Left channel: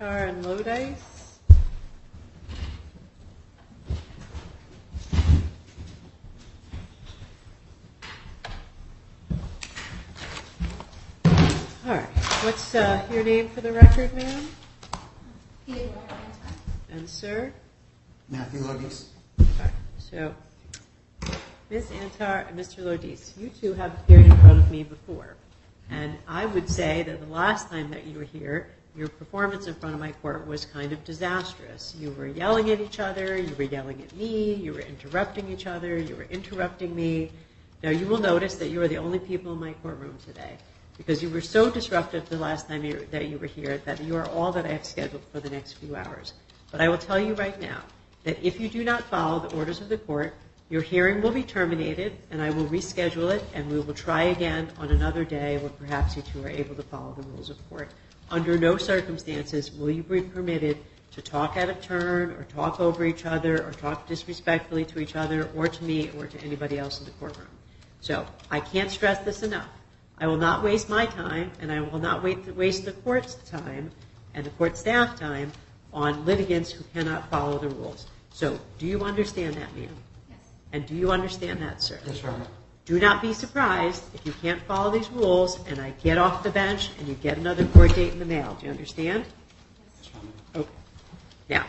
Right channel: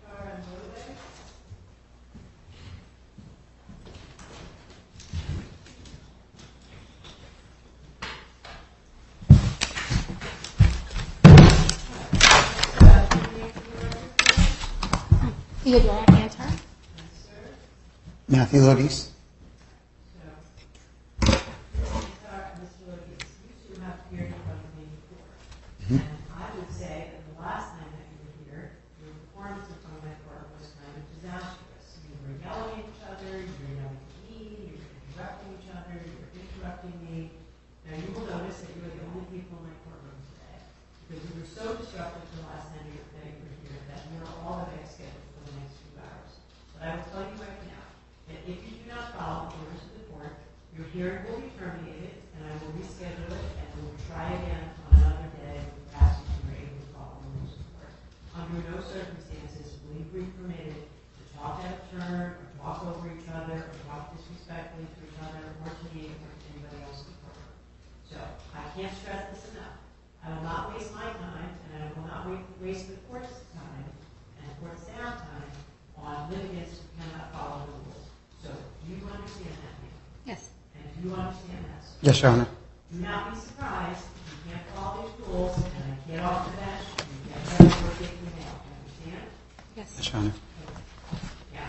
Antar and Lodice. All right, what's your name for the record now? Theodora Antar. And sir? Matthew Lodice. All right, so Ms. Antar and Mr. Lodice, you two have appeared in front of me before. And I would say that the last time that you were here, your performance in front of my court was kind of disastrous. You were yelling at each other, you were yelling at me, you were interrupting each other, you were interrupting me. Now you will notice that you are the only people in my courtroom today because you were so disruptive the last time that you were here that you are all that I have scheduled for the next few hours. But I will tell you right now that if you do not follow the orders of the court, your hearing will be terminated, and I will reschedule it, and we will try again on another day when perhaps you two are able to follow the rules of court. Under no circumstances will you be permitted to talk out of turn, or talk over each other, or talk disrespectfully to each other, or to me, or to anybody else in the courtroom. So I can't stress this enough. I will not waste my time, and I will not waste the court's time and the court staff time on litigants who cannot follow the rules. So do you understand that, ma'am? Yes. And do you understand that, sir? Yes, Your Honor. Do not be surprised if you can't follow these rules and I get off the bench and you get another court date in the mail. Do you understand? Yes. Yes, Your Honor. Okay. Now,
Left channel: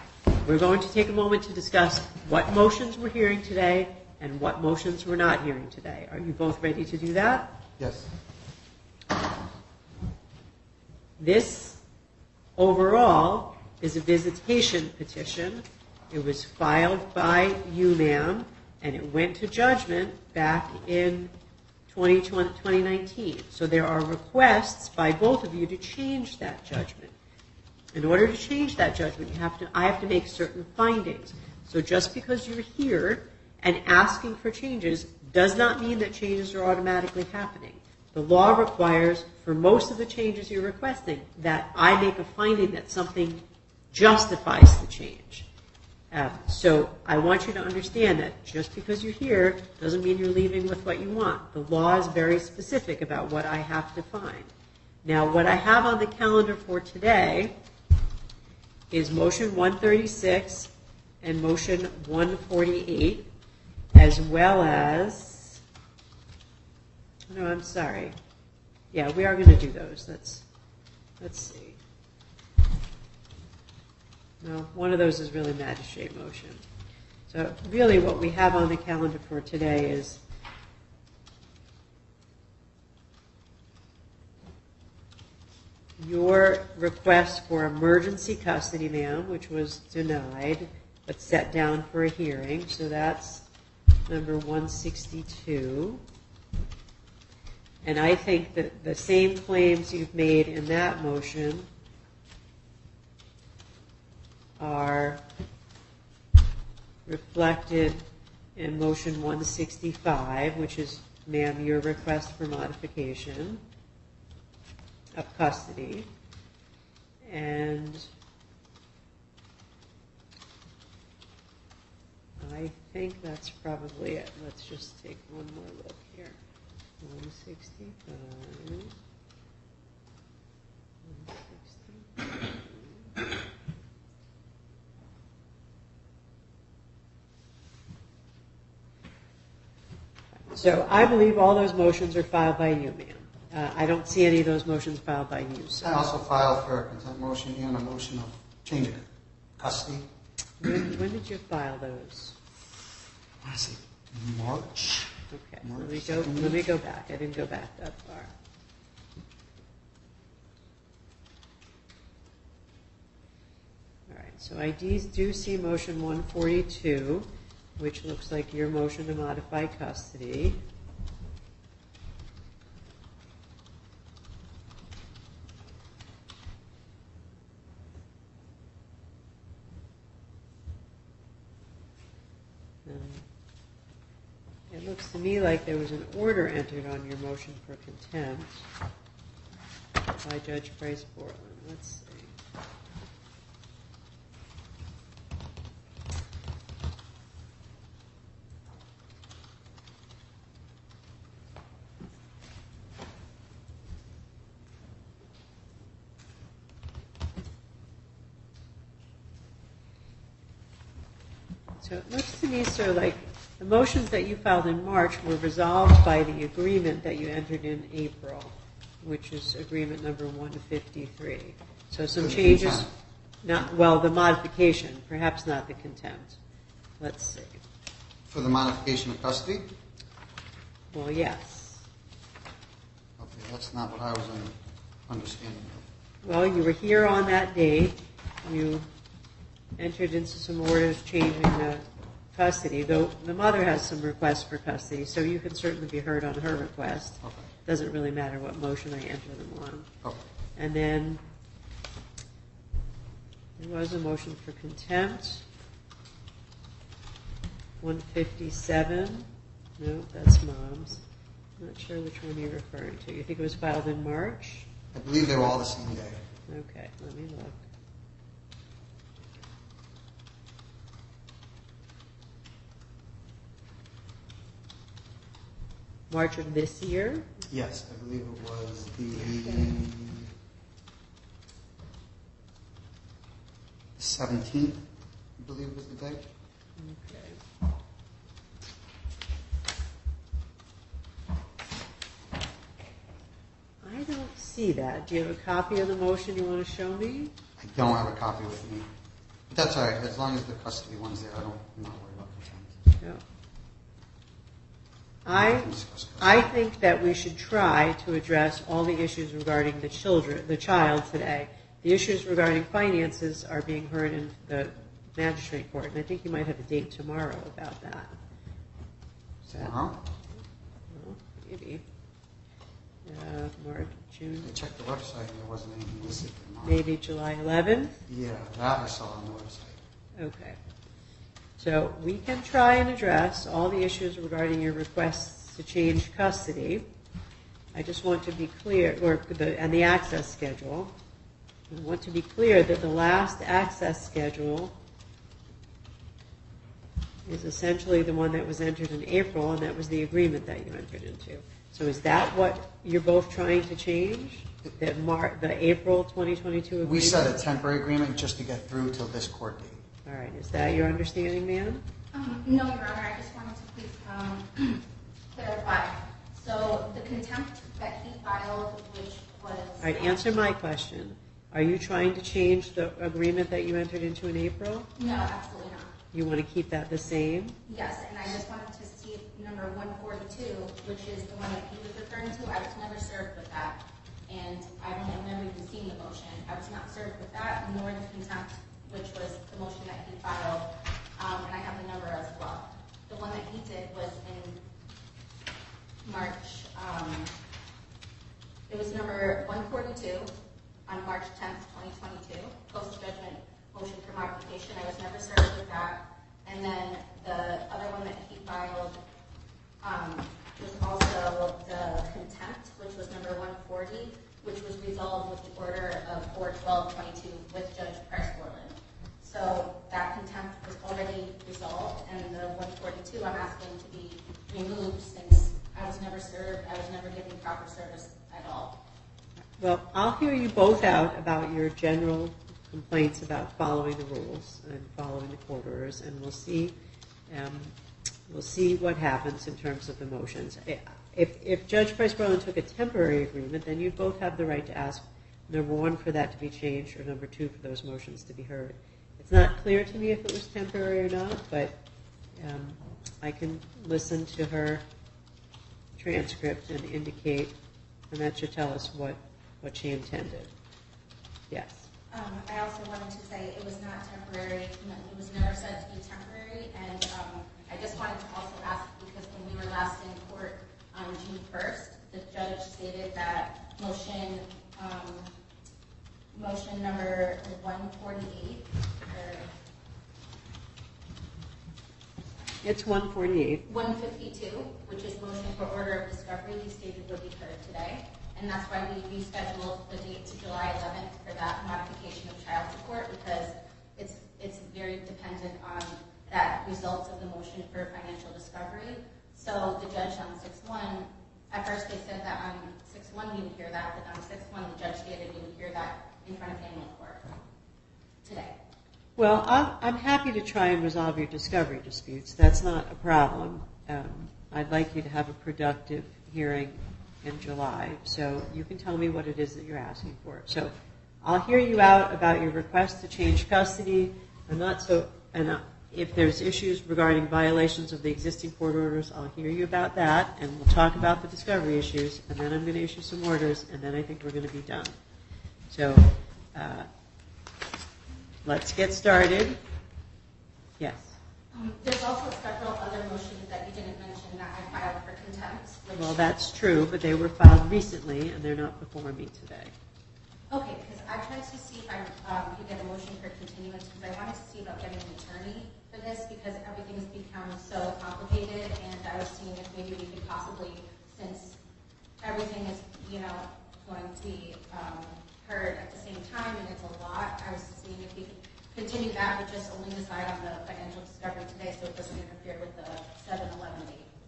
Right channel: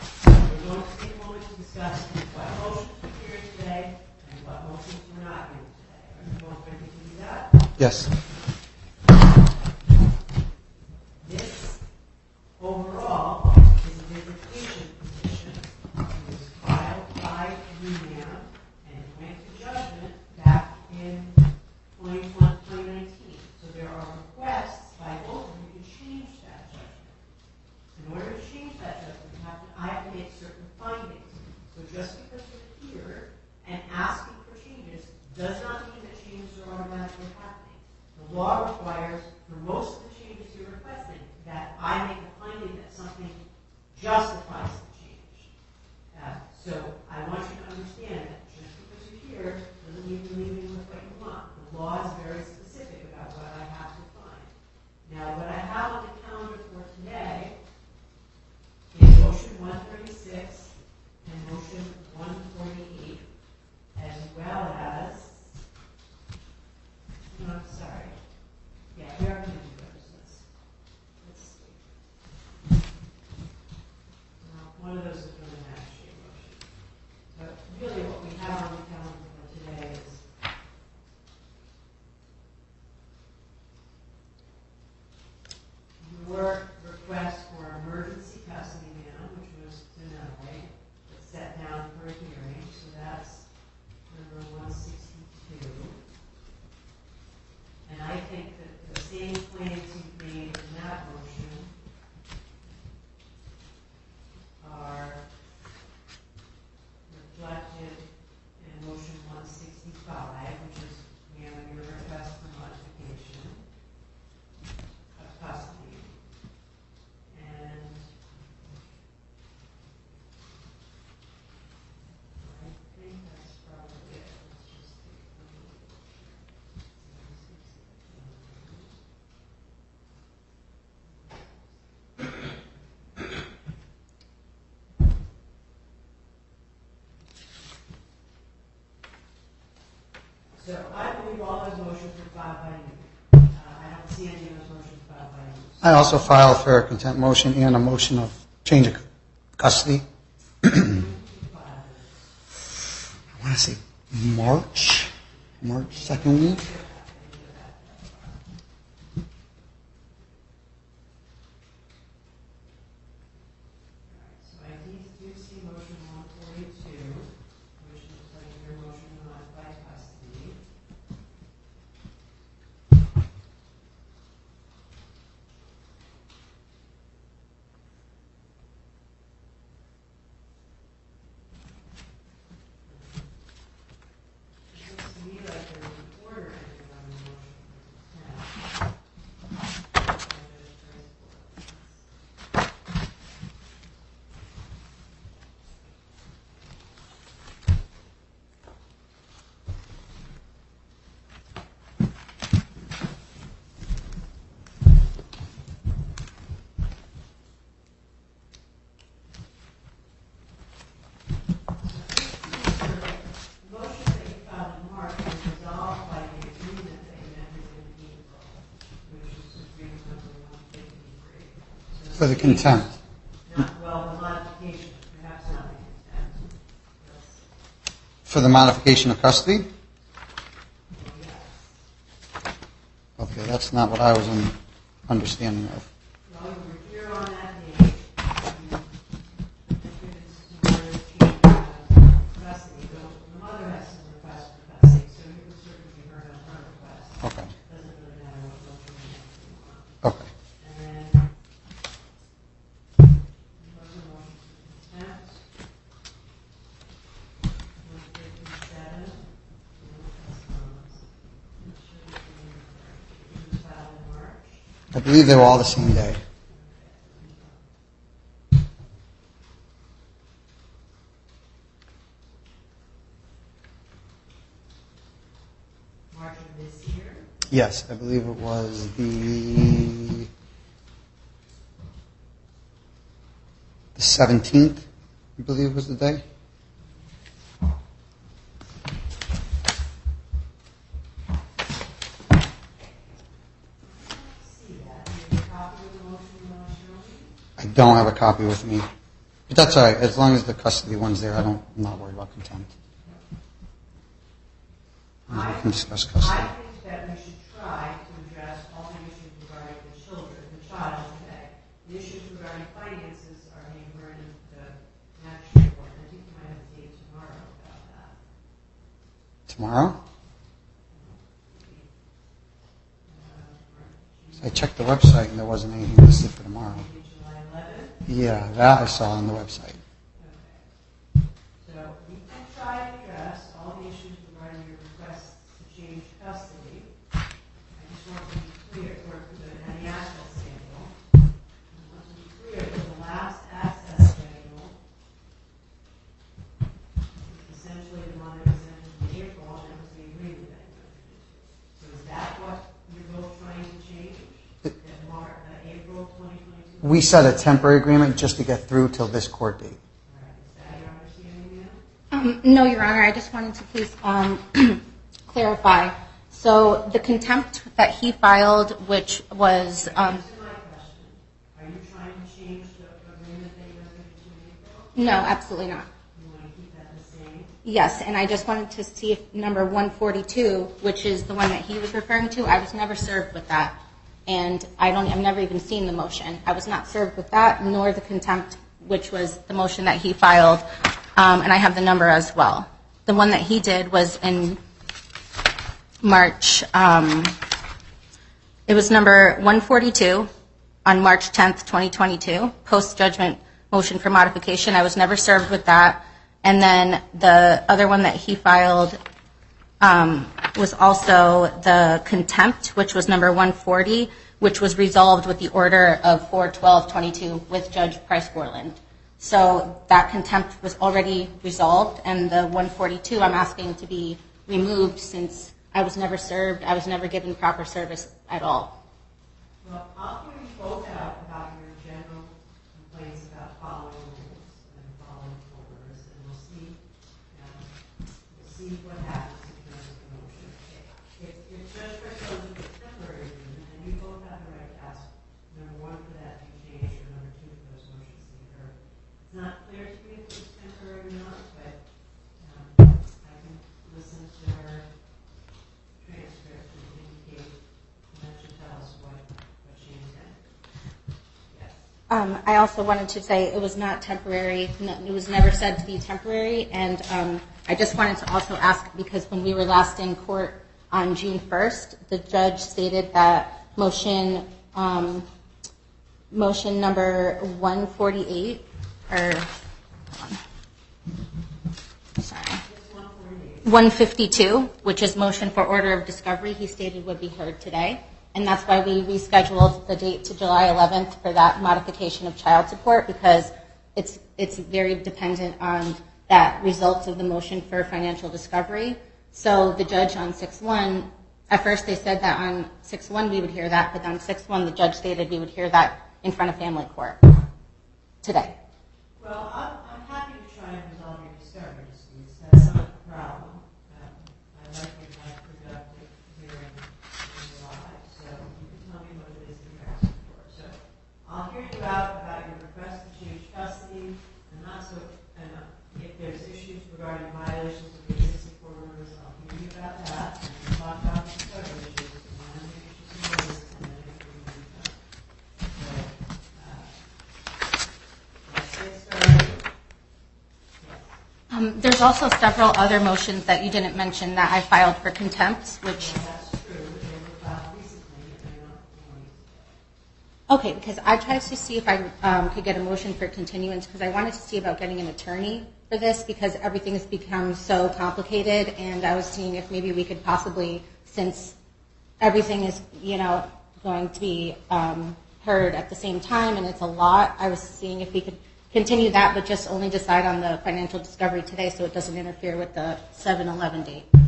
we're going to take a moment to discuss what motions we're hearing today and what motions we're not hearing today. Are you both ready to do that? Yes. This, overall, is a visitation petition. It was filed by you, ma'am, and it went to judgment back in 2019. So there are requests by both of you to change that judgment. In order to change that judgment, I have to make certain findings. So just because you're here and asking for changes does not mean that changes are automatically happening. The law requires, for most of the changes you're requesting, that I make a finding that something justifies the change. So I want you to understand that just because you're here doesn't mean you're leaving with what you want. The law is very specific about what I have to find. Now, what I have on the calendar for today is motion 136 and motion 148, as well as, no, I'm sorry. Yeah, we are going to do those. Let's see. No, one of those is really magistrate motion. So really what we have on the calendar for today is your request for emergency custody, ma'am, which was denied, but set down for a hearing. So that's number 162. And I think that the same claims you've made in that motion are reflected in motion 165, which is, ma'am, your request for modification of custody. And I think that's probably it. Let's just take one more look here. 165. So I believe all those motions are filed by you, ma'am. I don't see any of those motions filed by you. So. I also filed for a contempt motion and a motion of change of custody. When did you file those? I want to say March. Okay. March Let 2nd me week. go back. I didn't go back that far. All right. So I do see motion 142, which looks like your motion to modify custody. It looks to me like there was an order entered on your motion for contempt by Judge Price Borland. Let's see. these are like, the motions that you filed in March were resolved by the agreement that you entered in April, which is agreement number 153. So some For the changes. contempt. Not, well, the modification, perhaps not the contempt. Let's see. For the modification of custody? Well, yes. Okay, that's not what I was understanding of. Well, you were here on that date. You entered into some orders changing the custody, though the mother has some requests for custody, so you can certainly be heard on her request. Okay. Doesn't really matter what motion I enter them on. Okay. And then there was a motion for contempt. 157. No, that's Mom's. I'm not sure which one you're referring to. You think it was filed in March? I believe they were all the same day. Okay, let me look. March of this year? Yes, I believe it was the 17th, I believe was the day. I don't see that. Do you have a copy of the motion you want to show me? I don't have a copy with me. But that's all right. As long as the custody one's there, I'm not worried about contempt. No. We can discuss custody. I think that we should try to address all the issues regarding the child today. The issues regarding finances are being heard in the magistrate court, and I think you might have a date tomorrow about that. Tomorrow? Well, maybe. March, June, I checked the website and there wasn't anything listed for tomorrow. maybe July 11th? Yeah, that I saw on the website. Okay. So we can try and address all the issues regarding your requests to change custody. I just want to be clear, and the access schedule. I want to be clear that the last access schedule is essentially the one that was entered in April, and that was the agreement that you entered into. So is that what you're both trying to change? The April 2022 agreement? We set a temporary agreement just to get through till this court date. All right. Is that your understanding, ma'am? No, Your Honor. I just wanted to please clarify. So the contempt that he filed, which was... All right, answer my question. Are you trying to change the agreement that you entered into in April? No, absolutely not. You want to keep that the same? Yes, and I just wanted to see if number 142, which is the one that he was referring to, I was never served with that. And I've never even seen the motion. I was not served with that, nor the contempt, which was the motion that he filed. And I have the number as well. The one that he did was in March. It was number 142 on March 10th, 2022, post-judgment motion for modification. I was never served with that. And then the other one that he filed was also the contempt, which was number 140, which was resolved with the order of 4/12/22 with Judge Price-Borland. So that contempt was already resolved, and the 142 I'm asking to be removed since I was never served, I was never given proper service at all. Well, I'll hear you both out about your general complaints about following the rules and following the court orders, and we'll see what happens in terms of the motions. If Judge Price-Borland took a temporary agreement, then you both have the right to ask, number one, for that to be changed, or number two, for those motions to be heard. It's not clear to me if it was temporary or not, but I can listen to her transcript and indicate, and that should tell us what she intended. Yes. I also wanted to say it was not temporary. It was never said to be temporary. And I just wanted to also ask, because when we were last in court on June 1st, the judge stated that motion number 148, or, sorry. It's 148. 152, which is motion for order of discovery, he stated would be heard today. And that's why we rescheduled the date to July 11th for that modification of child support, because it's very dependent on that results of the motion for financial discovery. So the judge on 6/1, at first they said that on 6/1 we would hear that, but on 6/1 the judge stated we would hear that in front of family court today. Well, I'm happy to try and resolve your discovery disputes. That's not a problem. I'd like you to have a productive hearing in July, so you can tell me what it is that you're asking for. So I'll hear you out about your request to change custody. If there's issues regarding violations of the existing court orders, I'll hear you about that, and we'll talk about the discovery issues, and then I'm going to issue some orders, and then I think we're going to be done. So let's get started. Yes. There's also several other motions that you didn't mention that I filed for contempt, which... Well, that's true, but they were filed recently, and they're not before me today. Okay, because I tried to see if I could get a motion for continuance, because I wanted to see about getting an attorney for this, because everything has become so complicated, and I was seeing if maybe we could possibly, since everything is, going to be heard at the same time, and it's a lot, I was seeing if we could continue that, but just only decide on the financial discovery today so it doesn't interfere with the 7/11 date. All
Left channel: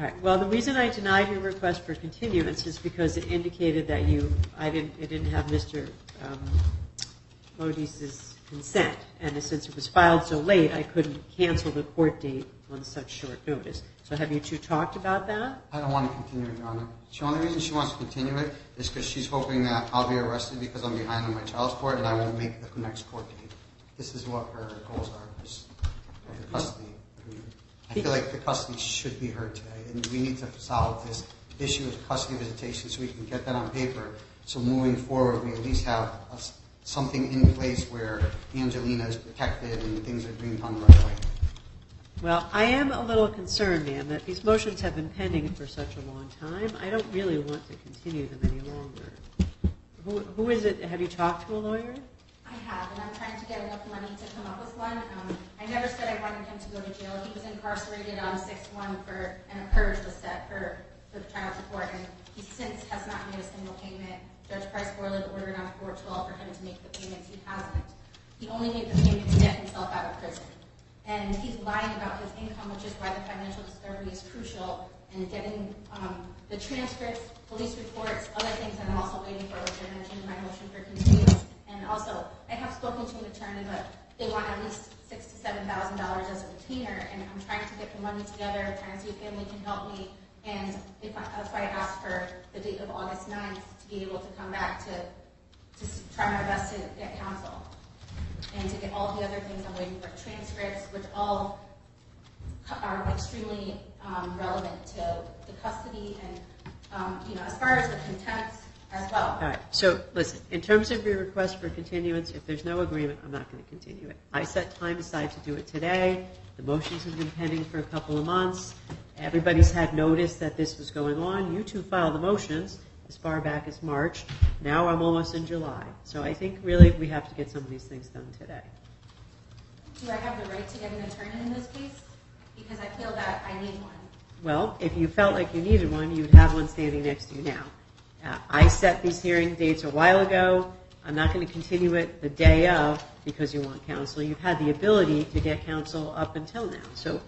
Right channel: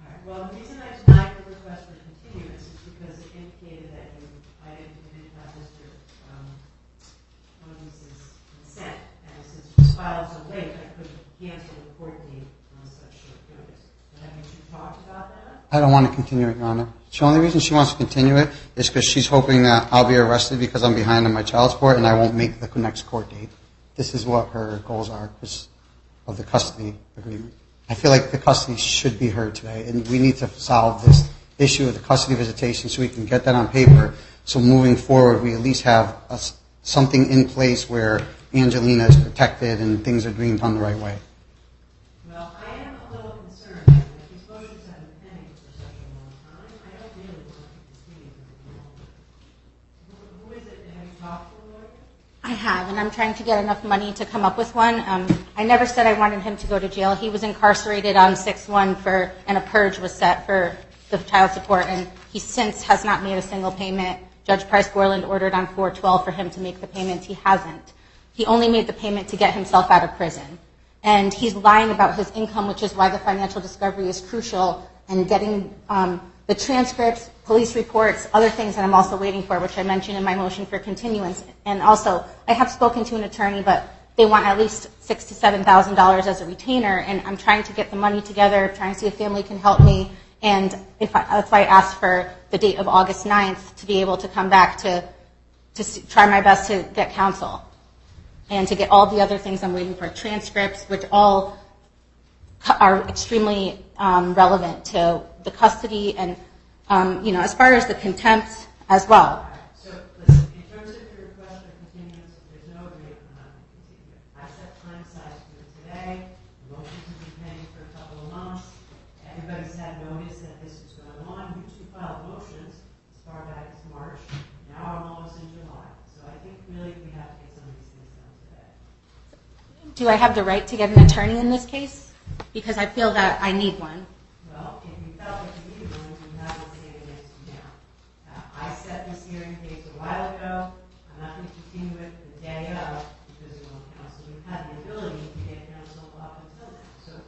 right. Well, the reason I denied your request for continuance is because it indicated that it didn't have Mr. Lodice's consent, and since it was filed so late, I couldn't cancel the court date on such short notice. So have you two talked about that? I don't want to continue it, Your Honor. The only reason she wants to continue it is because she's hoping that I'll be arrested because I'm behind on my child support and I won't make the next court date. This is what her goals are of the custody agreement. I feel like the custody should be heard today, and we need to solve this issue of the custody visitation so we can get that on paper. So moving forward, we at least have something in place where Angelina is protected and things are being done the right way. Well, I am a little concerned, ma'am, that these motions have been pending for such a long time. I don't really want to continue them any longer. Who is it? Have you talked to a lawyer? I have, and I'm trying to get enough money to come up with one. I never said I wanted him to go to jail. He was incarcerated on 6/1 and a purge was set for the child support, and he since has not made a single payment. Judge Price Borland ordered on 4/12 for him to make the payments. He hasn't. He only made the payment to get himself out of prison. And he's lying about his income, which is why the financial discovery is crucial, and getting the transcripts, police reports, other things that I'm also waiting for, which I mentioned in my motion for continuance. And also, I have spoken to an attorney, but they want at least $6,000 to $7,000 as a retainer, and I'm trying to get the money together, trying to see if family can help me, and that's why I asked for the date of August 9th to be able to come back to try my best to get counsel. And to get all the other things I'm waiting for, transcripts, which all are extremely relevant to the custody and, as far as the contempt as well. All right. So, listen, in terms of your request for continuance, if there's no agreement, I'm not going to continue it. I set time aside to do it today. The motions have been pending for a couple of months. Everybody's had notice that this was going on. You two filed the motions as far back as March. Now I'm almost in July. So I think really we have to get some of these things done today. Do I have the right to get an attorney in this case? Because I feel that I need one. Well, if you felt like you needed one, you'd have one standing next to you now. I set these hearing dates a while ago. I'm not going to continue it the day of because you want counsel. You've had the ability to get counsel up until now. So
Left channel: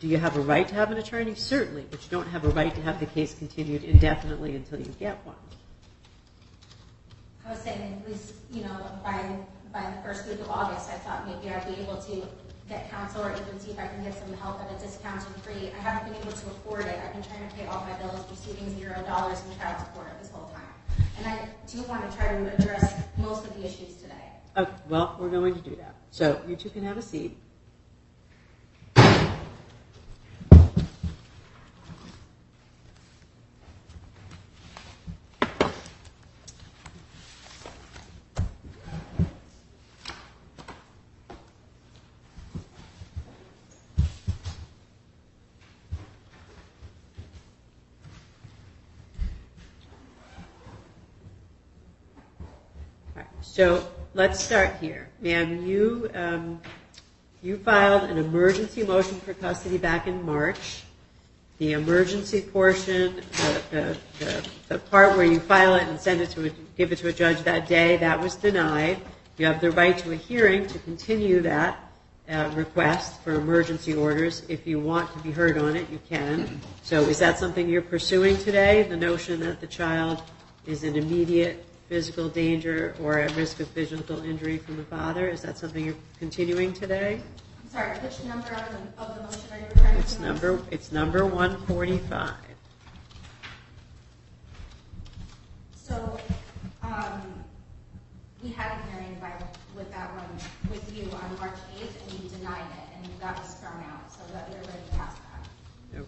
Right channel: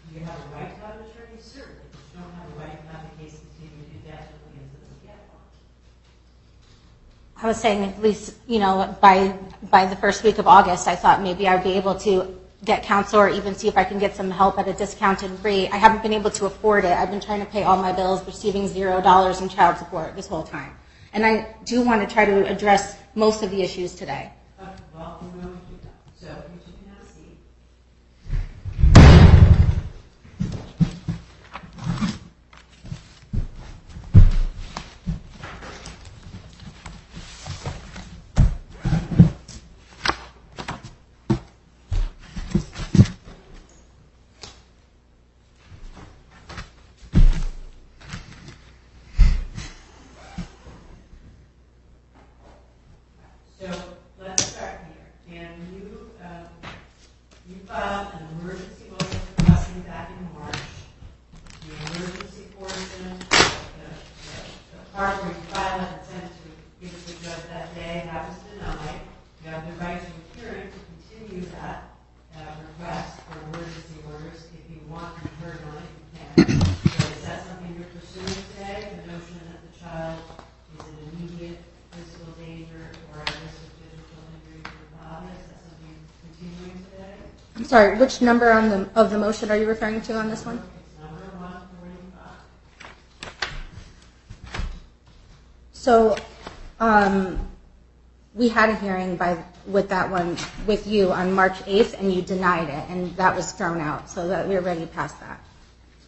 do you have a right to have an attorney? Certainly, but you don't have a right to have the case continued indefinitely until you get one. I was saying at least, by the first week of August, I thought maybe I'd be able to get counsel or even see if I can get some help at a discounted rate. I haven't been able to afford it. I've been trying to pay all my bills, receiving $0 in child support this whole time. And I do want to try to address most of the issues today. Okay, well, we're going to do that. So you two can have a seat. So let's start here. Ma'am, you filed an emergency motion for custody back in March. The emergency portion, the part where you file it and send it give it to a judge that day, that was denied. You have the right to a hearing to continue that request for emergency orders. If you want to be heard on it, you can. So is that something you're pursuing today, the notion that the child is in immediate physical danger or at risk of physical injury from the father. Is that something you're continuing today? I'm sorry, which number of the motion are you referring to on this one? It's number 145. So, we had a hearing with that one with you on March 8th, and you denied it, and that was thrown out, so that we're ready past that. Okay.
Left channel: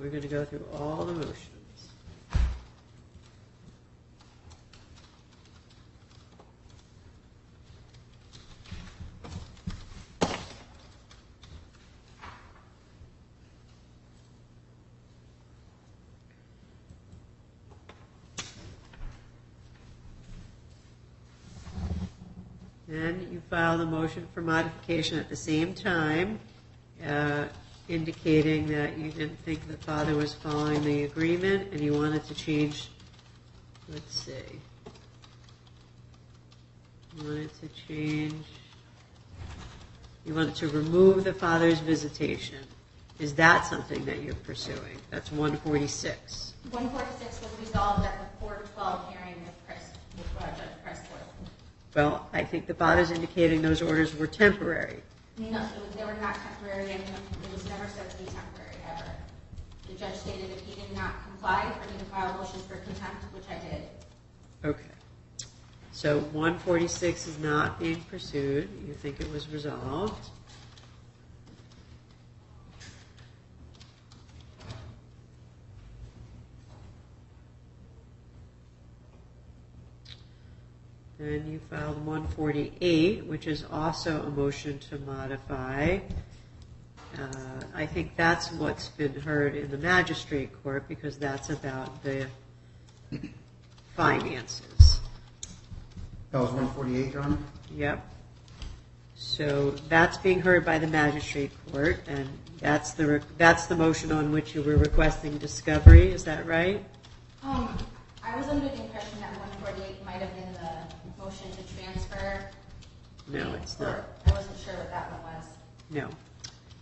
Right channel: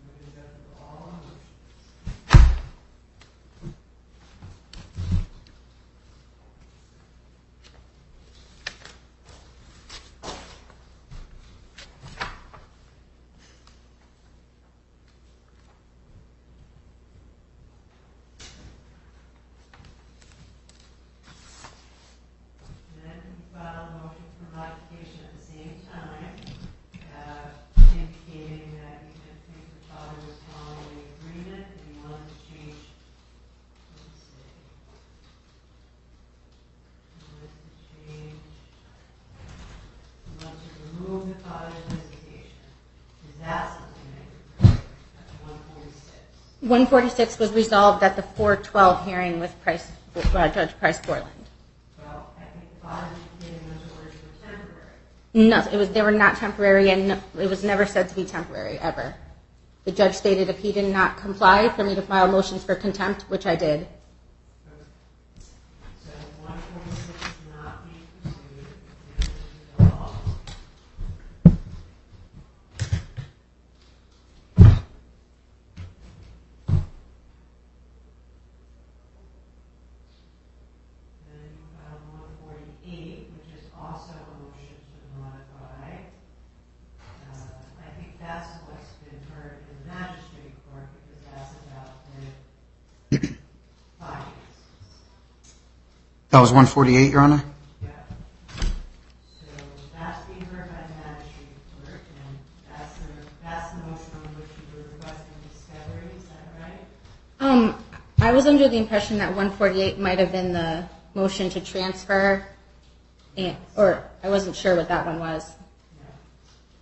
We're going to go through all the motions. And you filed a motion for modification at the same time, indicating that you didn't think the father was following the agreement and you wanted to change, let's see, you wanted to remove the father's visitation. Is that something that you're pursuing? That's 146. 146 was resolved at the 412 hearing with Judge Price Portland. Well, I think the father's indicating those orders were temporary. No, they were not temporary, and it was never said to be temporary, ever. The judge stated if he did not comply, for me to file motions for contempt, which I did. Okay. So 146 is not being pursued. You think it was resolved. And you filed 148, which is also a motion to modify. I think that's what's been heard in the magistrate court because that's about the finances. That was 148, Your Honor? Yep. So that's being heard by the magistrate court, and that's the motion on which you were requesting discovery. Is that right? I was under the impression that 148 might have been the motion to transfer, No, or I wasn't sure what that one was. No.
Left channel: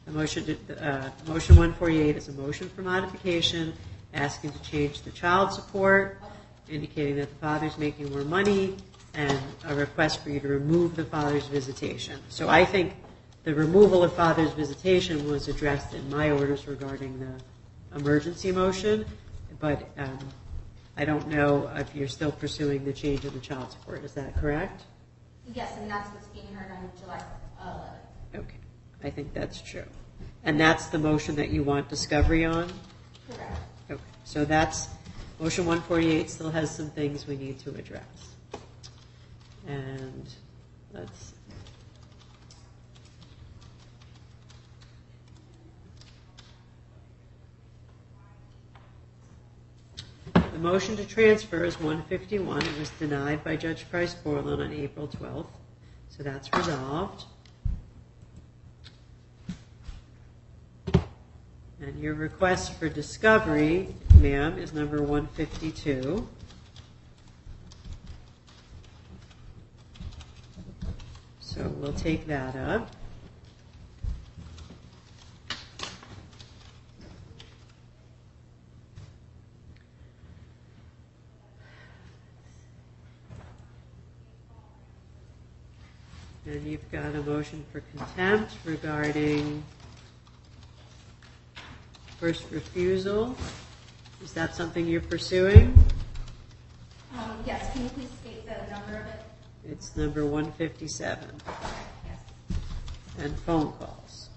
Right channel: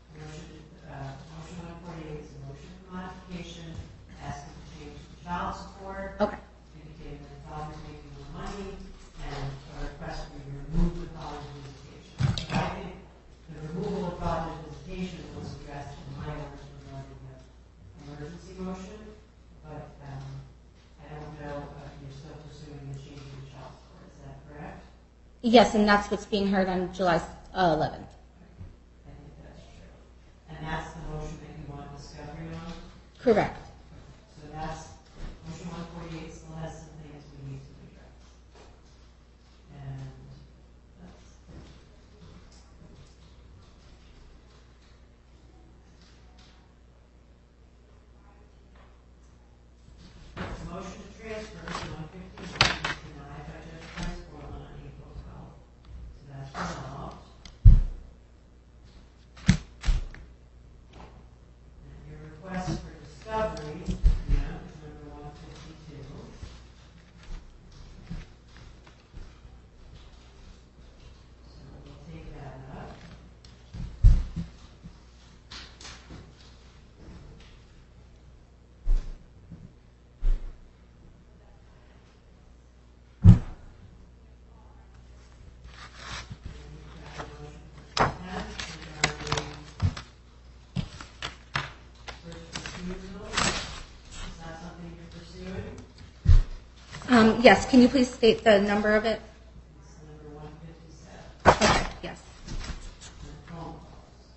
The motion 148 is a motion for modification, asking to change the child support, Okay. indicating that the father's making more money, and a request for you to remove the father's visitation. So I think the removal of father's visitation was addressed in my orders regarding the emergency motion, but I don't know if you're still pursuing the change of the child support. Is that correct? Yes, and that's what's being heard on July 11th. Okay. I think that's true. And that's the motion that you want discovery on? Correct. Okay. So that's, motion 148 still has some things we need to address. And let's, the motion to transfer is 151. It was denied by Judge Price Portland on April 12th. So that's resolved. And your request for discovery, ma'am, is number 152. So we'll take that up. And you've got a motion for contempt regarding first refusal. Is that something you're pursuing? Yes, can you please state the number of it? It's number 157. Okay, yes. And phone calls.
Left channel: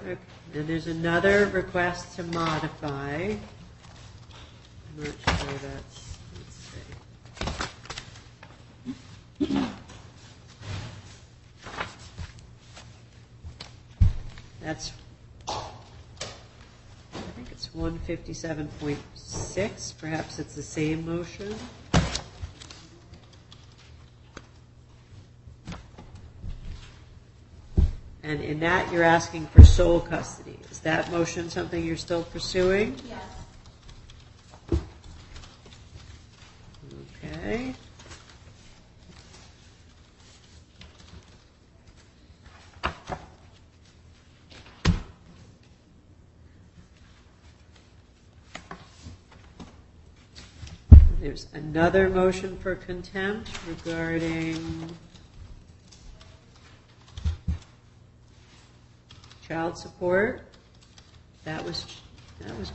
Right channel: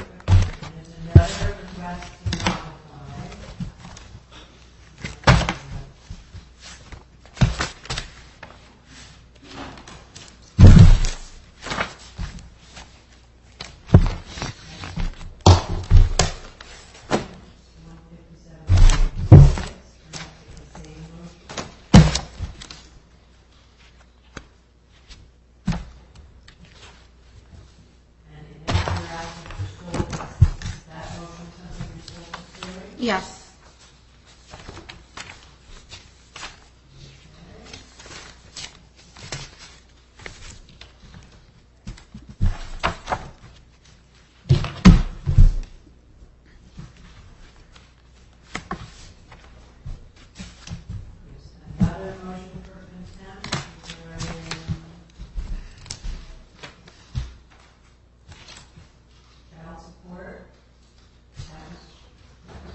Okay, and there's another request to modify. Make sure that's, that's, I think it's 157.6. Perhaps it's the same motion. And in that, you're asking for sole custody. Is that motion something you're still pursuing? Yes. Okay. There's another motion for contempt regarding child support. That was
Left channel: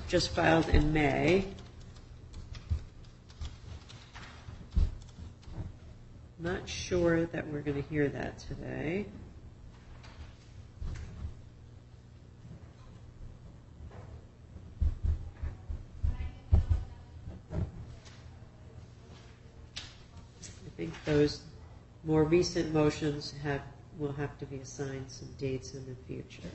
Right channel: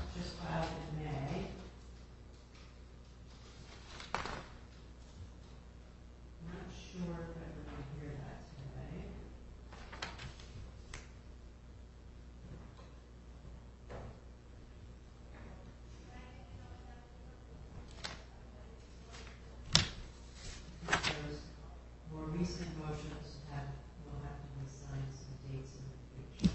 just filed in May. Not sure that we're going to hear that today. I think those more recent motions will have to be assigned some dates in the future.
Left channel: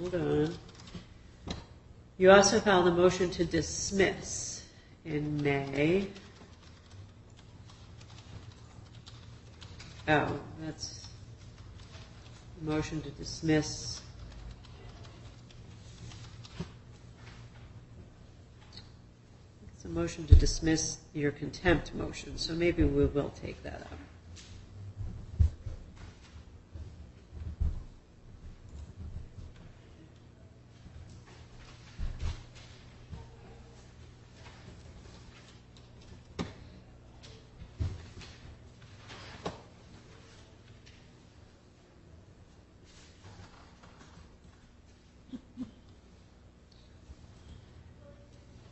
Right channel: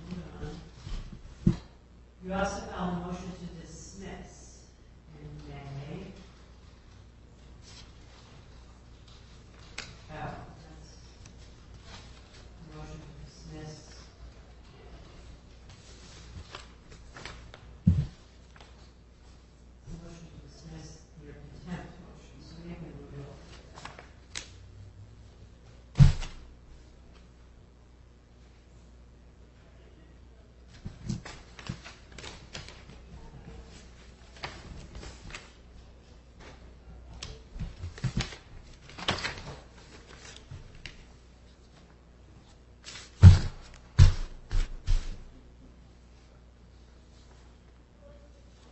Hold on. You also filed a motion to dismiss in May. Oh, that's a motion to dismiss. It's a motion to dismiss your contempt motion, so maybe we will take that up.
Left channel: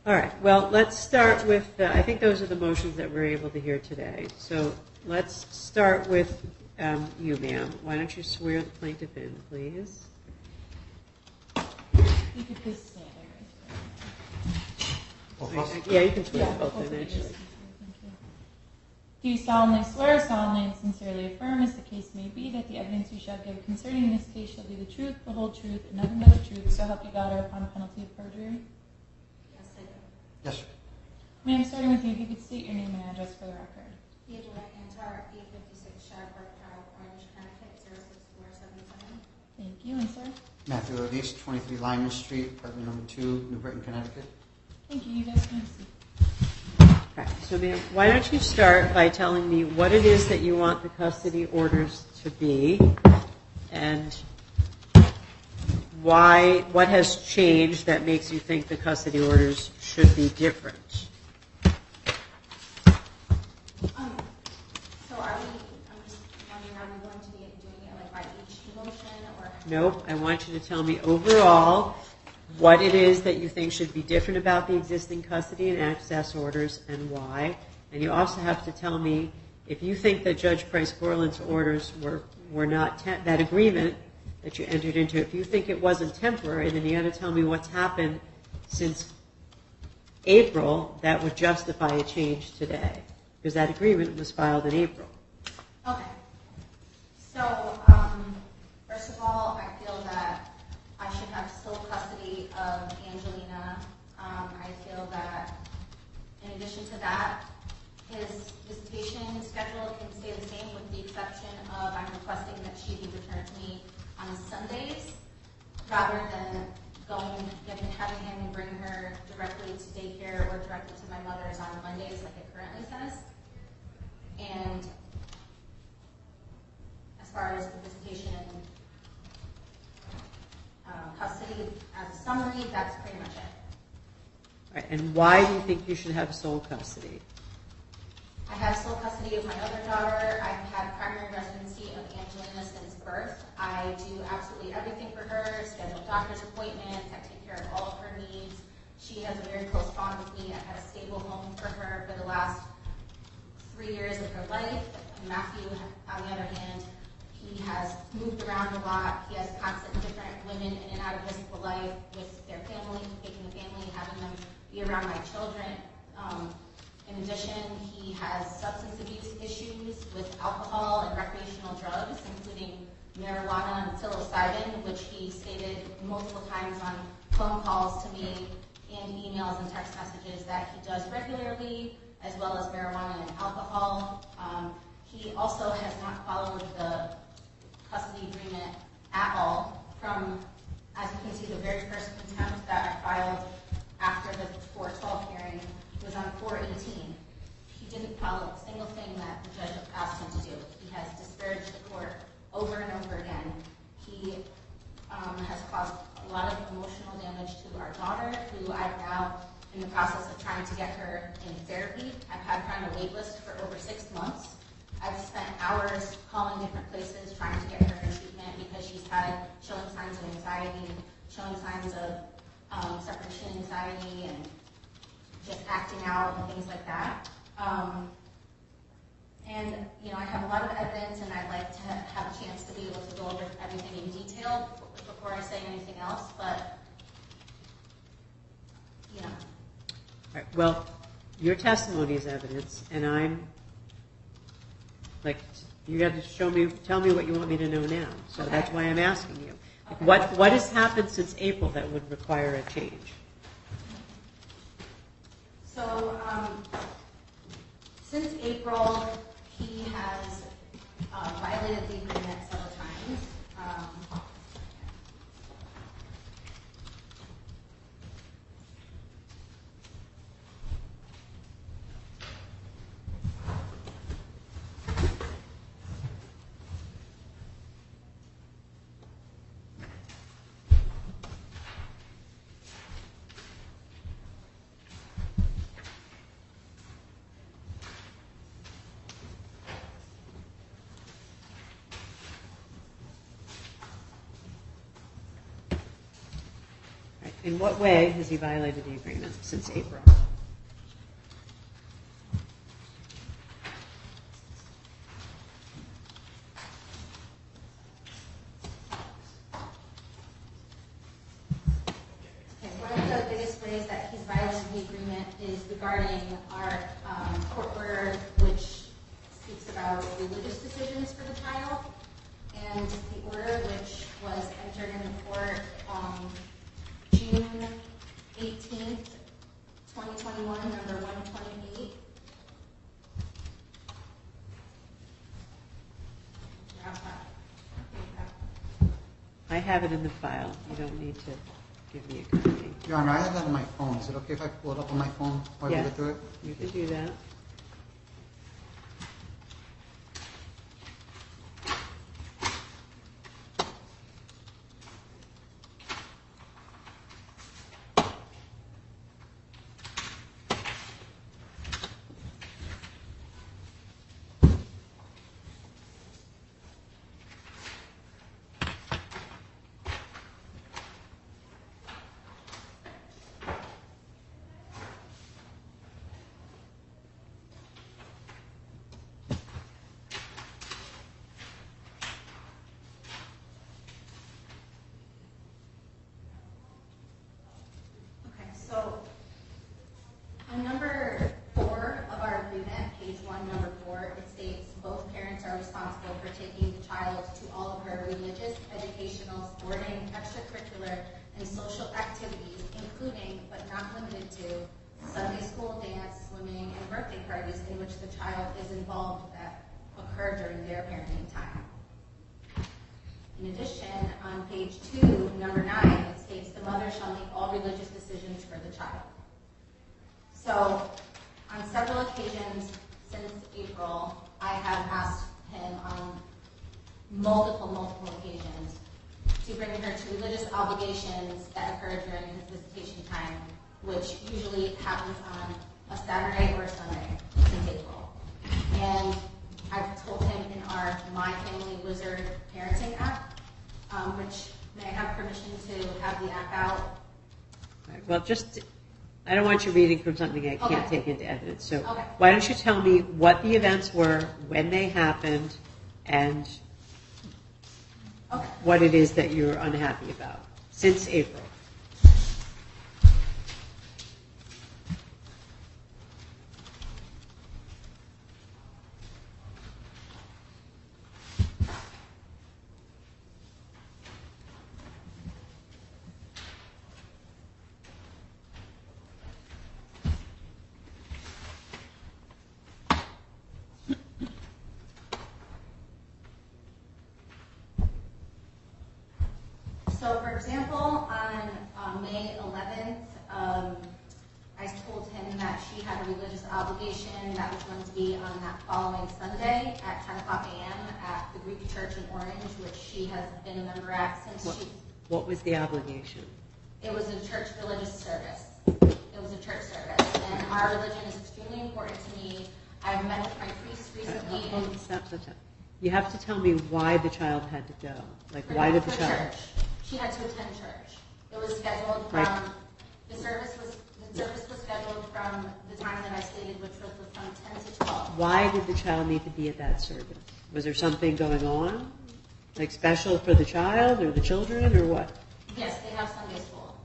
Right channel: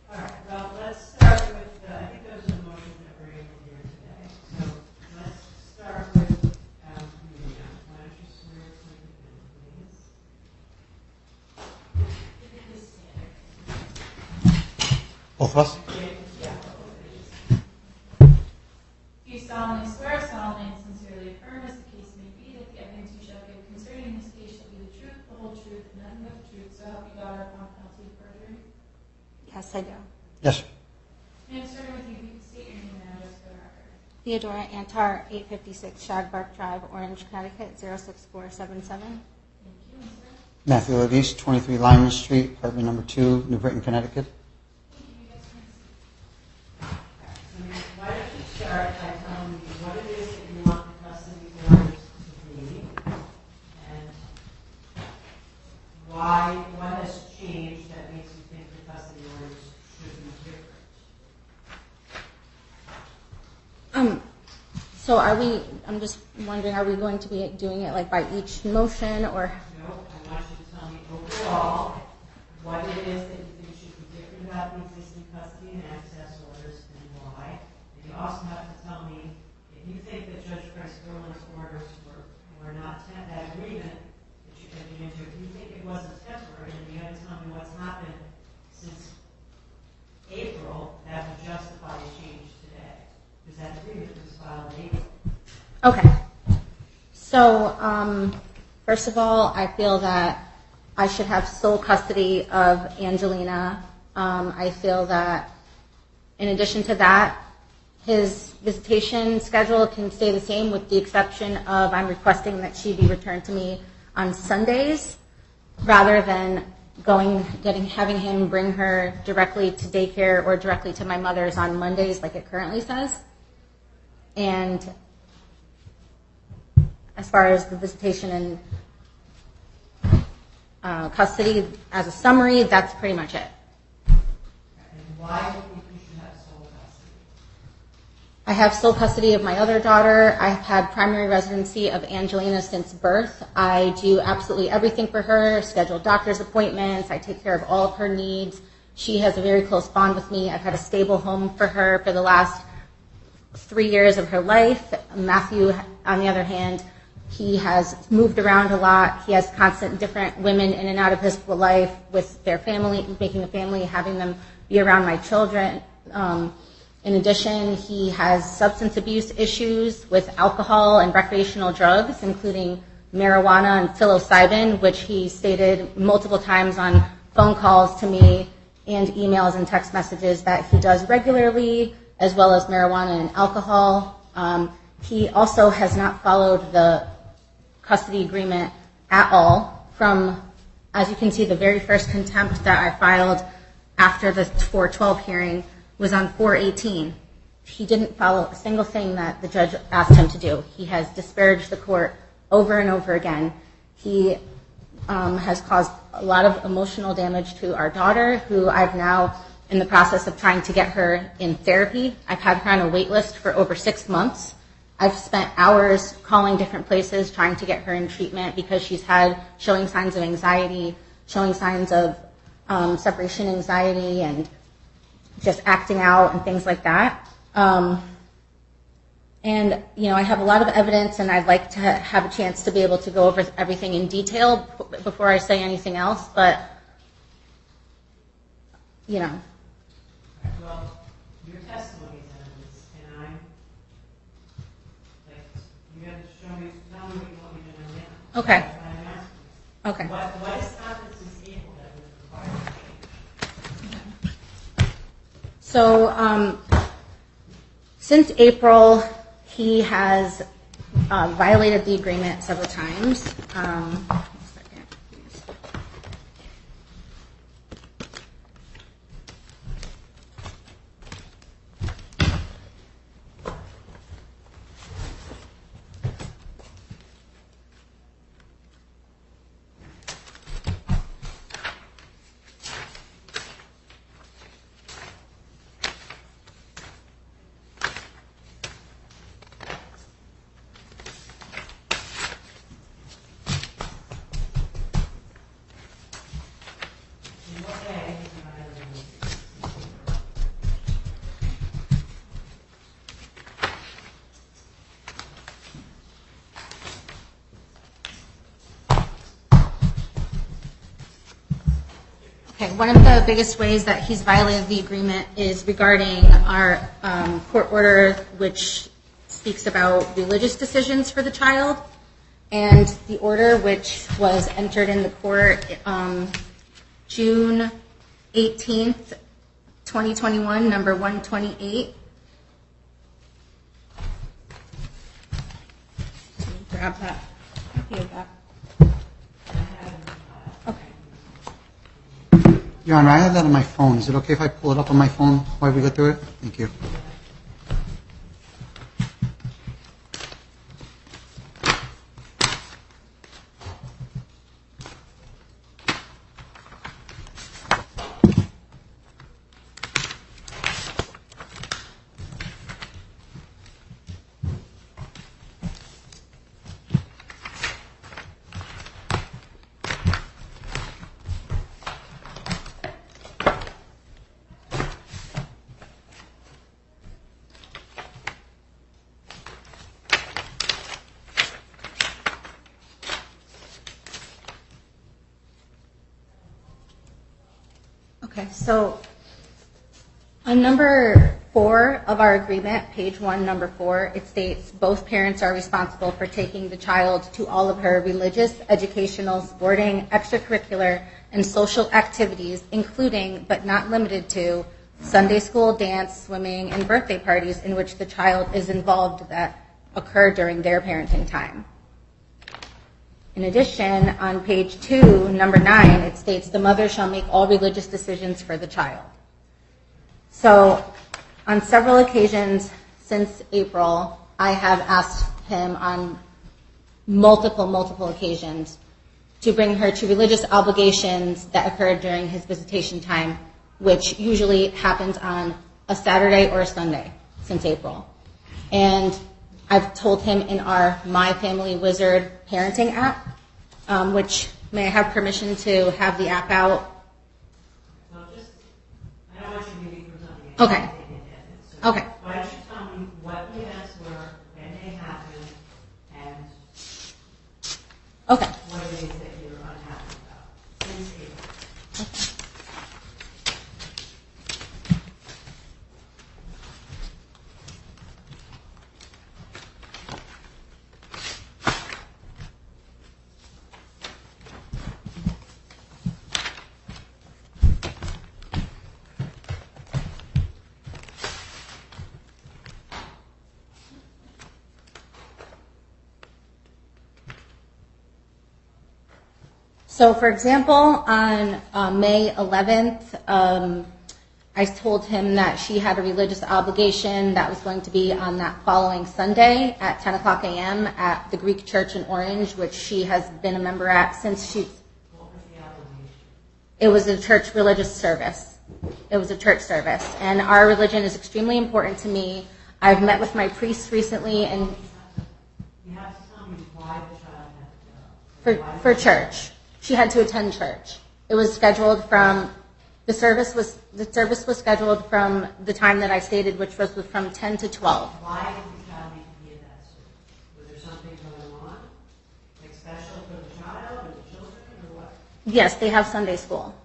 All right, well, let's start with, I think those are the motions that we're able to hear today. So let's start with you, ma'am. Why don't you swear the plaintiff in, please? You could please stand. Both of us? Yeah, you can swear both in, actually. Do you solemnly swear, solemnly and sincerely affirm, as the case may be, that the evidence you shall give concerning this case shall be the truth, the whole truth, and nothing but the truth, so help you God, or upon penalty of perjury? Yes, I do. Yes. Ma'am, starting with you, if you could state your name and address for the record. Theodora, Antar, 856 Shagbark Drive, Orange, Connecticut, 06477. Thank you, and sir? Matthew Lodice, 23 Lyman Street, apartment number 2, New Britain, Connecticut. Thank you, you guys can have a seat. All right, so ma'am, why don't you start by telling me what it is that you want the custody orders to be, and what has changed that makes you think the custody orders should be different? So I'm just wondering, are we going to be doing it like by each motion, or? Nope, I want you to tell me overall what it is that you think should be different about the existing custody and access orders and why. And you also have to tell me if you think that Judge Price-Borland's orders were not, that agreement that you entered into, if you think it wasn't temporary, then you got to tell me what's happened since April that would justify a change today, because that agreement was filed in April. Okay. So, first of all, I feel that I should have sole custody of Angelina. I feel that, in addition to that, his visitation schedule can stay the same, with the exception of I'm requesting that she be returned to me on Sundays, rather than having him bring her directly to daycare or directly to my mother's on Mondays, like it currently says. And as far as the visitation and custody, as a summary, that's pretty much it. Right, and why do you think you should have sole custody? I have sole custody of my other daughter. I've had primary residency of Angelina since birth. I do absolutely everything for her, schedule doctor's appointments. I take care of all of her needs. She has a very close bond with me. I've had a stable home for her for the last 3 years of her life. Matthew, on the other hand, he has moved around a lot. He has constant different women in and out of his life with their family, making a family, having them be around my children. In addition, he has substance abuse issues with alcohol and recreational drugs, including marijuana and psilocybin, which he stated multiple times on phone calls to me and emails and text messages that he does regularly, as well as marijuana and alcohol. He also has not followed the custody agreement at all from, as you can see, the very first contempt that I filed after the 412 hearing was on 418. He didn't follow a single thing that the judge asked him to do. He has disparaged the court over and over again. He has caused a lot of emotional damage to our daughter, who I've now in the process of trying to get her in therapy. I've had her on a wait list for over 6 months. I've spent hours calling different places trying to get her in treatment because she's showing signs of anxiety, showing signs of separation anxiety, and just acting out and things like that. And, I have a lot of evidence, and I'd like to have a chance to be able to go over everything in detail before I say anything else, but, All right, well, your testimony is evidence, and you got to tell me what you want me to know now. So Okay. That's why I'm asking you. Okay. What has happened since April that would require a change? So, since April, he has violated the agreement several times. In what way has he violated the agreement since April? Okay, one of the biggest ways that he's violated the agreement is regarding our court order, which speaks about religious decisions for the child, and the order which was entered in the court June 18th, 2021, number 128. Grab that. Copy of that. I have it in the file. I don't need to give you a copy. Your Honor, I have that on my phone. Is it okay if I pull it up on my phone while we go through it? Thank you. Do that. Okay, so on number 4 of our agreement, page 1, number 4, it states both parents are responsible for taking the child to all of her religious, educational, sporting, extracurricular, and social activities, including but not limited to Sunday school, dance, swimming, and birthday parties in which the child is involved that occur during their parenting time. In addition, on page 2, number 9, it states the mother shall make all religious decisions for the child. So, on several occasions since April, I have asked him on multiple occasions to bring her to religious obligations that occurred during his visitation time, which usually happens on a Saturday or a Sunday since April. And I've told him in our My Family Wizard parenting app, which may I have permission to have the app out? Well, I don't want you reading from something I can't take into evidence. So why don't you tell me what the events were, when they happened, and what it is that you're unhappy about since April. So, for example, on May 11th, I told him that she had a religious obligation that was going to be on that following Sunday at 10 o'clock a.m. at the Greek Church in Orange, which she has been a member at since she... What was the obligation? It was a church religious service. It was a church service. And our religion is extremely important to me. I've met with my priest recently and... Stop. You have to tell me why the child had to go. Why did for the child... church. She had to attend church. It was scheduled from... The service was scheduled from the time that I stated, which was from 10 to 12. Why did the child need to be at that service? Was there something going on? Special for the child or the children or what? Yes, they have Sunday school.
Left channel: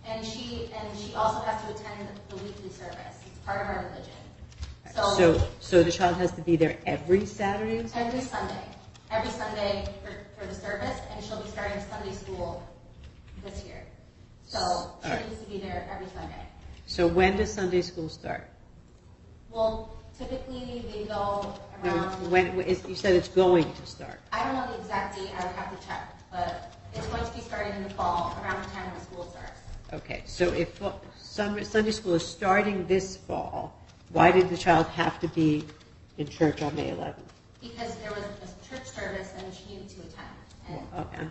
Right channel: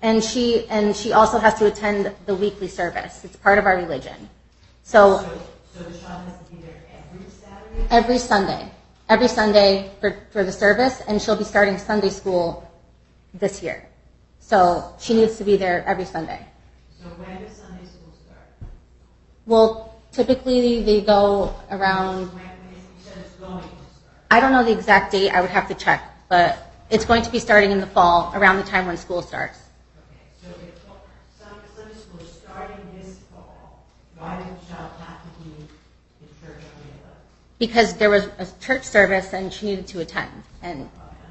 And she also has to attend the weekly service. It's part of our religion. So the child has to be there every Saturday? Every Sunday for the service, and she'll be starting Sunday school this year. So she needs to be there every Sunday. So when does Sunday school start? Well, typically they go around... You said it's going to start. I don't know the exact date. I would have to check. But it's going to be starting in the fall, around the time when school starts. Okay, so if Sunday school is starting this fall, why did the child have to be in church on May 11th? Because there was a church service and she needed to attend. Okay,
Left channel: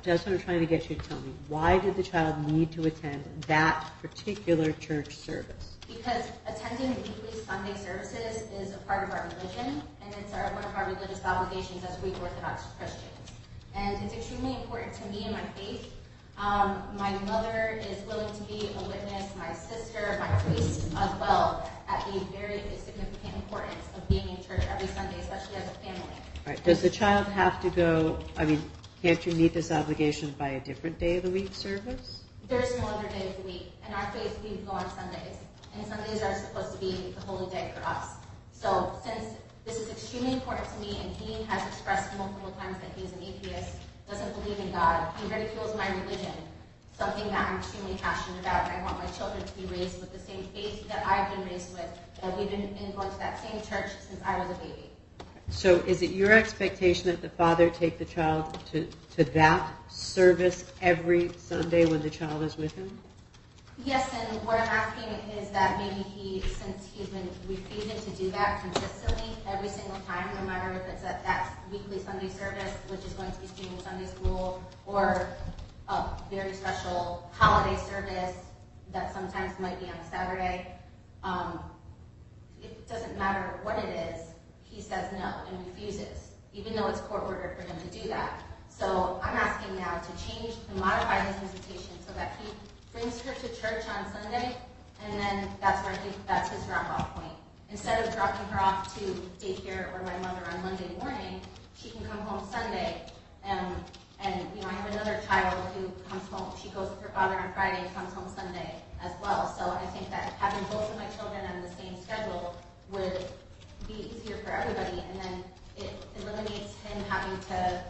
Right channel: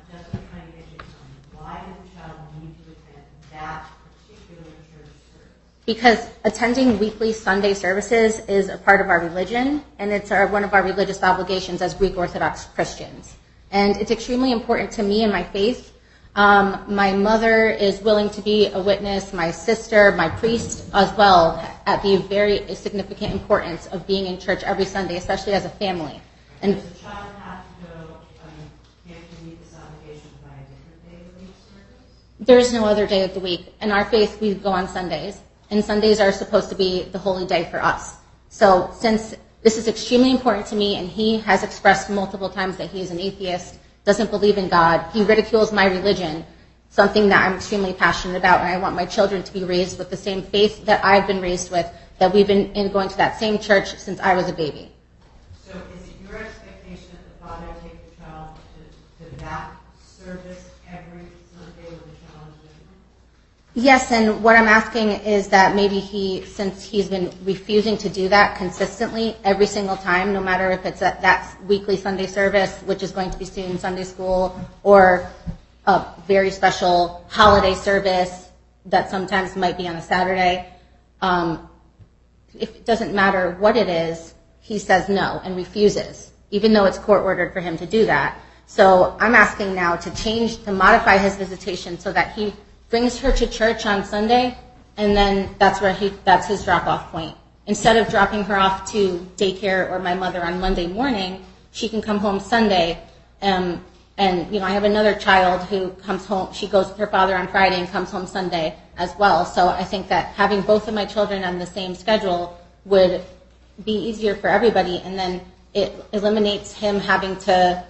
that's what I'm trying to get you to tell me. Why did the child need to attend that particular church service? Because attending weekly Sunday services is a part of our religion, and it's one of our religious obligations as Greek Orthodox Christians. And it's extremely important to me and my faith. My mother is willing to be a witness, my sister, my priest as well, at the very significant importance of being in church every Sunday, especially as a family. Right. Does the child have to go, can't you meet this obligation by a different day of the week service? There's no other day of the week. In our faith, we go on Sundays, and Sundays are supposed to be the holy day for us. So since this is extremely important to me, and he has expressed multiple times that he is an atheist, doesn't believe in God, he ridicules my religion, something that I'm extremely passionate about, and I want my children to be raised with the same faith that I've been raised with, that we've been going to that same church since I was a baby. So is it your expectation that the father take the child to that service every Sunday when the child is with him? Yes, and what I'm asking is that maybe since he's been refusing to do that consistently every single time, no matter if it's at that weekly Sunday service, which is going to be student Sunday school, or a very special holiday service that sometimes might be on a Saturday, it doesn't matter what it is, he says no and refuses, even though it's court-ordered for him to do that. So I'm asking now to modify his visitation so that he brings her to church on Sunday, and then that's his drop-off point. Instead of dropping her off to daycare or my mother on Monday morning, she can come home Sunday. And I have another child who comes home. She goes with her father on Friday and comes home Sunday as well. So I think that having both of my children on the same schedule would be easier for everybody, and then it eliminates him having to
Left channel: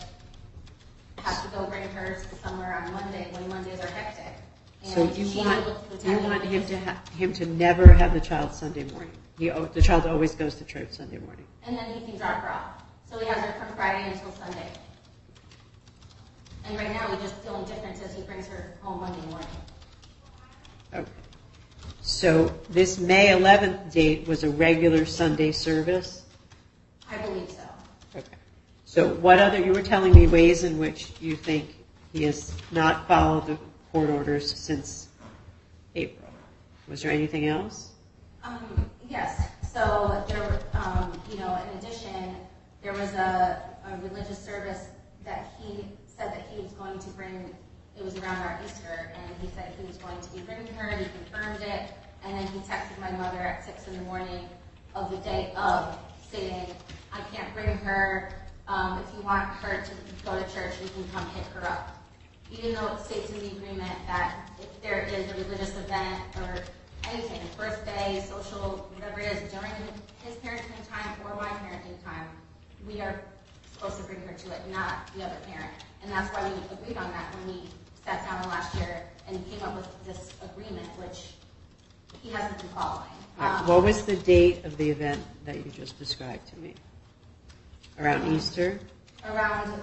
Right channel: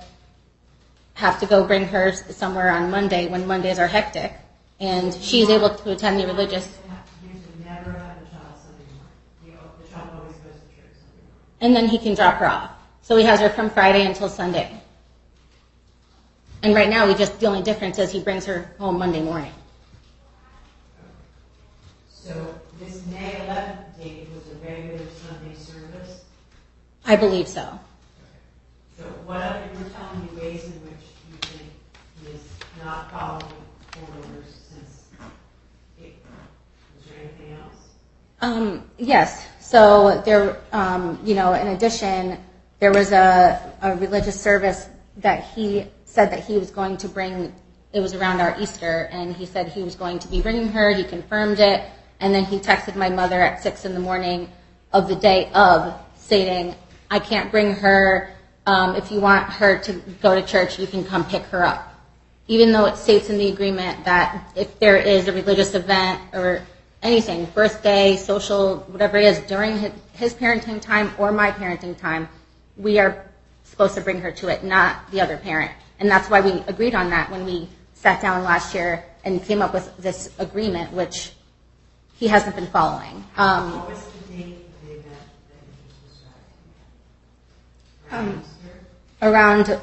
go bring her somewhere on Monday when Mondays are hectic. And So she's able to attend the religious. Him to never have the child Sunday morning. The child always goes to church Sunday morning. And then he can drop her off. So he has her from Friday until Sunday. And right now, the only difference is he brings her home Monday morning. Okay. So this May 11th date was a regular Sunday service? I believe so. Okay. So you were telling me ways in which you think he has not followed the court orders since April. Was there anything else? Yes. So there, in addition, there was a religious service that he said that he was going to bring. It was around our Easter, and he said he was going to be bringing her. He confirmed it, and then he texted my mother at 6 a.m. of the day of, stating, "I can't bring her. If you want her to go to church, you can come pick her up." Even though it states in the agreement that if there is a religious event or anything, birthday, social, whatever it is, during his parenting time or my parenting time, we are supposed to bring her to it, not the other parent. And that's why we agreed on that when we sat down last year and came up with this agreement, which he hasn't been following. What was the date of the event that you just described to me? Around Easter? Around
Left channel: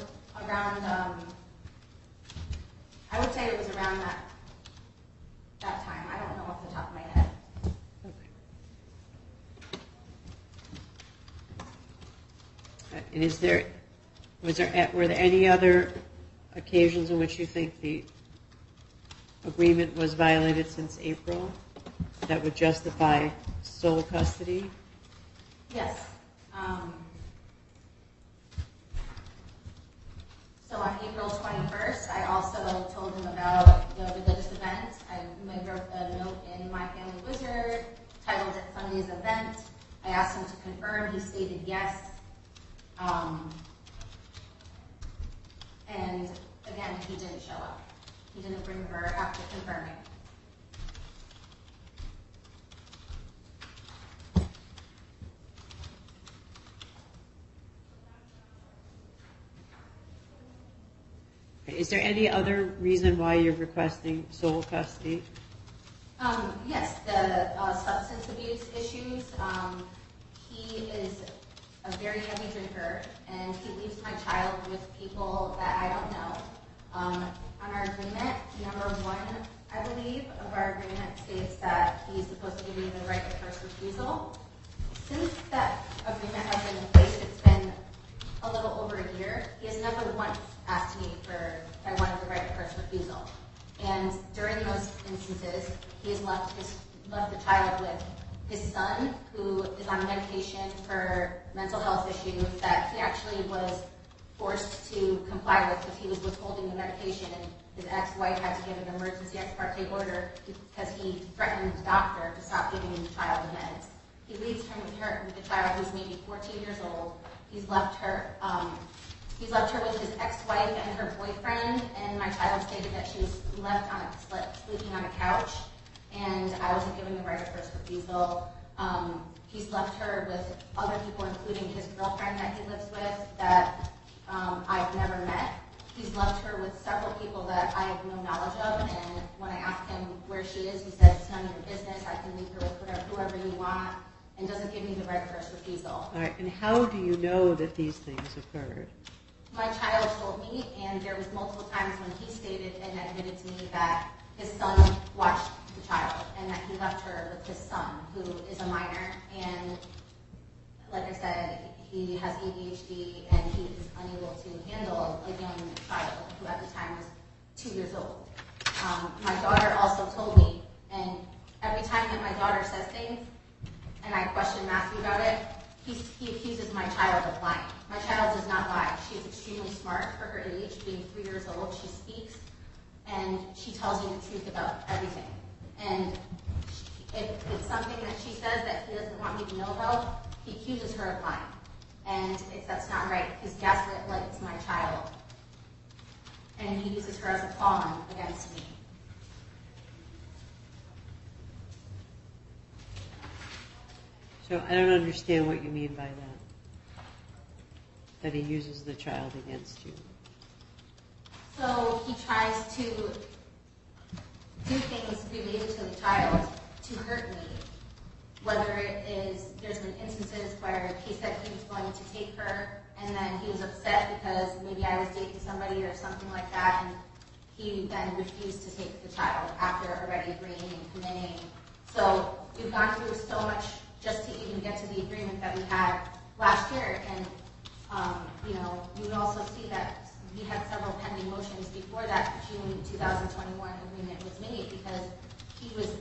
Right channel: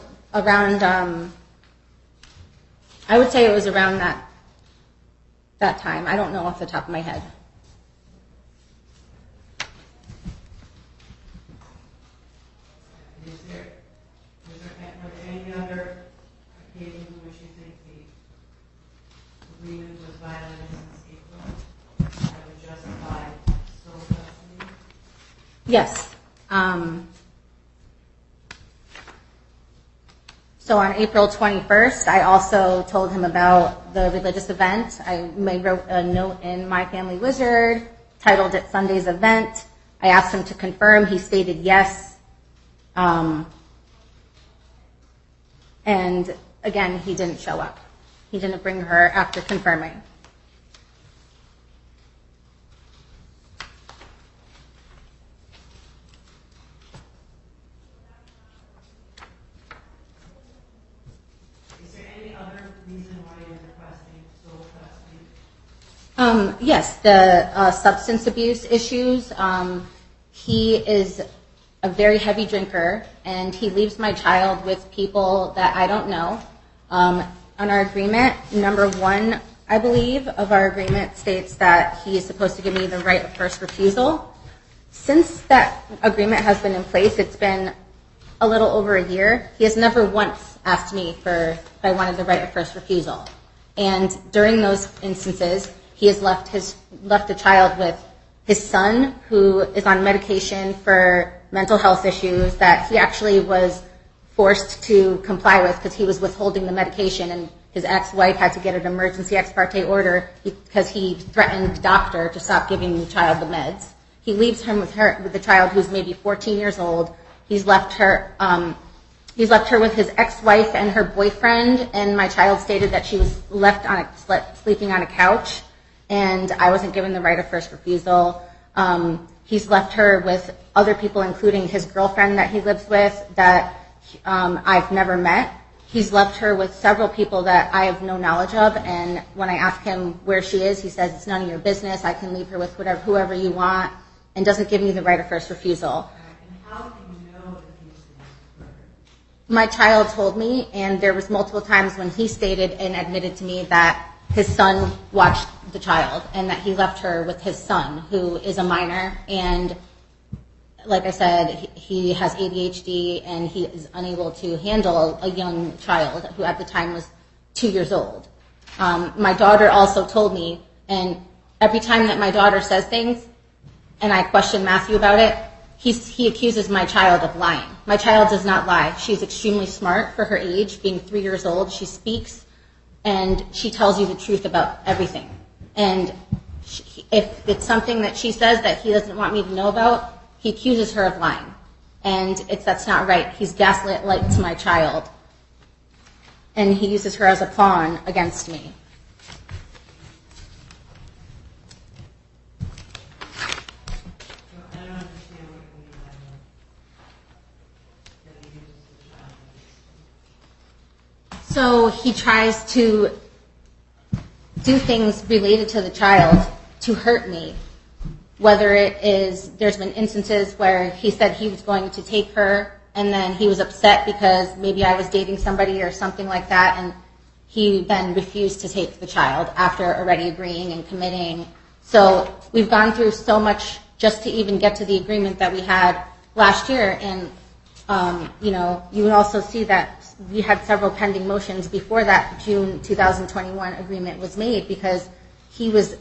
I would say it was around that time. I don't know off the top of my head. And were there any other occasions in which you think the agreement was violated since April that would justify sole custody? Yes. So on April 21st, I also told him about the religious event. I wrote a note in My Family Wizard, titled it Sunday's Event. I asked him to confirm. He stated yes. And again, he didn't show up. He didn't bring her after confirming. Is there any other reason why you're requesting sole custody? Yes, the substance abuse issues. He is a very heavy drinker, and he leaves my child with people that I don't know. On our agreement, number 1, I believe, of our agreement states that he is supposed to give me the right of first refusal. Since that agreement has been in place, it's been a little over a year. He has never once asked me if I wanted the right of first refusal. And during those instances, he has left the child with his son, who is on medication for mental health issues that he actually was forced to comply with because he was withholding the medication, and his ex-wife had to get an emergency ex parte order because he threatened the doctor to stop giving the child the meds. He leaves him with the child, who's maybe 14 years old. He's left her with his ex-wife and her boyfriend, and my child stated that she was left sleeping on a couch, and I wasn't given the right of first refusal. He's left her with other people, including his girlfriend that he lives with that I've never met. He's left her with several people that I have no knowledge of, and when I ask him where she is, he says, it's none of your business. I can leave her with whoever you want, and doesn't give me the right of first refusal. All right, and how do you know that these things occurred? My child told me, and there was multiple times when he stated and admitted to me that his son watched the child and that he left her with his son, who is a minor, and like I said, he has ADHD and he is unable to handle a young child who at the time was 2 years old. My daughter also told me, and every time that my daughter says things and I question Matthew about it, he accuses my child of lying. My child does not lie. She's extremely smart for her age, being 3 years old. She speaks and she tells you the truth about everything. And if it's something that she says that he doesn't want me to know about, he accuses her of lying. And that's not right. He's gaslit to my child. And he uses her as a pawn against me. So I don't understand what you mean by that he uses the child against you. So he tries to do things related to the child to hurt me. Whether it is, there's been instances where he said he was going to take her, and then he was upset because maybe I was dating somebody or something like that, and he then refused to take the child after already agreeing and committing. So we've gone through so much just to even get to the agreement that we had last year. And, you would also see that we had several pending motions before that June 2021 agreement was made because he was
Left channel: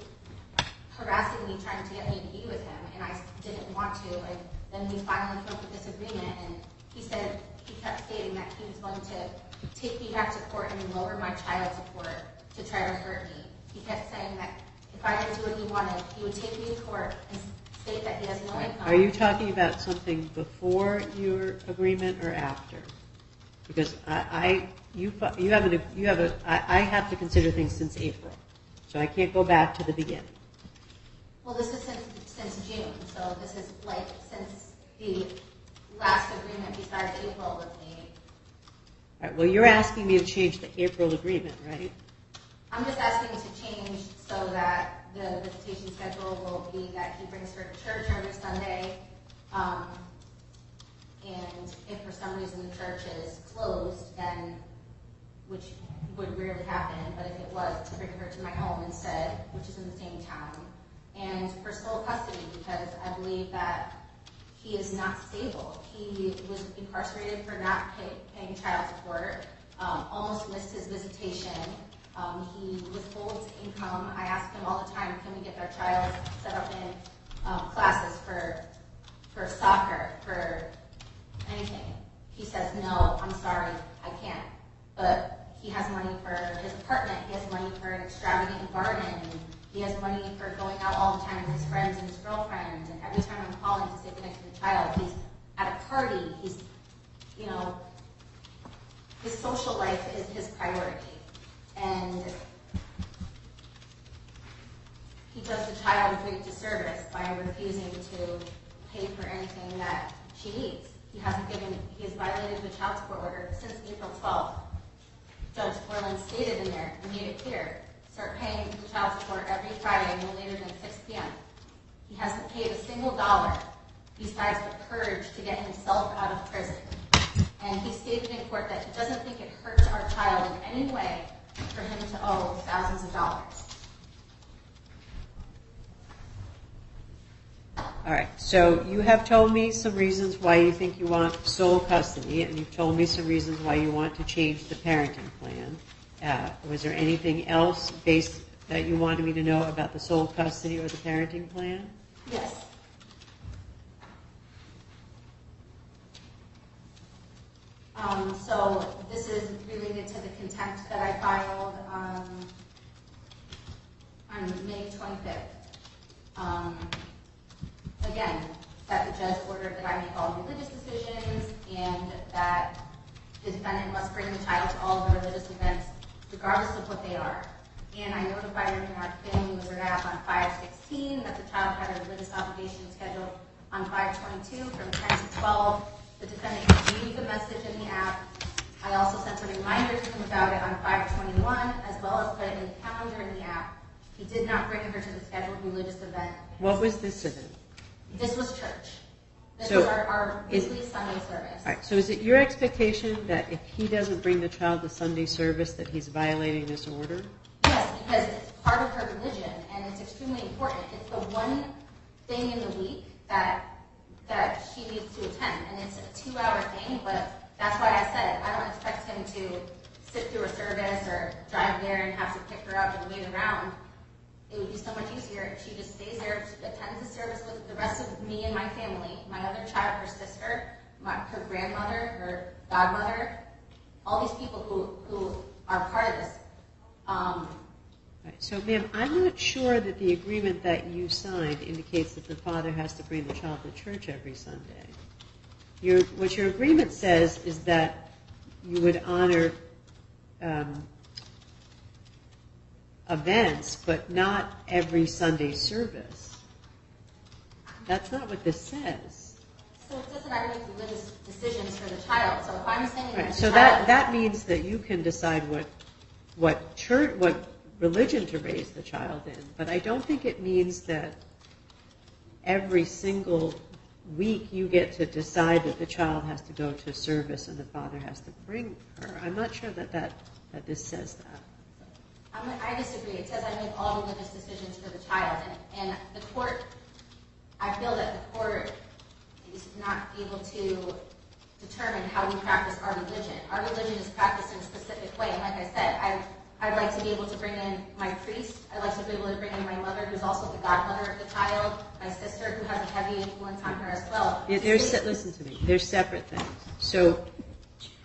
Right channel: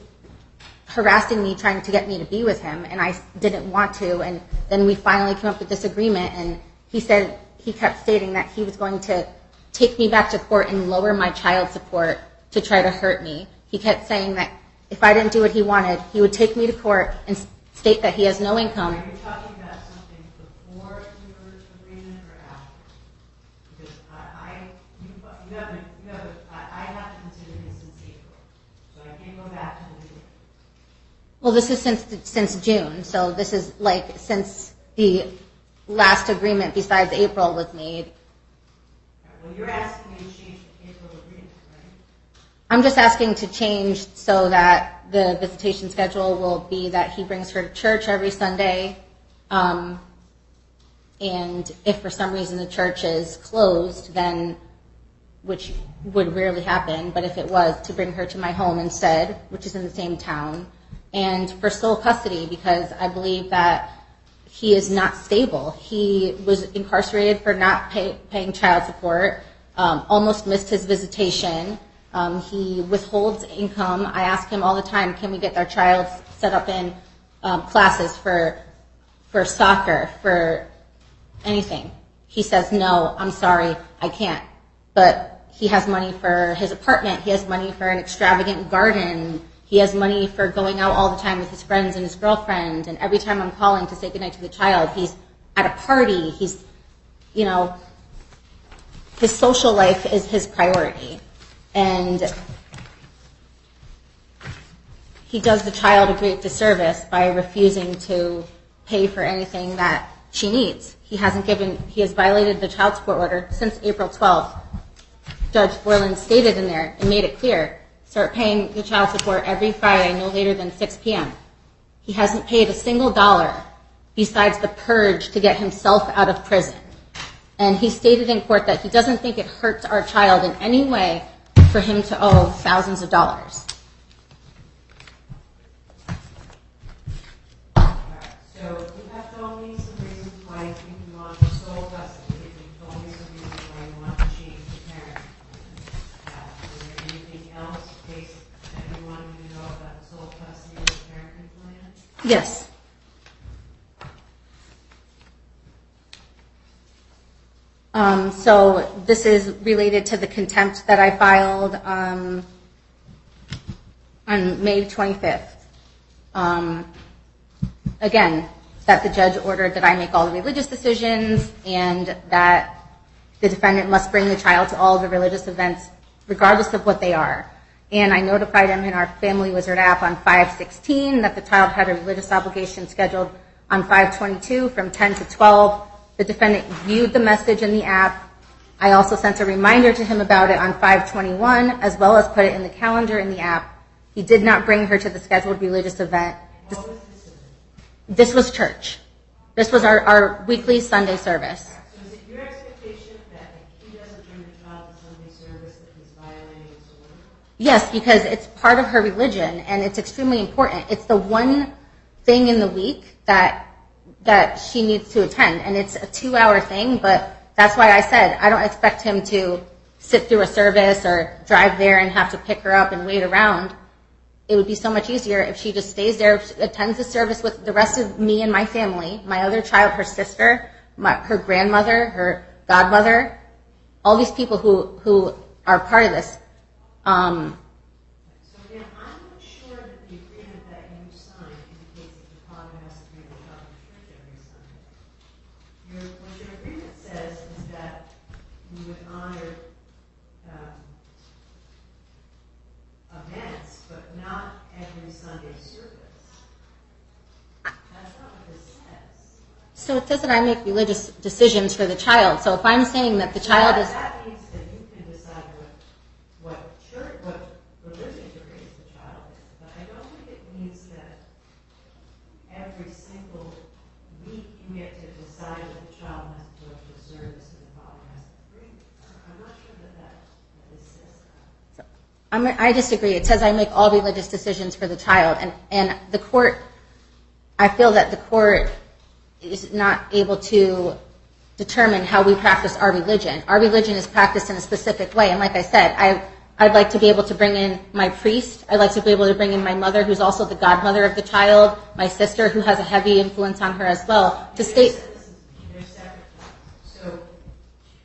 harassing me, trying to get me to be with him, and I didn't want to. And then we finally came up with this agreement, and he kept stating that he was going to take me back to court and lower my child support to try to hurt me. He kept saying that if I didn't do what he wanted, he would take me to court and state that he has no income. Are you talking about something before your agreement or after? Because I have to consider things since April, so I can't go back to the beginning. Well, this is since June, so this is since the last agreement besides April was made. All right, well, you're asking me to change the April agreement, right? I'm just asking to change so that the visitation schedule will be that he brings her to church every Sunday, and if for some reason the church is closed, then which would rarely happen, but if it was, to bring her to my home instead, which is in the same town, and for sole custody, because I believe that he is not stable. He was incarcerated for not paying child support, almost missed his visitation. He withholds income. I ask him all the time, can we get our child set up in classes for soccer, for anything? He says, no, I'm sorry, I can't. But he has money for his apartment. He has money for an extravagant garden. He has money for going out all the time with his friends and his girlfriend. And every time I'm calling to say goodnight to the child, he's at a party. He's, you know, his social life is his priority. And he does the child a great disservice by refusing to pay for anything that she needs. He has violated the child support order since April 12th. Judge Borland stated in there and made it clear, start paying the child support every Friday, no later than 6 p.m. He hasn't paid a single dollar besides the purge to get himself out of prison. And he stated in court that he doesn't think it hurts our child in any way for him to owe thousands of dollars. All right, so you have told me some reasons why you think you want sole custody, and you've told me some reasons why you want to change the parenting plan. Was there anything else that you wanted me to know about the sole custody or the parenting plan? Yes. So this is related to the contempt that I filed on May 25th. Again, that the judge ordered that I make all the religious decisions and that the defendant must bring the child to all the religious events regardless of what they are. And I notified him in our Family Wizard app on 5/16 that the child had a religious obligation scheduled on 5/22 from 10 to 12. The defendant viewed the message in the app. I also sent a reminder to him about it on 5/21, as well as put it in the calendar in the app. He did not bring her to the scheduled religious event. What was this event? This was church. This was our weekly Sunday service. All right, so is it your expectation that if he doesn't bring the child to Sunday service that he's violating this order? Yes, because it's part of her religion and it's extremely important. It's the one thing in the week that she needs to attend, and it's a 2-hour thing, but that's why I said I don't expect him to sit through a service or drive there and have to pick her up and wait around. It would be so much easier if she just stays there, attends the service with the rest of me and my family, my other child, her sister, her grandmother, her godmother, all these people who are part of this. So, ma'am, I'm not sure that the agreement that you signed indicates that the father has to bring the child to church every Sunday. What your agreement says is that you would honor events, but not every Sunday service. That's not what this says. So it says that I make religious decisions for the child. So if I'm saying that the child is... that means that you can decide what religion to raise the child in, but I don't think it means that every single week you get to decide that the child has to go to service and the father has to bring her. I'm not sure that this says that. I disagree. It says I make all religious decisions for the child, and the court, I feel that the court is not able to determine how we practice our religion. Our religion is practiced in a specific way, and like I said, I'd like to be able to bring in my priest. I'd like to be able to bring in my mother, who's also the godmother of the child, my sister, who has a heavy influence on her as well. Listen to me. They're separate things. So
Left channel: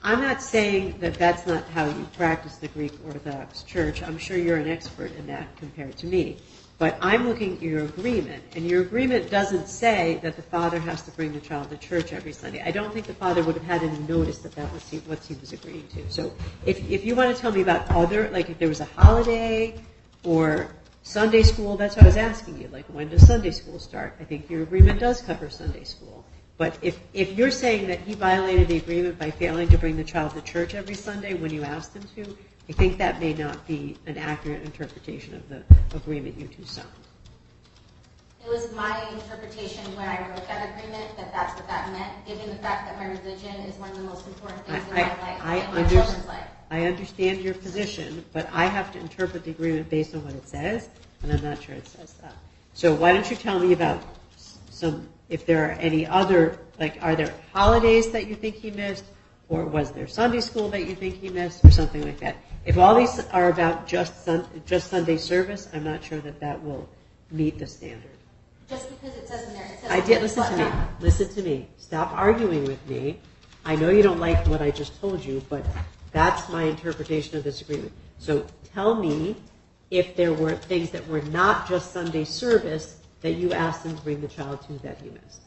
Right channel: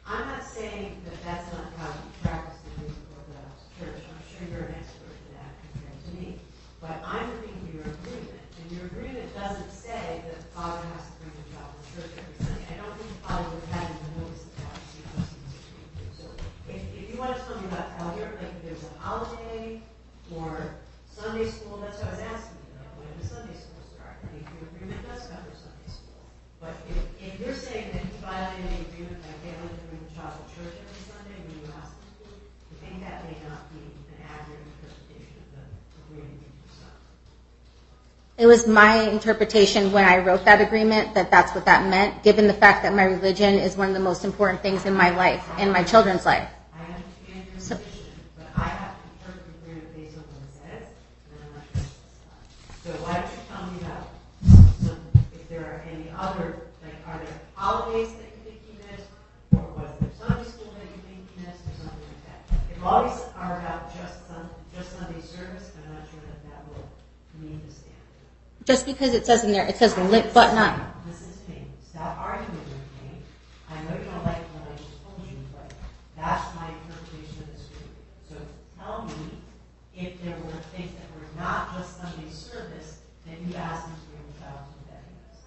I'm not saying that that's not how you practice the Greek Orthodox Church. I'm sure you're an expert in that compared to me. But I'm looking at your agreement, and your agreement doesn't say that the father has to bring the child to church every Sunday. I don't think the father would have had any notice that was what he was agreeing to. So if you want to tell me about other, like if there was a holiday or Sunday school, that's what I was asking you. Like, when does Sunday school start? I think your agreement does cover Sunday school. But if you're saying that he violated the agreement by failing to bring the child to church every Sunday when you asked him to, I think that may not be an accurate interpretation of the agreement you two signed. It was my interpretation when I wrote that agreement that that's what that meant, given the fact that my religion is one of the most important things in my life, in my children's life. I understand your position, but I have to interpret the agreement based on what it says, and I'm not sure it says that. So why don't you tell me about if there are any other, like, are there holidays that you think he missed, or was there Sunday school that you think he missed, or something like that? If all these are about just Sunday service, I'm not sure that will meet the standard. Just because it says in there, it says but not. Listen to me. Stop arguing with me. I know you don't like what I just told you, but that's my interpretation of this agreement. So tell me if there were things that were not just Sunday service that you asked him to bring the child to that he missed.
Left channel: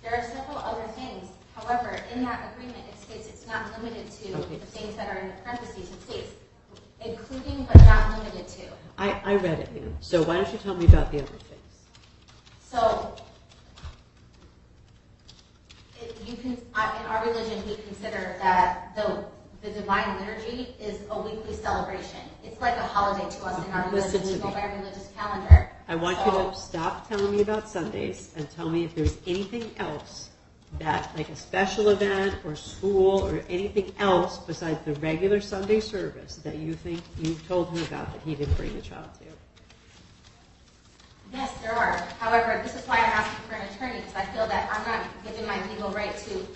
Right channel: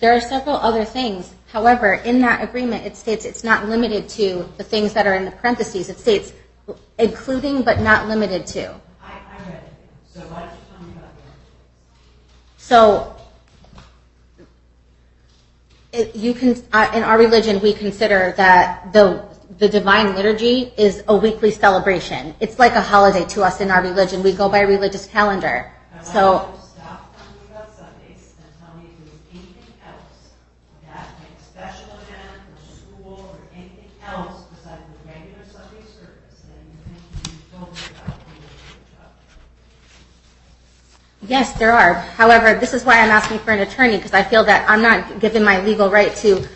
There are several other things. However, in that agreement, it states it's not limited to the things that are in the parentheses. It states including but not limited to. I read it, ma'am. So why don't you tell me about the other things? So, in our religion, we consider that the Divine Liturgy is a weekly celebration. It's like a holiday to us in our religion. We go by a religious calendar. I want you to stop telling me about Sundays and tell me if there's anything else that, like a special event or school or anything else besides the regular Sunday service that you think you told me about that he didn't bring the child to. Yes, there are. However, this is why I'm asking for an attorney, because I feel that I'm not given my legal right to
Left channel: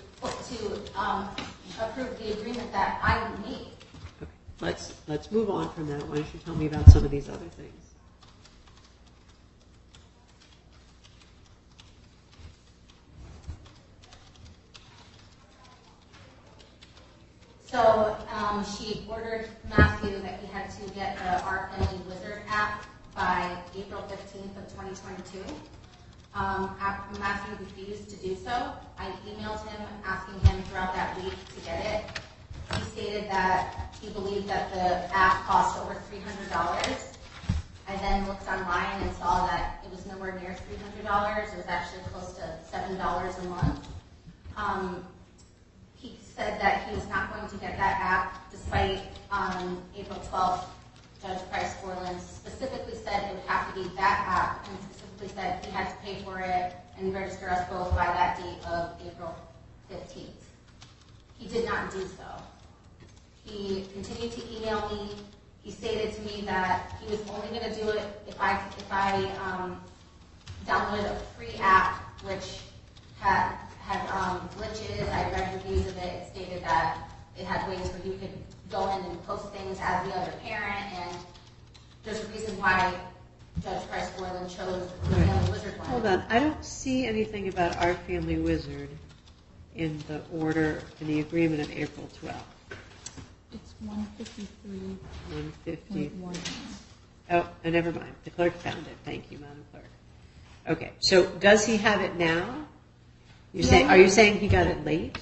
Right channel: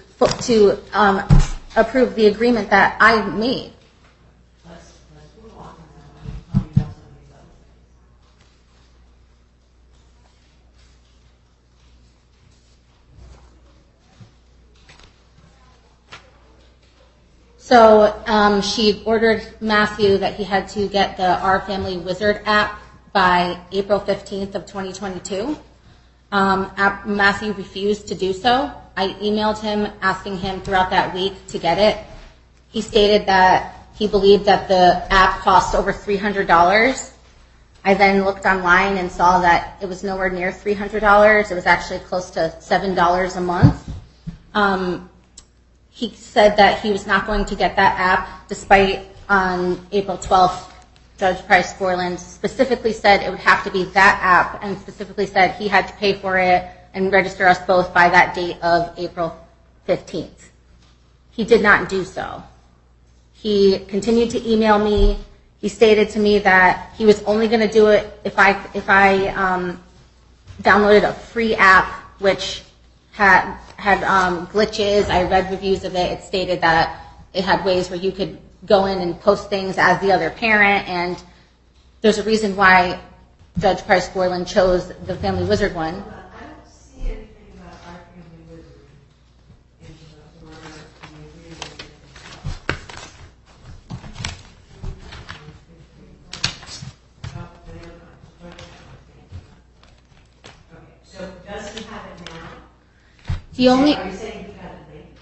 approve the agreement that I made. Okay. Let's move on from that. Why don't you tell me about some of these other things? So she ordered Matthew that he had to get the Our Family Wizard app by April 15th of 2022. Matthew refused to do so. I emailed him asking him throughout that week to get it. He stated that he believed that the app cost over $300. I then looked online and saw that it was nowhere near $300. It was actually close to $7 a month. He said that he was not going to get that app, despite on April 12th, Judge Price Borland specifically said it would have to be that app, and specifically said he had to pay for it and register us both by that date of April 15th. He did not do so. He continued to email me. He stated to me that he was only going to do it if I downloaded a free app, which had glitches. I read reviews of it. It stated that it had ways where you could go in and post things as the other parent, and there's a reason why Judge Price Borland chose the Family Wizard one. Hold on, I don't see anything about Our Family Wizard in the order, in the agreement of April 12th. 150. Oh, never mind, the clerk found it, thank you, Madam Clerk. Okay, so does he have it now? Are you saying he got it late?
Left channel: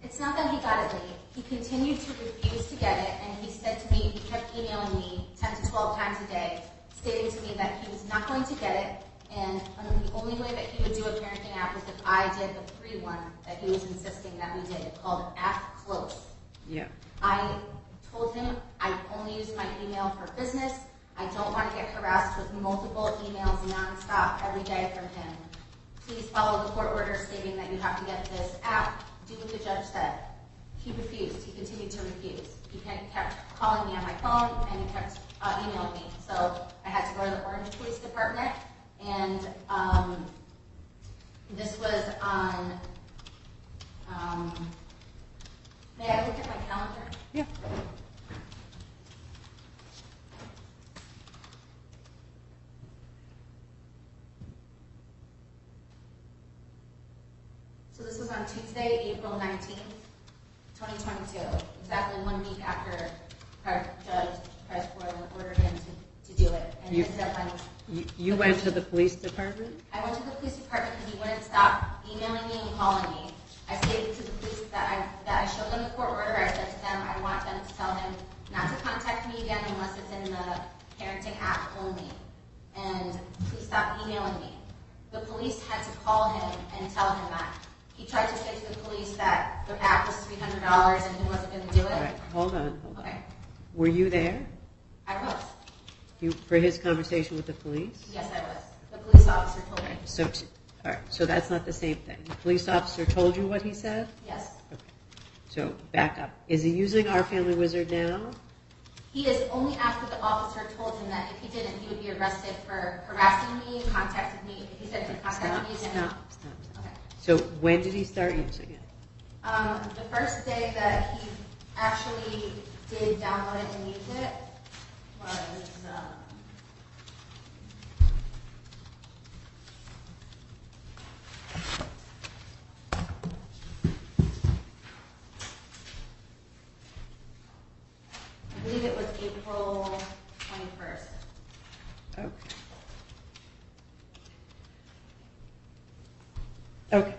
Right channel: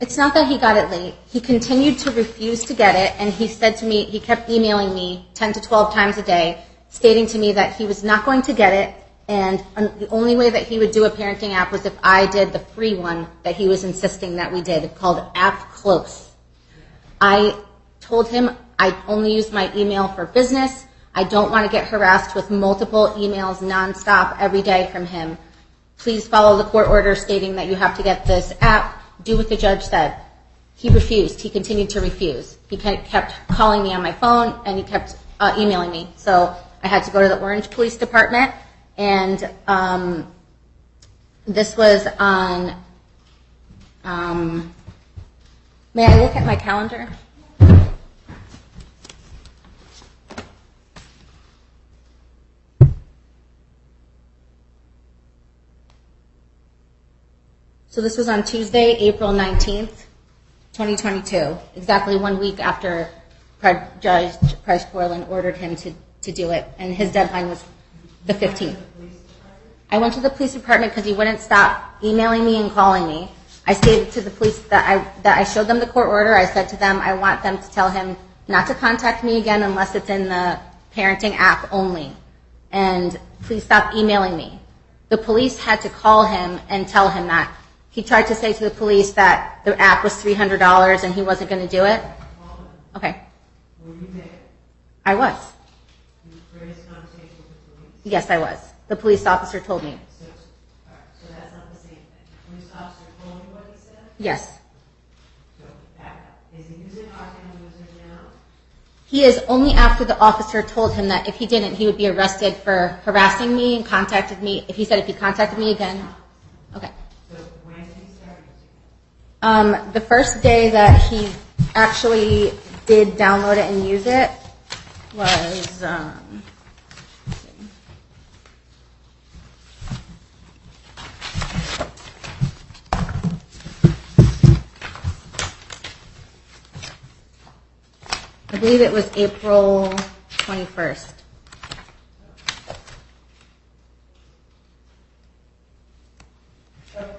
It's not that he got it late. He continued to refuse to get it, and he said to me, he kept emailing me 10 to 12 times a day, stating to me that he was not going to get it, and the only way that he would do a parenting app was if I did the free one that he was insisting that we did, called App Close. Yeah. I told him I only use my email for business. I don't want to get harassed with multiple emails nonstop every day from him. Please follow the court order stating that you have to get this app. Do what the judge said. He refused. He continued to refuse. He kept calling me on my phone, and he kept emailing me. So I had to go to the Orange Police Department, and this was on, may I look at my calendar? Yeah. So this was on Tuesday, April 19th, 2022, exactly 1 week after Judge Price Borland ordered him to do it, and his deadline was the 15th. You went to the police department? I went to the police department because he wouldn't stop emailing me and calling me. I stated to the police that I showed them the court order. I said to them, I want them to tell him not to contact me again unless it's in the parenting app only, and please stop emailing me. The police had to call him and tell him that. He tried to say to the police that the app was $300 and he wasn't going to do it. Right, hold on. Okay. Were you there? I was. For his conversation with the police? Yes, I was. The police officer told me. So, all right, so that's not the same thing. The police officer told you what he said? Yes. Okay. So back up. Is he using Our Family Wizard now? He is only after the officer told him that if he didn't, he would be arrested for harassing me and contacted me. If he said if he contacted me again. Stop. Okay. So when did he start using it? The first day that he actually did download it and use it was I believe it was April 21st. Okay.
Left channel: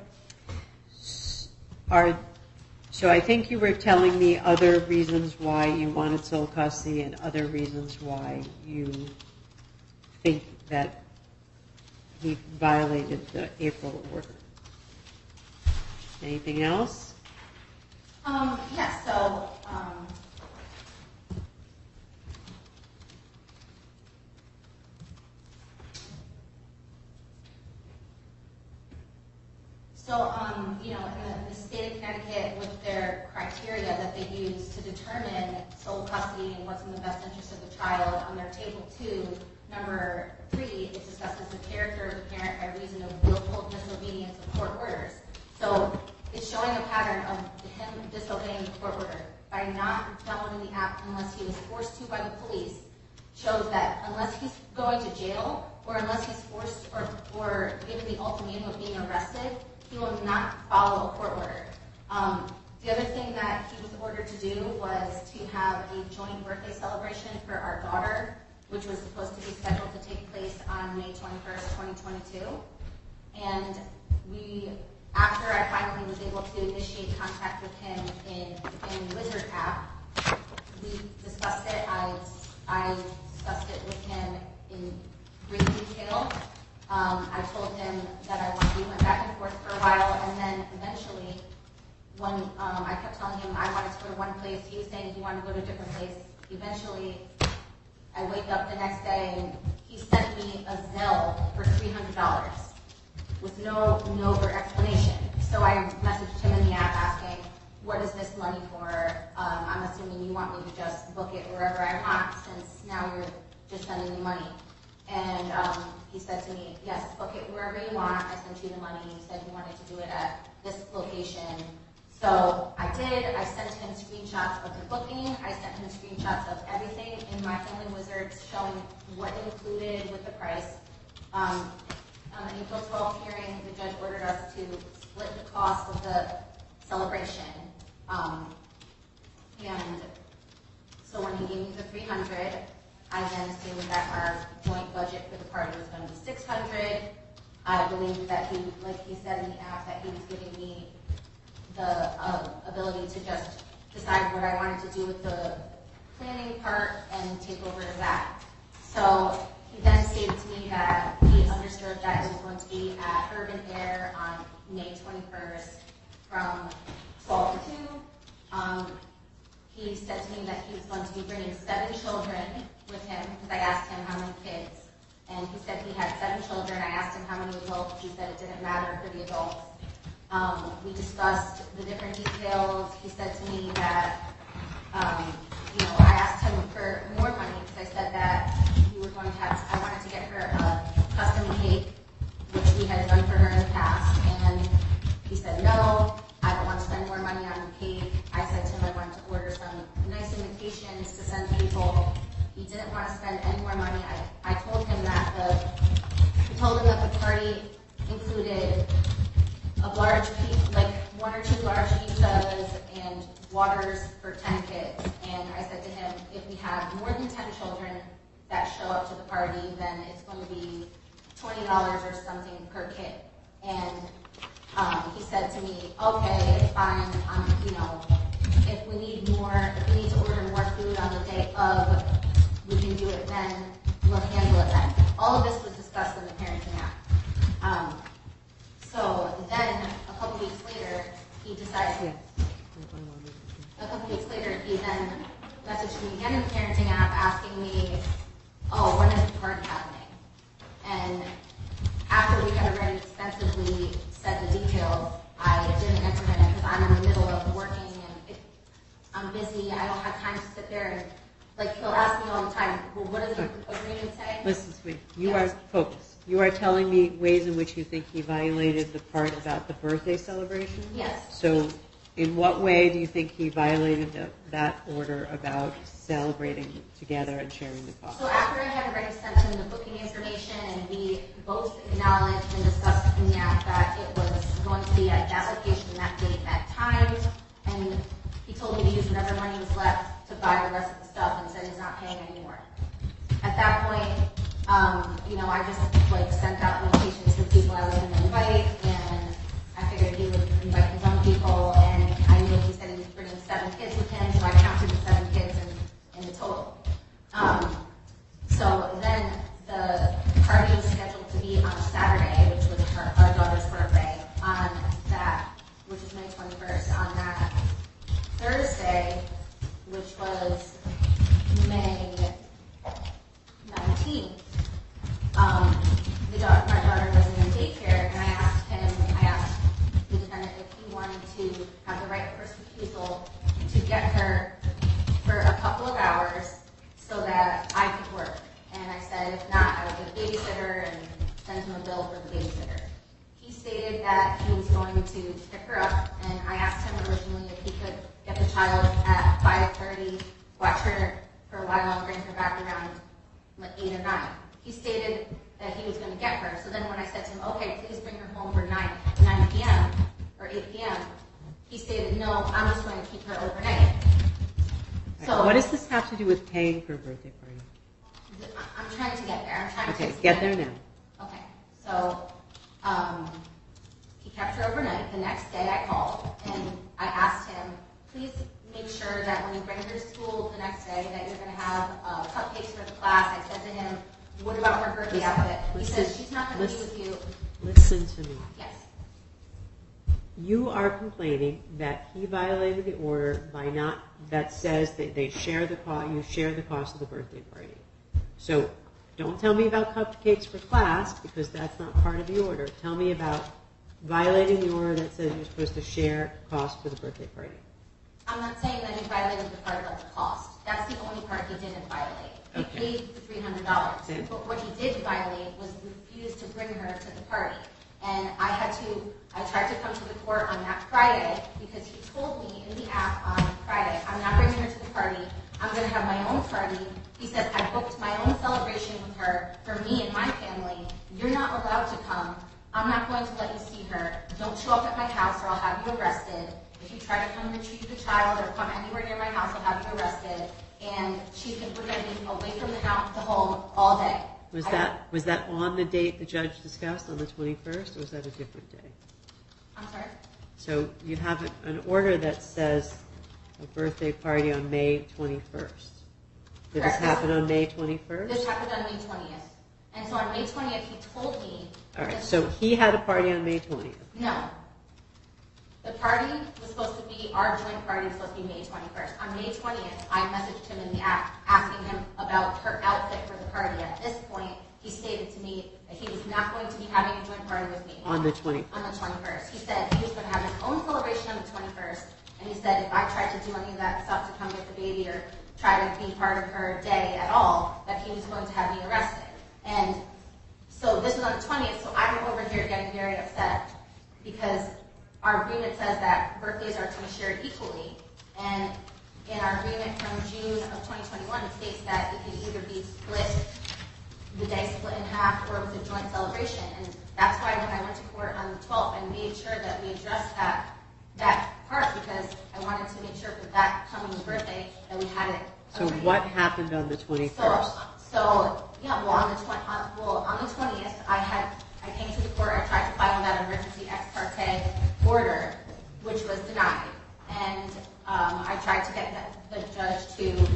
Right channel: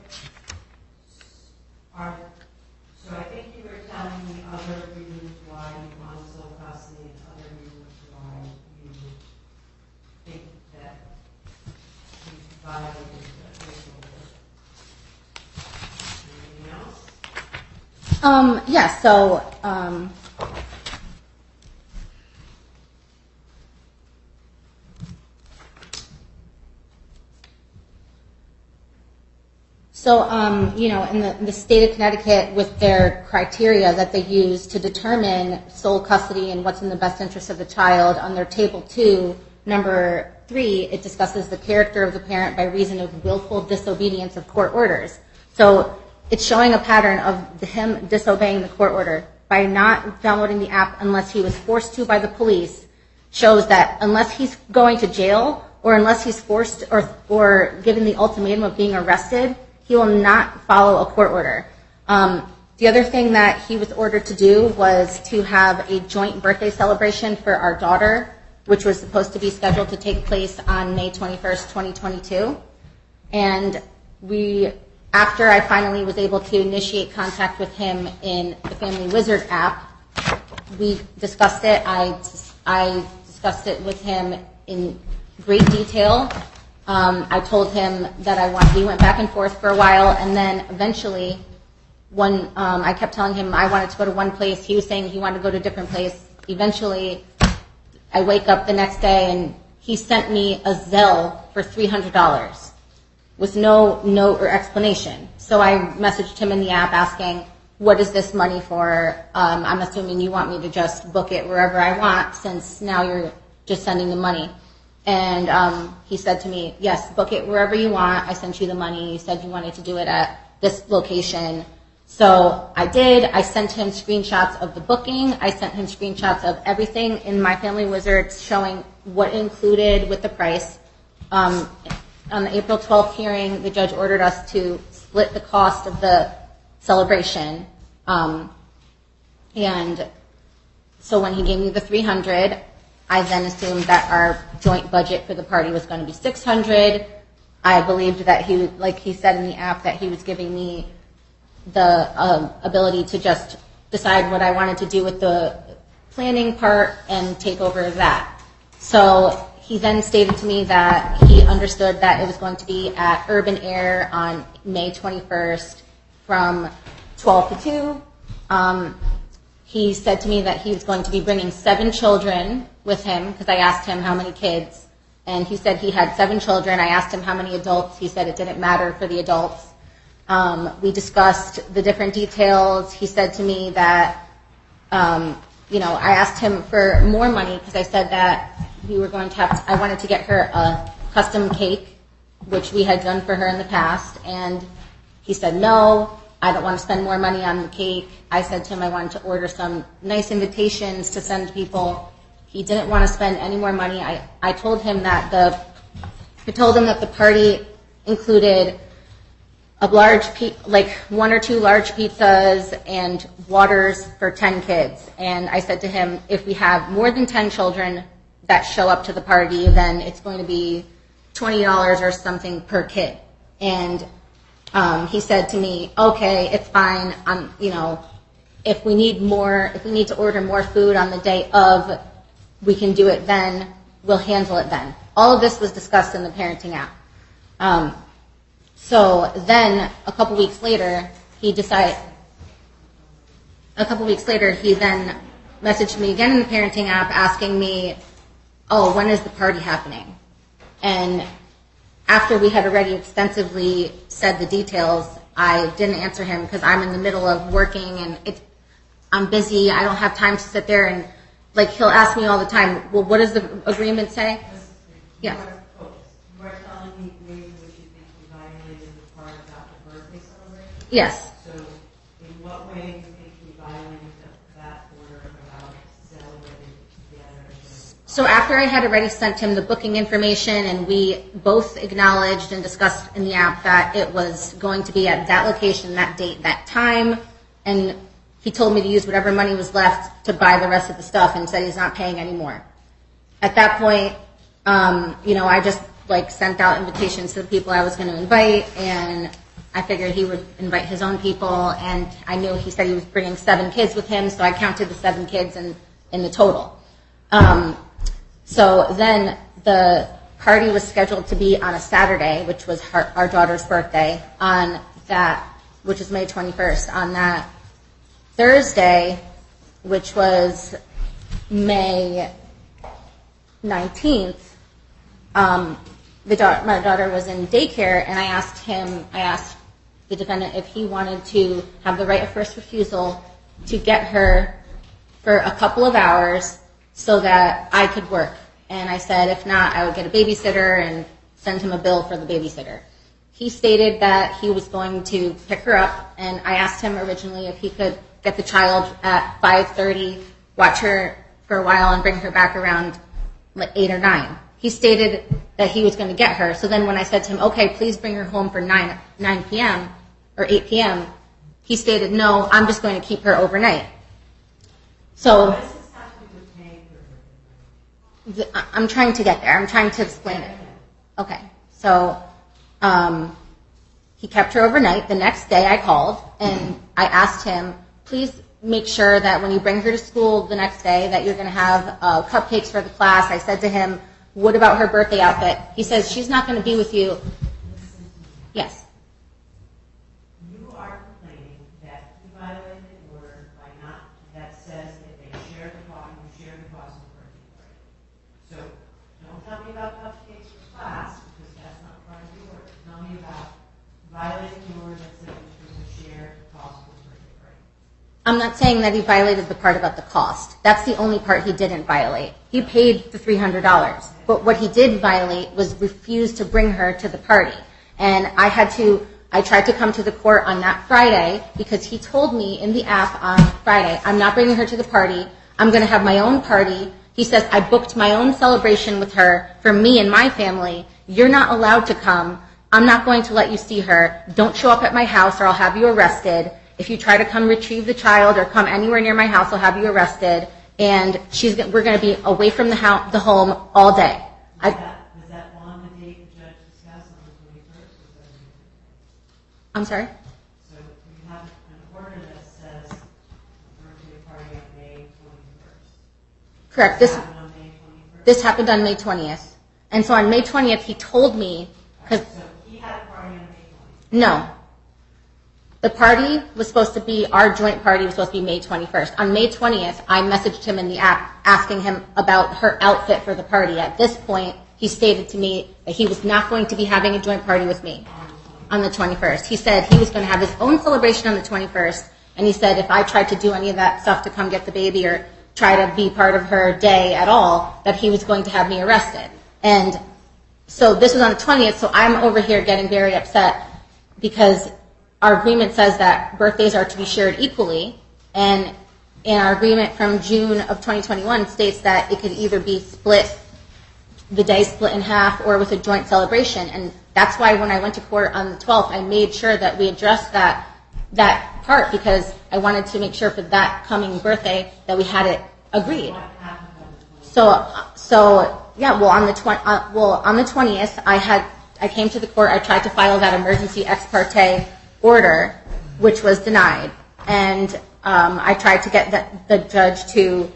So I think you were telling me other reasons why you wanted sole custody and other reasons why you think that he violated the April order. Anything else? Yeah, so you know, in the state of Connecticut, with their criteria that they use to determine sole custody and what's in the best interest of the child, on their table 2, number 3, it discusses the character of the parent by reason of willful disobedience of court orders. So it's showing a pattern of him disobeying the court order by not downloading the app unless he was forced to by the police. Shows that unless he's going to jail or unless he's forced or given the ultimatum of being arrested, he will not follow a court order. The other thing that he was ordered to do was to have a joint birthday celebration for our daughter, which was supposed to be scheduled to take place on May 21st, 2022. And after I finally was able to initiate contact with him in the Family Wizard app, we discussed it. I discussed it with him in great detail. I told him that we went back and forth for a while, and then eventually, I kept telling him I wanted to go to one place. He was saying he wanted to go to a different place. Eventually, I wake up the next day, and he sent me a Zelle for $300 with no note or explanation. So I messaged him in the app asking, what is this money for? I'm assuming you want me to just book it wherever I want, since now you're just sending the money. And he said to me, yes, book it wherever you want. I sent you the money. You said you wanted to do it at this location. So I did. I sent him screenshots of the booking. I sent him screenshots of everything in my Family Wizard showing what included with the price. On the April 12th hearing, the judge ordered us to split the cost of the celebration. And so when he gave me the $300, I then assumed that our joint budget for the party was going to be $600. I believed that he, like he said in the app, that he was giving me the ability to just decide what I wanted to do with the planning part and take over that. So he then stated to me that he understood that it was going to be at Urban Air on May 21st from 12 to 2. He said to me that he was going to be bringing 7 children with him, because I asked him how many kids, and he said he had 7 children. I asked him how many adults. He said it didn't matter for the adults. We discussed the different details. He said to me that, I asked him for more money because I said that we were going to I wanted to get her a custom cake, which we had done for her in the past, and he said no. I don't want to spend more money on the cake. I said to him I wanted to order some nice invitations to send people. He didn't want to spend any more money. I told him that the party included a large, 1 or 2 large pizzas and waters for 10 kids. And I said to him, if we have more than 10 children that show up to the party, then it's going to be $20 or something per kid. And he said to me, okay, it's fine. If we need to order more food on the day of, we can do it then. We'll handle it then. All of this was discussed in the parenting app. So then, a couple weeks later, he then messaged me again in the parenting app asking me, oh, when is the party happening? And after we had already extensively said the details, I didn't answer him because I'm in the middle of working and I'm busy. I don't have time to sit there and, like, he'll ask me all the time, well, what does the agreement say? Listen to me. You Yes. are focused. You are telling me ways in which you think he violated the part about the birthday celebration? Yes. So in what way do you think he violated that order about celebrating together and sharing the cost? So after I had already sent him the booking information and we both acknowledged and discussed in the app that it was going to be at that location, that date, that time, and he told me to use whatever money was left to buy the rest of the stuff and said he's not paying anymore. At that point, I just sent out invitations to the people I was going to invite, and I figured he would invite his own people, and I knew he said he was bringing 7 kids with him, so I counted the 7 kids in the total. So then the party was scheduled to be on a Saturday, which was our daughter's birthday, which is May 21st. On that Thursday, which was May 19th, my daughter was in daycare, and I asked the defendant if he wanted to have the right of first refusal to get her for a couple of hours so that I could work. And I said, if not, I would get a babysitter and send him a bill for the babysitter. He stated that he was going to pick her up, and I asked him originally if he could get the child at 5:30, watch her for a while, and bring her back around 8 or 9. He stated that he was going to get her. So then when I said to him, okay, please bring her home for 9 p.m. or 8 p.m., he stated, no, I'm just going to keep her overnight. So what does this have to do with paying for a birthday party? I'm trying to get there. I'm trying to Get there now. Okay. So he kept her overnight. The next day I called and I asked him, please make sure that when you bring her to school the next day that you're going to have cupcakes for the class. I said to him, what about her birthday outfit? He says, she's not going to be with you. Listen to me. Yes. You are complaining that he violated the order by not, that says that they share the cost, you share the cost of the birthday party. So don't tell me about cupcakes for class because that's not part of the order. Tell me about violating the order that says you're supposed to share cost for the birthday party. I'm not saying that he violated the part about the cost. That's the only part he didn't violate. He paid the $300. But what he did violate was refuse to bring her to the party. And I tried to come to the court on that Friday because he told me in the app on Friday, I'm not bringing her to the party. I'm going to have my own party. He says, I booked my own celebration with her for me and my family. You're not allowed to come. I'm not going to let you see her. Don't show up at my house or I'll have you arrested. If you try to come retrieve the child or come anywhere near my house, I'll have you arrested. And we're going to be away from the home all day. Was that on the date the judge discussed, on the 21st, or was that a different day? I'm sorry? So you have an order that says a birthday party on May 21st. Correct. This happened on May 21st? This happened on May 20th. And so on May 20th, he told me... All right, so he had a party on May 20th. No. The party was supposed to be, our joint party was supposed to be May 21st. On May 20th, I messaged him in the app asking him about her outfit for the party. At this point, he stated to me that he was not going to be having a joint party with me. On the 21st. On the 21st. He said he was going to have his own celebration on the 21st, and he said if I tried to do any of that stuff to come get the baby or try to be part of her day at all, that he was going to have me arrested. And so this was on the 20th, so I'm over here getting very upset because our agreement says that birthdays are to be shared equally, and in our agreement from June of 2021 states that it could either be split, the day split in half, or with a joint celebration. And that's why when I went to court on the 12th, I made sure that we addressed that part because I wanted to make sure for that coming birthday that we had it agreed. What happened on the 21st? On the 20th, I came to the court. I tried to file that emergency ex parte order, which was denied, and I tried to get the judge to,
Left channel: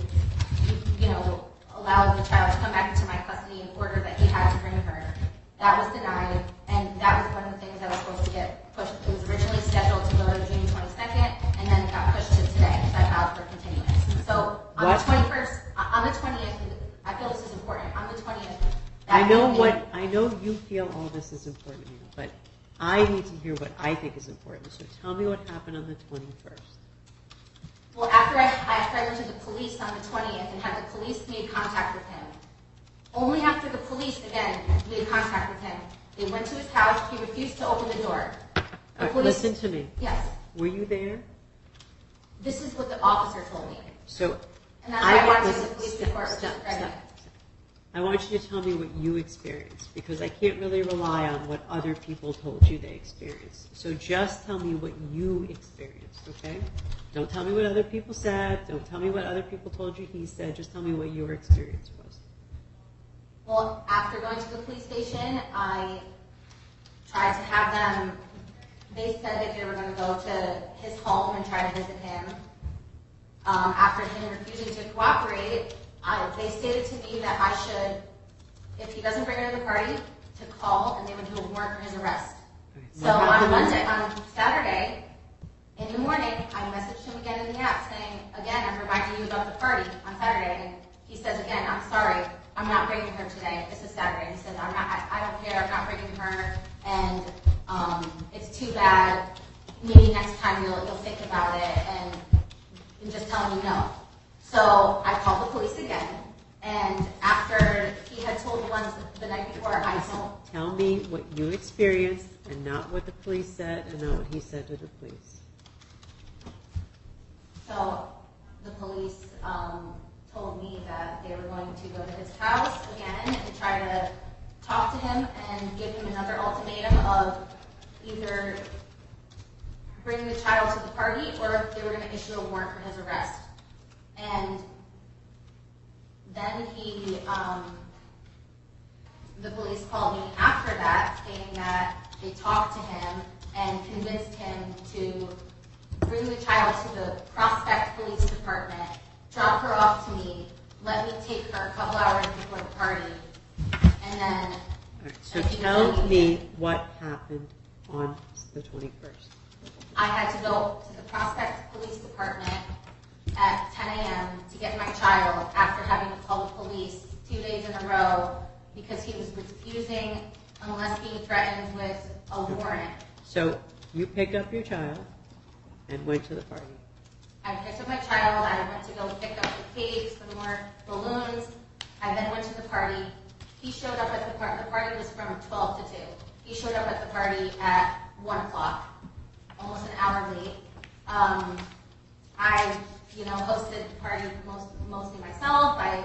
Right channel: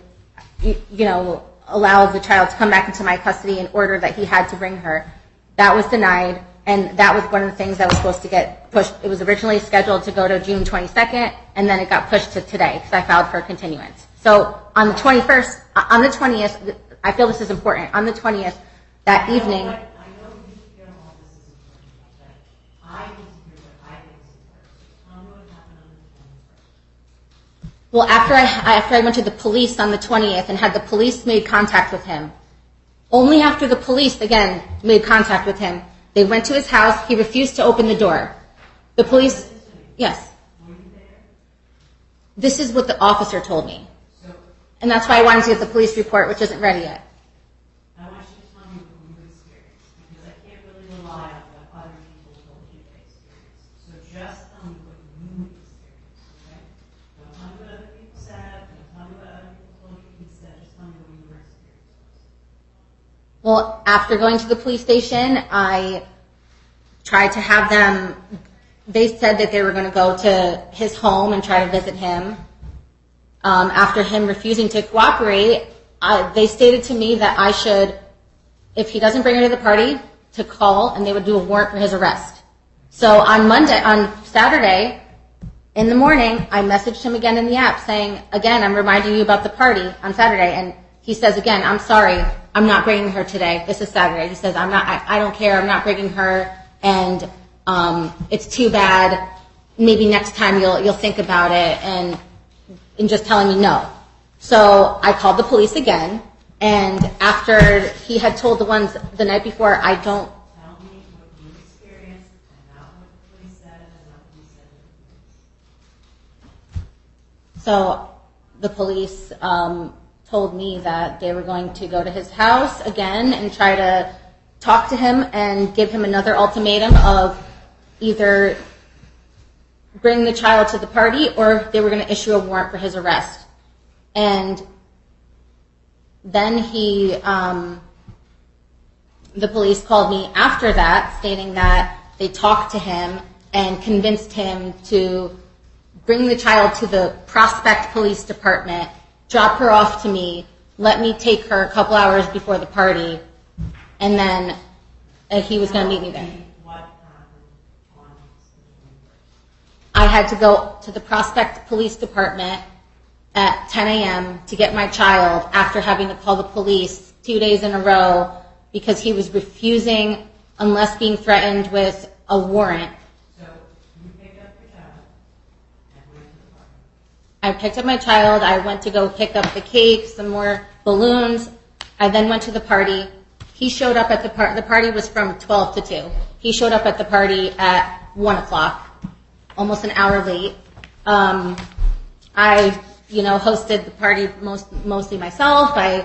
allow the child to come back into my custody in order that he had to bring her. That was denied, and that was one of the things that was supposed to get pushed. It was originally scheduled to go to June 22nd, and then it got pushed to today because I filed for continuance. So on the 21st, on the 20th, I feel this is important. On the 20th, that evening. I know you feel all this is important, but I need to hear what I think is important. So tell me what happened on the 21st. Well, after I went to the police on the 20th and had the police made contact with him, only after the police, again, made contact with him, they went to his house. He refused to open the door. The police... Listen to me. Yes. Were you there? This is what the officer told me. So, And that's why I wanted to get the police report, which isn't ready yet. I want you to tell me what you experienced, because I can't really rely on what other people told you they experienced. So just tell me what you experienced, okay? Don't tell me what other people said. Don't tell me what other people told you he said. Just tell me what your experience was. Well, after going to the police station, I tried to have them, they said that they were going to go to his home and try to visit him. After him refusing to cooperate, they stated to me that I should, if he doesn't bring her to the party, to call and they would do a warrant for his arrest. So on Saturday, in the morning, I messaged him again in the app saying, again, I'm reminding you about the party on Saturday. And he says, again, I'm sorry, I'm not bringing her today. This is Saturday. He says, I don't care, I'm not bringing her. And it's too bad. Maybe next time you'll think about it, and just telling me no. So I called the police again, and after he had told the ones the night before, I don't... Tell me what you experienced and not what the police said and not what he said to the police. So the police told me that they were going to go to his house again and try to talk to him and give him another ultimatum of either bring the child to the party or they were going to issue a warrant for his arrest. And then the police called me after that, stating that they talked to him and convinced him to bring the child to the Prospect Police Department, drop her off to me, let me take her a couple hours before the party, and then he was going to meet me there. Tell me what happened on the 21st. I had to go to the Prospect Police Department at 10 a.m. to get my child after having to call the police 2 days in a row because he was refusing unless being threatened with a warrant. So you picked up your child and went to the party. I picked up my child. I went to go pick up the cake, some more balloons. I then went to the party. He showed up at the party. The party was from 12 to 2. He showed up at the party at 1 o'clock, almost an hour late. I hosted the party mostly myself. I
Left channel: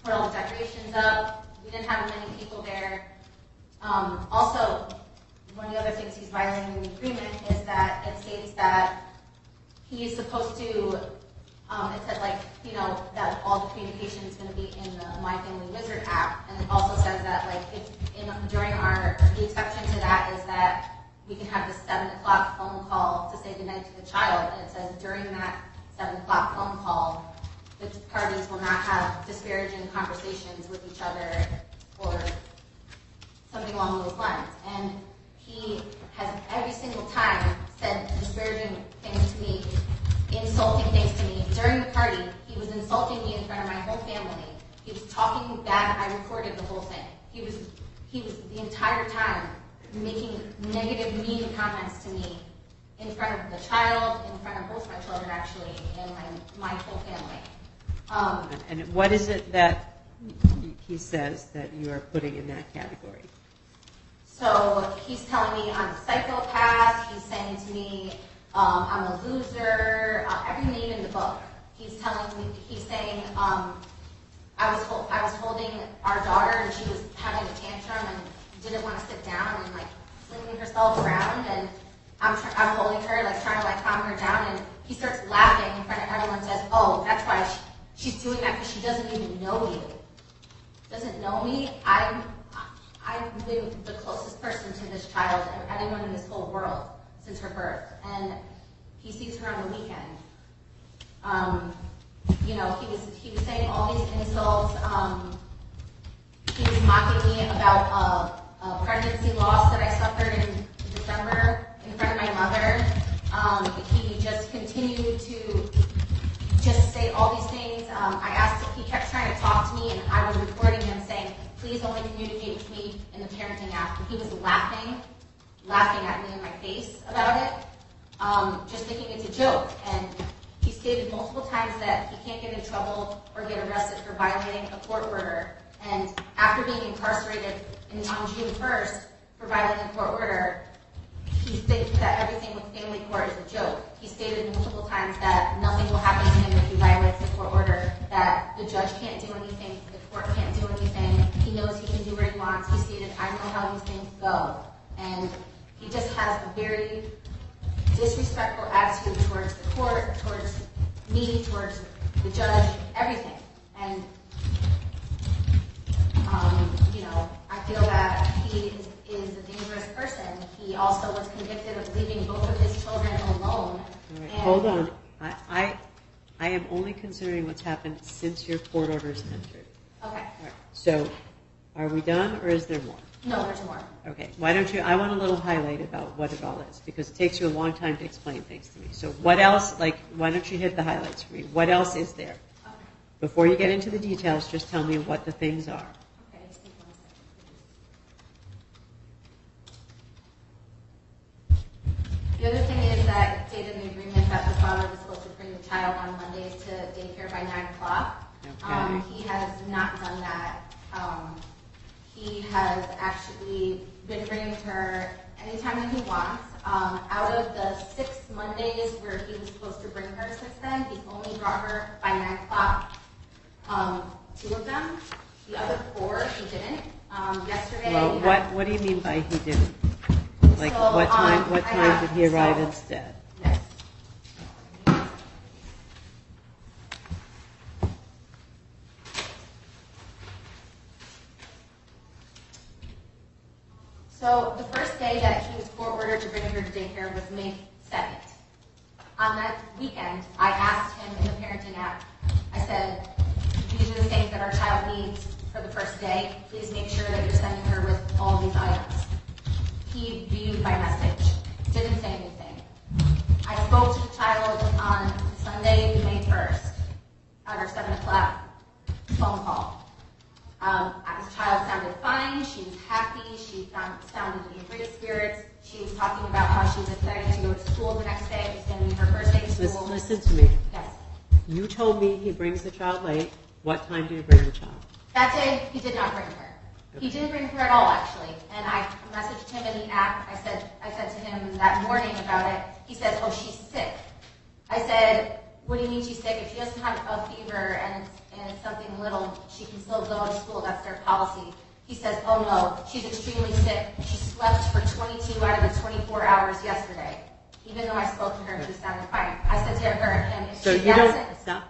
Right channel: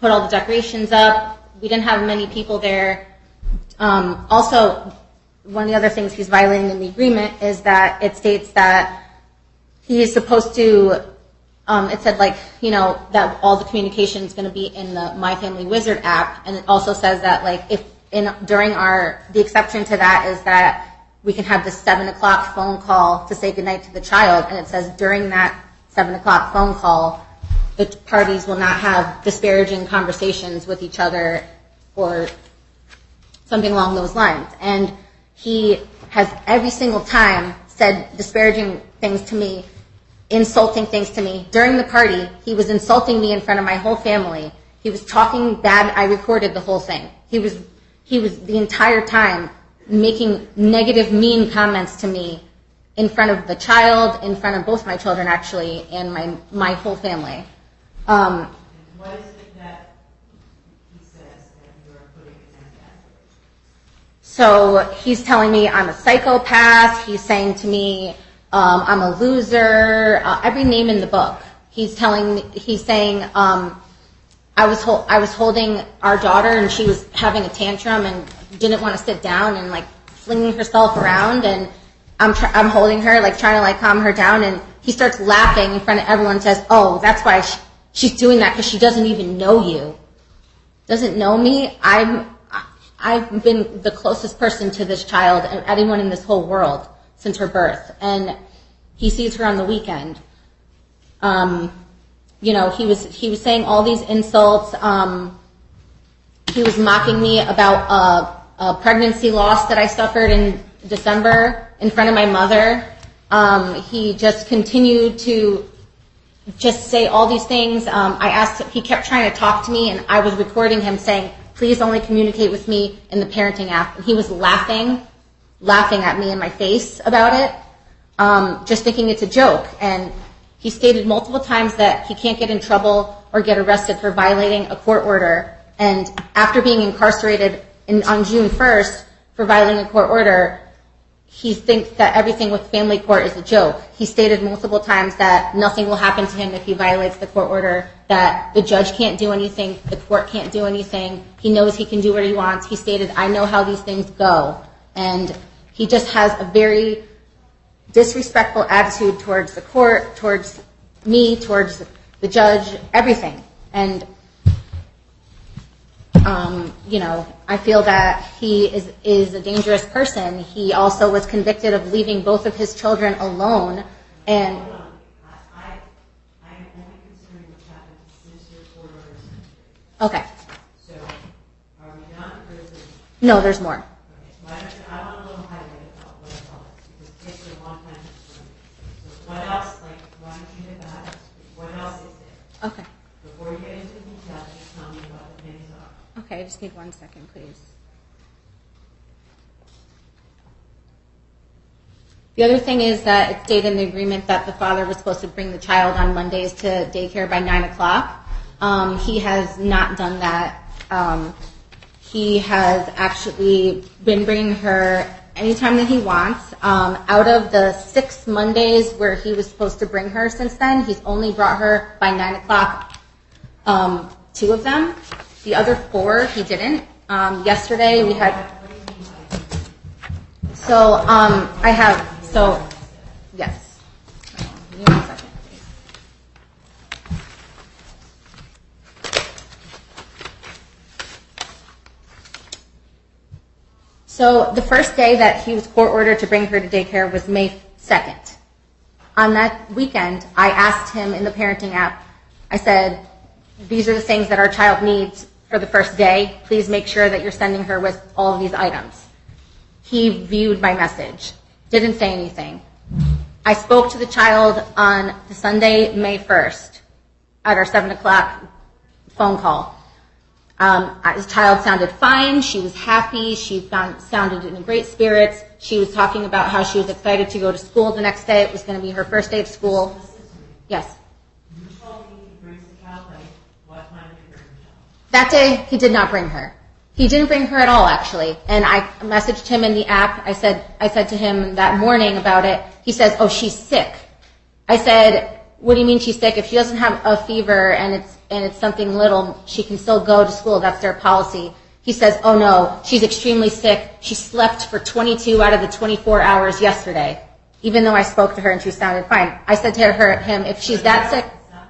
put all the decorations up. We didn't have many people there. Also, one of the other things he's violating in the agreement is that it states that he is supposed to, it said that all the communication is going to be in the My Family Wizard app, and it also says that the exception to that is that we can have the 7 o'clock phone call to say goodnight to the child, and it says during that 7 o'clock phone call, the parties will not have disparaging conversations with each other or something along those lines. And he has every single time said disparaging things to me, insulting things to me. During the party, he was insulting me in front of my whole family. He was talking bad. I recorded the whole thing. He was the entire time making negative, mean comments to me in front of the child, in front of both my children actually, and my whole family. And what is it that he says that you are putting in that category? So he's telling me I'm a psychopath. He's saying to me I'm a loser. Every name in the book. He's saying I was holding our daughter and she was having a tantrum and didn't want to sit down and flinging herself around, and I'm holding her trying to calm her down, and he starts laughing in front of everyone and says, "Oh, that's why she's doing that, because she doesn't even know you." Doesn't know me. I've been the closest person to this child and anyone in this whole world since her birth, and he sees her on the weekend. He was saying all these insults. He was mocking me about a pregnancy loss that I suffered in December in front of my mother. He just continued to just say all these things. He kept trying to talk to me, and I was recording him saying, "Please only communicate with me in the parenting app." And he was laughing laughing at me in my face about it, just thinking it's a joke. And he stated multiple times that he can't get in trouble or get arrested for violating a court order. And after being incarcerated on June 1st for violating a court order, he thinks that everything with family court is a joke. He stated multiple times that nothing will happen to him if he violates the court order, that the judge can't do anything, the court can't do anything. He knows he can do what he wants. He stated, I know how these things go. And he just has a very disrespectful attitude towards the court, towards me, towards the judge, everything. And I feel that he is a dangerous person. He also was convicted of leaving both of his children alone. And hold on. I am only considering what's happened since your court order is entered. Okay. All right. So, are we done, or is there more? No, there's more. Okay. Why don't you? I want a little highlight about what it all is, because it takes you a long time to explain things to me. So, what else? Like, why don't you hit the highlights for me? What else is there? Okay. Before you get into the details, just tell me what the things are. Okay, I just need 1 second, please. The other thing is that it stated in the agreement that the father was supposed to bring the child on Mondays to daycare by 9 o'clock. He has not done that. He has actually been bringing her anytime that he wants. Out of the 6 Mondays where he was supposed to bring her since then, he's only brought her by 9 o'clock, 2 of them. The other 4, he didn't. Yesterday we had... What do you mean by he didn't? Like, So, what I have... did he So, arrive instead? yes. Give me 1 second, please. So the first day that he was court ordered to bring her to daycare was May 2nd. On that weekend, I asked him in the parenting app, I said, these are the things that our child needs for the first day. Please make sure that you're sending her with all of these items. He viewed my message, didn't say anything. I spoke to the child on the Sunday, May 1st, at our 7 o'clock phone call. His child sounded fine. She was happy. She sounded in great spirits. She was talking about how she was excited to go to school the next day. It was going to be her first day of school. Listen to me. Yes. You told me he brings the child late. What time did he bring the child? That day, he did not bring her. He didn't bring her at all, actually. And I messaged him in the app. I said to him that morning about it. He says, oh, she's sick. I said, what do you mean she's sick? If she doesn't have a fever and it's something little, she can still go to school. That's their policy. He says, oh, no, she's extremely sick. She slept for 22 out of the 24 hours yesterday, even though I spoke to her and she sounded fine. I said to him, if she's that sick.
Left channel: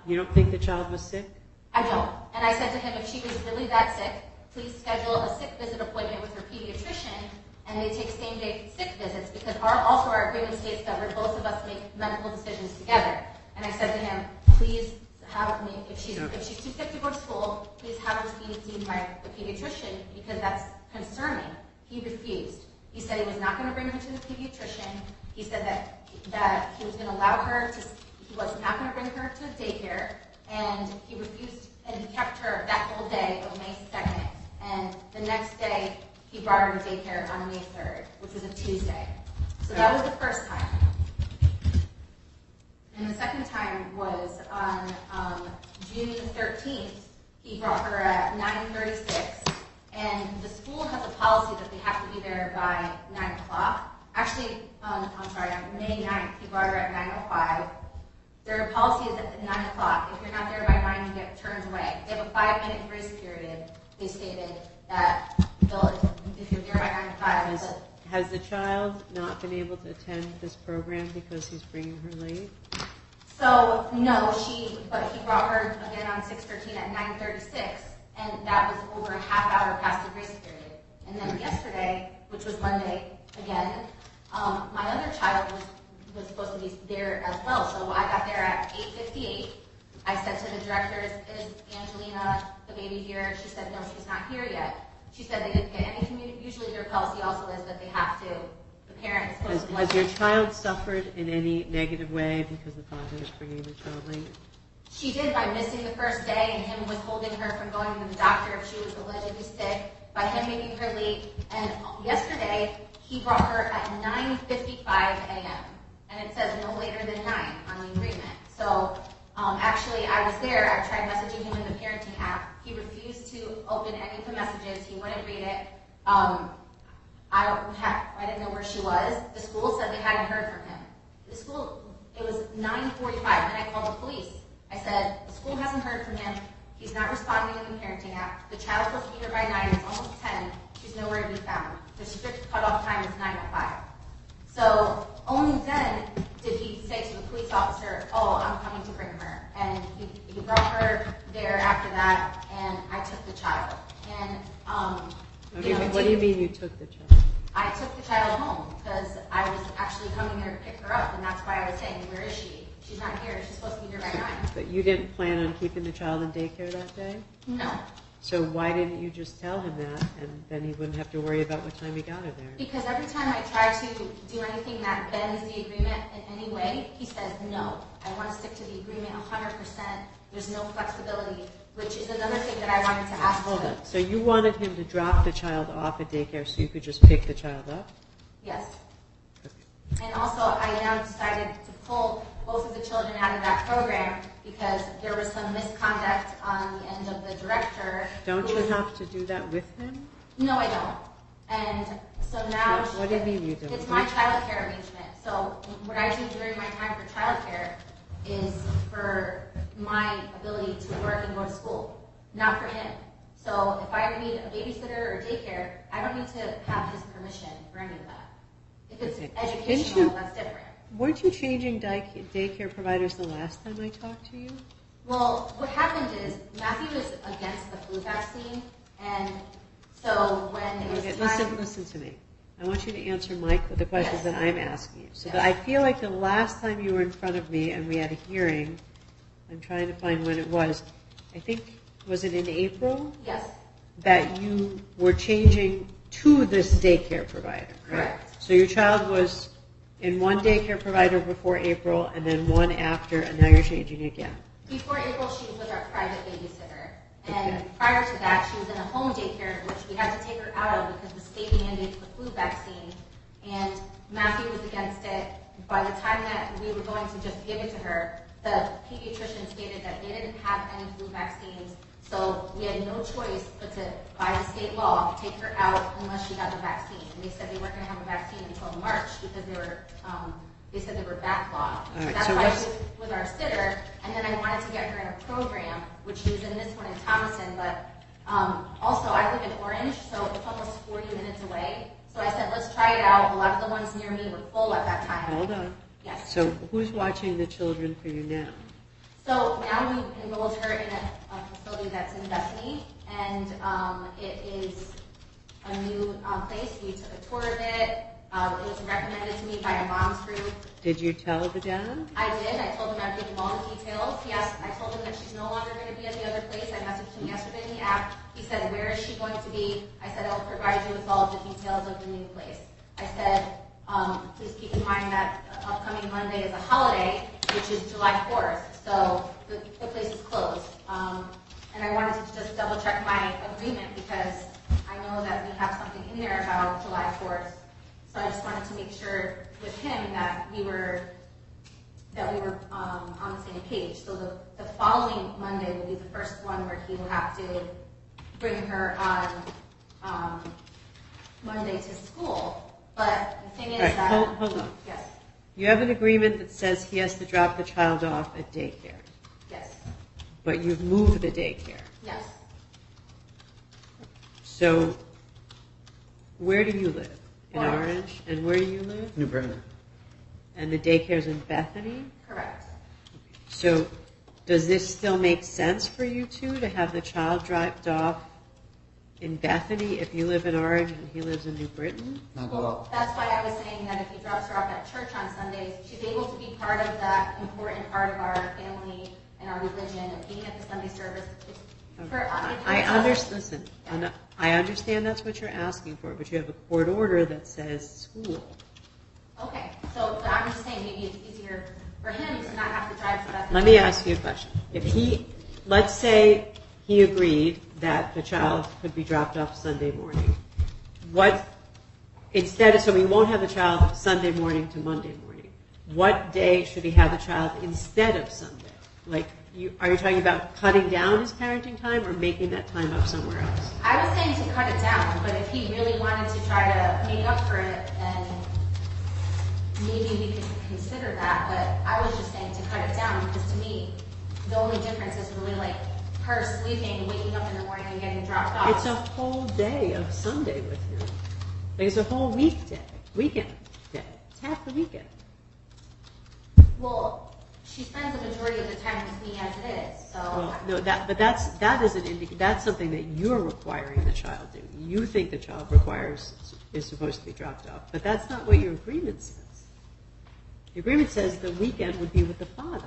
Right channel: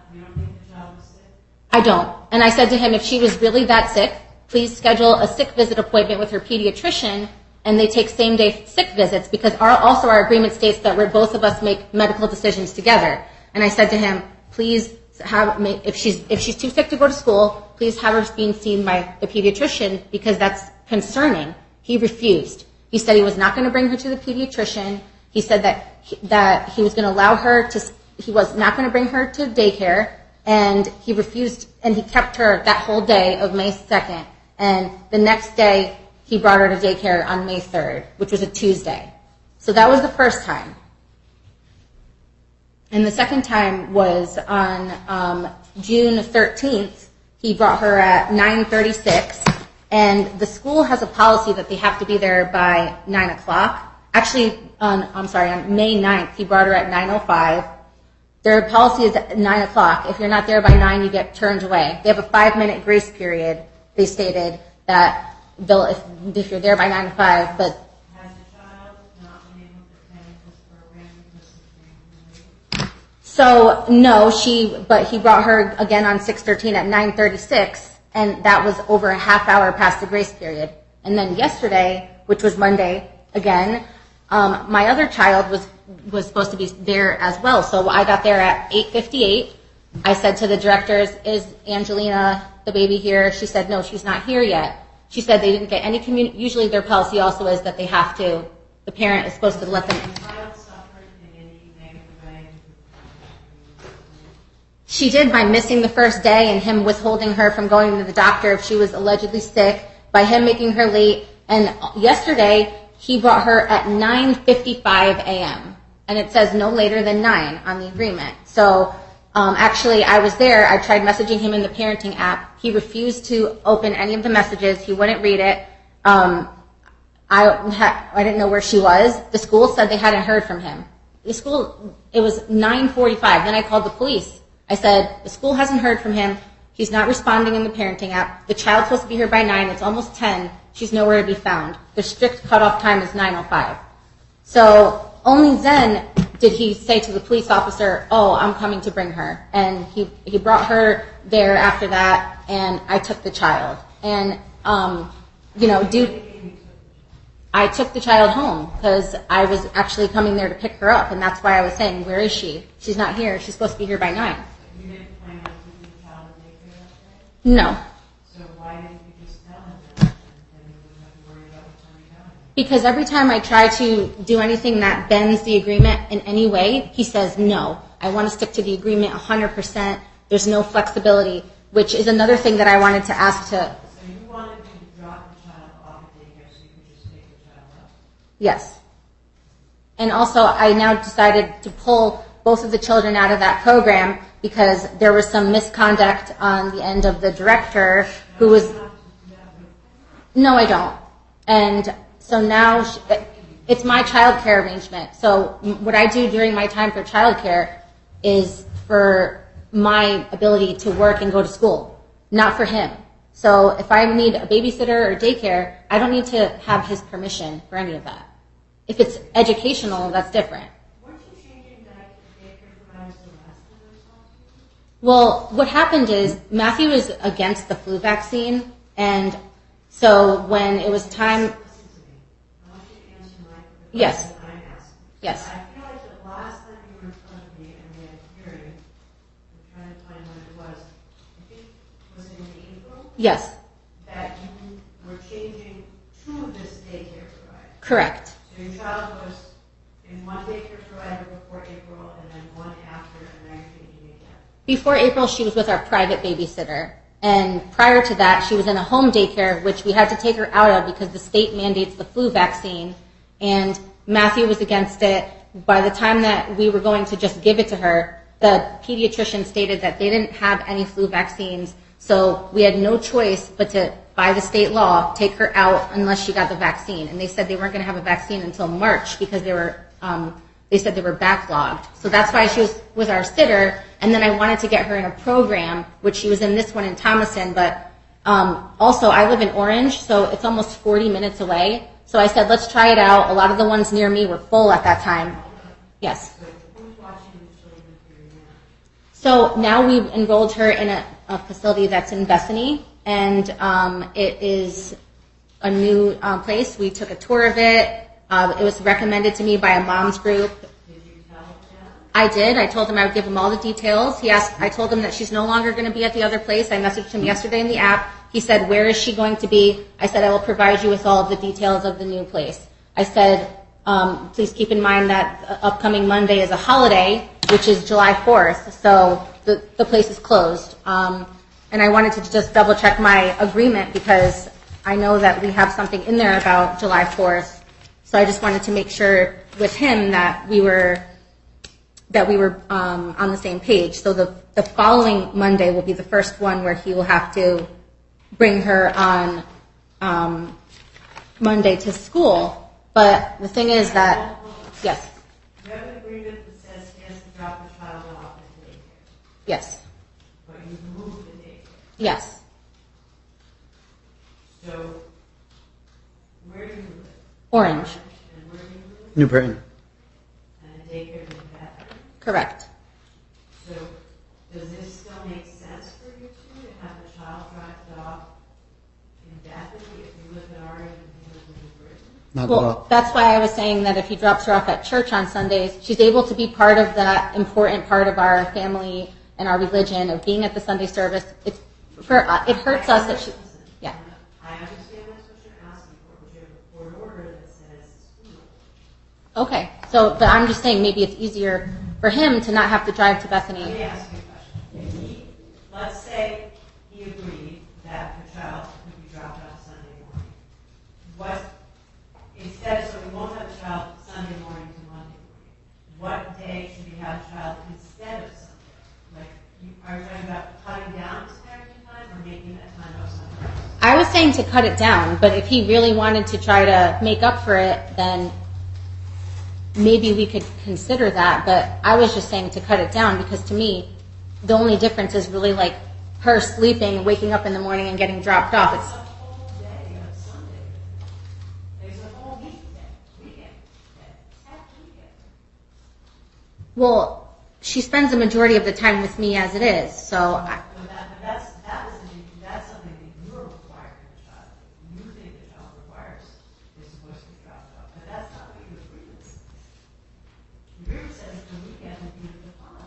You don't think the child was sick? I don't. And I said to him, if she was really that sick, please schedule a sick visit appointment with her pediatrician, and they take same-day sick visits, because our agreement states that both of us make medical decisions together. And I said to him, please if she's too sick to go to school, please have her being seen by the pediatrician, because that's concerning. He refused. He said he was not going to bring her to the pediatrician. He said that he was going to allow her to. He was not going to bring her to daycare, and he refused. And he kept her that whole day of May 2nd. And the next day, he brought her to daycare on May 3rd, which was a Tuesday. So that was the first time. And the second time was on June 13th. He brought her at 9:36. And the school has a policy that they have to be there by 9 o'clock. Actually, on May 9th, he brought her at 9:05. Their policy is at 9 o'clock. If you're not there by 9, you get turned away. They have a 5-minute grace period. They stated that if you're there by 9:05, but has the child not been able to attend this program because he's bringing her late? So no, but he brought her again on 6/13 at 9:36, and that was over a half hour past the grace period. And then yesterday, which was Monday, again, my other child was supposed to be there as well. So I got there at 8:58. I said to the directors, is Angelina, the baby, here? She said, no, she's not here yet. She said they didn't get any usually their policy also is that they have to, the parent is supposed to let them. Has your child suffered in any negative way because the father was bringing the child late? She did, by missing the first day and him withholding her from going to the doctor if she was allegedly sick, by him making her late. And yesterday, he brought her at 9:55 a.m. and it says no later than 9 on the agreement. So actually, I was there. I tried messaging him in the parenting app. He refused to open any of the messages. He wouldn't read it. I didn't know where she was. The school said they hadn't heard from him. It was 9:45. Then I called the police. I said, the school hasn't heard from him. He's not responding in the parenting app. The child's supposed to be here by 9. It's almost 10. She's nowhere to be found. The strict cutoff time is 9:05. So only then did he say to the police officer, oh, I'm coming to bring her. And he brought her there after that, and I took the child. And, What do you mean you took the child? I took the child home because I was actually coming there to pick her up, and that's why I was saying, where is she? She's not here. She's supposed to be here by 9. But you didn't plan on keeping the child in daycare that day? No, So why didn't you just tell him that, and then he wouldn't have to worry about what time he got her there? because every time I try to do anything that bends the agreement in any way, he says no. I want to stick to the agreement 100%. There's no flexibility, which is another thing that I wanted to ask to. So you wanted him to drop the child off at daycare so you could just pick the child up? Yes. And also, I now decided to pull both of the children out of that program because there was some misconduct on the end of the director Don't who was. you have to do that with him? No, I don't. And so now What do you mean you don't? it's my child care arrangement. So what I do during my time for child care is for my ability to work and go to school, not for him. So if I need a babysitter or daycare, I don't need to have his permission for any of that. If it's educational, that's different. Weren't you changing daycare providers the last time I talked to you? Well, what happened is Matthew was against the flu vaccine, and so when it was Okay, time... Listen to me. I want you to answer the questions Yes. that I'm asking you. So Yes. I feel like the last time you were in front of me and we had a hearing, I'm trying to find when it was, I think, was it in April? Yes, That you were changing to this daycare provider. correct. So your child was in one daycare provider before April and then one after, and now you're changing again. Before April, she was with our private babysitter. And prior to that, she was in a home daycare, which we had to take her out of because the state mandates the flu vaccine. And Matthew was against it. By the time that we were going to just give it to her, the pediatrician stated that they didn't have any flu vaccines. So we had no choice but to, by the state law, take her out unless she got the vaccine. And they said they weren't going to have a vaccine until March because they said they were backlogged. So that's why she was our sitter. And then I wanted to get her in a program, which she was in this one in Thomason. But also, I live in Orange, so it's almost 40 minutes away. So I said, let's try it out. A lot of the ones near me were full at that time. Hold on. Yes. So who's watching the children for you now? So now we've enrolled her in a facility that's in Bethany, and it is a new place. We took a tour of it. It was recommended to me by a mom's group. Did you tell the dad? I did. I told him I would give him all the details. I told him that she's no longer going to be at the other place. I messaged him yesterday in the app. He said, where is she going to be? I said, I will provide you with all of the details of the new place. I said, please keep in mind that upcoming Monday is a holiday, which is July 4th, so the place is closed. And I wanted to just double check my agreement because I know that we have something in there about July 4th. So I just wanted to make sure with him that we were on the same page. So the following Monday will be the first one where he will have to bring her on Monday to school. But the thing is that Hold on. yes, You have an agreement that says he has to drop the child off at daycare, yes, but you've moved the daycare. yes. So where do you live? Orange. And where do you live? New Britain. And the daycare's in Bethany? Correct. So does this still make sense for you two to have the child dropped off in Bethany if you live in Orange and he lives in New Britain? Not at Well, all. that's why I was saying that if he drops her off at church on Sundays, she's able to be part of that important part of our family and our religion of being at the Sunday service. It hurts us. Listen, Yeah. I understand that's what you're asking for, but you have a court order that says school. Okay, but I'm just saying maybe it's easier for him to not have to drive to Bethany. Let me ask you a question. Let's say he agreed that the child could be dropped off Sunday morning. so we won't have the child Sunday morning to Monday morning. What day should he have the child instead of Sunday? Like, are you talking about cutting down his parenting time or making that time up somewhere else? I was saying to cut it down, but if he really wanted to try to make up for it, then maybe we could consider that. But I was just saying to cut it down because to me, the only difference is really like her sleeping, waking up in the morning and getting dropped off. It's a whole day of Sunday with him. Like it's a whole weekend day. It's half the weekend. Well, she spends the majority of the time with me as it is, so. No, that's something that you're requiring the child to. You think the child is supposed to be dropped off, but that's not what your agreement says. Your agreement says the weekend would be with the father.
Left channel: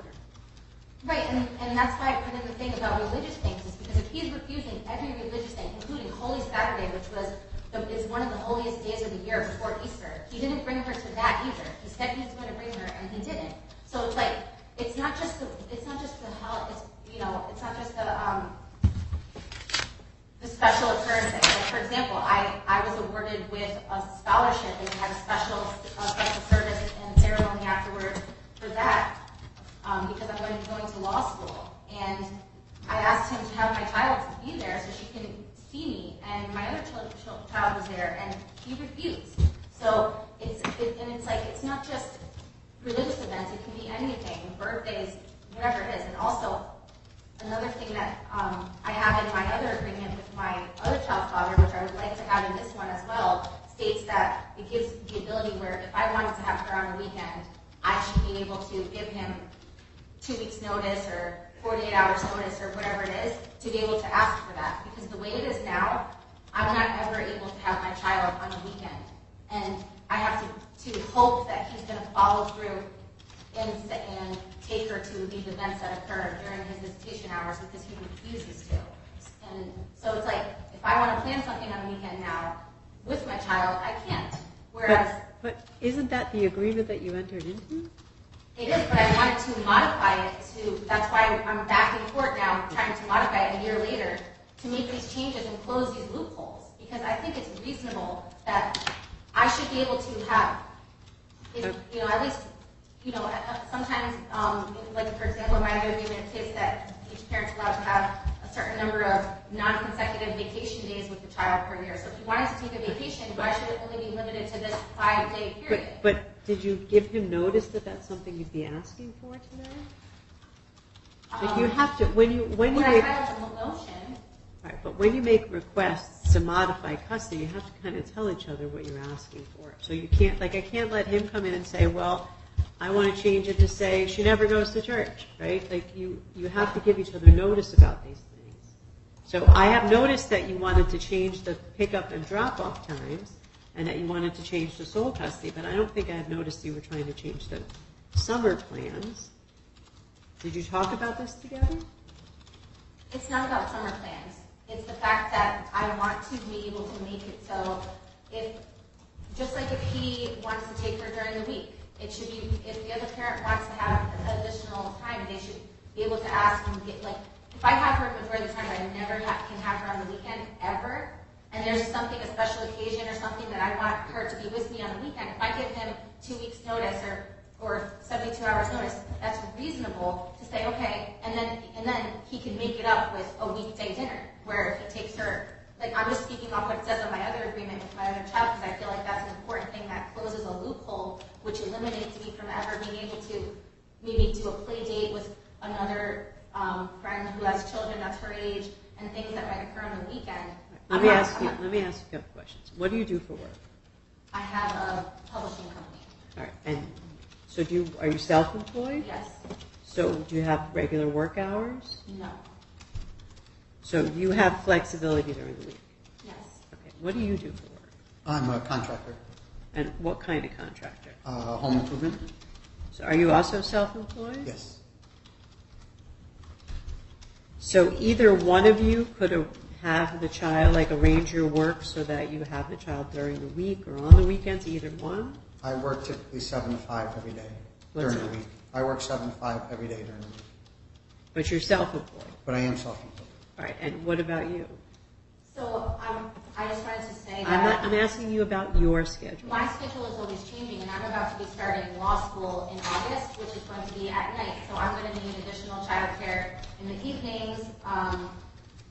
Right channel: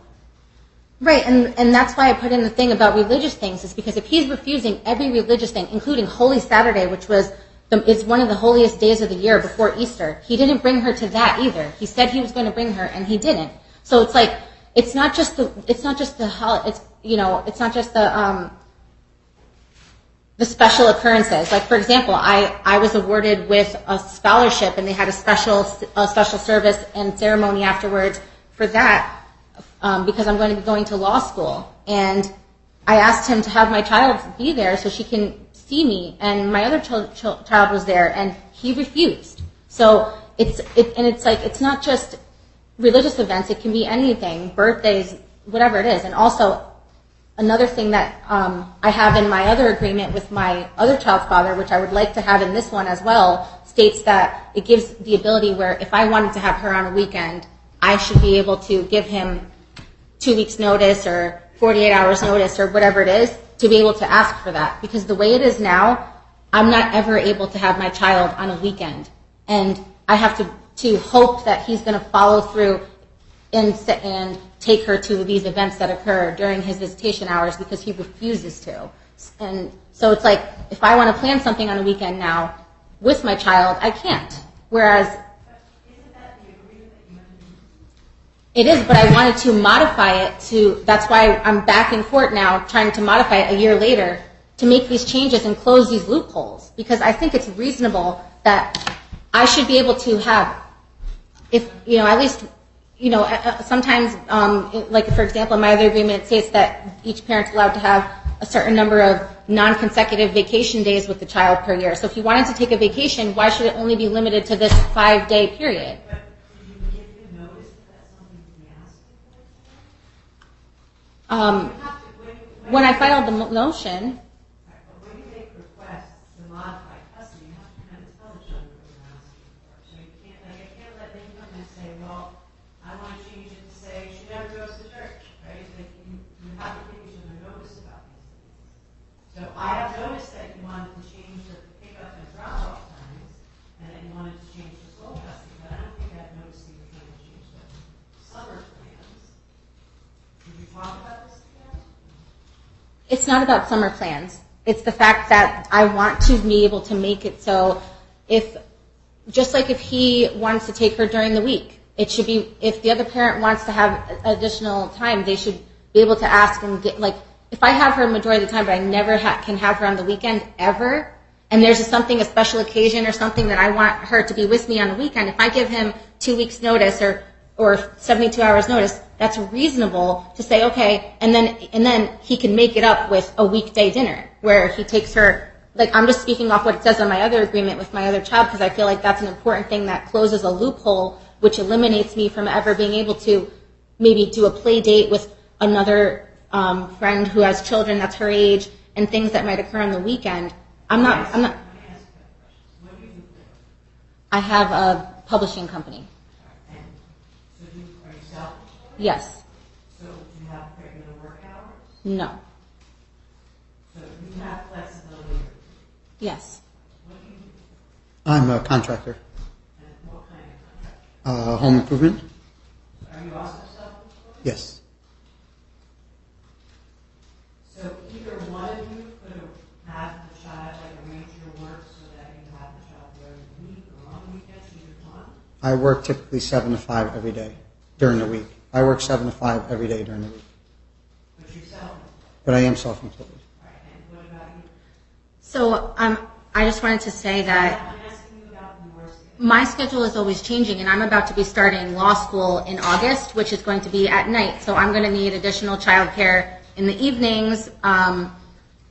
Right, and that's why I put in the thing about religious things, is because if he's refusing every religious thing, including Holy Saturday, which it's one of the holiest days of the year before Easter, he didn't bring her to that either. He said he was going to bring her, and he didn't. So it's like, it's not just the special occurrences. Like for example, I was awarded with a scholarship, and they had a special service and ceremony afterwards for that because I'm going to be going to law school. And I asked him to have my child be there so she can see me, and my other child was there, and he refused. So it's not just religious events, it can be anything, birthdays, whatever it is. And also, another thing that I have in my other agreement with my other child's father, which I would like to have in this one as well, states that it gives the ability where if I wanted to have her on a weekend, I should be able to give him 2 weeks notice or 48 hours notice or whatever it is to be able to ask for that. Because the way it is now, I'm not ever able to have my child on a weekend. And I have to hope that he's going to follow through and take her to these events that occur during his visitation hours because he refuses to. And so it's like, if I want to plan something on a weekend now with my child, I can't. But isn't that the agreement that you entered into? It is, but I wanted to modify it that's why I'm back in court now trying to modify it a year later to make these changes and close these loopholes. Because I think it's reasonable that I should be able to have, at least, sometimes, like for example, in my other agreement, it states that each parent's allowed to have a certain number of non-consecutive vacation days with the child per year. So if he wanted to take a vacation, why should it only be limited to this 5-day period? But did you give him notice that that's something you'd be asking for today? You have to, when I filed the motion. Right, but when you make requests to modify custody, you have to kind of tell each other what you're asking for. So you can't, I can't let him come in and say, well, I want to change it to say she never goes to church, right? Like you have to give each other notice about these things. So I have noticed that you wanted to change the pickup and drop-off times, and that you wanted to change the sole custody, but I don't think I have noticed you were trying to change the summer plans. Did you talk about this together? It's not about summer plans. It's the fact that I want to be able to make it so just like if he wants to take her during the week, it should be, if the other parent wants to have additional time, they should be able to ask and get, like, if I have her majority of the time, but I never can have her on the weekend ever, and there's a special occasion or something that I want her to be with me on the weekend, if I give him 2 weeks notice or 72 hours notice, that's reasonable to say, okay, and then he can make it up with a weekday dinner where he takes her, like I'm just speaking off what it says on my other agreement with my other child because I feel like that's an important thing that closes a loophole which eliminates me from ever being able to maybe do a play date with another friend who has children that's her age and things that might occur on the weekend. Let me ask you a couple questions. What do you do for work? I have a publishing company. All right, and so are you self-employed? Yes. So do you have regular work hours? No. So you have flexibility during the week? Yes. Okay. What do you do for work? I'm a contractor. And what kind of contractor? Home improvement? So are you also self-employed? Yes. So either one of you could have the child, like arrange your work so that you have the child during the week or on the weekends, either one? I work typically 7 to 5 every day during the week. I work 7 to 5 every day during the week. But you're self-employed? But I am self-employed. All right, and what about you? So I just wanted to say that I'm asking you about your schedule. my schedule is always changing, and I'm about to be starting law school in August, which is going to be at night. So I'm going to need additional childcare in the evenings, and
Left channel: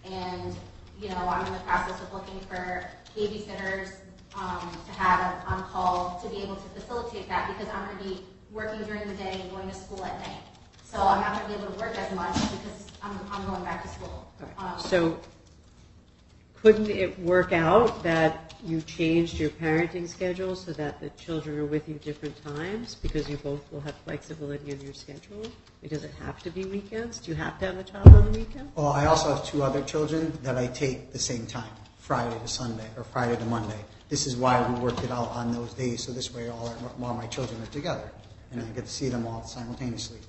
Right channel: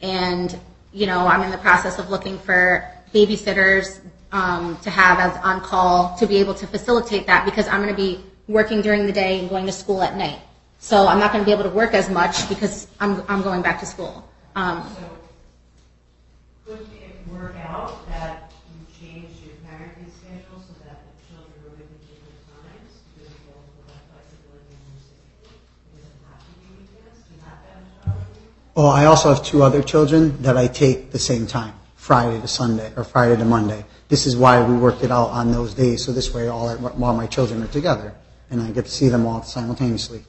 I'm in the process of looking for babysitters to have as on call to be able to facilitate that, because I'm going to be working during the day and going to school at night. So I'm not going to be able to work as much because I'm going back to school. So couldn't it work out that you changed your parenting schedule so that the children are with you different times, because you both will have flexibility in your schedule? Does it have to be weekends? Do you have to have a child on the weekend? Oh, I also have 2 other children that I take the same time, Friday to Sunday or Friday to Monday. This is why we worked it out on those days, so this way all my children are together, and I get to see them all simultaneously.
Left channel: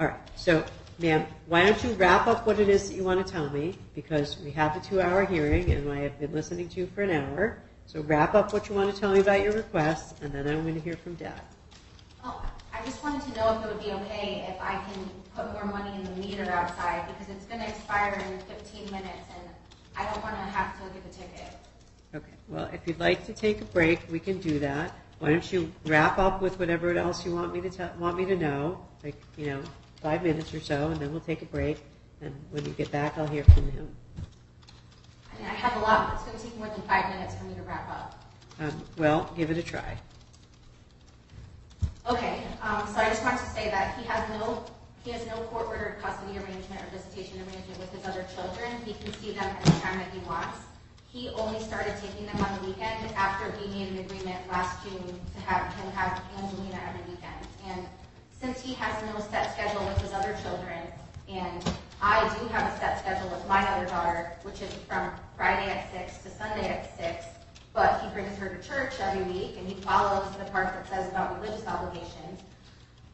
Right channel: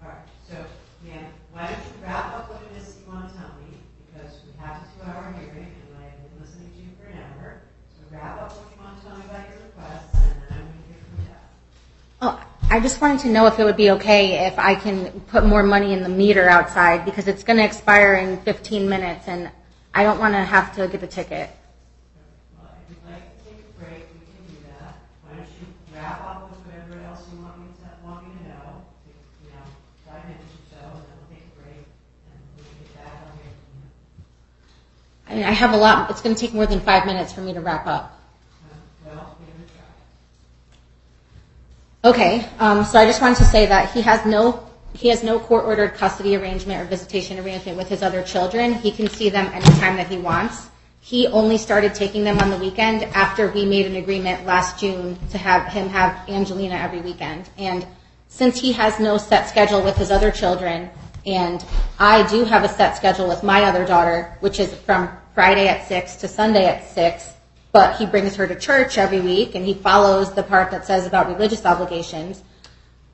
All right, so ma'am, why don't you wrap up what it is that you want to tell me, because we have a 2-hour hearing and I have been listening to you for an hour. So wrap up what you want to tell me about your request, and then I'm going to hear from Deb. Oh, I just wanted to know if it would be okay if I can put more money in the meter outside, because it's going to expire in 15 minutes and I don't want to have to get a ticket. Okay, well, if you'd like to take a break, we can do that. Why don't you wrap up with whatever else you want me to know, like 5 minutes or so, and then we'll take a break. And when you get back, I'll hear from him. I have a lot. It's going to take more than 5 minutes for me to wrap up. Well, give it a try. Okay, so I just wanted to say that he has no court-ordered custody arrangement or visitation arrangement with his other children. He can see them anytime that he wants. He only started taking them on the weekend after we made an agreement last June to have him have Angelina every weekend. And since he has no set schedule with his other children, and I do have a set schedule with my other daughter, which is from Friday at 6 to Sunday at 6, but he brings her to church every week, and he follows the part that says about religious obligations.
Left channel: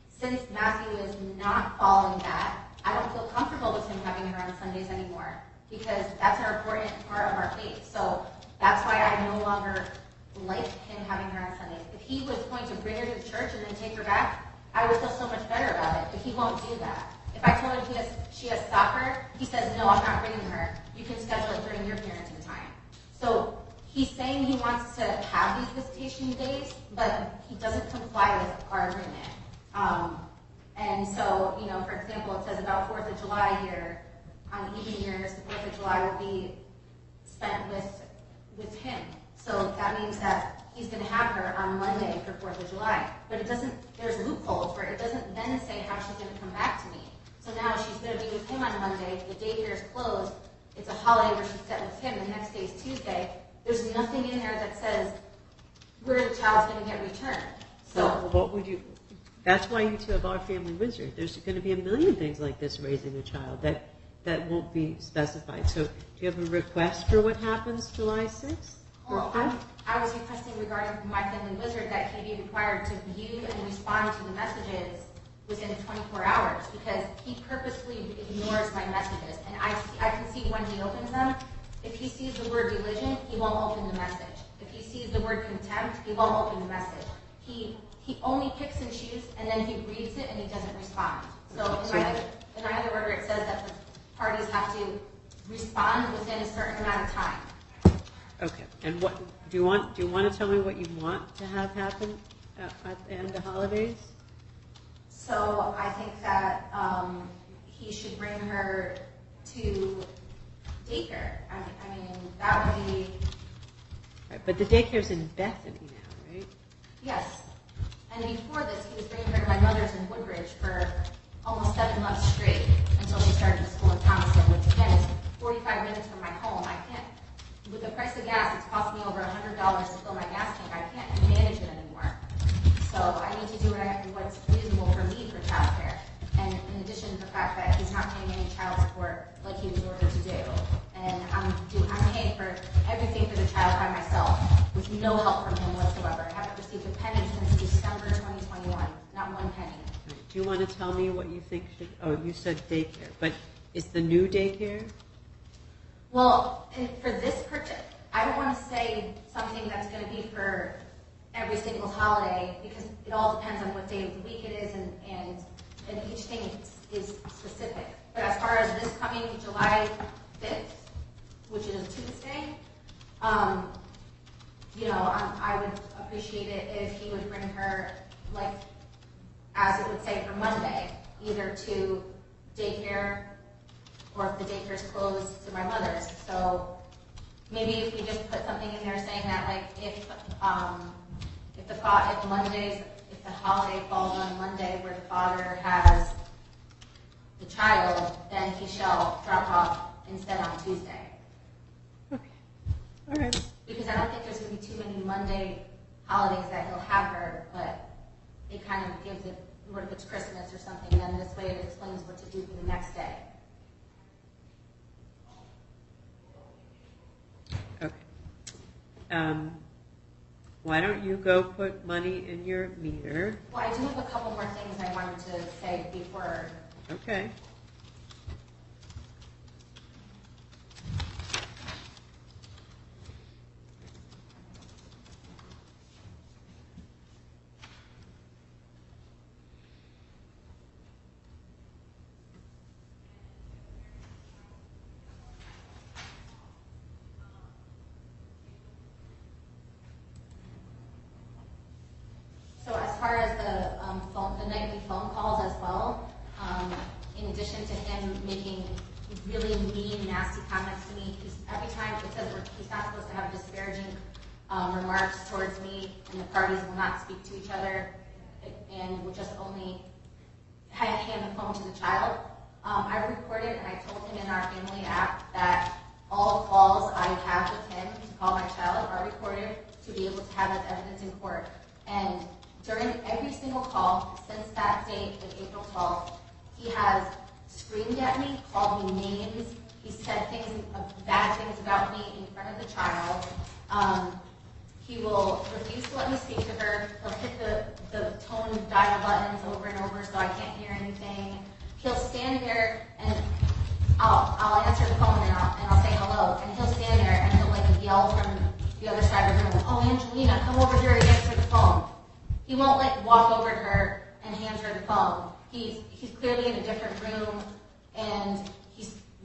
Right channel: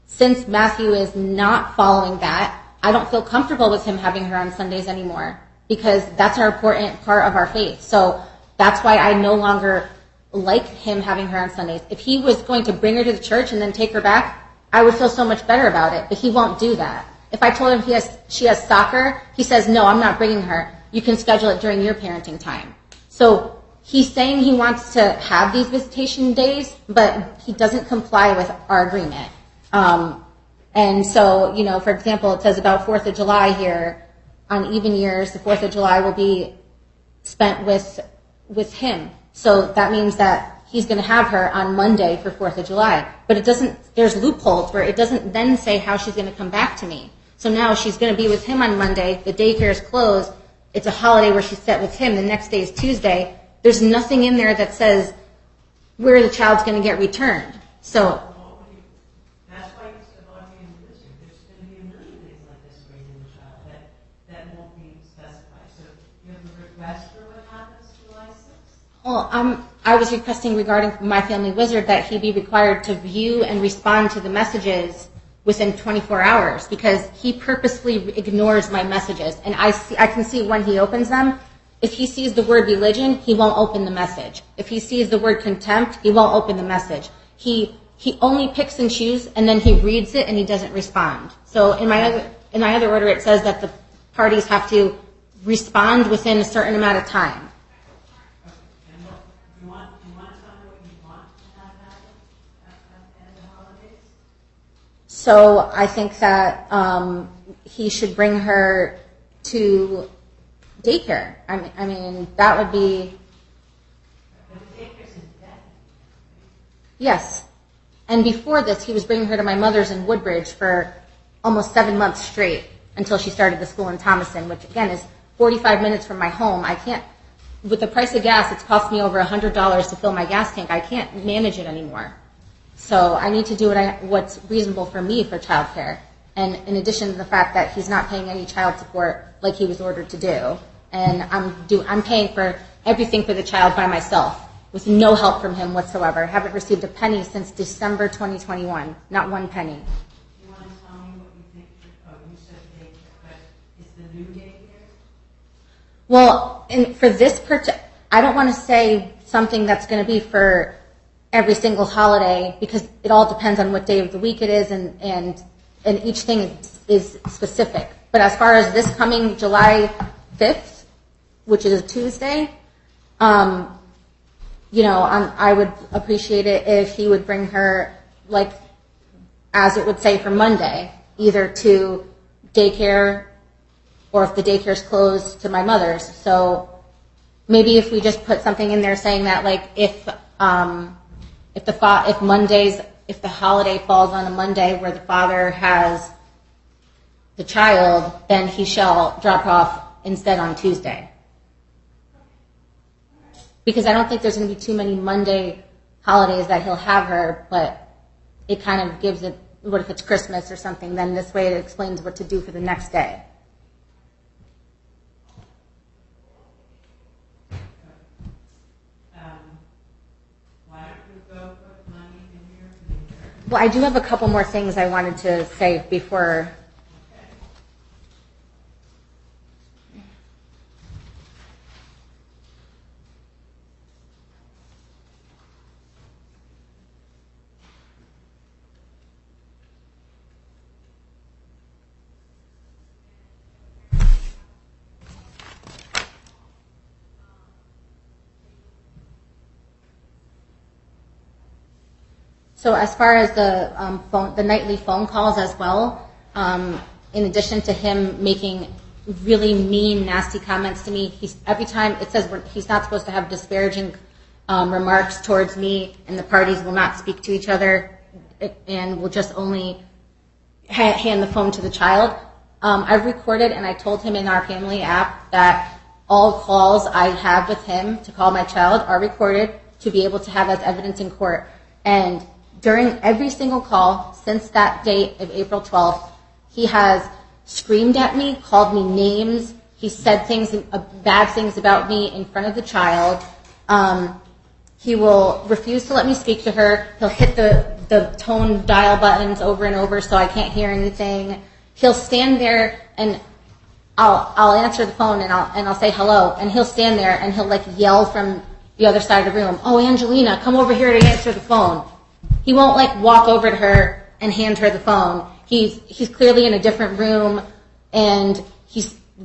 Since Matthew is not following that, I don't feel comfortable with him having her on Sundays anymore, because that's an important part of our faith. So that's why I no longer like him having her on Sundays. If he was going to bring her to the church and then take her back, I would feel so much better about it, but he won't do that. If I told him she has soccer, he says, no, I'm not bringing her. You can schedule it during your parenting time. So he's saying he wants to have these visitation days, but he doesn't comply with our agreement. And so, for example, it says about 4th of July here. On even years, the 4th of July will be spent with him. So that means that he's going to have her on Monday for 4th of July. But there's loopholes where it doesn't then say how she's going to come back to me. So now she's going to be with him on Monday. The daycare is closed. It's a holiday where she's set with him. The next day is Tuesday. There's nothing in there that says where the child's going to get returned. So what would you? That's why you two have our family wizard. There's going to be a million things like this raising a child that won't be specified. So do you have a request for what happens July 6th? Well, I was requesting regarding my family wizard that he be required to view and respond to the messages within 24 hours, because he purposely ignores my messages. And I can see when he opens them. If he sees the word religion, he won't open the message. If he sees the word contempt, he won't open the message. He only picks and chooses, and then he reads it and he doesn't respond. So in my other order, it says that the parties have to respond within a certain amount of time. Okay. And what do you want to tell me what you want to have happen at the end of the holidays? So I think that he should bring her to daycare. I mean, that would be... Right, but the daycare's in Bethany now, right? Yes. And before this, he was bringing her to my mother's in Woodbridge for almost 7 months straight until she started the school in Thomaston, which again is 45 minutes from my home. I can't, with the price of gas, it's cost me over $100 to fill my gas tank. I can't manage it anymore. So I need to do what's reasonable for me for childcare. And in addition to the fact that he's not paying any child support like he was ordered to do, and I'm paying for everything for the child by myself with no help from him whatsoever. I haven't received a penny since December 2021, not one penny. Do you want to tell me what you think should... Oh, you said daycare, but is the new daycare? Well, for this I don't want to say something that's going to be for every single holiday, because it all depends on what day of the week it is, and each thing is specific. But as far as this coming July 5th, which is a Tuesday, I would appreciate it if he would bring her, like, as it would say for Monday, either to daycare or if the daycare's closed to my mother's. So maybe if we just put something in there saying that, like, if the holiday falls on a Monday where the father has the child, then he shall drop off instead on Tuesday. Okay. All right. Because I don't think there's going to be too many Monday holidays that he'll have her, but it kind of gives it, what if it's Christmas or something, then this way it explains what to do for the next day. Okay. Why don't you go put money in your meter? Well, I do have a couple more things I wanted to say before. Okay. So as far as the nightly phone calls as well, in addition to him making really mean, nasty comments to me, every time it says he's not supposed to have disparaging remarks towards me, and the parties will not speak to each other, and will just only hand the phone to the child. I've recorded, and I told him in our family app that all calls I have with him to call my child are recorded to be able to have as evidence in court. And during every single call since that date of April 12th, he has screamed at me, called me names. He said bad things about me in front of the child. He will refuse to let me speak to her. He'll hit the tone dial buttons over and over so I can't hear anything. He'll stand there and I'll answer the phone and I'll say hello, and he'll stand there and he'll like yell from the other side of the room, "Oh, Angelina, come over here to answer the phone." He won't like walk over to her and hand her the phone. He's clearly in a different room, and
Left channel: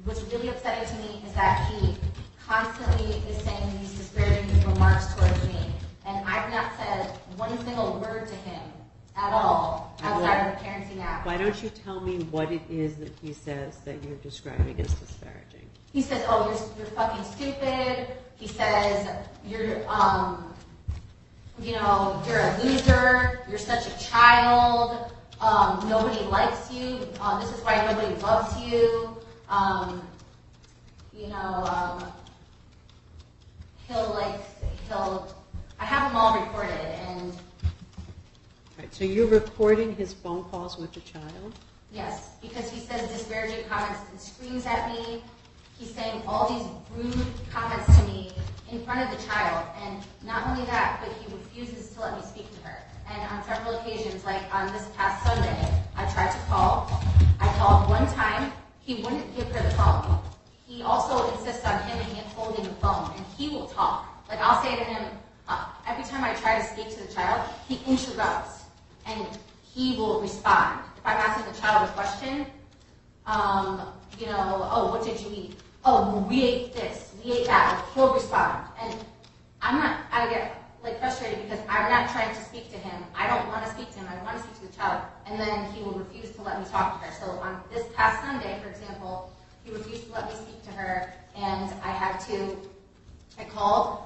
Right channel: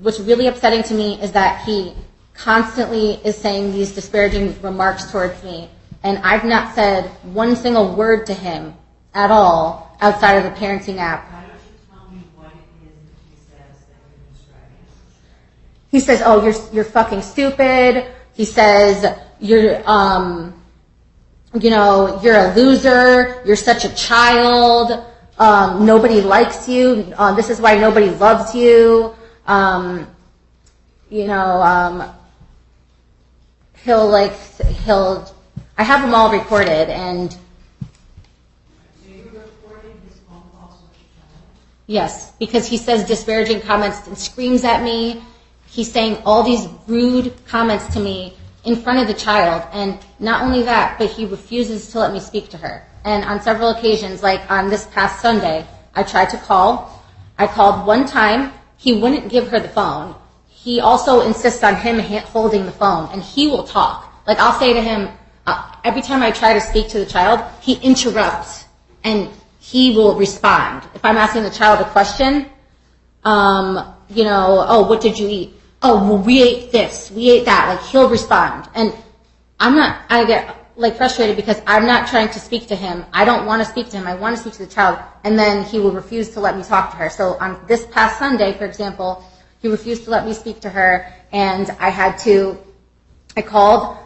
what's really upsetting to me is that he constantly is saying these disparaging remarks towards me, and I've not said one single word to him at all outside of the parenting app. Why don't you tell me what it is that he says that you're describing as disparaging? He says, "Oh, you're fucking stupid." He says, "You're a loser. You're such a child. Nobody likes you. This is why nobody loves you." I have them all recorded, and Right, so you're recording his phone calls with the child? yes, because he says disparaging comments and screams at me. He's saying all these rude comments to me in front of the child, and not only that, but he refuses to let me speak to her. And on several occasions, like on this past Sunday, I tried to call. I called one time. He wouldn't give her the phone. He also insists on him holding the phone, and he will talk. Like, I'll say to him, every time I try to speak to the child, he interrupts, and he will respond. If I'm asking the child a question, "Oh, what did you eat?" "Oh, well, we ate this, we ate that." Like, he'll respond. And I get like frustrated because I'm not trying to speak to him. I don't want to speak to him. I want to speak to the child. And then he will refuse to let me talk to her. So on this past Sunday, for example, he refused to let me speak to her, and I called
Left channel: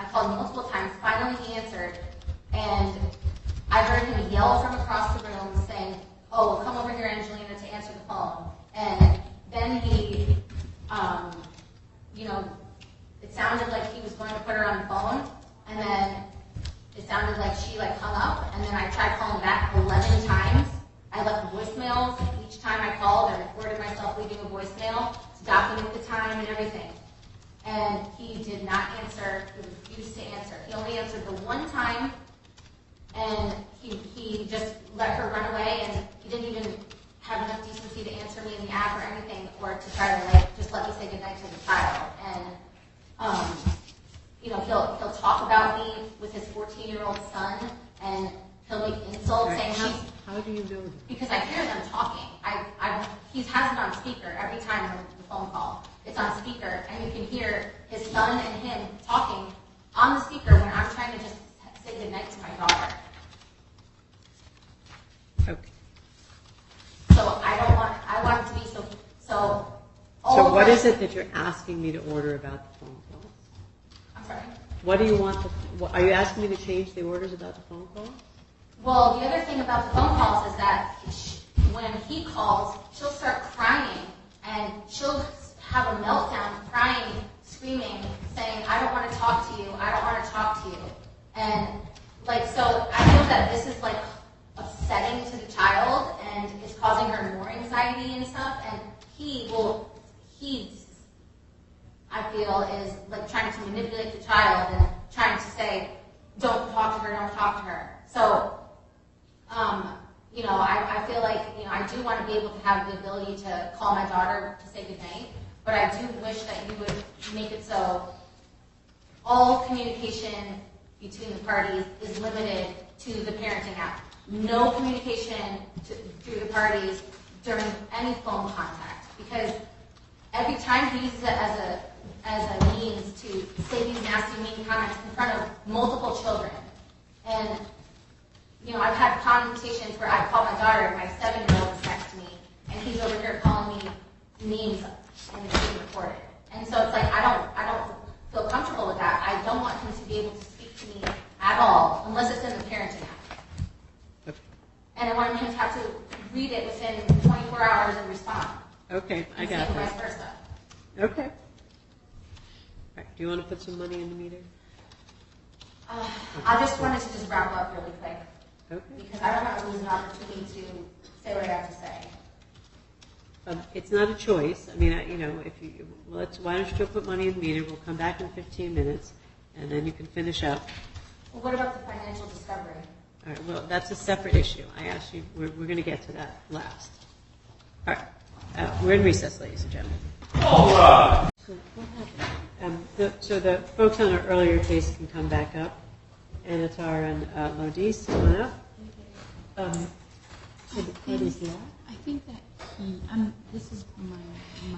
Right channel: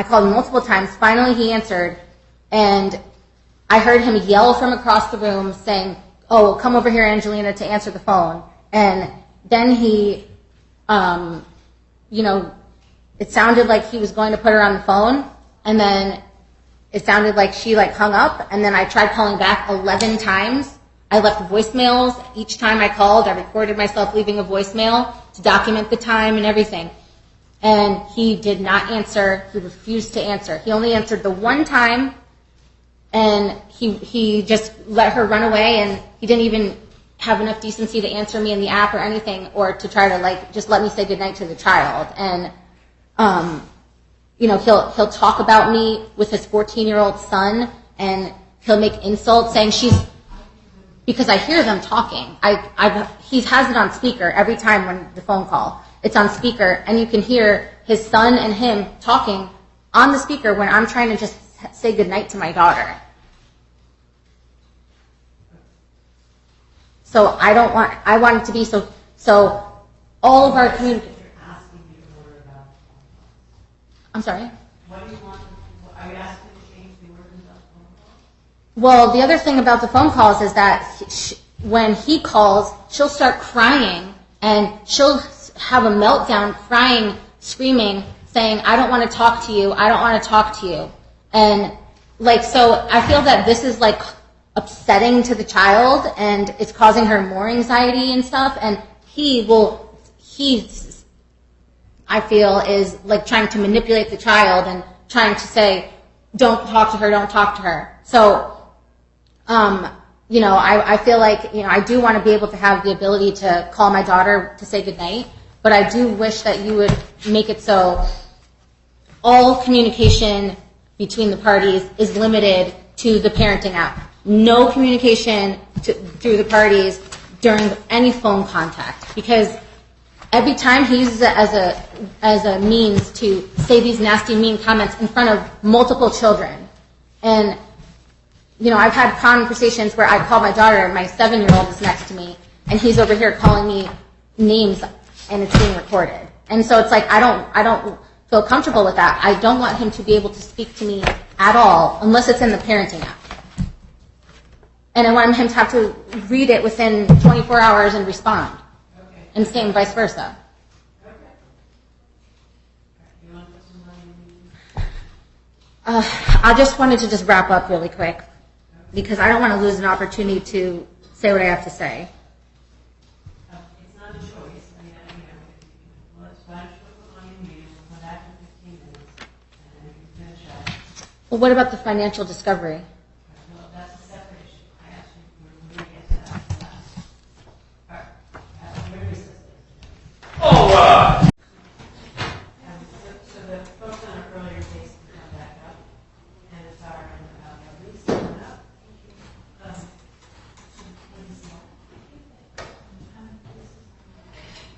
multiple times. Finally, he answered, and I heard him yell from across the room saying, "Oh, come over here, Angelina, to answer the phone." And then he, it sounded like he was going to put her on the phone, and then it sounded like she hung up, and then I tried calling back 11 times. I left voicemails. Each time I called, I recorded myself leaving a voicemail to document the time and everything. And he did not answer. He refused to answer. He only answered the one time, and he just let her run away, and he didn't even have enough decency to answer me in the app or anything, or to try to just let me say goodnight to the child. And he'll talk about me with his 14-year-old son, and he'll make insults saying she's. How do you know that? Because I hear them talking. He has it on speaker every time when the phone call. it's on speaker, and you can hear his son and him talking on the speaker when I'm trying to just say goodnight to my daughter. Okay. So I want it to be so all So of our... what is it that you're asking me to order about the phone calls? I'm sorry? What do you want, are you asking me to change the orders about the phone calls? Well, the other thing about the phone calls is that when he calls, she'll start crying, and she'll have a meltdown, crying, screaming, saying, I don't want to talk to you, I don't want to talk to you. And, like, so I feel that this is, like, upsetting to the child, and it's causing her more anxiety and stuff, and he, I feel, is, like, trying to manipulate the child and trying to say, don't talk to her, don't talk to her. So, you know, I feel like, you know, I do want to be able to have the ability to call my daughter to say goodnight, but I do wish that you would make it so all communication between the parties is limited to the parenting app. No communication through the parties during any phone contact, because every time he uses it as a means to say these nasty, mean comments in front of multiple children. And, you know, I've had conversations where I call my daughter, my 7-year-old is next to me, and he's over here calling me names, and it's being recorded. And so it's like, I don't feel comfortable with that. I don't want him to be able to speak to me at all, unless it's in the parenting app. And I want him to have to read it within 24 hours and respond. Okay. And same vice versa. Okay. All right, do you want to put some money in the meeting? I just wanted to just wrap up really quick, Okay. because I don't want to lose an opportunity to say what I have to say. It's not a choice. I mean, you know, if you, why don't you still put money in the meeting? We'll come back in 15 minutes, and then you can finish up. Well, what about the financial discovery? All right, well, that's a separate issue. I asked you, we're going to get to that last. All right, we're in recess, ladies and gentlemen. So the folks on our earlier case can come back up. Antar and Lodice, come on up. So the parties left. I think that this is my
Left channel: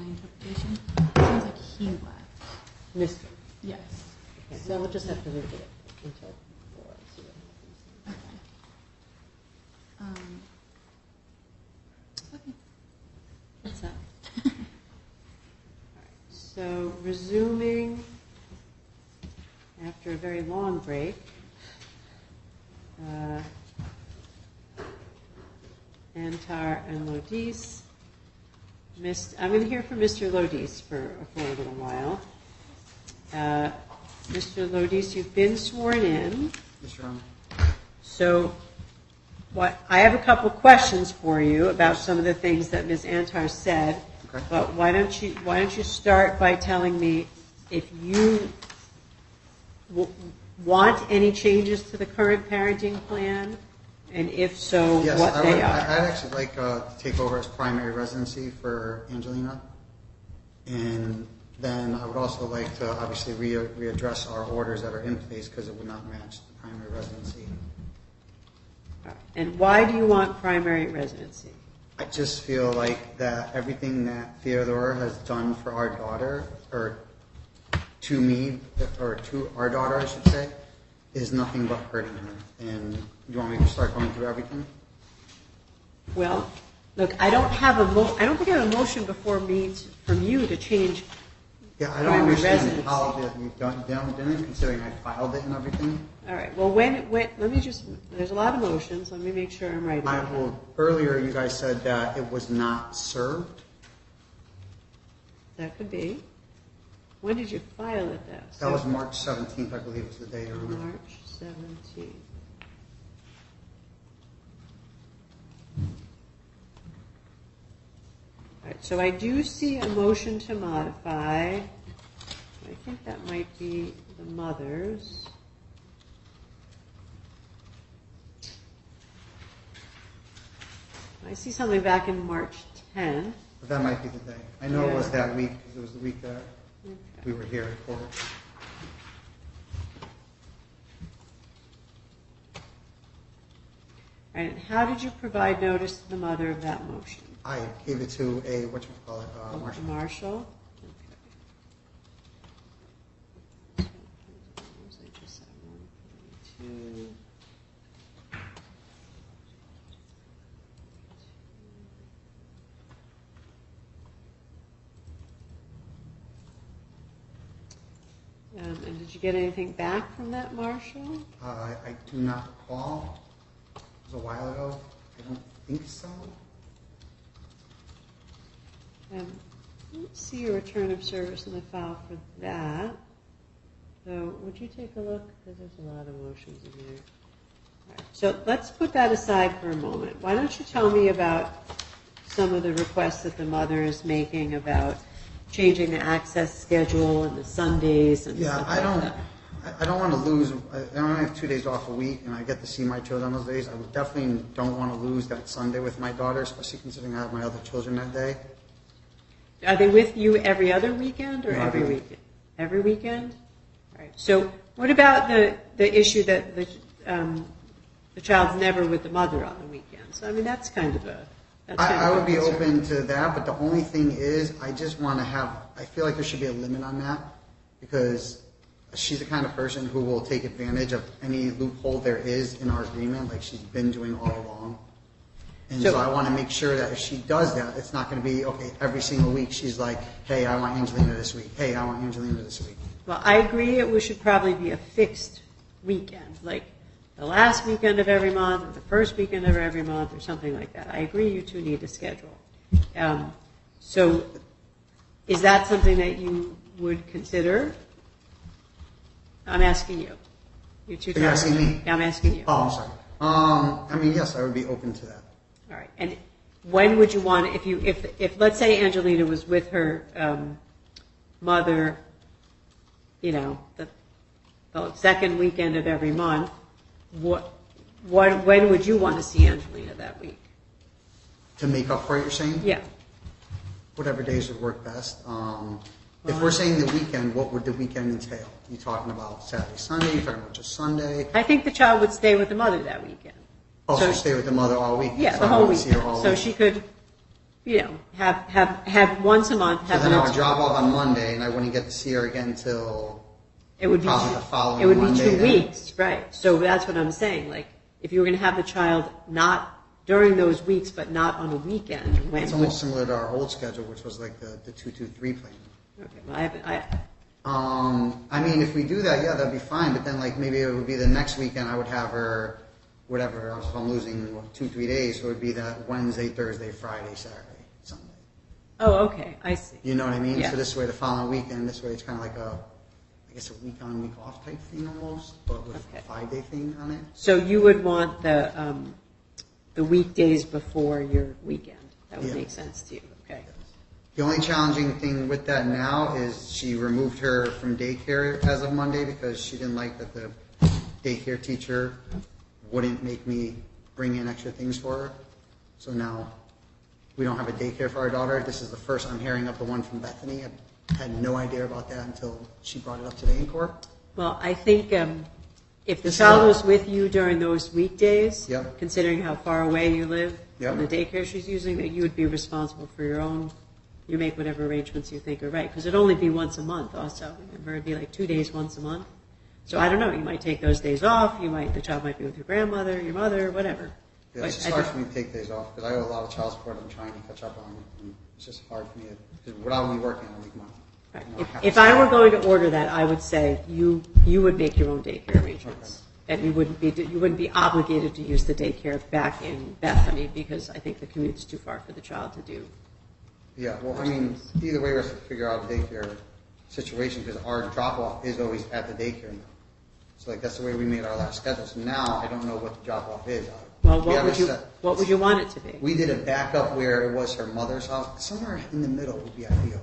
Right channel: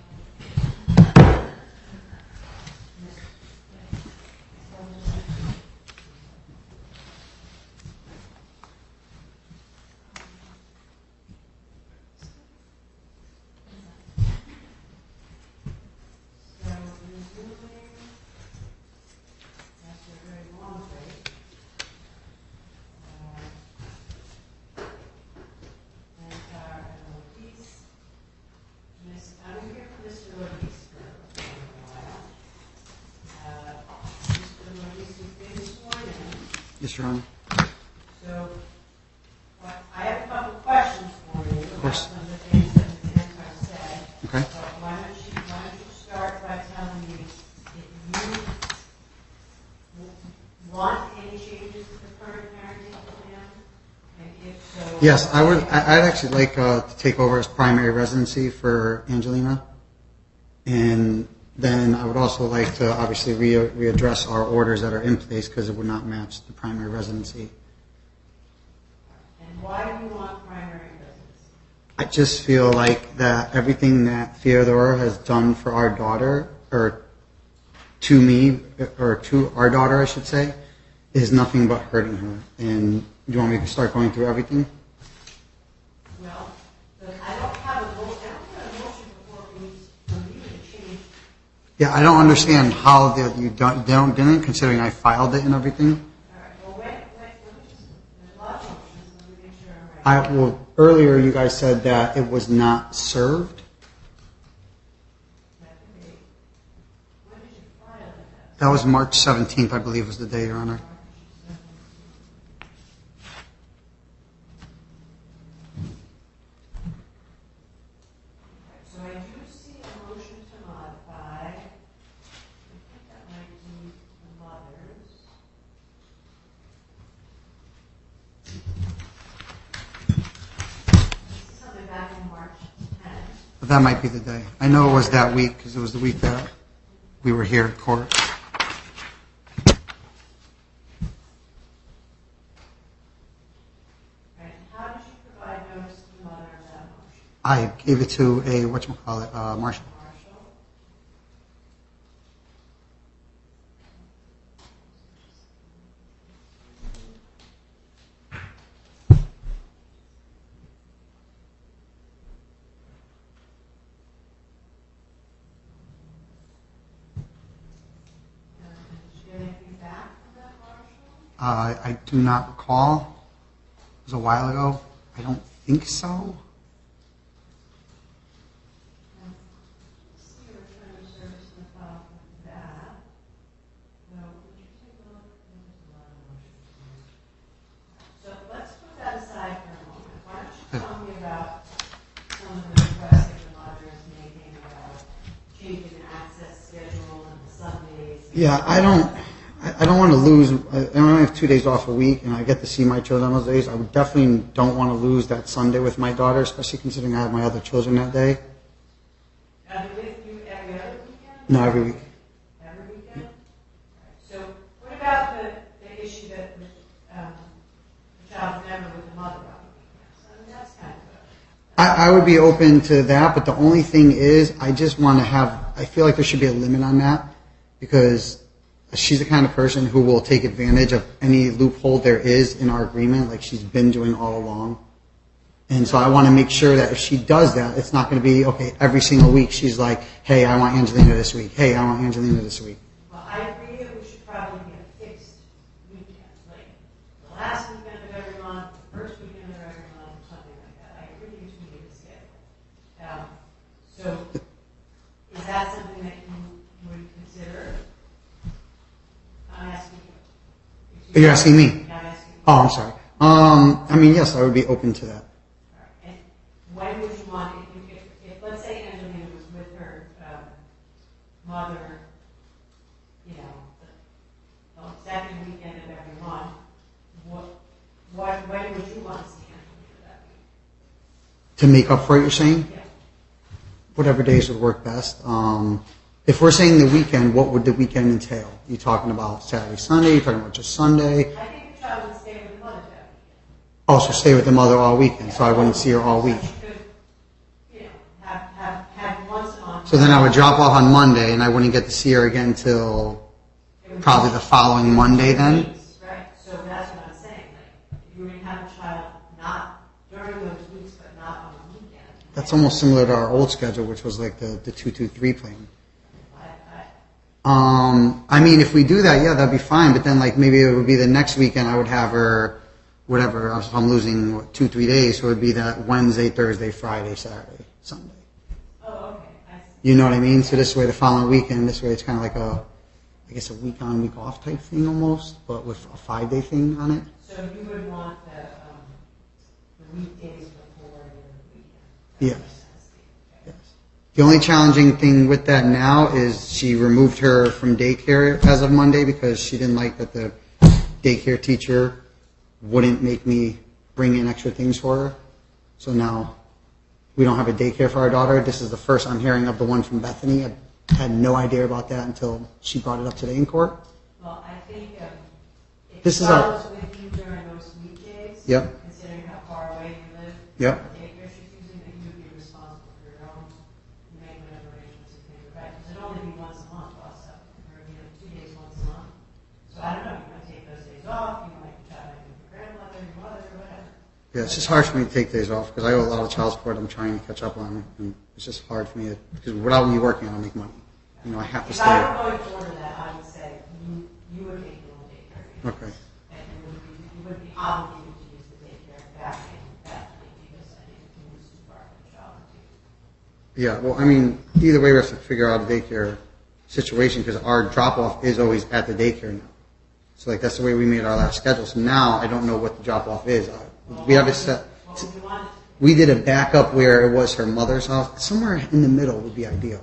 interpretation. I think that he left. Miss, Yes. okay, so we'll just have to read it until. Okay. What's that? So resuming after a very long break. Antar and Lodice. I'm going to hear from Mr. Lodice for a little while. Mr. Lodice, you've been sworn in. Yes, Your Honor. So I have a couple questions for you about some of the things that Ms. Antar said. Okay. But why don't you start by telling me if you want any changes to the current parenting plan, and if so, Yes, what I would. they are. I'd actually like to take over as primary residency for Angelina, and then I would also like to obviously readdress our orders that are in place because it would not match the primary residency. And why do you want primary residency? I just feel like that everything that Theodora has done for our daughter, or to me, or to our daughter, I should say, is nothing but hurting her. And you want me to start going through everything? Well, look, I don't think I have a motion before me from you to change. Yeah, I don't understand how you didn't, considering I filed it and everything. All right. Well, let me just. There's a lot of motions. Let me make sure I'm right. Earlier you guys said that it was not served. That could be. When did you file it? That was March 17th, I believe, was the day, Your Honor. March 17th. All right, so I do see a motion to modify. I think that might be the mother's. I see something back in March 10th. But that might be the day. I know it was that week because it was the week that we were here at court. And how did you provide notice to the mother of that motion? I gave it to a, Marshall. Marshall? you get anything back from that, Marshall? I do not recall. It was a while ago. I don't think so. Let's see your return of service in the file for that. So would you take a look? Because there's a lot of motions in here. All right, so let's put that aside for a moment. Why don't you tell me about some of the requests that the mother is making about changing the access schedule and the Sundays? And Yeah, I don't want to lose. I only have 2 days off a week, and I get to see my children those days. I would definitely don't want to lose that Sunday with my daughter, especially considering I have my other children that day. Are they with you every other weekend? Or No, every week. Every weekend? All right. So what about the issue that the child's never with the mother on the weekends? I mean, that's kind of a... I would be open to that, but the only thing is, I just want to have, I feel like there should be a limit on that, because she's the kind of person who will take advantage of any loophole there is in our agreement, like she's been doing all along. And so I want to make sure that if she does that, it's not going to be, okay, every single week she's like, hey, I want Angelina this week. Hey, I want Angelina this week. Well, I agree it should probably be a fixed weekend, like the last weekend of every month, or the first weekend of every month, or something like that. I agree you two need a schedule. So is that something that you would consider? I'm asking you. You're asking me? Yeah, I'm asking you. Oh, I'm sorry. I mean, yes, I would be open to that. All right. And when would you want, if let's say Angelina was with her mother, you know, the second weekend of every month, when would you want to see Angelina that week? To make up for it, you're saying? Yeah. Whatever days would work best. If we're saying the weekend, what would the weekend entail? You talking about Saturday, Sunday? You talking about just Sunday? I think the child would stay with the mother that weekend. Oh, so stay with the mother all weekend, Yeah, so I wouldn't see her all so week. she could, you know, have once a month. So then I would drop off on Monday, and I wouldn't get to see her again till probably the following Monday then? Weeks, right. So that's what I'm saying. Like, if you were going to have the child not during those weeks, but not on a weekend. When? It's almost similar to our old schedule, which was like the 2-2-3 plan. Okay, well, I mean, if we do that, yeah, that'd be fine. But then, like, maybe it would be the next weekend I would have her, whatever. If I'm losing 2-3 days, so it would be that Wednesday, Thursday, Friday, Saturday, Sunday. Oh, okay, I see. You know what I mean? Yeah. So this way, the following weekend, this way, it's kind of like I guess a week on, week off type thing almost, but with a 5-day thing on it. So you would want the weekdays before your weekend. That would make sense to you. Okay. Yes. The only challenging thing with that now is she removed her from daycare as of Monday because she didn't like that the daycare teacher wouldn't make me bring in extra things for her. So now we don't have a daycare for our daughter. This is the first I'm hearing of the one from Bethany. I had no idea about that until she brought it up today in court. Well, I think if the child was with you during those weekdays, Yep. considering how far away you live, Yep. from the daycare she's using, that you would be responsible for your own. You make whatever arrangements you think are right, because it'd only be once a month. Also, remember, it'd be like 2 days once a month. So I don't know. You might take those days off. The child might be with your grandmother, your mother, whatever. Yeah, it's just hard for me to take days off because I owe a lot of child support I'm trying to catch up on. And it's just hard for me because without me working, I don't make money. You know, I have If to I stay. were going to order that, I would say you would make your own daycare arrangements. Okay. And you wouldn't be obligated to use the daycare back in Bethany because I think the commute's too far for the child to do. Yeah, well, I mean, either way, we have to figure out a daycare situation because our drop-off is always at the daycare now. So, like, that's the way we made our last schedule. So now I don't know what the drop-off is. Well, We have it set. what would you want it to be? We did a backup where it was her mother's house. Somewhere in the middle would be ideal.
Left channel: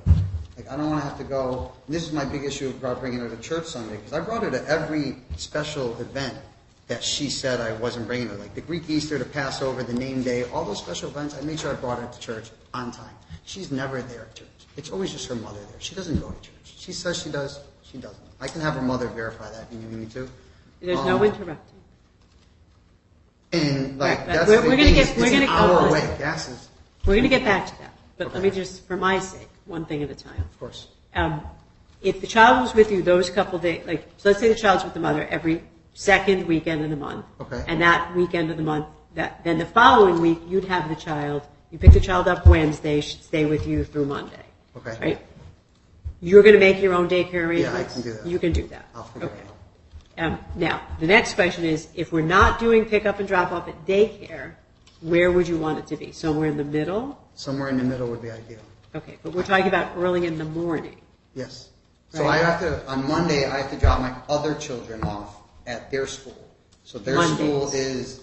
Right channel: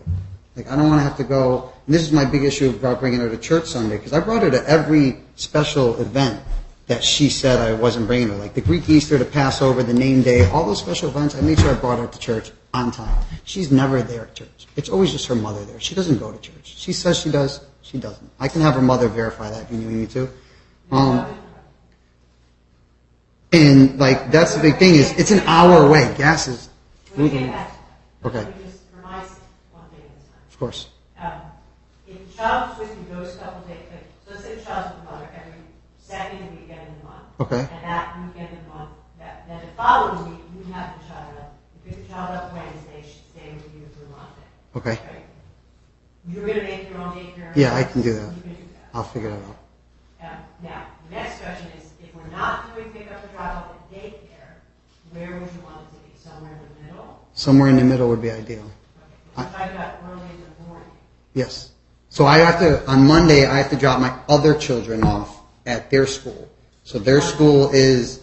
Like, I don't want to have to go. And this is my big issue about bringing her to church Sunday because I brought her to every special event that she said I wasn't bringing her. Like the Greek Easter, the Passover, the name day, all those special events. I made sure I brought her to church on time. She's never there at church. It's always just her mother there. She doesn't go to church. She says she does. She doesn't. I can have her mother verify that if you need me to. There's no interrupting. And like that's the big thing is it's an hour away. Gas is. We're going to get back to that. But Okay. let me just, for my sake, one thing at a time. Of course. If the child was with you those couple days, like, so let's say the child's with the mother every second weekend of the month. Okay. And that weekend of the month, then the following week, you'd have the child, you pick the child up Wednesday, she'd stay with you through Monday. Okay. Right? You're going to make your own daycare arrangements? Yeah, I can do that. You can do that. I'll figure it out. Now, the next question is, if we're not doing pickup and drop off at daycare, where would you want it to be? Somewhere in the middle? Somewhere in the middle would be ideal. Okay, but we're talking about early in the morning. Yes. So I have to, on Monday, I have to drop my other children off at their school. So their school is,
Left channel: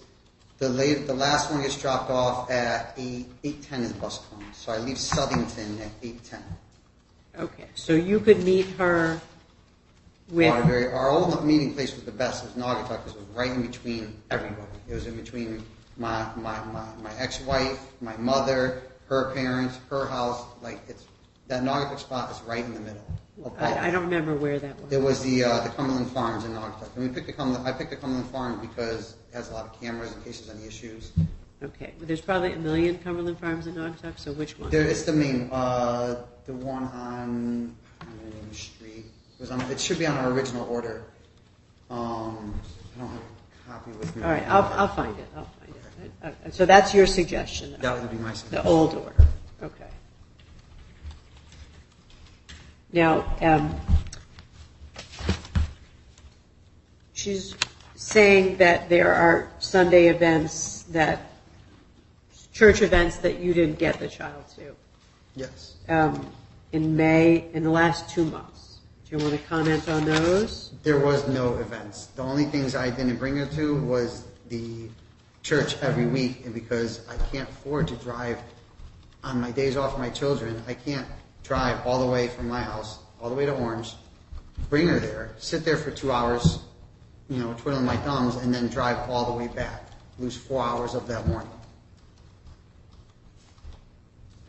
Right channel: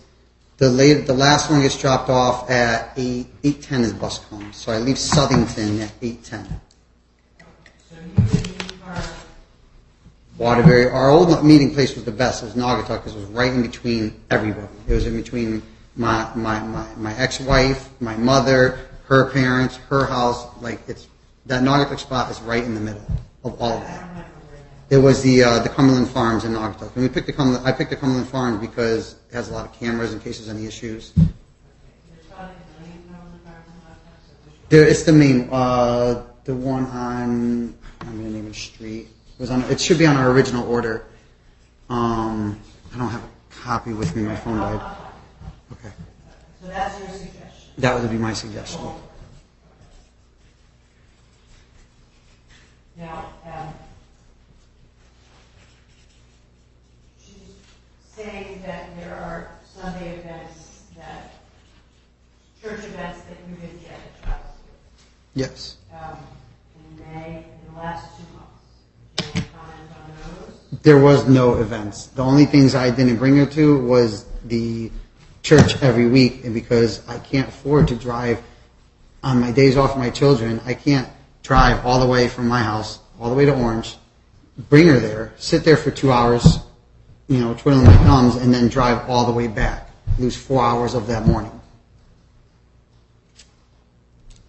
the last one gets dropped off at 8:10 is bus comes. So I leave Southington at 8:10. Okay, so you could meet her with... Waterbury. Our old meeting place was the best. It was Naugatuck because it was right in between everybody. It was in between my ex-wife, my mother, her parents, her house. Like that Naugatuck spot is right in the middle of all. I don't remember where that was. It was the Cumberland Farms in Naugatuck, and I picked the Cumberland Farms because it has a lot of cameras in case there's any issues. Okay, well, there's probably a million Cumberland Farms in Naugatuck, so which one? It's the main, the one on, I'm going to name it street. It should be on our original order. I don't have a copy with me. All right, I'll find it. Okay. So that's your suggestion? That would be my suggestion. The old order, okay. Now, she's saying that there are Sunday events church events that you didn't get the child to. Yes. In May, in the last 2 months. Do you want to comment on those? There was no events. The only things I didn't bring her to was the church every week, and because I can't afford to drive on my days off with my children, I can't drive all the way from my house, all the way to Orange, bring her there, sit there for 2 hours, twiddling my thumbs, and then drive all the way back. Lose 4 hours of that morning.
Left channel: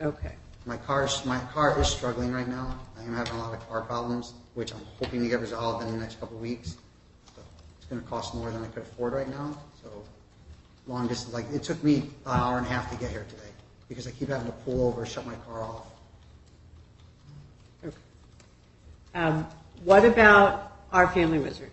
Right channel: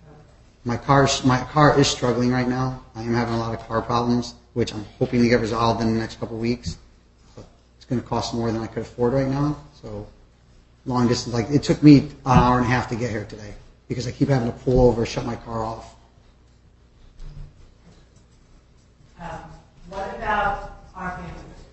Okay. My car is struggling right now. I am having a lot of car problems, which I'm hoping to get resolved in the next couple of weeks. But it's going to cost more than I could afford right now. So long distance, it took me an hour and a half to get here today because I keep having to pull over, shut my car off. Okay. What about Our Family Wizard?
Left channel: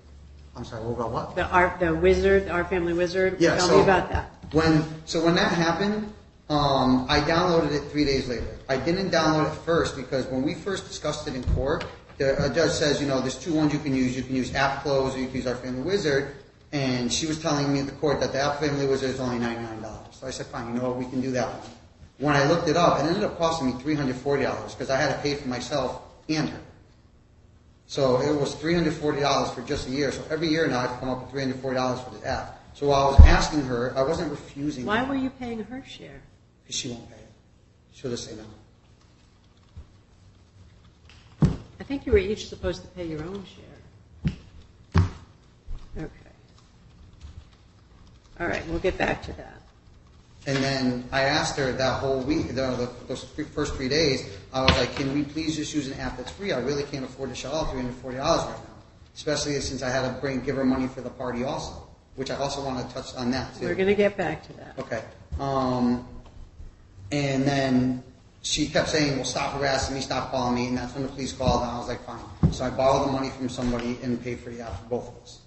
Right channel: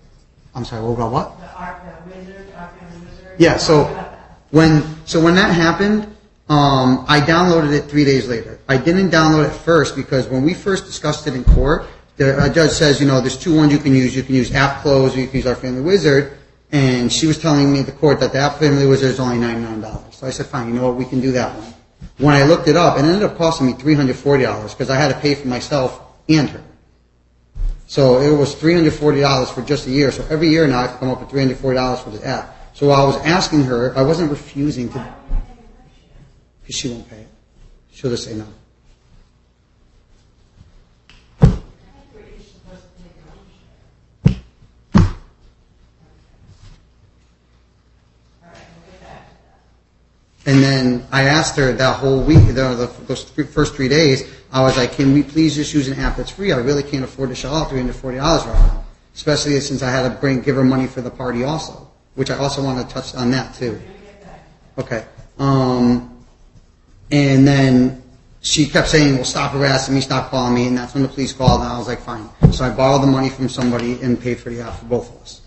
I'm sorry, what about what? The wizard, Our Family Wizard? Yeah, Tell me about that. When that happened, I downloaded it 3 days later. I didn't download it first because when we first discussed it in court, the judge says, there's 2 ones you can use. You can use App Close or you can use Our Family Wizard. And she was telling me at the court that the App Family Wizard is only $99. So I said, fine, you know what, we can do that one. When I looked it up, it ended up costing me $340 because I had to pay for myself and her. So it was $340 for just a year. So every year now I have to come up with $340 for the app. So I was asking her, I wasn't refusing. Why were you paying her share? Because she won't pay it. She'll just say no. I think you were each supposed to pay your own share. Okay. All right, we'll get back to that. And then I asked her that whole week, those first 3 days, I was like, can we please just use an app that's free? I really can't afford to shell out $340 right now, especially since I had to give her money for the party also, which I also want to touch on that too. We're going to get back to that. Okay. And then she kept saying, well, stop harassing me, stop calling me, and that's when the police called, and I was like, fine. So I borrowed the money from somebody and paid for the app for both of us.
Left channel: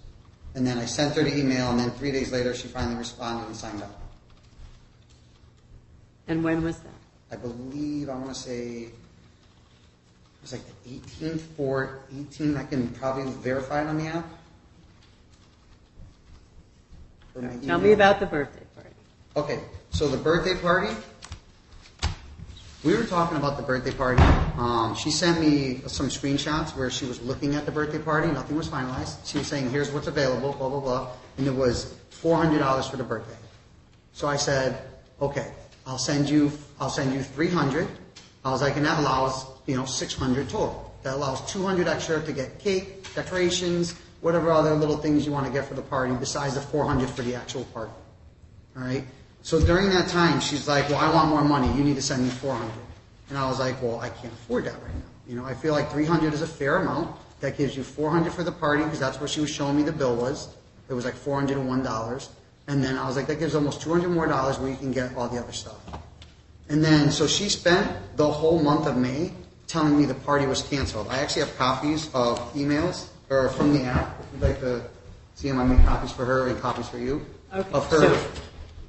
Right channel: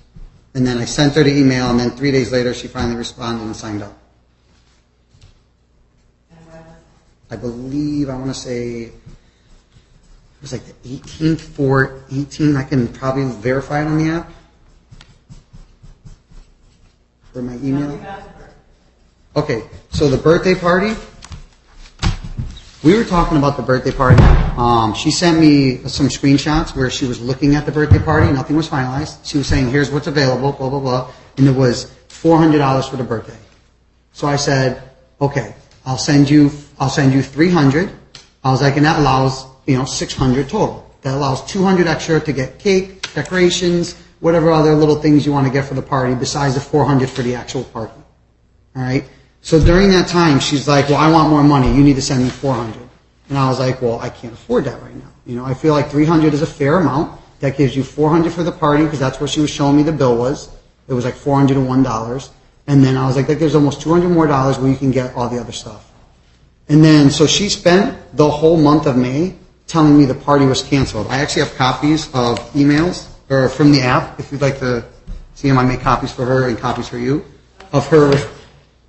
And then I sent her the email, and then 3 days later, she finally responded and signed up. And when was that? I believe, I want to say, it was like the 18th, 4/18. I can probably verify it on the app. For my email. Tell me about the birthday party. Okay, so the birthday party, we were talking about the birthday party. She sent me some screenshots where she was looking at the birthday party. Nothing was finalized. She was saying, here's what's available, blah, blah, blah. And it was $400 for the birthday. So I said, okay, I'll send you 300. I was like, and that allows, 600 total. That allows 200 extra to get cake, decorations, whatever other little things you want to get for the party besides the 400 for the actual party. All right? So during that time, she's like, well, I want more money. You need to send me 400. And I was like, well, I can't afford that right now. I feel like 300 is a fair amount. That gives you 400 for the party because that's what she was showing me the bill was. It was like $401. And then I was like, that gives almost $200 more where you can get all the other stuff. And then, so she spent the whole month of May telling me the party was canceled. I actually have copies of emails or from the app. If you'd like to see them, I made copies for her and copies for you. Okay.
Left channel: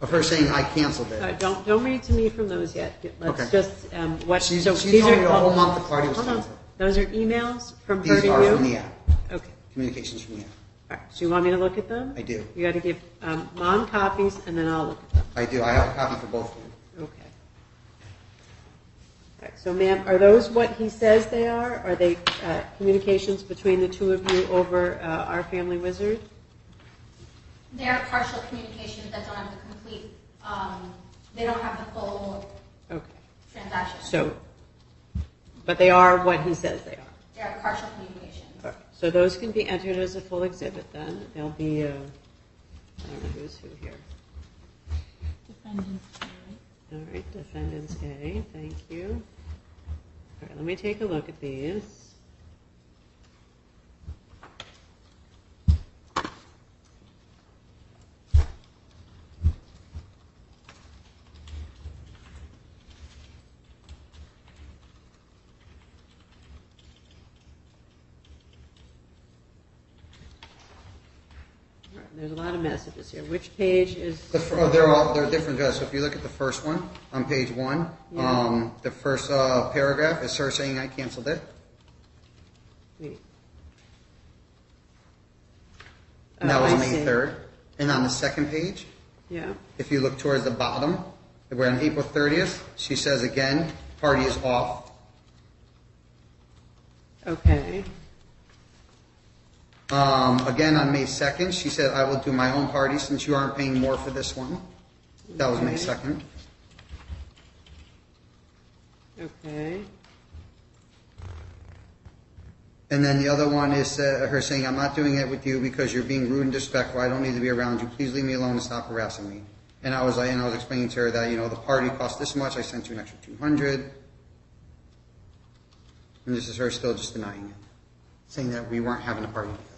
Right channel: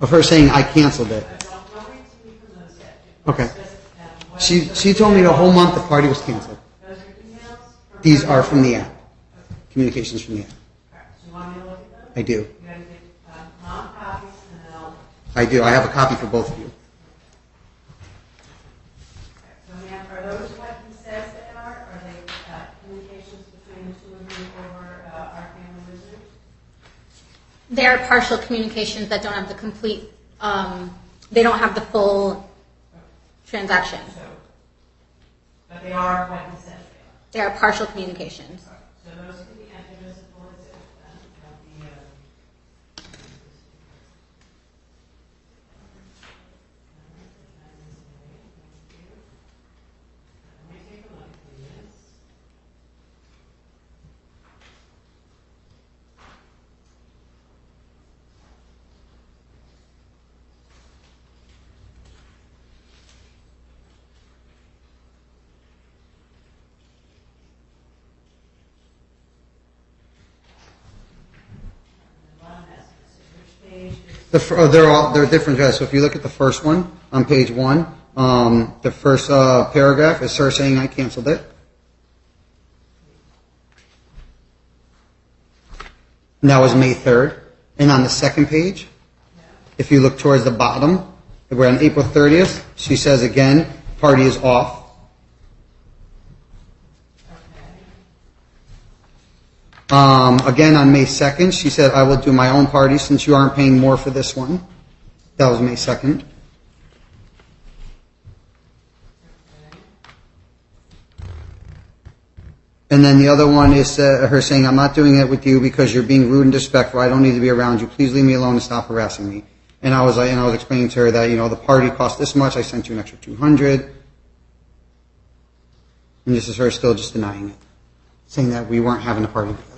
Of her saying I canceled it. Don't read to me from those yet. Let's Okay. just She told me the whole month the party was canceled. Those are emails from her These to are you? from the app, Okay. communications from the app. All right. So you want me to look at them? I do. You got to give Mom copies, and then I'll look at them. I do. I have a copy for both of you. Okay. All right. So, ma'am, are those what he says they are? Are they communications between the two of you over our family wizard? There are partial communications that don't have the complete, they don't have the full Okay. transaction. So, but they are what he says they are. They are partial communications. All right. So those can be entered as a full exhibit then. They'll be, I don't know who's who here. Defendants. All right, defendants A, thank you. All right, let me take a look at these. There's a lot of messages here. Which page is? They're different. So if you look at the first one on page 1, the first paragraph is her saying I canceled it. And that was May 3rd. And on the second page, Yeah. if you look towards the bottom, we're on April 30th. She says again, party is off. Okay. Again on May 2nd, she said, I will do my own party since you aren't paying more for this one. That was May 2nd. Okay. And then the other one is her saying, I'm not doing it with you because you're being rude and disrespectful. I don't need to be around you. Please leave me alone and stop harassing me. And I was explaining to her that, the party cost this much. I sent you an extra $200. And this is her still just denying it, saying that we weren't having a party together.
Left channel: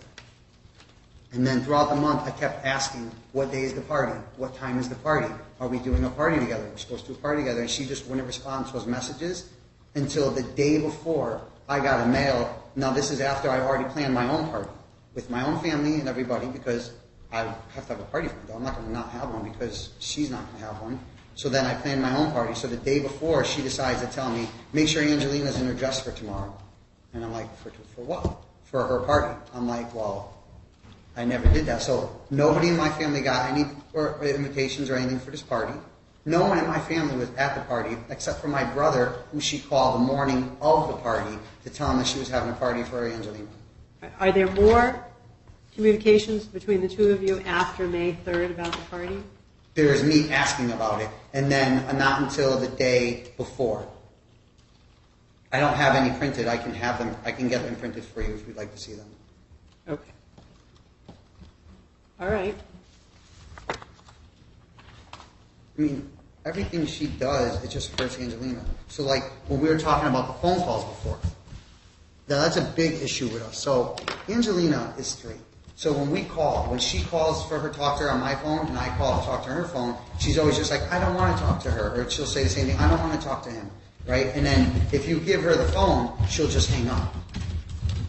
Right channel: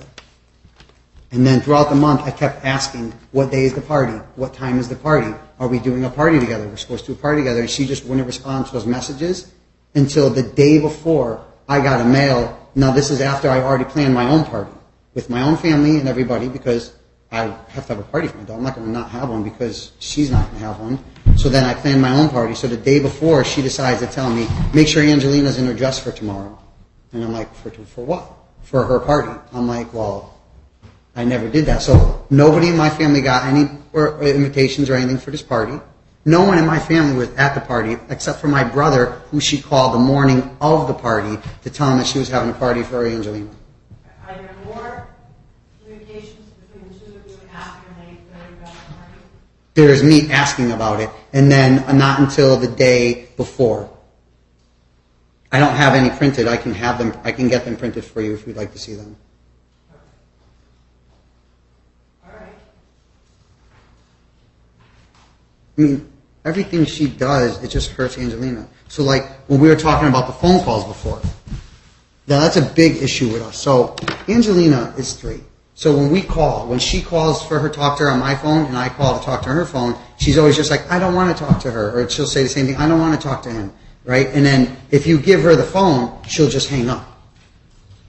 And then throughout the month, I kept asking, what day is the party? What time is the party? Are we doing a party together? We're supposed to do a party together. And she just wouldn't respond to those messages until the day before I got a mail. Now, this is after I already planned my own party with my own family and everybody because I have to have a party for my daughter. I'm not going to not have one because she's not going to have one. So then I planned my own party. So the day before, she decides to tell me, make sure Angelina's in her dress for tomorrow. And I'm like, for what? For her party. I'm like, well, I never did that. So nobody in my family got any invitations or anything for this party. No one in my family was at the party except for my brother, who she called the morning of the party to tell him that she was having a party for Angelina. Are there more communications between the two of you after May 3rd about the party? There's me asking about it, and then not until the day before. I don't have any printed. I can have them. I can get them printed for you if you'd like to see them. Okay. All right. I mean, everything she does, it just hurts Angelina. So like when we were talking about the phone calls before, now that's a big issue with us. So Angelina is 3. So when she calls for her to talk to her on my phone and I call to talk to her phone, she's always just like, I don't want to talk to her. Or she'll say the same thing, I don't want to talk to him. Right? And then if you give her the phone, she'll just hang up.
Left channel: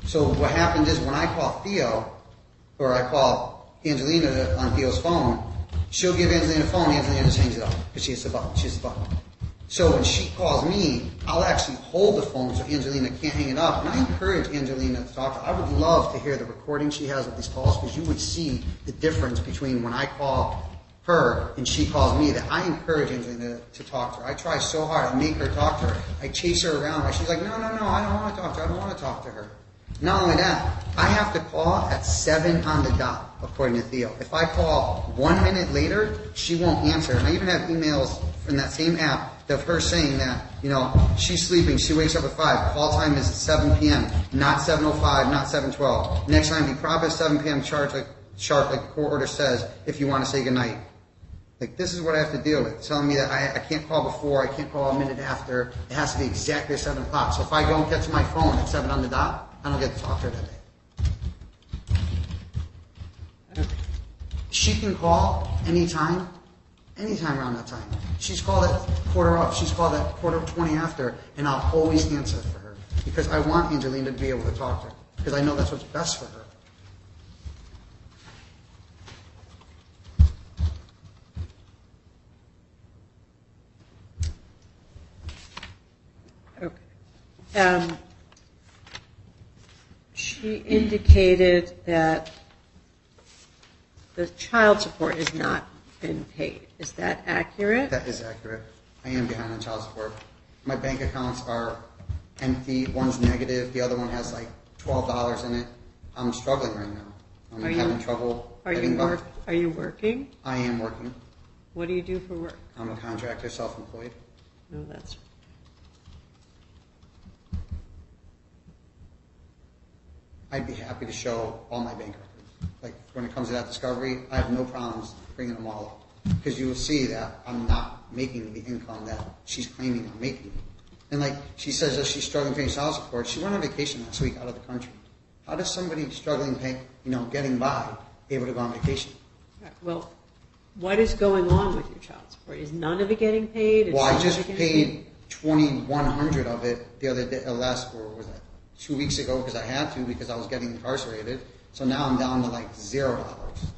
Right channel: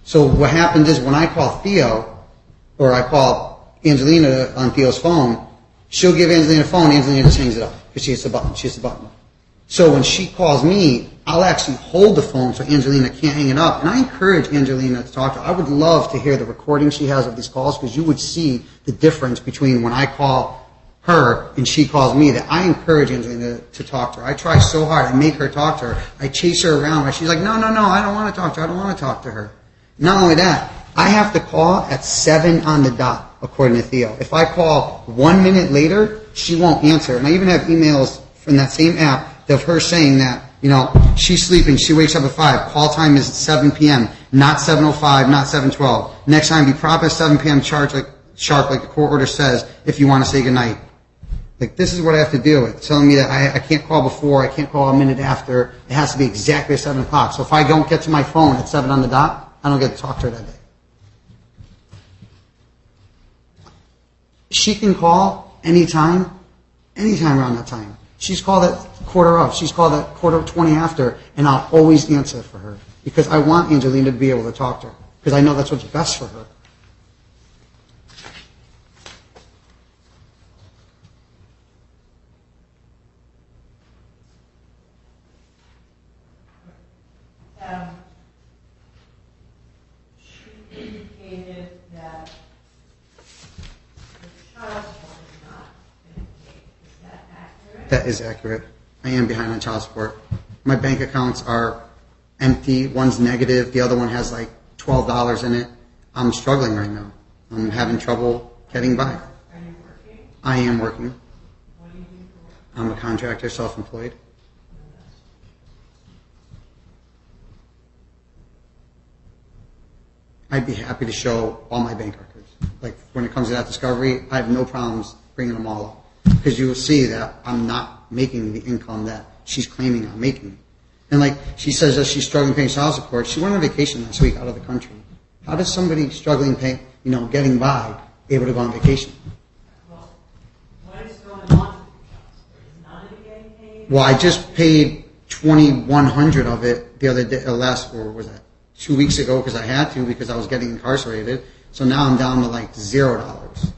So what happens is when I call Theo, or I call Angelina on Theo's phone, she'll give Angelina the phone, Angelina just hangs it up because she hits the button. She hits the button. So when she calls me, I'll actually hold the phone so Angelina can't hang it up. And I encourage Angelina to talk to her. I would love to hear the recording she has of these calls because you would see the difference between when I call her and she calls me. That I encourage Angelina to talk to her. I try so hard. I make her talk to her. I chase her around. She's like, no, I don't want to talk to her. I don't want to talk to her. Not only that, I have to call at 7 on the dot, according to Theo. If I call 1 minute later, she won't answer. And I even have emails from that same app of her saying that, she's sleeping, she wakes up at 5, call time is 7 p.m., not 7:05, not 7:12. Next time, be proper at 7 p.m. sharp like the court order says, if you want to say goodnight. Like, this is what I have to deal with, telling me that I can't call before, I can't call a minute after, it has to be exactly at 7 o'clock. So if I don't get to my phone at 7 on the dot, I don't get to talk to her that day. She can call anytime around that time. She's called at quarter of, she's called at quarter 20 after, and I'll always answer for her because I want Angelina to be able to talk to her because I know that's what's best for her. Okay. She indicated that the child support has not been paid. Is that accurate? That is accurate. I am behind on child support. My bank accounts are empty. One's negative. The other one has like $12 in it. I'm struggling right now. I'm having trouble getting by. Are you working? I am working. What do you do for work? I'm a contractor, self-employed. Oh, that's. I'd be happy to show all my bank records. Like when it comes to that discovery, I have no problems bringing them all up because you will see that I'm not making the income that she's claiming I'm making. And like she says that she's struggling paying child support. She went on vacation last week out of the country. How does somebody struggling paying, getting by, able to go on vacation? Well, what is going on with your child support? Is none of it getting paid? Well, I just paid $2,100 of it the other day, or was that 2 weeks ago because I had to because I was getting incarcerated. So now I'm down to like $0.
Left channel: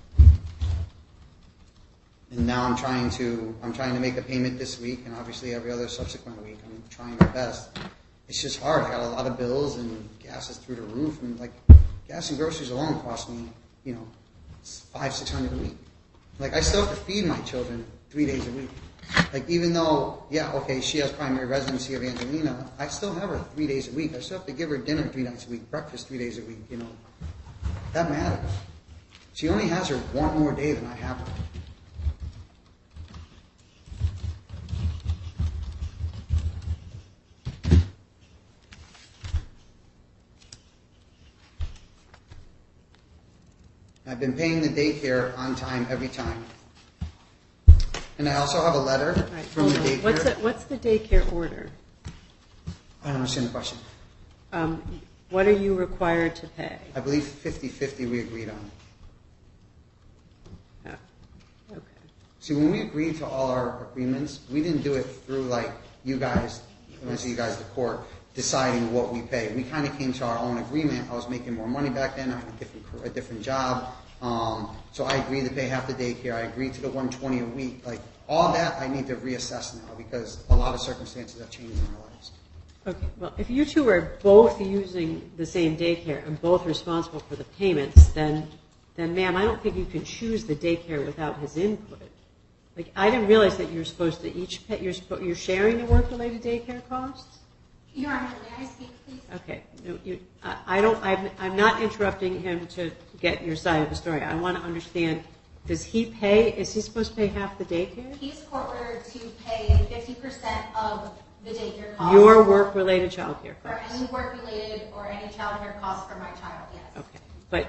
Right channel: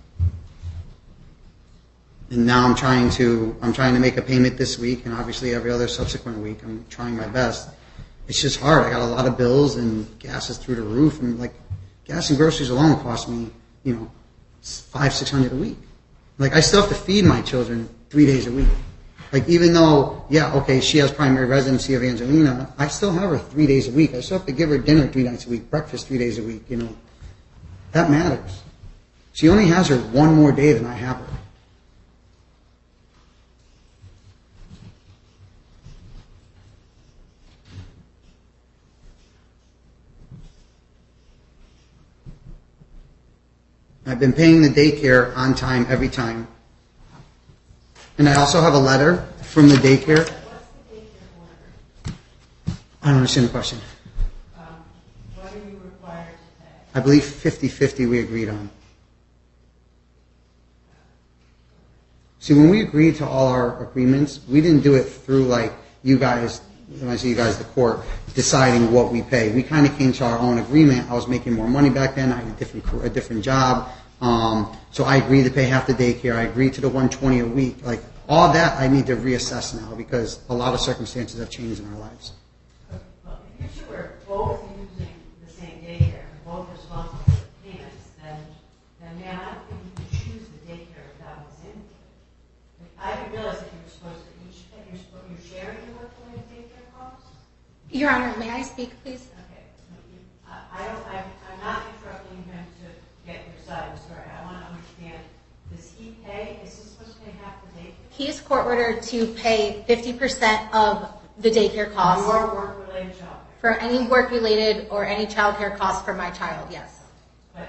And now I'm trying to make a payment this week, and obviously every other subsequent week I'm trying my best. It's just hard. I got a lot of bills, and gas is through the roof, and like gas and groceries alone cost me, $500-600 a week. Like I still have to feed my children 3 days a week. Like even though, she has primary residency of Angelina, I still have her 3 days a week. I still have to give her dinner 3 nights a week, breakfast 3 days a week. That matters. She only has her one more day than I have her. I've been paying the daycare on time every time. And I also have a letter from the daycare. What's the daycare order? I don't understand the question. What are you required to pay? I believe 50-50 we agreed on. Oh, okay. See, when we agreed to all our agreements, we didn't do it through like you guys, when I say you guys, the court, deciding what we pay. We kind of came to our own agreement. I was making more money back then. I had a different job. So I agreed to pay half the daycare. I agreed to the $120 a week. Like all that I need to reassess now because a lot of circumstances have changed in our lives. Okay, well, if you two are both using the same daycare and both responsible for the payments, then ma'am, I don't think you could choose the daycare without his input. Like, I didn't realize that you're supposed to each pay, you're sharing the work-related daycare costs? Your Honor, may I speak, please? Okay, I'm not interrupting him to get your side of the story. I want to understand, does he pay, is he supposed to pay half the daycare? He is court ordered to pay 50% of the daycare costs. Your work-related childcare? For any work-related or any childcare costs for my child, yes. Okay, but,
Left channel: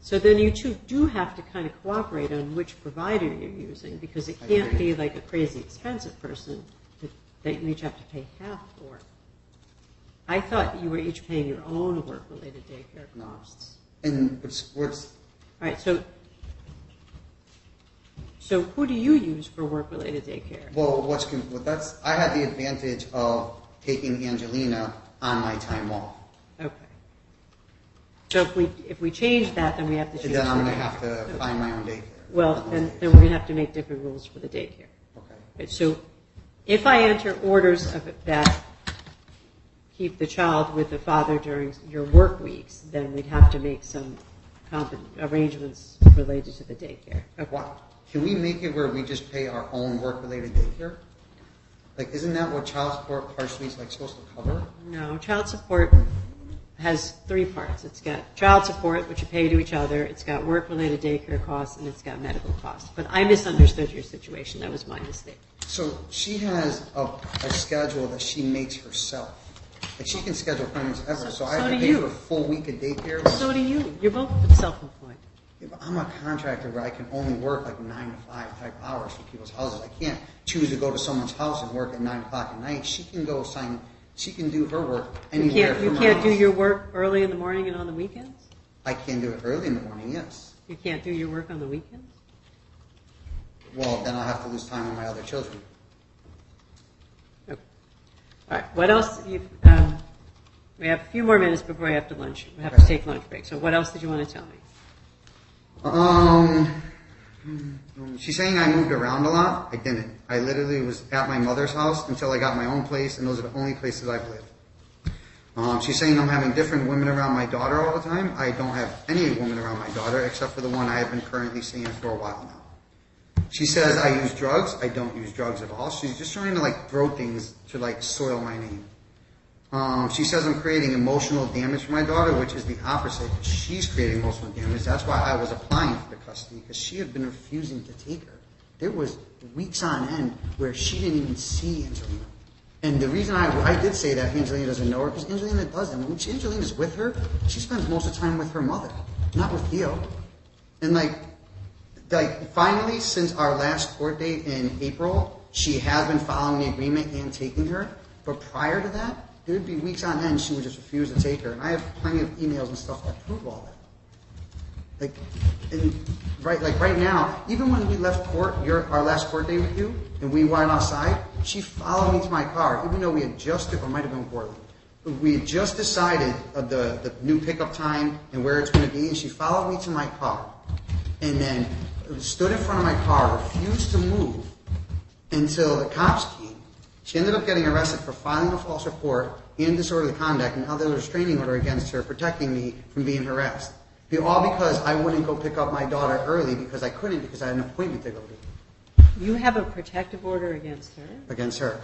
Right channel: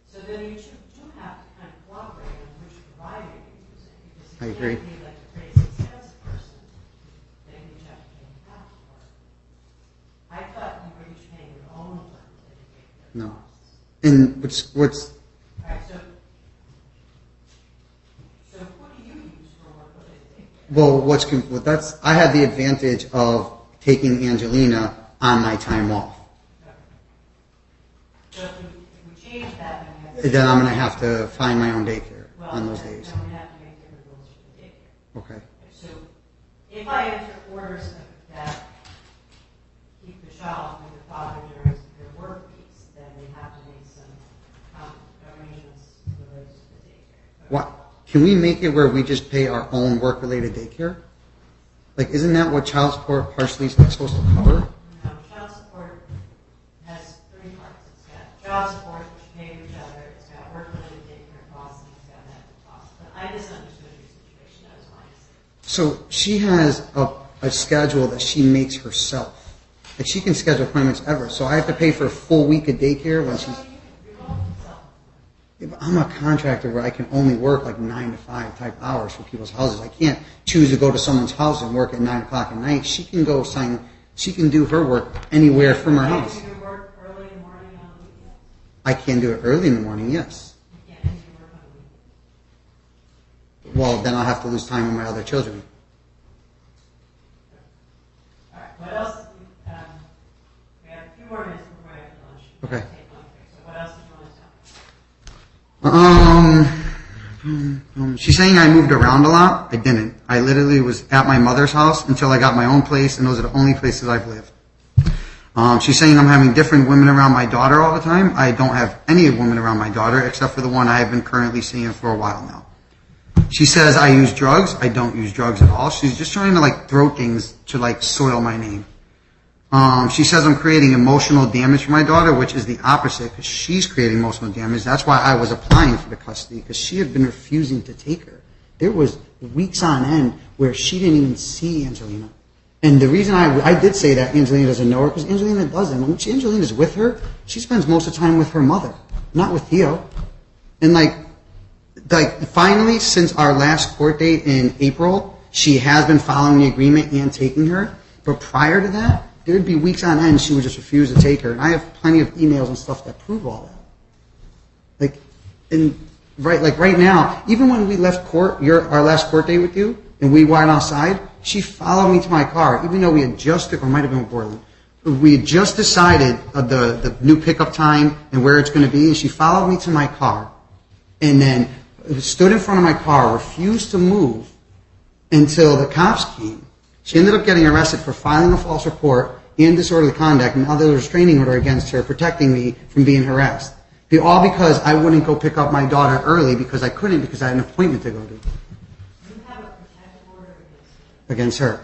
so then you two do have to kind of cooperate on which provider you're using, because it can't be like a crazy expensive person that you each have to pay half for. I thought you were each paying your own work-related daycare costs. And what's All right, so who do you use for work-related daycare? well, I had the advantage of taking Angelina on my time off. Okay. So if we change that, then we have to. Then I'm going to have to find my own daycare on those days. Then we're going to have to make different rules for the daycare. Okay. So if I enter orders of that keep the child with the father during your work weeks, then we'd have to make some arrangements related to the daycare. Okay. What? Can we make it where we just pay our own work-related daycare? Like, isn't that what child support partially is supposed to cover? No, child support has three parts. It's got child support, which you pay to each other. It's got work-related daycare costs, and it's got medical costs. But I misunderstood your situation. That was my mistake. So she has a schedule that she makes herself. Like, she can schedule appointments ever. So I have to pay for a full week of daycare. So do you. You're both self-employed. Yeah, but I'm a contractor where I can only work like 9 to 5 type hours for people's houses. I can't choose to go to someone's house and work at 9 o'clock at night. She can go she can do her work anywhere from her house. You can't do your work early in the morning and on the weekends? I can do it early in the morning, yes. You can't do your work on the weekends? Well, then I'll have to lose time with my other children. Okay. All right, what else? We have a few more minutes before we have to lunch. We have to take lunch break. So what else did you want to tell me? She's saying I moved around a lot. I didn't. I literally was at my mother's house until I got my own place, and those are the only places I've lived. She's saying I'm having different women around my daughter all the time. I don't have any women around my daughter except for the one I have been currently seeing for a while now. She says I use drugs. I don't use drugs at all. She's just trying to like throw things to like soil my name. She says I'm creating emotional damage for my daughter, which is the opposite because she's creating emotional damage. That's why I was applying for the custody because she had been refusing to take her. There was weeks on end where she didn't even see Angelina. And the reason I did say that Angelina doesn't know her because Angelina doesn't. When Angelina's with her, she spends most of the time with her mother, not with Theo. And like finally, since our last court date in April, she has been following the agreement and taking her. But prior to that, there would be weeks on end she would just refuse to take her. And I have plenty of emails and stuff that prove all that. Right now, even when we left court, our last court date with you, and we went outside, she followed me to my car, even though we had just, or it might have been Portland, we had just decided the new pickup time and where it's going to be, and she followed me to my car, and then stood in front of my car, refused to move until the cops came. She ended up getting arrested for filing a false report and disorderly conduct, and now there's a restraining order against her protecting me from being harassed. All because I wouldn't go pick up my daughter early because I couldn't because I had an appointment to go to. You have a protective order against her? Against her.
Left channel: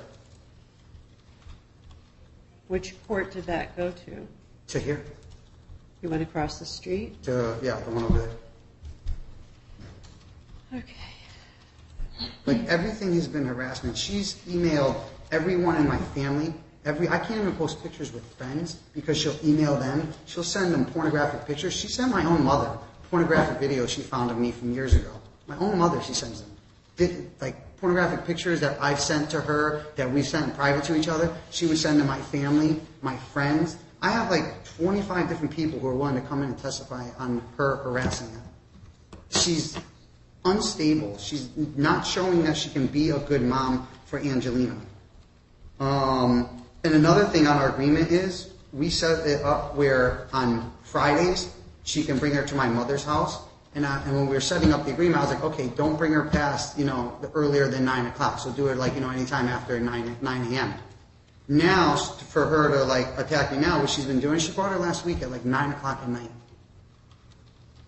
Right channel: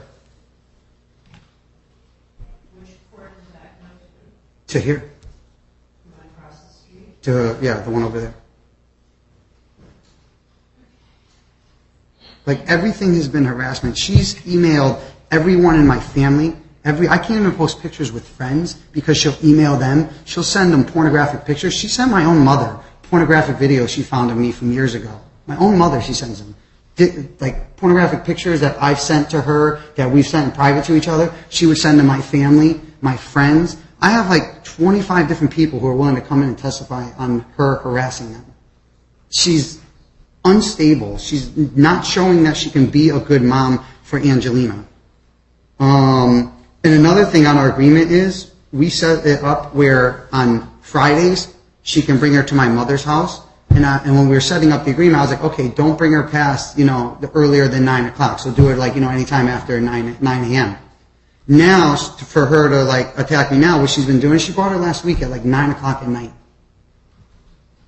Which court did that go to? To here. You went across the street? The one over there. Okay. Like everything has been harassment. She's emailed everyone in my family. I can't even post pictures with friends because she'll email them. She'll send them pornographic pictures. She sent my own mother pornographic videos she found of me from years ago. My own mother, she sends them. Like pornographic pictures that I've sent to her, that we've sent in private to each other, she would send to my family, my friends. I have like 25 different people who are willing to come in and testify on her harassing them. She's unstable. She's not showing that she can be a good mom for Angelina. And another thing on our agreement is we set it up where on Fridays she can bring her to my mother's house. And when we were setting up the agreement, I was like, okay, don't bring her past, earlier than 9 o'clock. So do it like, anytime after 9 a.m. Now, for her to like attack me now, what she's been doing, she brought her last week at like 9 o'clock at night.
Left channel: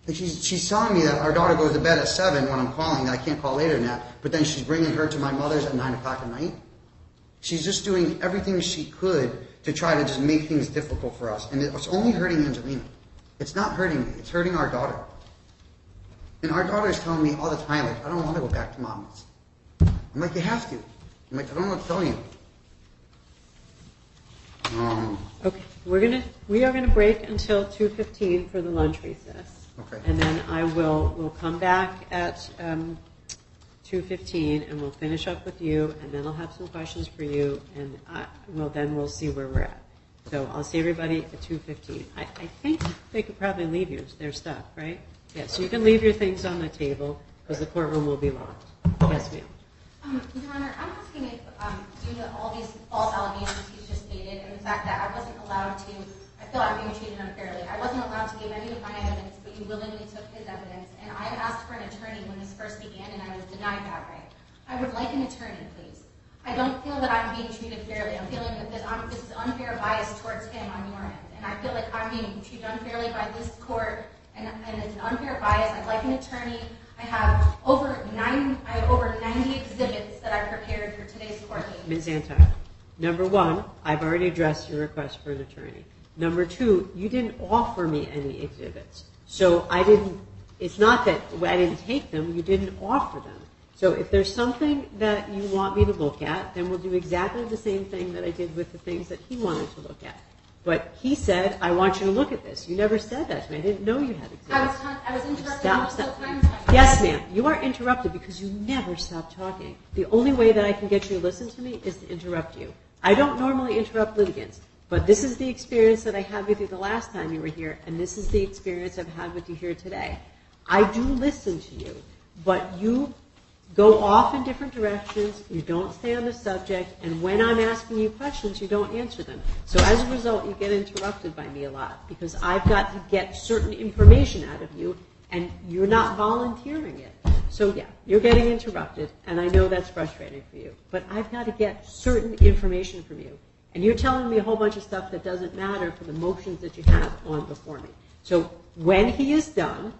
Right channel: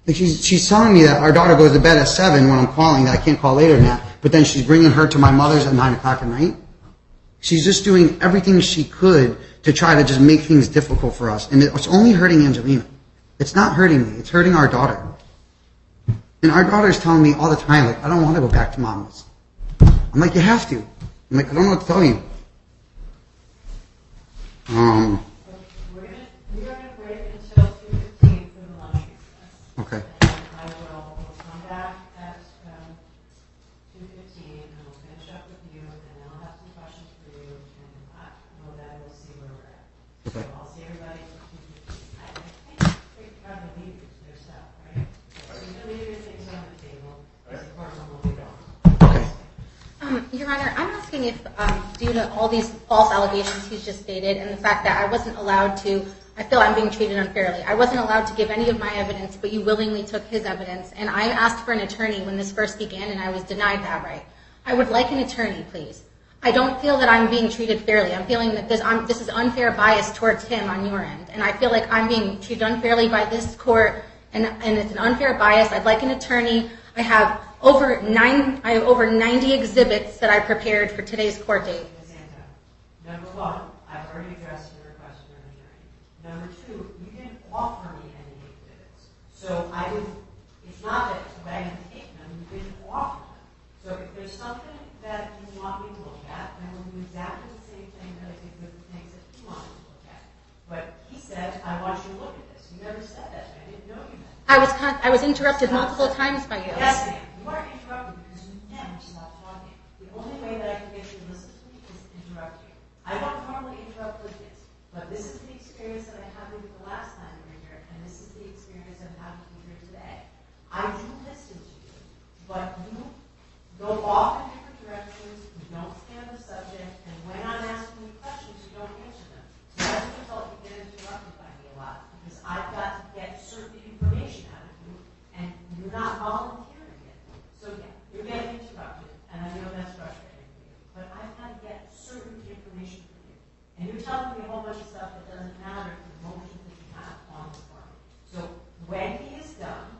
Like she's telling me that our daughter goes to bed at 7 when I'm calling, that I can't call later than that. But then she's bringing her to my mother's at 9 o'clock at night. She's just doing everything she could to try to just make things difficult for us. And it's only hurting Angelina. It's not hurting me. It's hurting our daughter. And our daughter is telling me all the time, like, I don't want to go back to Mama's. I'm like, you have to. I'm like, I don't know what to tell you. Okay, we are gonna break until 2:15 for the lunch recess. Okay. And then we'll come back at 2:15 and we'll finish up with you, and then I'll have some questions for you, and we'll see where we're at. So I'll see everybody at 2:15. I think they could probably leave you their stuff, right? Yeah, so you can leave your things on the table because the courtroom will be locked. Okay. Yes, ma'am. Your Honor, I'm asking if, due to all these false allegations he's just stated and the fact that I wasn't allowed to, I feel I'm being treated unfairly. I wasn't allowed to give any of my evidence, but you willingly took his evidence, and I asked for an attorney when this first began, and I was denied that right. I would like an attorney, please. I don't feel that I'm being treated fairly. I'm feeling that this is unfair bias towards him on your end, and I feel like I'm being treated unfairly by this court, and it's an unfair bias. I'd like an attorney. I have over 90 exhibits that I prepared for today's court date. Ms. Antar, number one, I've already addressed your request for an attorney. Number two, you didn't offer me any exhibits. So it's not that I didn't take them, you didn't offer them. So if there's something that you want me to look at, then we'll do exactly the same thing that I did with the things that he wanted to look at. But he said, I want you to look at this. You never said that to me. I didn't know you had exhibits. I was interrupted multiple times by you. Yes, ma'am. You are interrupted because you never stop talking. The only way that I can get you to listen to me is to interrupt you. I don't normally interrupt litigants, but this is the experience that I had with you the last time you were here, and this is the experience I've had with you here today. I do listen to you, but you go off in different directions, you don't stay on the subject, and when I'm asking you questions, you don't answer them. So as a result, you get interrupted by me a lot, because I've got to get certain information out of you, and you're not volunteering it. So yeah, you're getting interrupted, and I know that's frustrating for you, but I've got to get certain information from you. And you're telling me a whole bunch of stuff that doesn't matter for the motions that you have on before me. So when he is done,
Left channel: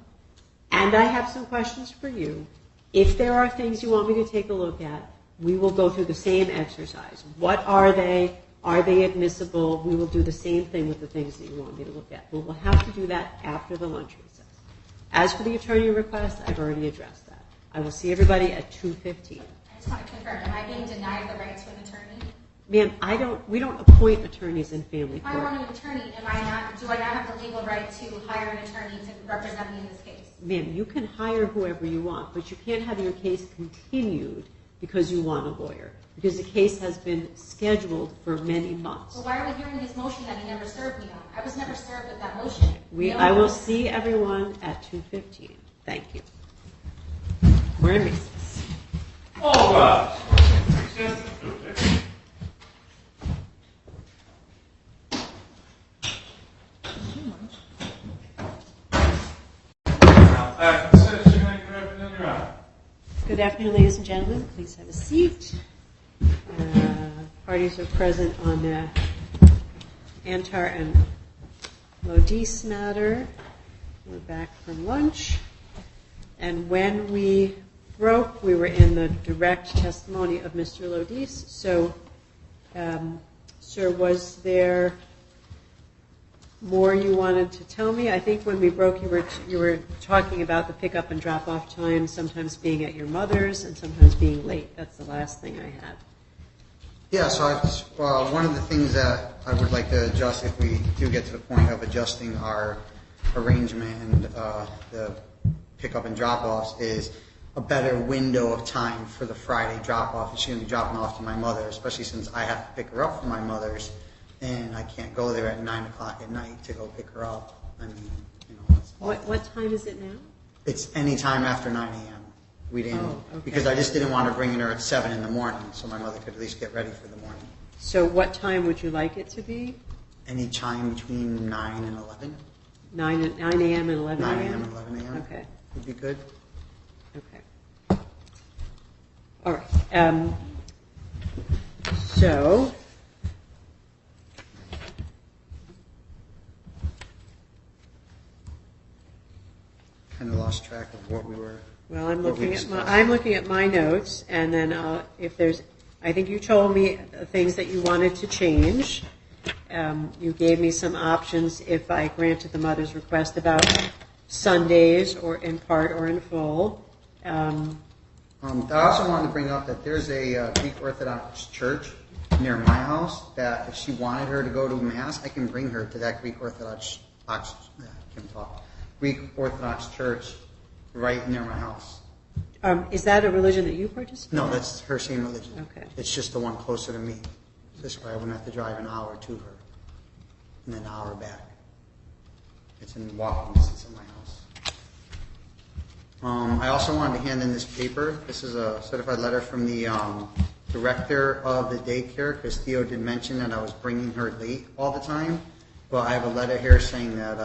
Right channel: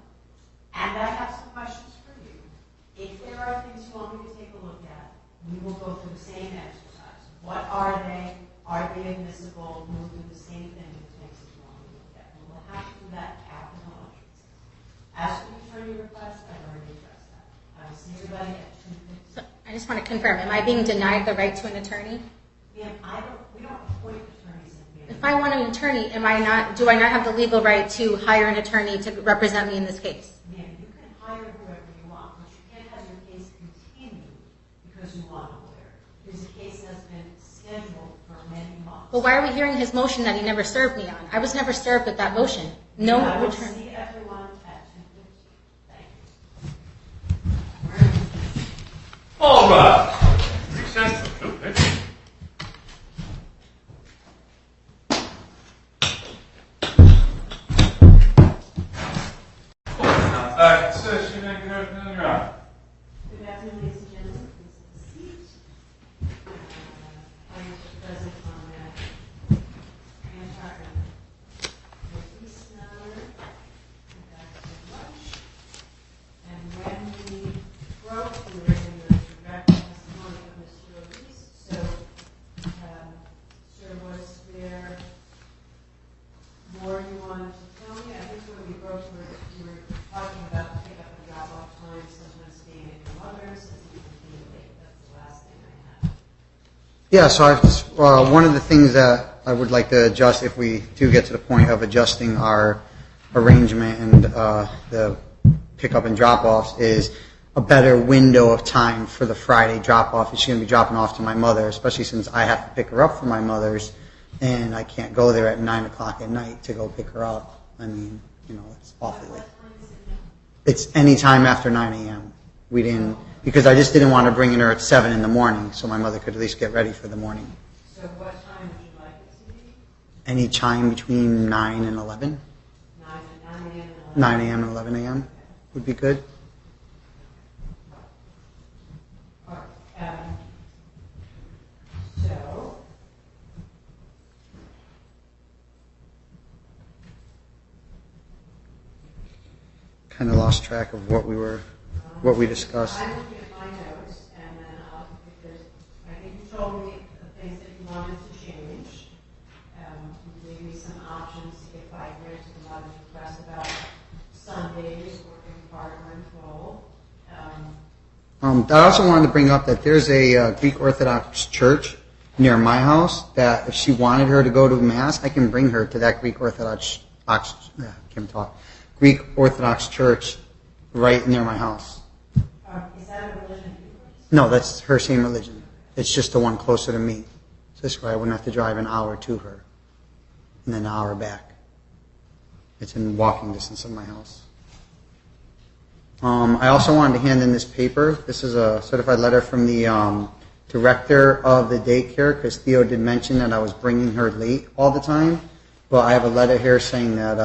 and I have some questions for you, if there are things you want me to take a look at, we will go through the same exercise. What are they? Are they admissible? We will do the same thing with the things that you want me to look at. But we'll have to do that after the lunch recess. As for the attorney request, I've already addressed that. I will see everybody at 2:15. I just want to confirm, am I being denied the right to an attorney? Ma'am, we don't appoint attorneys in family If I court. want an attorney, do I not have the legal right to hire an attorney to represent me in this case? Ma'am, you can hire whoever you want, but you can't have your case continued because you want a lawyer, because the case has been scheduled for many months. Well, why are we hearing his motion that he never served me on? I was never served with that motion. I will see everyone at 2:15. Thank you. We're in. All right. Makes sense, don't it? Good afternoon, ladies and gentlemen. Please have a seat. Parties are present on Antar and Lodice matter. We're back from lunch. And when we broke, we were in the direct testimony of Mr. Lodice. So, sir, was there more you wanted to tell me? I think when we broke, you were talking about the pickup and drop-off time, sometimes being at your mother's and sometimes being late. That's the last thing I had. Yeah, so one of the things that I would like to adjust, if we do get to the point of adjusting our arrangement and the pickup and drop-offs, is a better window of time for the Friday drop-off. She's going to be dropping off to my mother, especially since I have to pick her up from my mother's, and I can't go there at 9 o'clock at night to go pick her up. I mean, it's awful. What time is it now? It's any time after 9 a.m. We didn't, because I just didn't want to bring her at 7 in the morning, so my mother could at least get ready for the morning. So what time would you like it to be? Any time between 9 and 11? 9 a.m. and 11 9 a.m. and 11 a.m. Okay. Would be good. Okay. All right. So, Kind of lost track of what we discussed. I'm looking at my notes, and then if there's, I think you told me things that you wanted to change. You gave me some options if I granted the mother's request about Sundays, or in part or in full. I also wanted to bring up that there's a Greek Orthodox church near my house that if she wanted her to go to Mass, I can bring her to that Greek Orthodox church right near my house. Is that a religion that you participate in? No, that's her same religion. Okay. It's just the one closer to me. So this way I wouldn't have to drive an hour to her and then an hour back. It's in walking distance of my house. I also wanted to hand in this paper. This is a certified letter from the director of the daycare, because Theo did mention that I was bringing her late all the time. But I have a letter here saying that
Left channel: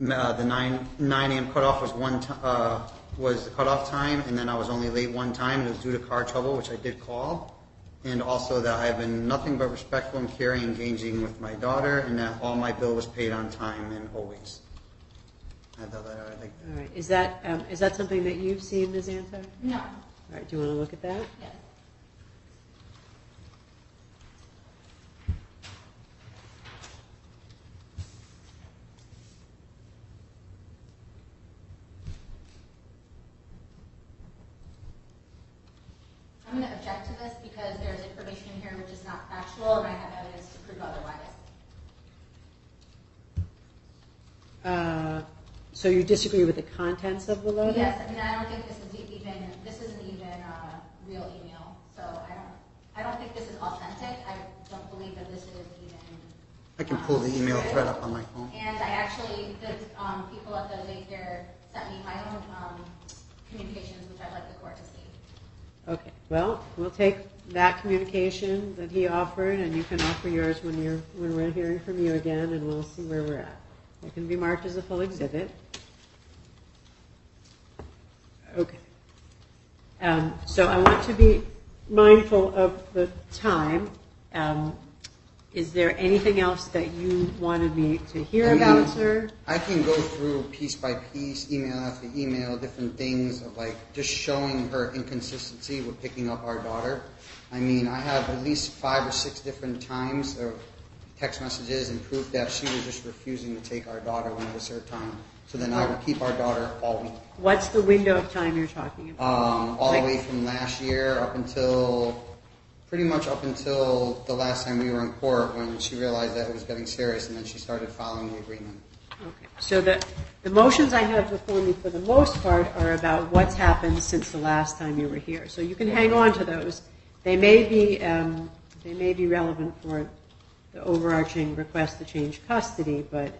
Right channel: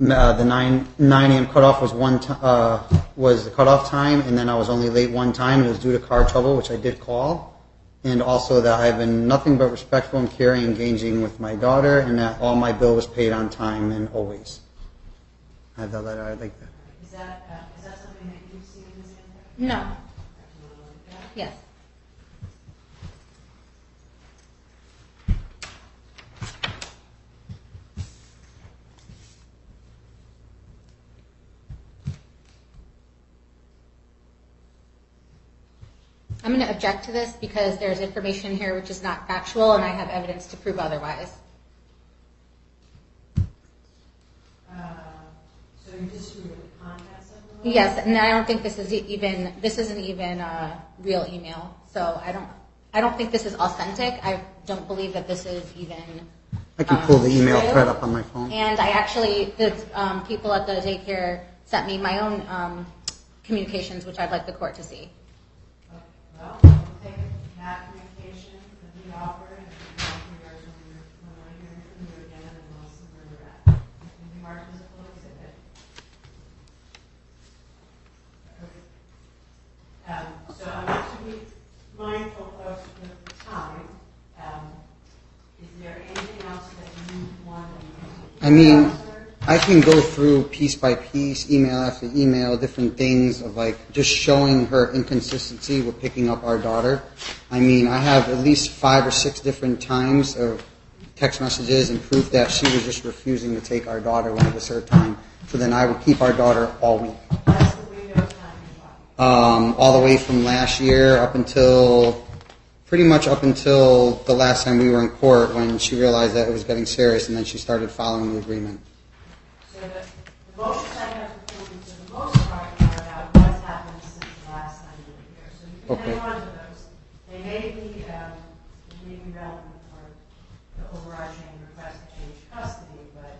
the 9 a.m. cutoff was the cutoff time, and then I was only late one time, and it was due to car trouble, which I did call. And also that I have been nothing but respectful and caring, engaging with my daughter, and that all my bill was paid on time and always. I have that letter. I'd like that. All right. Is that something that you've seen, Ms. Antar? No. All right. Do you want to look at that? Yes. I'm going to object to this because there's information here which is not factual, and I have evidence to prove otherwise. So you disagree with the contents of the letter? Yes, and I don't think this isn't even a real email. So I don't think this is authentic. I don't believe that this is even. I can pull the email true. thread up on my phone. And the people at the daycare sent me my own communications, which I'd like the court to see. Okay. Well, we'll take that communication that he offered, and you can offer yours when we're hearing from you again, and we'll see where we're at. It can be marked as a full exhibit. Okay. So I want to be mindful of the time. Is there anything else that you wanted me to hear I mean, about, sir? I can go through piece by piece, email after email, different things of like just showing her inconsistency with picking up our daughter. I mean, I have at least 5 or 6 different times of text messages and proof that she was just refusing to take our daughter when it was her time. So then I would keep our daughter all week. What's the window of time you're talking about? All the way from last year up until, pretty much up until the last time we were in court when she realized that it was getting serious and then she started following the agreement. Okay. So the motions I have before me for the most part are about what's happened since the last time you were here. So you can hang on to those. They may be relevant for the overarching request to change custody, but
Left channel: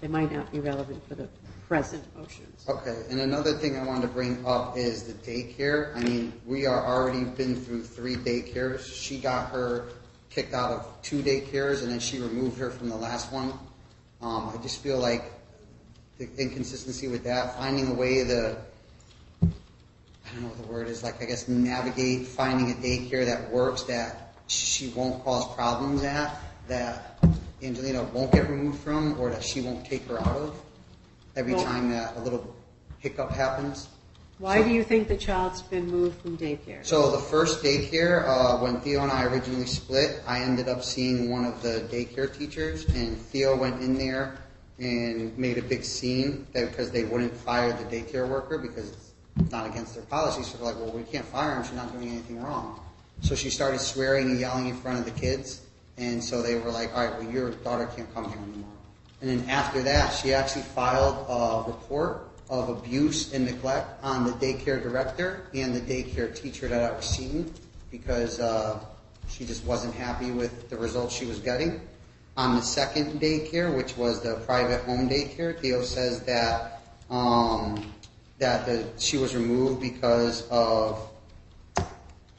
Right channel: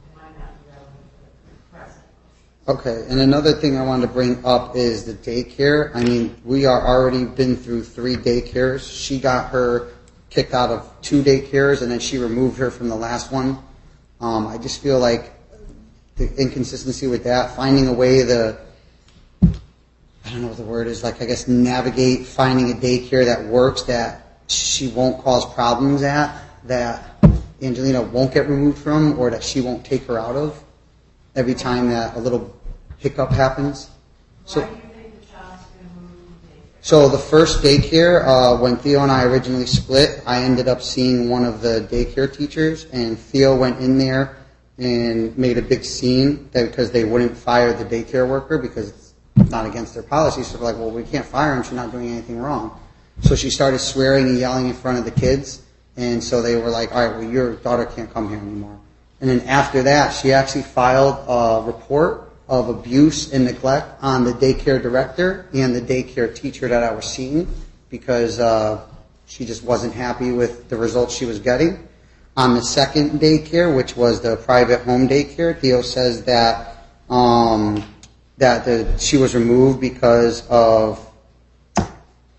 they might not be relevant for the present motions. Okay, and another thing I wanted to bring up is the daycare. I mean, we are already been through 3 daycares. She got her kicked out of 2 daycares, and then she removed her from the last one. I just feel like the inconsistency with that, finding a way to, I don't know what the word is, like I guess navigate finding a daycare that works, that she won't cause problems at, that Angelina won't get removed from, or that she won't take her out of every time that a little hiccup happens. Why do you think the child's been moved from daycare? So the first daycare, when Theo and I originally split, I ended up seeing one of the daycare teachers, and Theo went in there and made a big scene because they wouldn't fire the daycare worker because it's not against their policy. So they're like, well, we can't fire him. She's not doing anything wrong. So she started swearing and yelling in front of the kids, and so they were like, all right, well, your daughter can't come here anymore. And then after that, she actually filed a report of abuse and neglect on the daycare director and the daycare teacher that I was seeing because she just wasn't happy with the results she was getting. On the second daycare, which was the private home daycare, Theo says that she was removed because of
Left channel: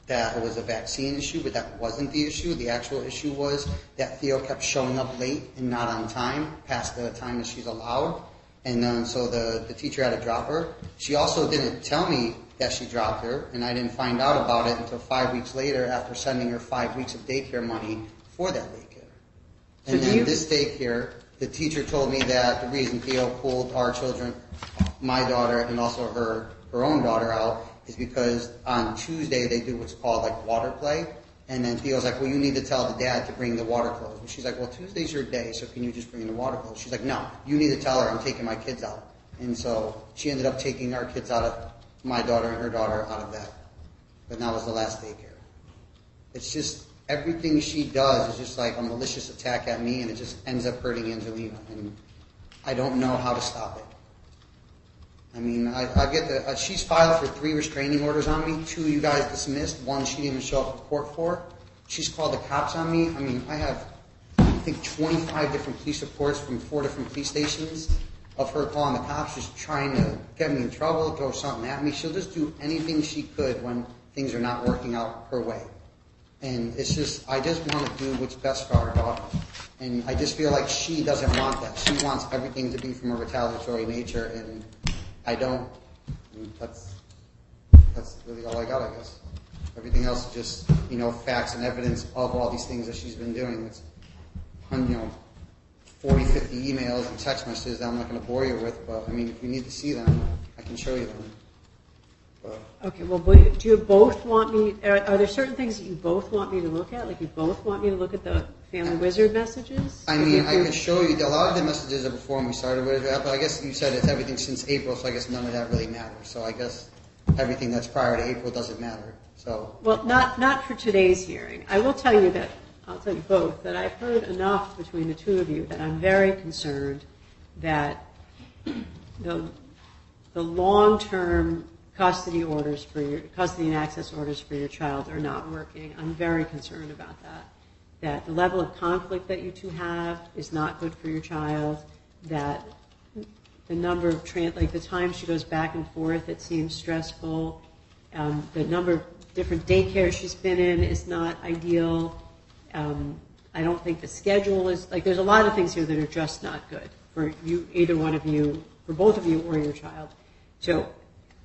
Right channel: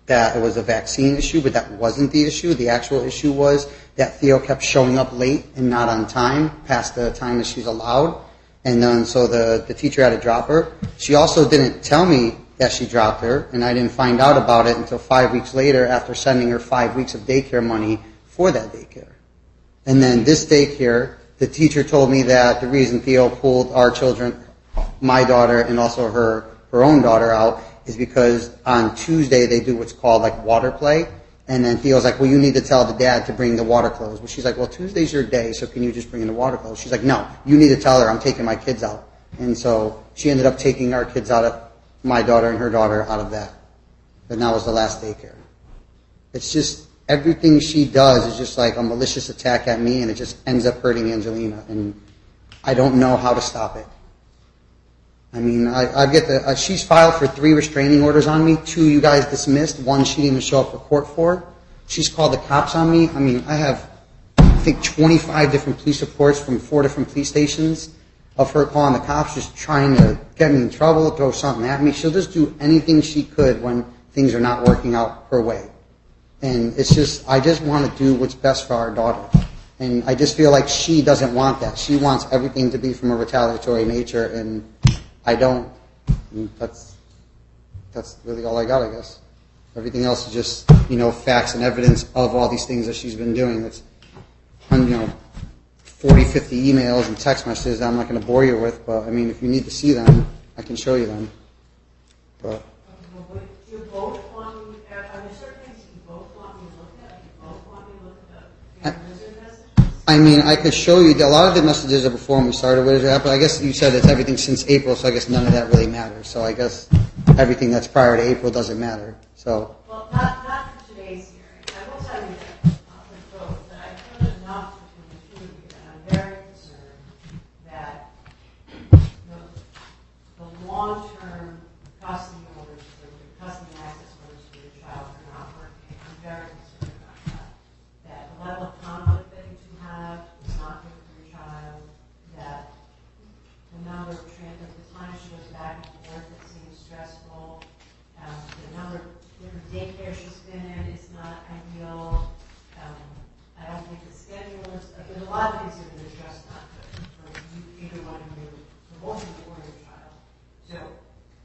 that it was a vaccine issue, but that wasn't the issue. The actual issue was that Theo kept showing up late and not on time, past the time that she's allowed. And then so the teacher had to drop her. She also didn't tell me that she dropped her, and I didn't find out about it until 5 weeks later after sending her 5 weeks of daycare money for that daycare. And then this daycare, the teacher told me that the reason Theo pulled our children, my daughter and also her own daughter out, is because on Tuesday they do what's called like water play. And then Theo's like, well, you need to tell the dad to bring the water clothes. Well, she's like, well, Tuesday's your day, so can you just bring in the water clothes? She's like, no, you need to tell her I'm taking my kids out. And so she ended up taking our kids out of, my daughter and her daughter out of that. And that was the last daycare. It's just, everything she does is just like a malicious attack at me, and it just ends up hurting Angelina. And I don't know how to stop it. I mean, I get she's filed for 3 restraining orders on me. 2 you guys dismissed. 1 she didn't even show up for court for. She's called the cops on me. I mean, I have, I think, 25 different police reports from 4 different police stations of her calling the cops, just trying to get me in trouble, throw something at me. She'll just do anything she could when things are not working out her way. And it's just, I just want to do what's best for our daughter. And I just feel like she doesn't want that. She wants everything to be from a retaliatory nature, and I don't. That's really all I got, I guess. Everything else is just, facts and evidence of all these things that she's been doing. It's, 40, 50 emails and text messages that I'm not going to bore you with, but, I mean, if you need to see them, I can show you them. But Okay, well, do you both want me, are there certain things that you both want me to look at? Like you both want me to look at the Family Wizard messages? I mean, I could show you. A lot of the messages are before we started with it, but I guess you said it's everything since April, so I guess none of that really matters. So I guess everything that's prior to April doesn't matter. So. Well, not for today's hearing. I will tell you that, I'll tell you both, that I've heard enough between the two of you that I'm very concerned that the long-term custody and access orders for your child are not working. I'm very concerned about that. That the level of conflict that you two have is not good for your child. That the number of the time she goes back and forth, it seems stressful. The number of different daycares she's been in is not ideal. I don't think the schedule is there's a lot of things here that are just not good for you, either one of you, for both of you or your child. So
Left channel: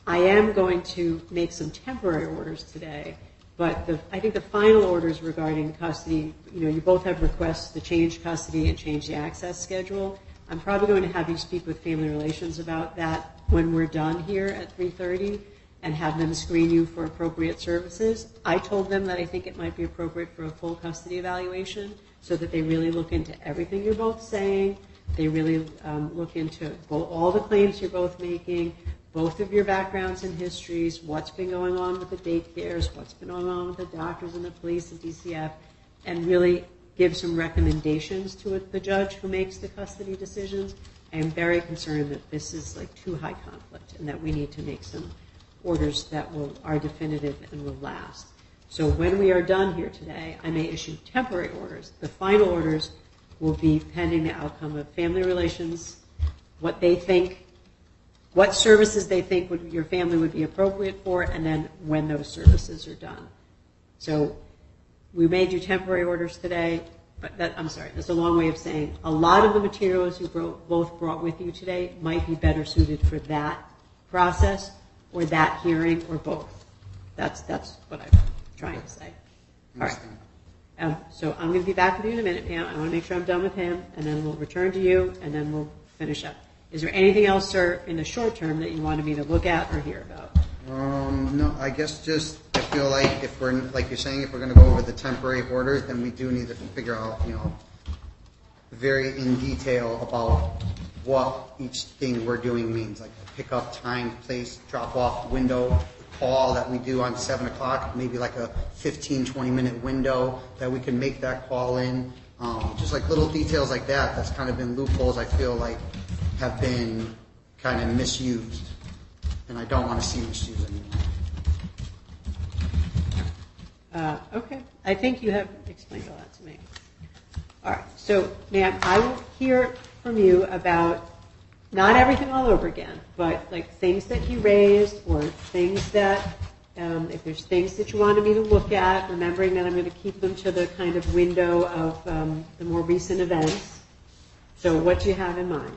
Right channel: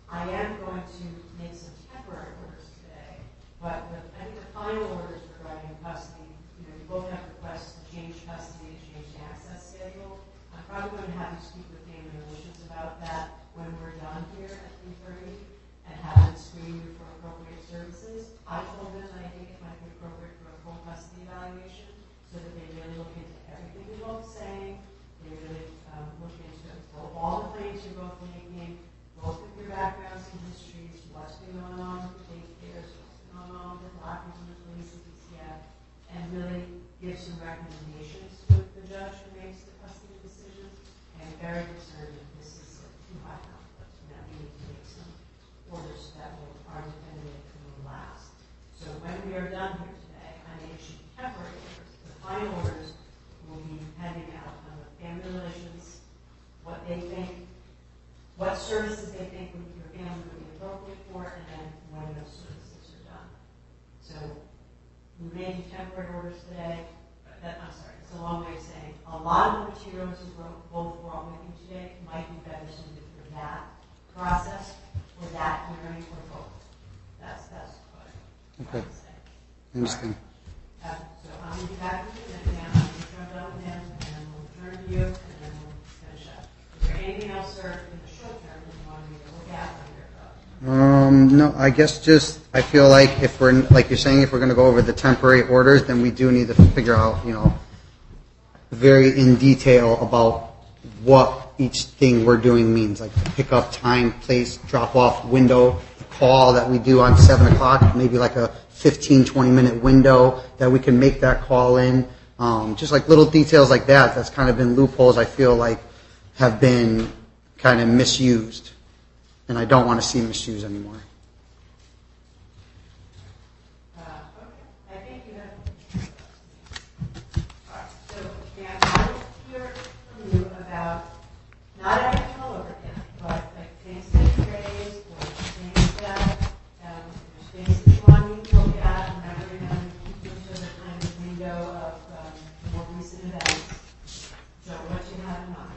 I am going to make some temporary orders today But I think the final orders regarding custody, you both have requests to change custody and change the access schedule. I'm probably going to have you speak with Family Relations about that when we're done here at 3:30 and have them screen you for appropriate services. I told them that I think it might be appropriate for a full custody evaluation so that they really look into everything you're both saying. They really look into all the claims you're both making, both of your backgrounds and histories, what's been going on with the daycares, what's been going on with the doctors and the police and DCF, and really give some recommendations to the judge who makes the custody decisions. I am very concerned that this is like too high conflict and that we need to make some orders that are definitive and will last. So when we are done here today, I may issue temporary orders. The final orders will be pending the outcome of Family Relations, what they think, what services they think your family would be appropriate for, and then when those services are done. So we may do temporary orders today, but that's a long way of saying a lot of the materials you both brought with you today might be better suited for that process or that hearing or both. That's what I'm trying to say. Interesting. Right. So I'm going to be back with you in a minute now. I'm going to make sure I'm done with him, and then we'll return to you, and then we'll finish up. Is there anything else, sir, in the short term that you wanted me to look at or hear about? No, I guess just I feel like if we're like you're saying, if we're going to go over the temporary orders, then we do need to figure out, very in detail about what each thing we're doing means, like the pickup time, place, drop off window, the call that we do on 7 o'clock, maybe like a 15, 20-minute window that we can make that call in. Just like little details like that. That's kind of been loopholes I feel like have been kind of misused, and I don't want to see misuse anymore. Okay. I think you have explained a lot to me. All right. So, ma'am, I will hear from you about not everything all over again, but like things that you raised or things that, if there's things that you wanted me to look at, remembering that I'm going to keep them to the kind of window of the more recent events. So what do you have in mind?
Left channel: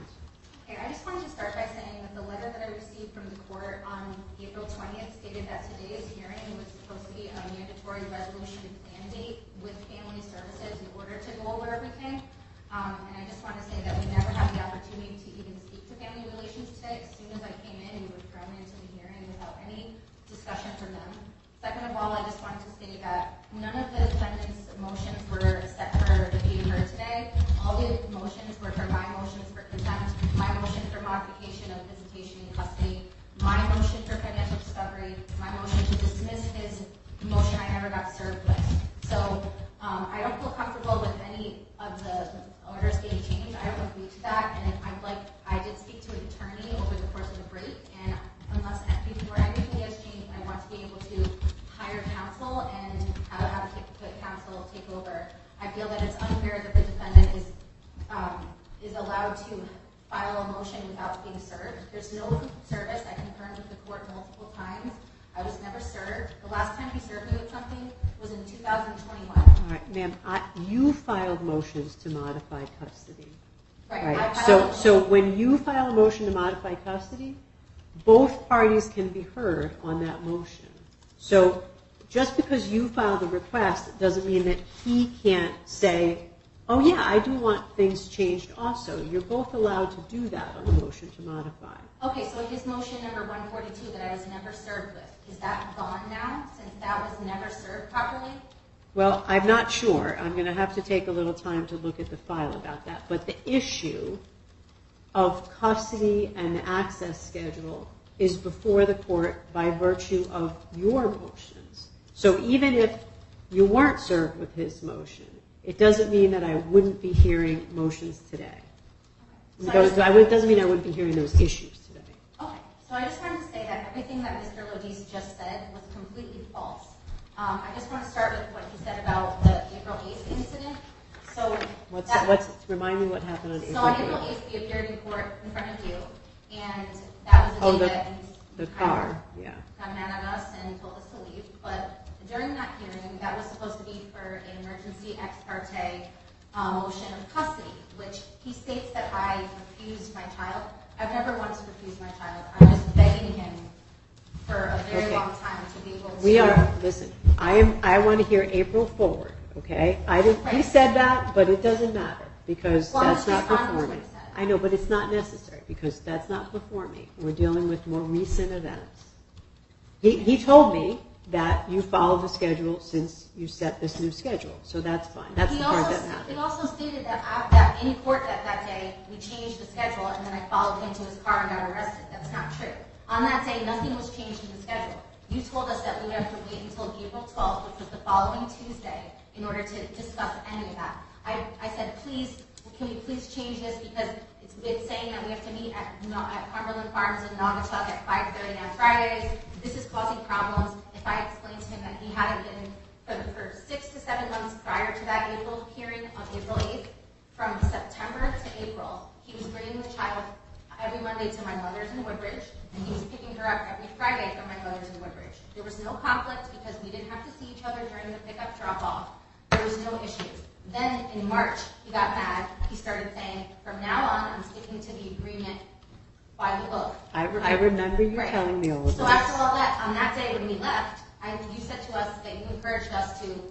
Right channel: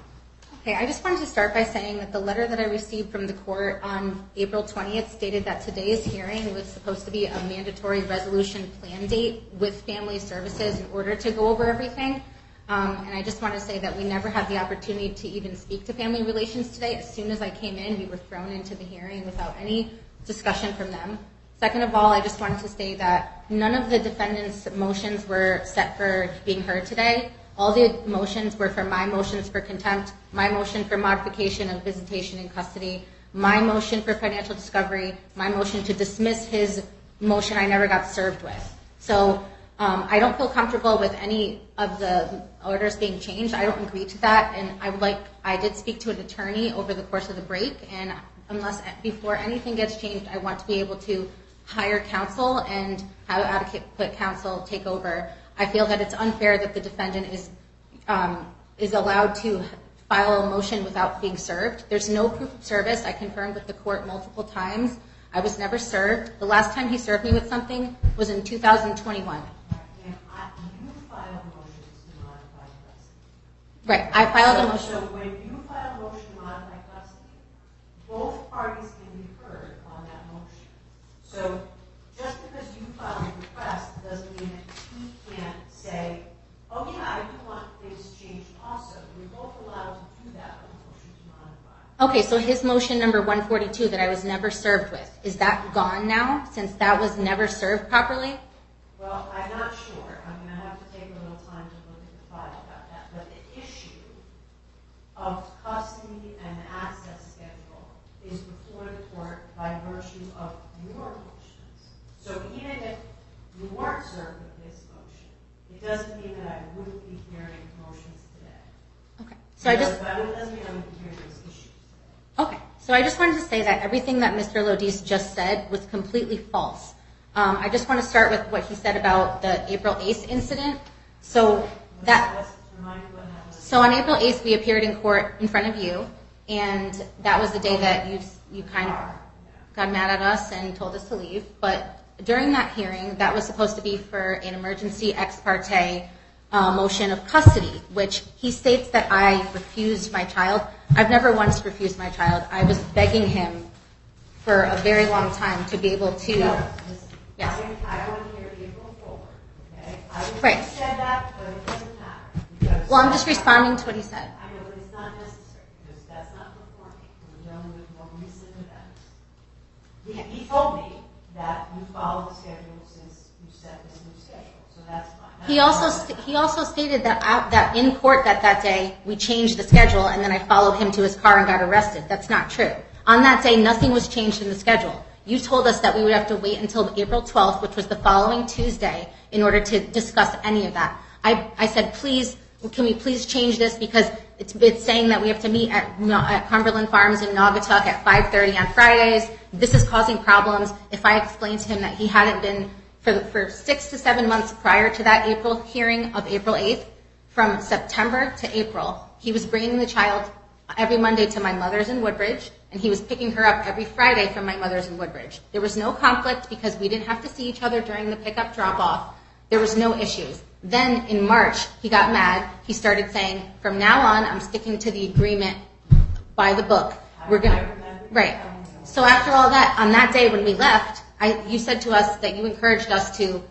Okay, I just wanted to start by saying that the letter that I received from the court on April 20th stated that today's hearing was supposed to be a mandatory resolution plan date with family services in order to go over everything. And I just want to say that we never had the opportunity to even speak to Family Relations today. As soon as I came in, we were thrown into the hearing without any discussion from them. Second of all, I just wanted to say that none of the defendants' motions were set for being heard today. All the motions were for my motions for contempt, my motion for modification of visitation in custody, my motion for financial discovery, my motion to dismiss his motion I never got served with. So I don't feel comfortable with any of the orders being changed. I don't agree to that, and I did speak to an attorney over the course of the break, and before anything gets changed, I want to be able to hire counsel and have adequate counsel take over. I feel that it's unfair that the defendant is allowed to file a motion without being served. There's no proof of service. I confirmed with the court multiple times. I was never served. The last time he served me with something was in 2021. All right, ma'am, you filed motions to modify custody. Right. I filed a motion. So when you file a motion to modify custody, both parties can be heard on that motion. So just because you filed a request doesn't mean that he can't say, oh yeah, I do want things changed also. You're both allowed to do that on a motion to modify. Okay, so his motion number 142 that I was never served with, is that gone now since that was never served properly? Well, I'm not sure. I'm going to have to take a little time to look at the file about that. But the issue of custody and the access schedule is before the court by virtue of your motions. So even if you weren't served with his motion, it doesn't mean that I wouldn't be hearing motions today. Okay. So it doesn't mean I wouldn't be hearing those issues today. Okay. So I just wanted to say that everything that Mr. Lodice just said was completely false. I just want to start with what he said about the April 8th incident. So remind me what happened on April 8th. So on April 8th, we appeared in court in front of you, and that was the day that you kind of got mad at us and told us to leave. But during that hearing, that was supposed to be for an emergency ex parte motion of custody, which he states that I refused my child. I've never once refused my child. I was begging him for a very long time to be able to. We are, listen, I want to hear April forward, okay? He Right. said that, but it doesn't matter, because. Well, I'm that's just not responding to before what he me. said. I know, but it's not necessary, because that's not before me. We're dealing with more recent events. He told me that you followed the schedule since you set this new schedule, so that's fine. That's He the part also that matters. he also stated that in court that day we changed the schedule and then I followed him to his car and got arrested. That's not true. On that day, nothing was changed in the schedule. You told us that we would have to wait until April 12th, which was the following Tuesday, in order to discuss any of that. I said, please, can we please change this, because it's saying that we have to meet at Cumberland Farms in Naugatuck at 5:30 on Fridays. This is causing problems. If I explained to him that he hadn't been for 6 to 7 months prior to that April hearing of April 8th, from September to April, he was bringing the child every Monday to my mother's in Woodbridge, and he was picking her up every Friday from my mother's in Woodbridge. There was no conflict because we didn't have to see each other during the pickup drop-off. There was no issues. Then in March, he got mad. He started saying, from now on, I'm sticking to the agreement by the book. I remember you Right. telling me all of So that. after all that, on that day when we left, you said to us that you encouraged us to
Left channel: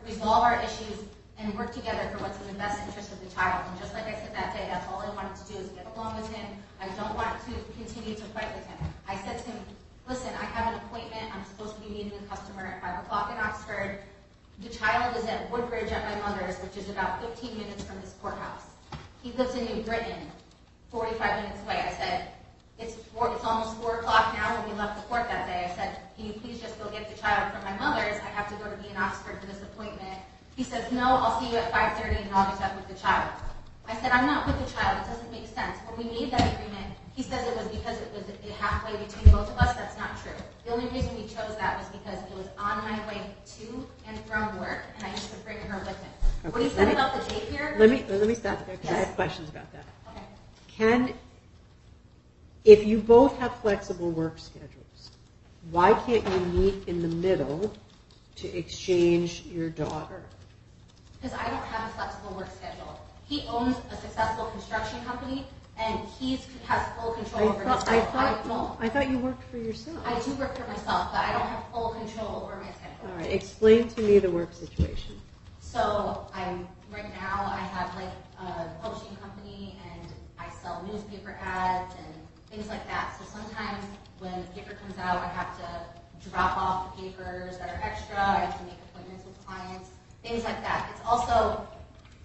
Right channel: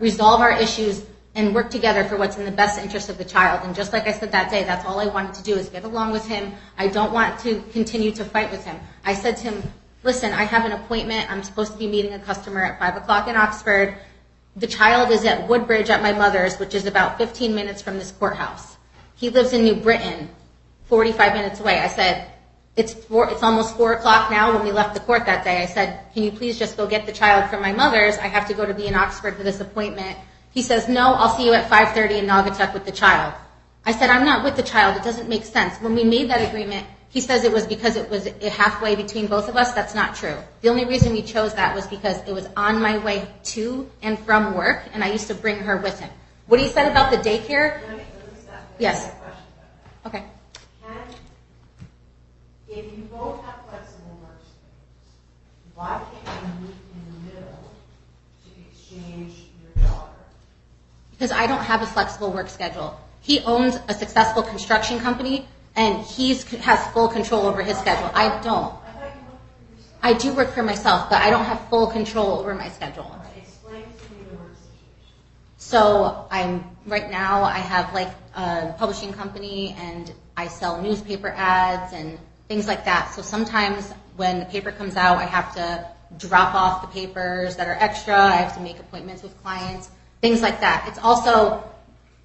resolve our issues and work together for what's in the best interest of the child. And just like I said that day, that's all I wanted to do is get along with him. I don't want to continue to fight with him. I said to him, listen, I have an appointment. I'm supposed to be meeting a customer at 5 o'clock in Oxford. The child is at Woodbridge at my mother's, which is about 15 minutes from this courthouse. He lives in New Britain, 45 minutes away. I said, it's almost 4 o'clock now. When we left the court that day, I said, can you please just go get the child from my mother's? I have to go to be in Oxford for this appointment. He says, no, I'll see you at 5:30 in Naugatuck with the child. I said, I'm not with the child. It doesn't make sense. When we made that agreement, he says it was because it was halfway between both of us. That's not true. The only reason we chose that was because it was on my way to and from work, and I used to bring her with him. What he said about the daycare? Let me stop there. Yes. I have questions about that. Okay. If you both have flexible work schedules, why can't you meet in the middle to exchange your daughter? Because I don't have a flexible work schedule. He owns a successful construction company, and he has full control over his schedule. I don't. I thought you worked for yourself. I do work for myself, but I don't have full control over my schedule. All right, explain to me the work situation. So right now I have like a publishing company, and I sell newspaper ads and things like that. So sometimes when the paper comes out, I have to drop off the papers that are extra. I have to make appointments with clients, things like that. It's also,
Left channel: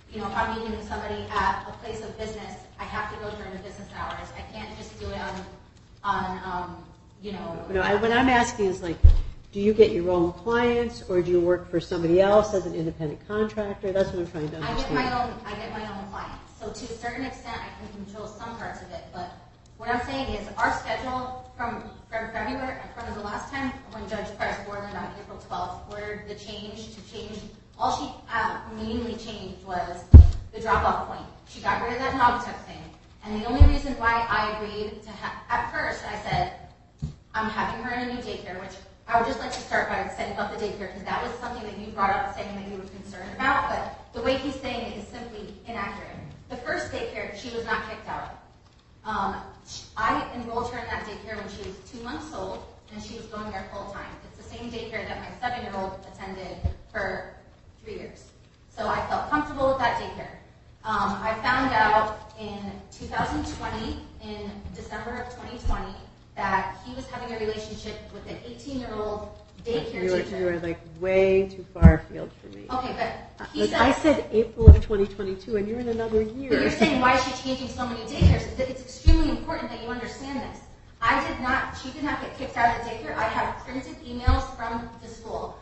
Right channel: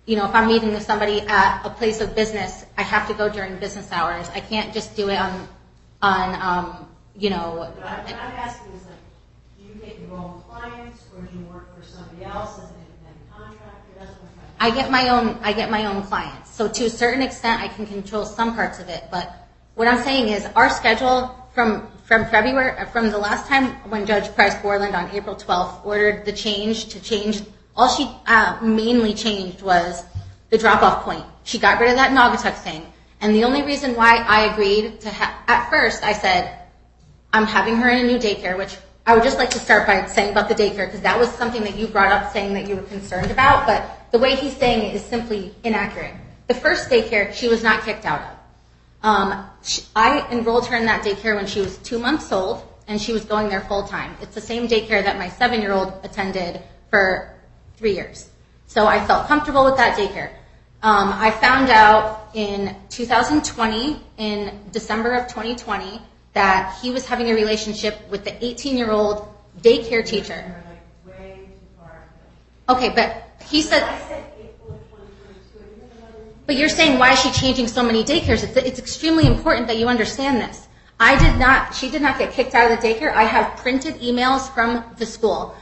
if I'm meeting with somebody at a place of business, I have to go during business hours. I can't just do it on. What I'm asking is do you get your own clients, or do you work for somebody else as an independent contractor? That's what I'm trying to understand. I get my own clients. So to a certain extent, I can control some parts of it. But what I'm saying is our schedule from February, from the last time when Judge Price Borland on April 12th ordered the change, all she mainly changed was the drop-off point. She got rid of that Naugatuck thing. And the only reason why I agreed to at first, I said, I'm having her in a new daycare, which I would just like to start by saying about the daycare, because that was something that you brought up saying that you were concerned about, but the way he's saying it is simply inaccurate. The first daycare, she was not kicked out of. I enrolled her in that daycare when she was 2 months old, and she was going there full time. It's the same daycare that my 7-year-old attended for 3 years. So I felt comfortable with that daycare. I found out in 2020, in December of 2020, that he was having a relationship with the 18-year-old daycare teacher. You were way too far afield for me. Okay, but he said... I said April of 2022, and you're in another year. But you're saying, why is she changing so many daycares? It's extremely important that you understand this. She did not get kicked out of the daycare. I have printed emails from the school.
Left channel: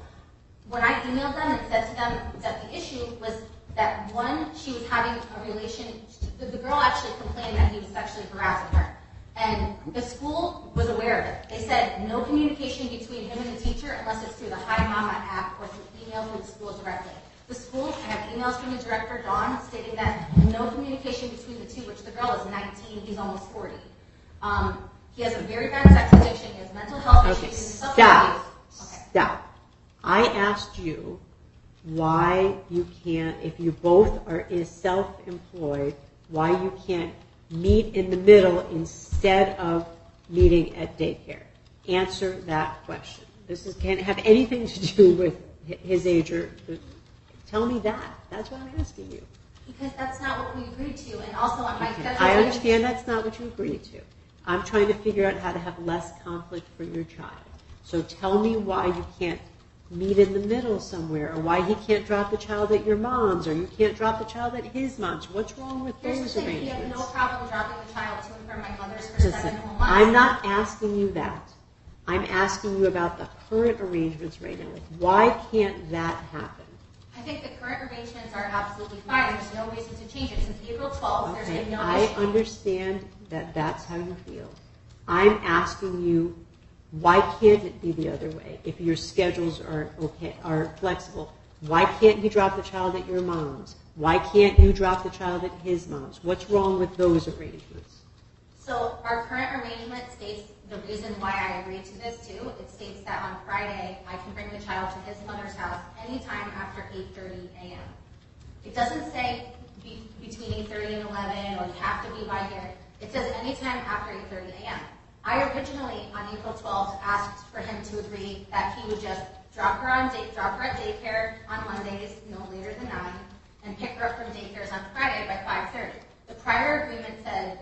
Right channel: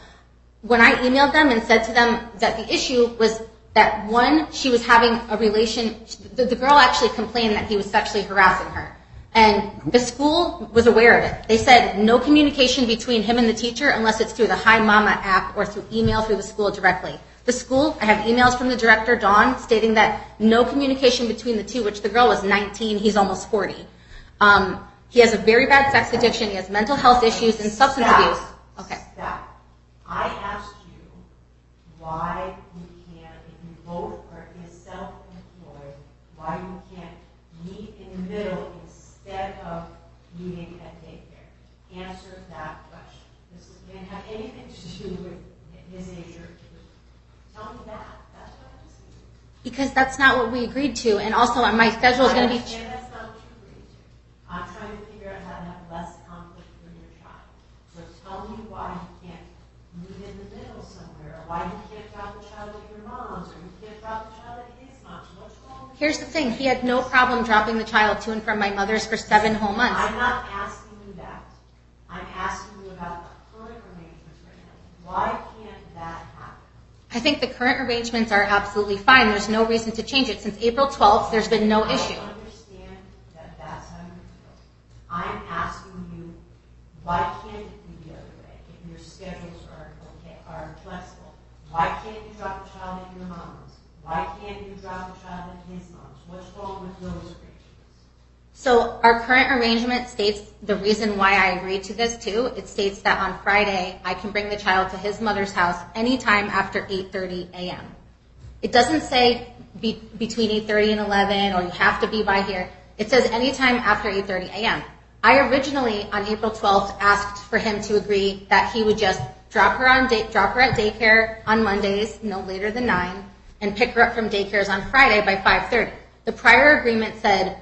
When I emailed them and said to them that the issue was that, one, she was having a relation... The girl actually complained that he was sexually harassing her. And the school was aware of it. They said no communication between him and the teacher unless it's through the Hi Mama app or through email through the school directly. The school, I have emails from the director, Dawn, stating that no communication between the two, which the girl was 19, he's almost 40. He has a very bad sex addiction, he has mental health issues and substance abuse. Okay. Stop. I asked you why you can't, if you both is self-employed, why you can't meet in the middle instead of meeting at daycare. answer that question. Can't have anything to do with his age or, tell me that. That's what I'm asking you. Because that's not what we agreed to, and also on my schedule is I going to be... understand that's not what you agreed to. I'm trying to figure out how to have less conflict for your child. So tell me why you can't meet in the middle somewhere, or why he can't drop the child at your mom's, or you can't drop the child at his mom's. What's wrong with Here's the those thing, he had no arrangements? problem dropping the child to and from my mother's for 7 whole months. I'm not asking you that. I'm asking you about the current arrangements right now. Like, why can't that happen? I think the current arrangements are absolutely fine. There's no reason to change it. Since April 12th, there's been no I issue. understand that that's how you feel. I'm asking you, why can't it be the other way? If your schedules are flexible, why can't you drop the child at your mom's? Why can't you drop the child at his mom's? What's wrong with those arrangements? So our current arrangement states the reason why I agreed to this too. It states that on Friday, I can bring the child to his mother's house anytime after 8:30 a.m. It doesn't say between 8:30 and 11, or you have to be by here. It says anytime after 8:30 a.m. I originally, on April 12th, asked for him to agree that he would just drop her at daycare on Mondays, no later than 9, and pick her up from daycares on Friday by 5:30. The prior agreement said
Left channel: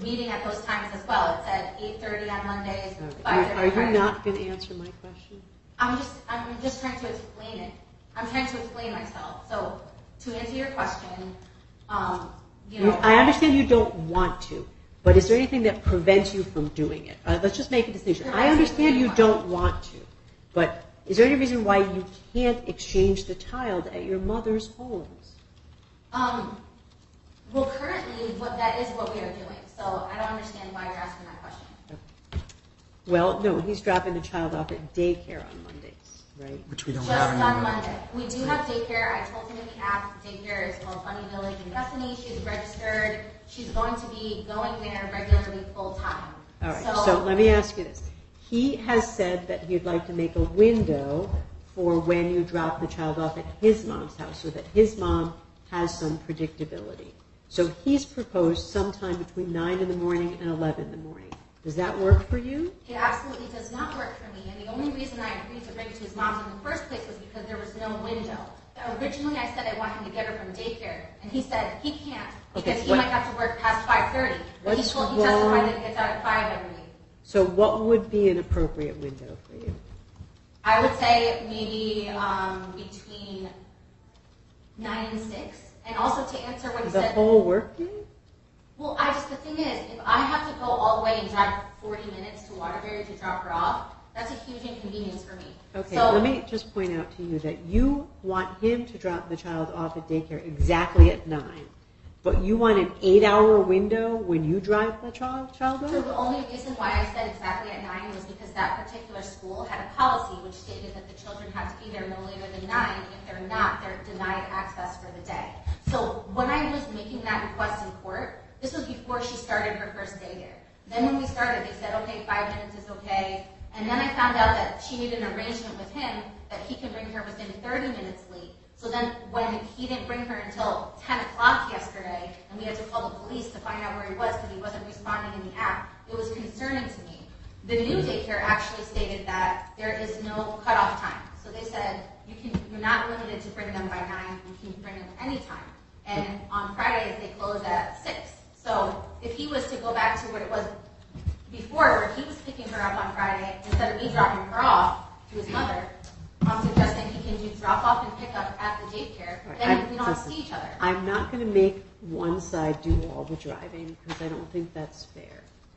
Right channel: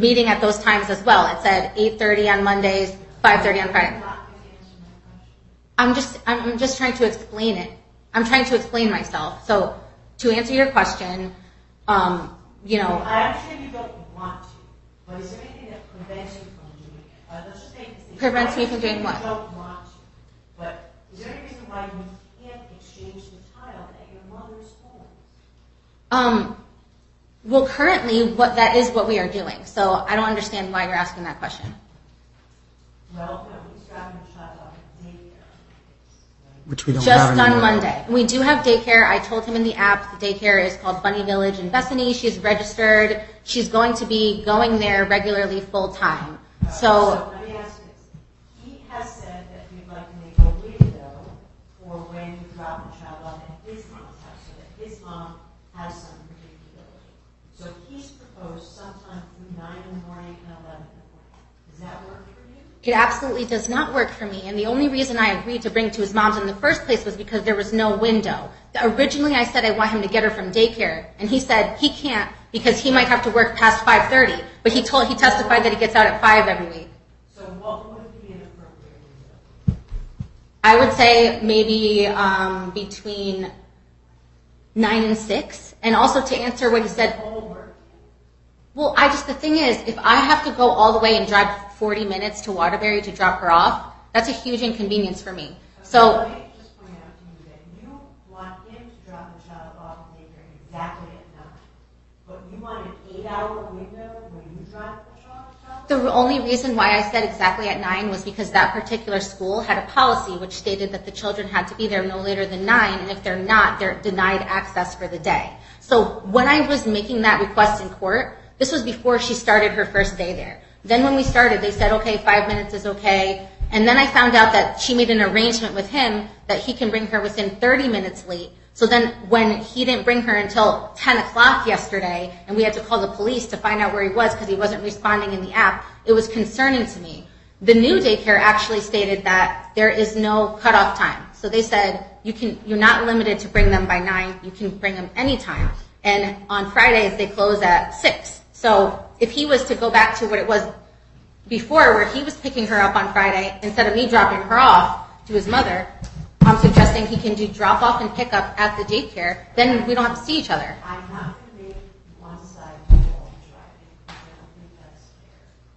meeting at those times as well. It said 8:30 on Mondays, 5:30 on Friday. Are you not going to answer my question? I'm just trying to explain it. I'm trying to explain myself. So to answer your question, I understand you don't want to, but is there anything that prevents you from doing it? Let's just make a decision. I Prevents me from understand doing you what? don't want to, but is there any reason why you can't exchange the child at your mother's homes? Well, currently, that is what we are doing. So I don't understand why you're asking that question. Well, no, he's dropping the child off at daycare on Mondays, right? Which we don't Just have anymore. on Monday. We do have daycare. I told him in the app, the daycare is called Bunny Village in Bethany. She's registered. She's going to be going there regularly full time. All right, so let me ask you this. He has said that he'd like to make a window for when you drop the child off at his mom's house, so that his mom has some predictability. So he's proposed sometime between 9 in the morning and 11 in the morning. Does that work for you? It absolutely does not work for me. And the only reason I agreed to bring to his mom's in the first place was because there was no window. Originally, I said I want him to get her from daycare. And he said he can't because he might have to work past 5:30. But he testified that he gets out at 5 every week. So what would be an appropriate window for you? I would say maybe between 9 and 6. And also to answer what he The said, whole work day? well, the thing is, if I have to go all the way and drive 40 minutes to Waterbury to drop her off, that's a huge inconvenience for me. Okay, So let me just point out to you that you want him to drop the child off at daycare exactly at 9, but you want an 8-hour window when you drive the child off? the only reason why I said exactly at 9 was because that particular school had a policy which stated that the children had to be there no later than 9, and if they're not, they're denied access for the day. So when I was making that request in court, this was before she started her first day there. Then when we started, they said, okay, 5 minutes is okay. And then I found out that she made an arrangement with him that he can bring her within 30 minutes late. So then when he didn't bring her until 10 o'clock yesterday, and we had to call the police to find out where he was because he wasn't responding in the app, it was concerning to me. The new daycare actually stated that there is no cutoff time. So they said, you're not limited to bring them by 9, you can bring them anytime. And on Fridays, they close at 6. So if he was to go back to what it was before, where he was picking her up on Friday, instead of me dropping her off to his mother, I'm suggesting he can do drop off and pick up at the daycare, then we don't have to see each other. I'm not going to make one side do all the driving because I don't think that's fair.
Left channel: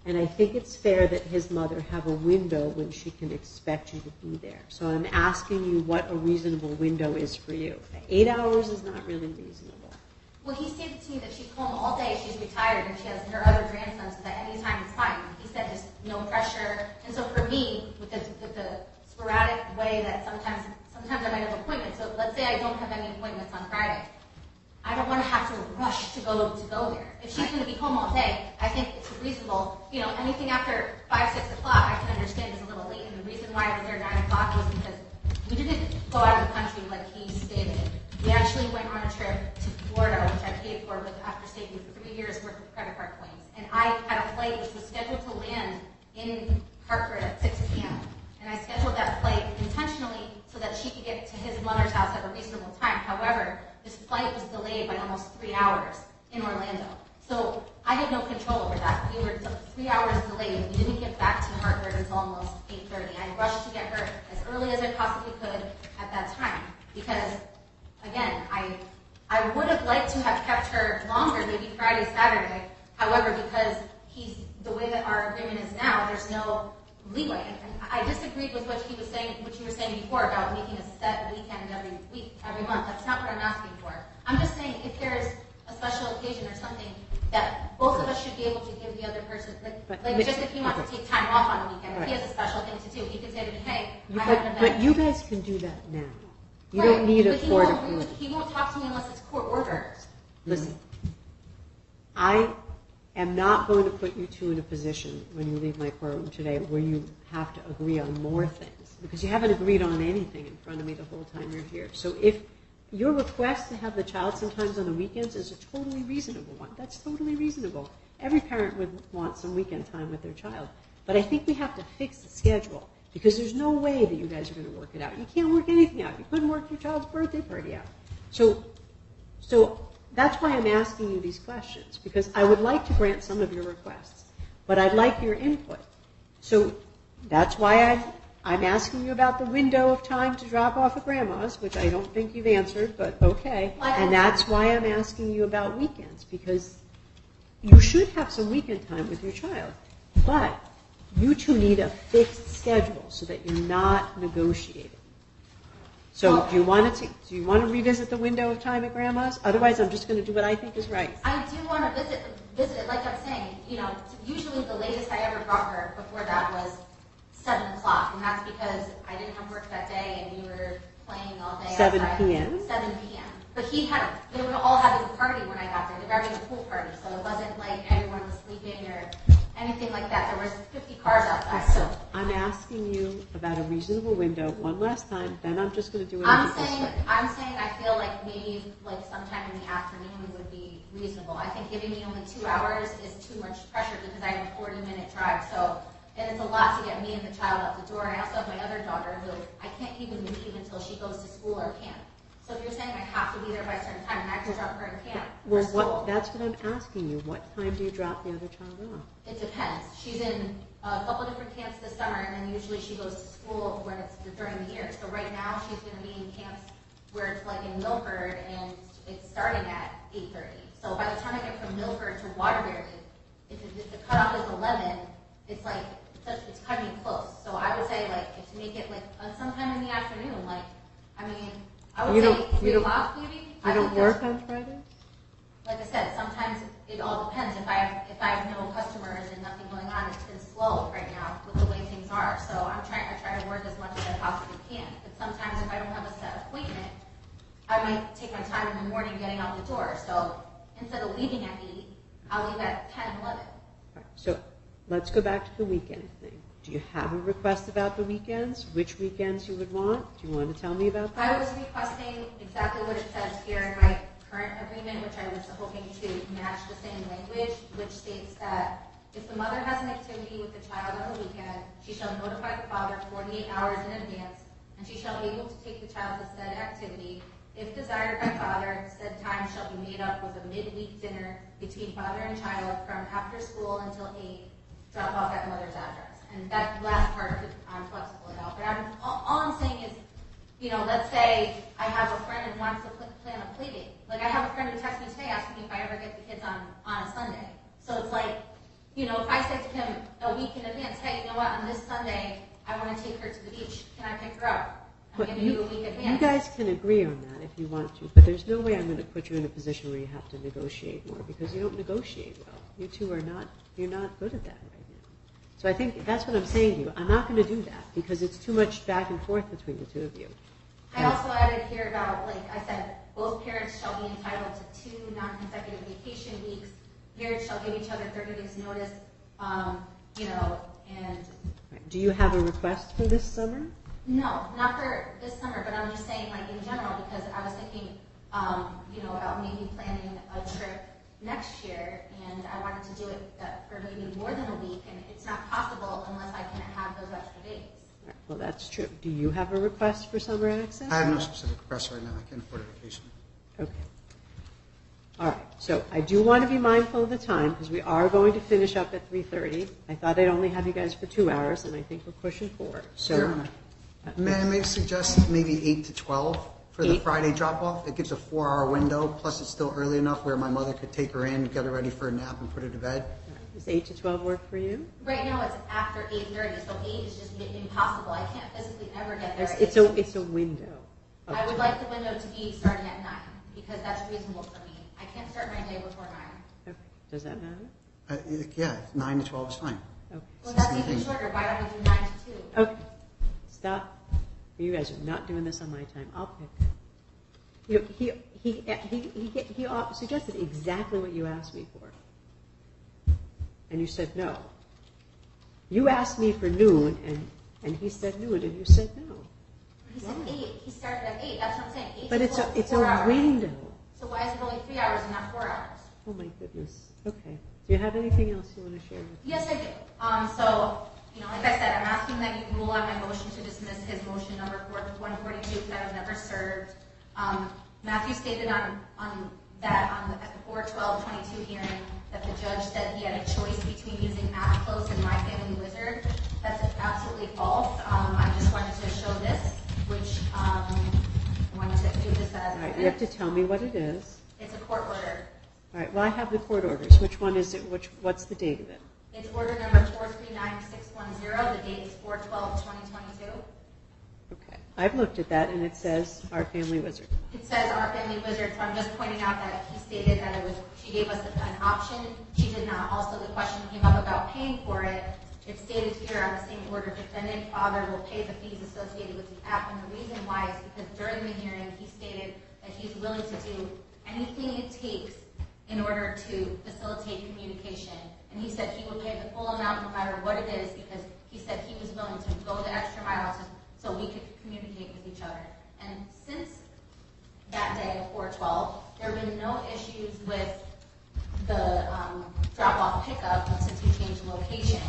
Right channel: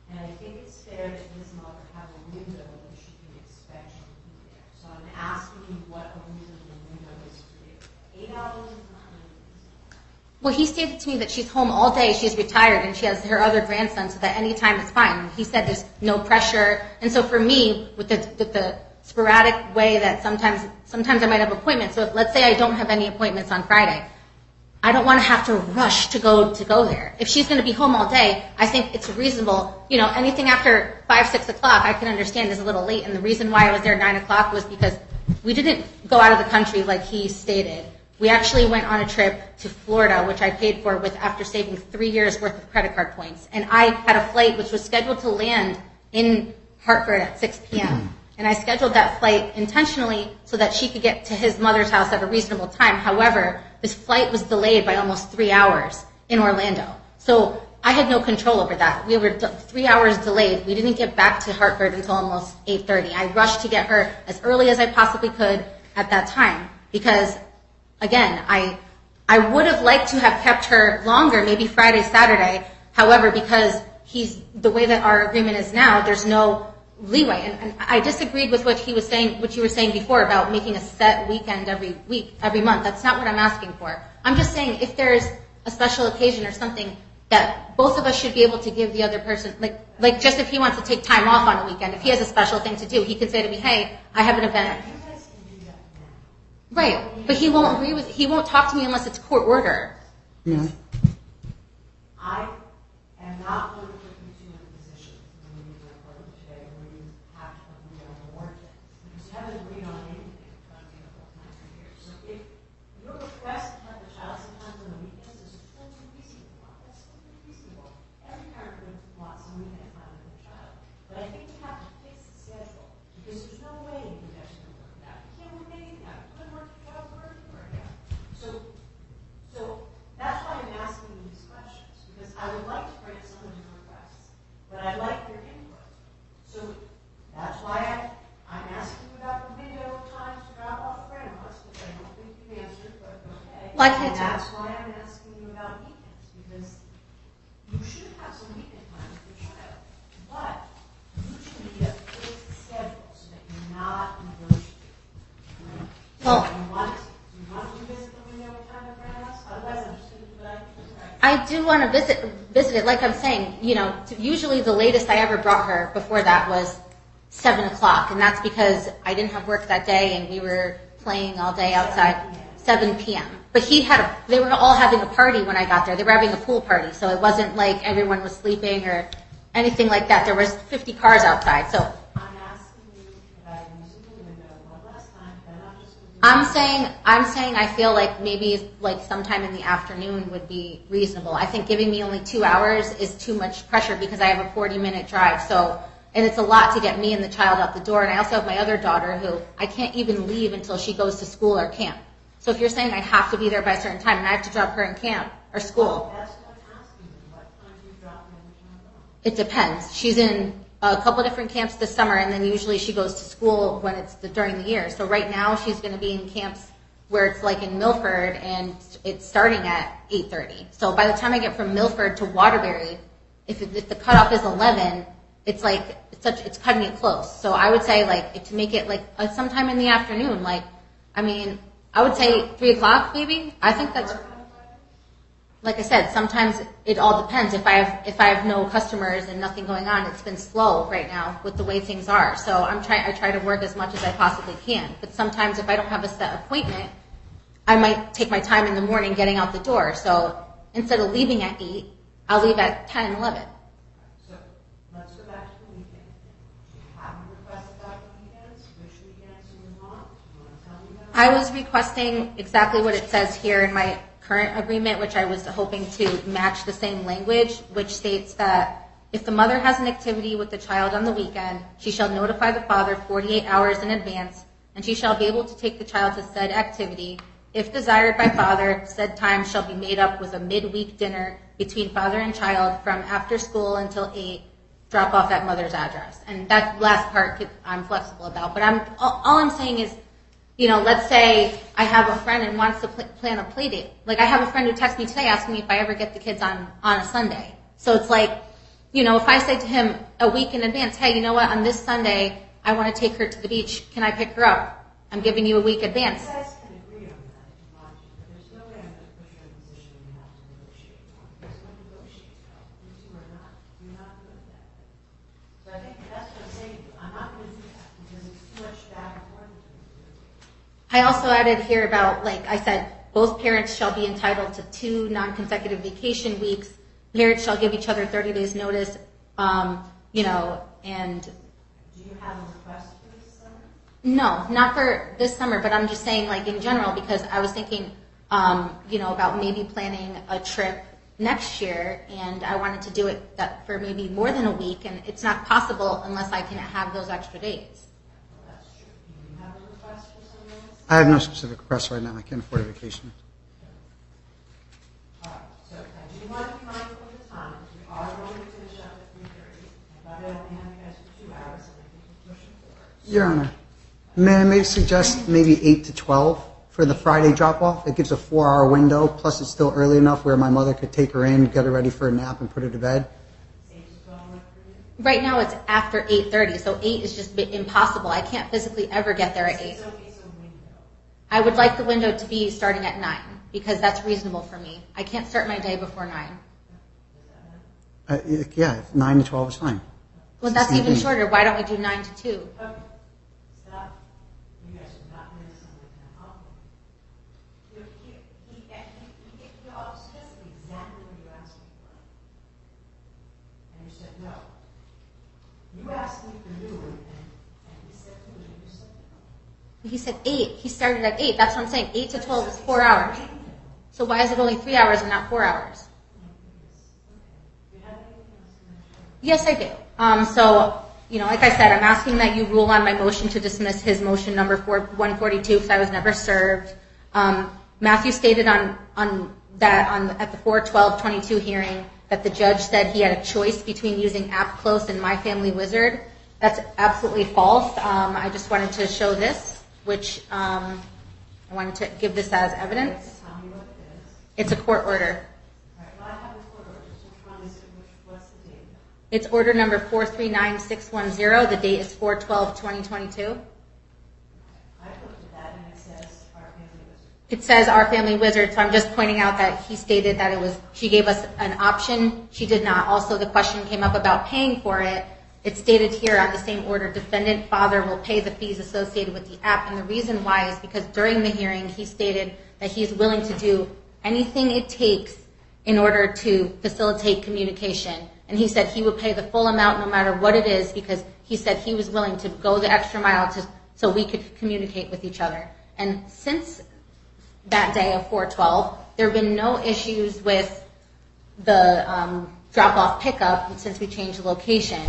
And I think it's fair that his mother have a window when she can expect you to be there. So I'm asking you what a reasonable window is for you. 8 hours is not really reasonable. Well, he stated to me that she's home all day, she's retired, and she has her other grandson, so that any time is fine. He said there's no pressure. And so for me, with the sporadic way that sometimes I might have appointments, so if, let's say I don't have any appointments on Friday, I don't want to have to rush to go there. If she's going to be home all day, I think it's reasonable. Anything after 5, 6 o'clock, I can understand is a little late. And the reason why I was there at 9 o'clock was because we didn't go out of the country like he stated. We actually went on a trip to Florida, which I paid for after saving 3 years worth of credit card points. And I had a flight which was scheduled to land in Hartford at 6 p.m. And I scheduled that flight intentionally so that she could get to his mother's house at a reasonable time. However, this flight was delayed by almost 3 hours in Orlando. So I had no control over that. We were 3 hours delayed. We didn't get back to Hartford until almost 8:30. I rushed to get her as early as I possibly could at that time because, again, I would have liked to have kept her longer, maybe Friday, Saturday. However, because the way that our agreement is now, there's no leeway. And I disagreed with what you were saying before about making a set weekend every month. That's not what I'm asking for. I'm just saying if there's a special occasion or something that both of us should be able to give the other person, like just if he wants to take time off on a weekend, if he has a special thing to do, he can say to me, hey, I have an event. But you guys can do that now. Right, but he won't talk to me unless it's court order. Listen, I am not going to put you two in a position when you leave my courtroom today where you have to agree on more things because you haven't agreed on anything in front of me the whole time you're here. So if your request to have the child sometimes on the weekends is a totally reasonable one, that's totally reasonable. Every parent would want some weekend time with their child. But I think we have to fix the schedule because there's no way that you guys are going to work it out. You can't work anything out. You couldn't work your child's birthday party out. So that's why I'm asking you these questions, because I would like to grant some of your requests, but I'd like your input. So that's why I'm asking you about the window of time to drop off at grandma's, which I don't think you've answered, but okay. And that's why I'm asking you about weekends, because you should have some weekend time with your child. But you two need a fixed schedule so that you're not negotiating. So do you want to revisit the window of time at grandma's? Otherwise, I'm just going to do what I think is right. I do want to visit it. Like I'm saying, usually the latest I ever brought her before that was 7 o'clock, and that's because I didn't have work that day and we were playing all day outside. 7 p.m.? 7 p.m. But they were all having a party when I got there. They were having a pool party, so it wasn't like everyone was sleeping or anything like that. There was 50 cars outside, so. I'm asking you about a reasonable window one last time, then I'm just going to do it. I'm saying I feel like maybe like sometime in the afternoon would be reasonable. I think giving me only 2 hours is too much pressure because I have a 40-minute drive, so. And it's a lot to get me and the child out the door. And I also have my other daughter who I can't even leave until she goes to school or camp. So if you're saying I have to be there by a certain time and I have to drop her in camp or school. That's what I'm asking you. What time do you drop the other child off? It depends. She's in a couple different camps this summer, and then usually she goes to school when it's during the year. So right now she's going to be in camps where it's like in Milford, and it's starting at 8:30. So by the time I get from Milford to Waterbury, if the cutoff is 11, it's like it's cutting it close. So I would say to make it sometime in the afternoon. I would say 3 o'clock maybe. I think that's. Work on Friday? Like I said, sometimes it all depends. If I have no customers and nothing going on, it's been slow right now with the way things are. So I try to work as much as I possibly can. But sometimes if I don't have a set appointment, I might take my time in the morning getting out the door. So instead of leaving at 8, I'll leave at 10, 11. Right. So let's go back to the weekend thing. Do you have a request about the weekends? Which weekends you would want? Do you want to tell me about that? I was requesting exactly what it says here in my current agreement, which I was hoping to match the same language, which states that if the mother has an activity with the child on the weekend, she shall notify the father 48 hours in advance, and she shall be able to take the child to said activity. If desired by father, said time shall be made up with a midweek dinner between father and child from after school until 8, drop off at mother's address. And that last part I'm flexible about. But all I'm saying is, let's say I have a friend and wants to plan a play date. Like I have a friend who texted me today asking me if I ever get the kids on a Sunday. So it's like, if I say to him a week in advance, hey, you know what, on this Sunday, I want to take her to the beach. Can I pick her up? I'm giving you a week advance. You guys can agree on that if you want to, but there's no way I'm going to put you in a position where you have to negotiate more because you don't negotiate well. You two you're not good at that right now. So I think that's what I'm saying to you. I'm not going to do that because it's too much back and forth between the two of you. I also added here about, like I said, both parents shall be entitled to 2 non-consecutive vacation weeks. Parents shall give each other 30 days notice, and... Do you have a request for this summer? No, not for this summer, but I'm just saying, in general, because I was thinking, about maybe planning a trip, next year, and I wanted to do it for maybe more than a week, and it's not possible unless I can have those extra days. Well, that's true. Do you have a request for summer access? I have no specific requests right now. I can't afford a vacation. Okay. All right, so I do want to be mindful of the time, because we are going to finish up at 3:30. I thought I'd only have you guys for 2 hours, and I think we're pushing 4. So, Your Honor, may I maybe suggest maybe 8 to 12 for the Friday drop-off? It gives a 4-hour window, plus it's still early enough where my mother could take her in, get her ready for a nap, and put her to bed. Does 8 to 12 work for you? Right now it's after 8:30, so 8 is just impossible. I can't physically ever get there at 8. It's a window. I would like the window to be starting at 9, because that's reasonable for me. I can't start my day before 9. Okay. Does that matter? Yeah, 9 to 12 is fine. Okay. Well, that's Same even thing. shorter. Why don't we do 9 to 2? Okay. Stop. You guys are not doing this on my time. I'll pick. He suggested exactly what you asked me for. And you said no. You asked me for noon, and he said noon, and you said no. He said 8. He started at 8. That's what I'm saying. 8 But to 12 is it's 4 a hours. window. So why is it only 3 hours and not 4 hours? Oh my goodness. Okay. Do you have anything else you want to share? Yes, I do. So, like I said, I'm asking that you rule on my motion to dismiss his motion number 142 because I was never served. Matthew stated at the 4/12/22 hearing that the judge said he had a choice between using AppClose and My Family Wizard. That's absolutely false. I just wanted to show this, which I wanted to give this as evidence. You have to tell me what it is. It's a court order. All right. Well, I have the court orders. Which one is it? What's the date of it? It's order number 439610. The date is 4/12/2022. Okay. I've looked at that, and it says Our Family Wizard. It says Our Family Wizard, so I'm just pointing out that he stated that she gave us an option. She did not. Also, the question came up about paying for it. It stated here on the same order, defendant father will pay the fees associated with the app, and the reason why is because during the hearing, he stated that he's willing to do anything it takes in order to facilitate communication. And he said he would pay the full amount no matter what it is because he said he was willing to go the extra mile so we could communicate with each other. And since that day of 4/12, there have been no issues with the drop-off pickup since we changed the location.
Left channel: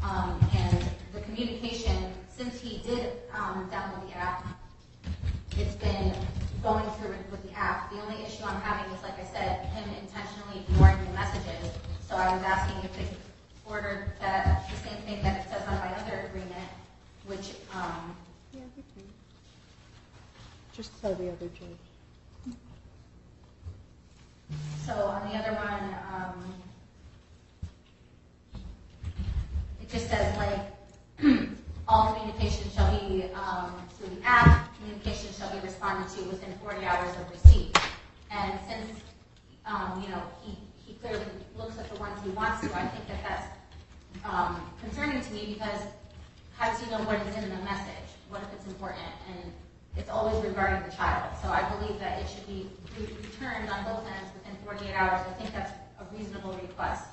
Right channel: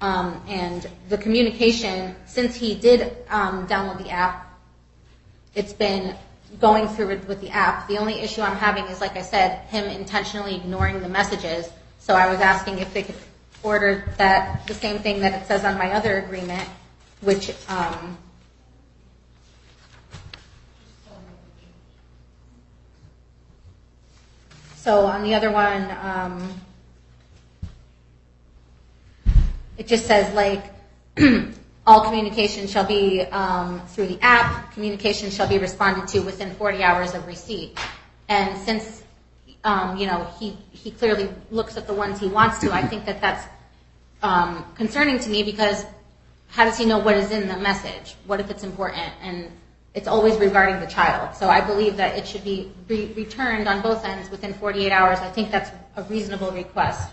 And the communication, since he did download the app, it's been going through with the app. The only issue I'm having is, like I said, him intentionally ignoring the messages. So I was asking if they could order the same thing that it says on my other agreement, which Just tell the other judge. so on the other one, it just says like all communication shall be through the app. Communication shall be responded to within 40 hours of receipt. And since he clearly looks at the ones he wants to, I think that's concerning to me because how does he know what is in the message? What if it's important? And it's always regarding the child. So I believe that it should be returned on both ends within 48 hours. I think that's a reasonable request.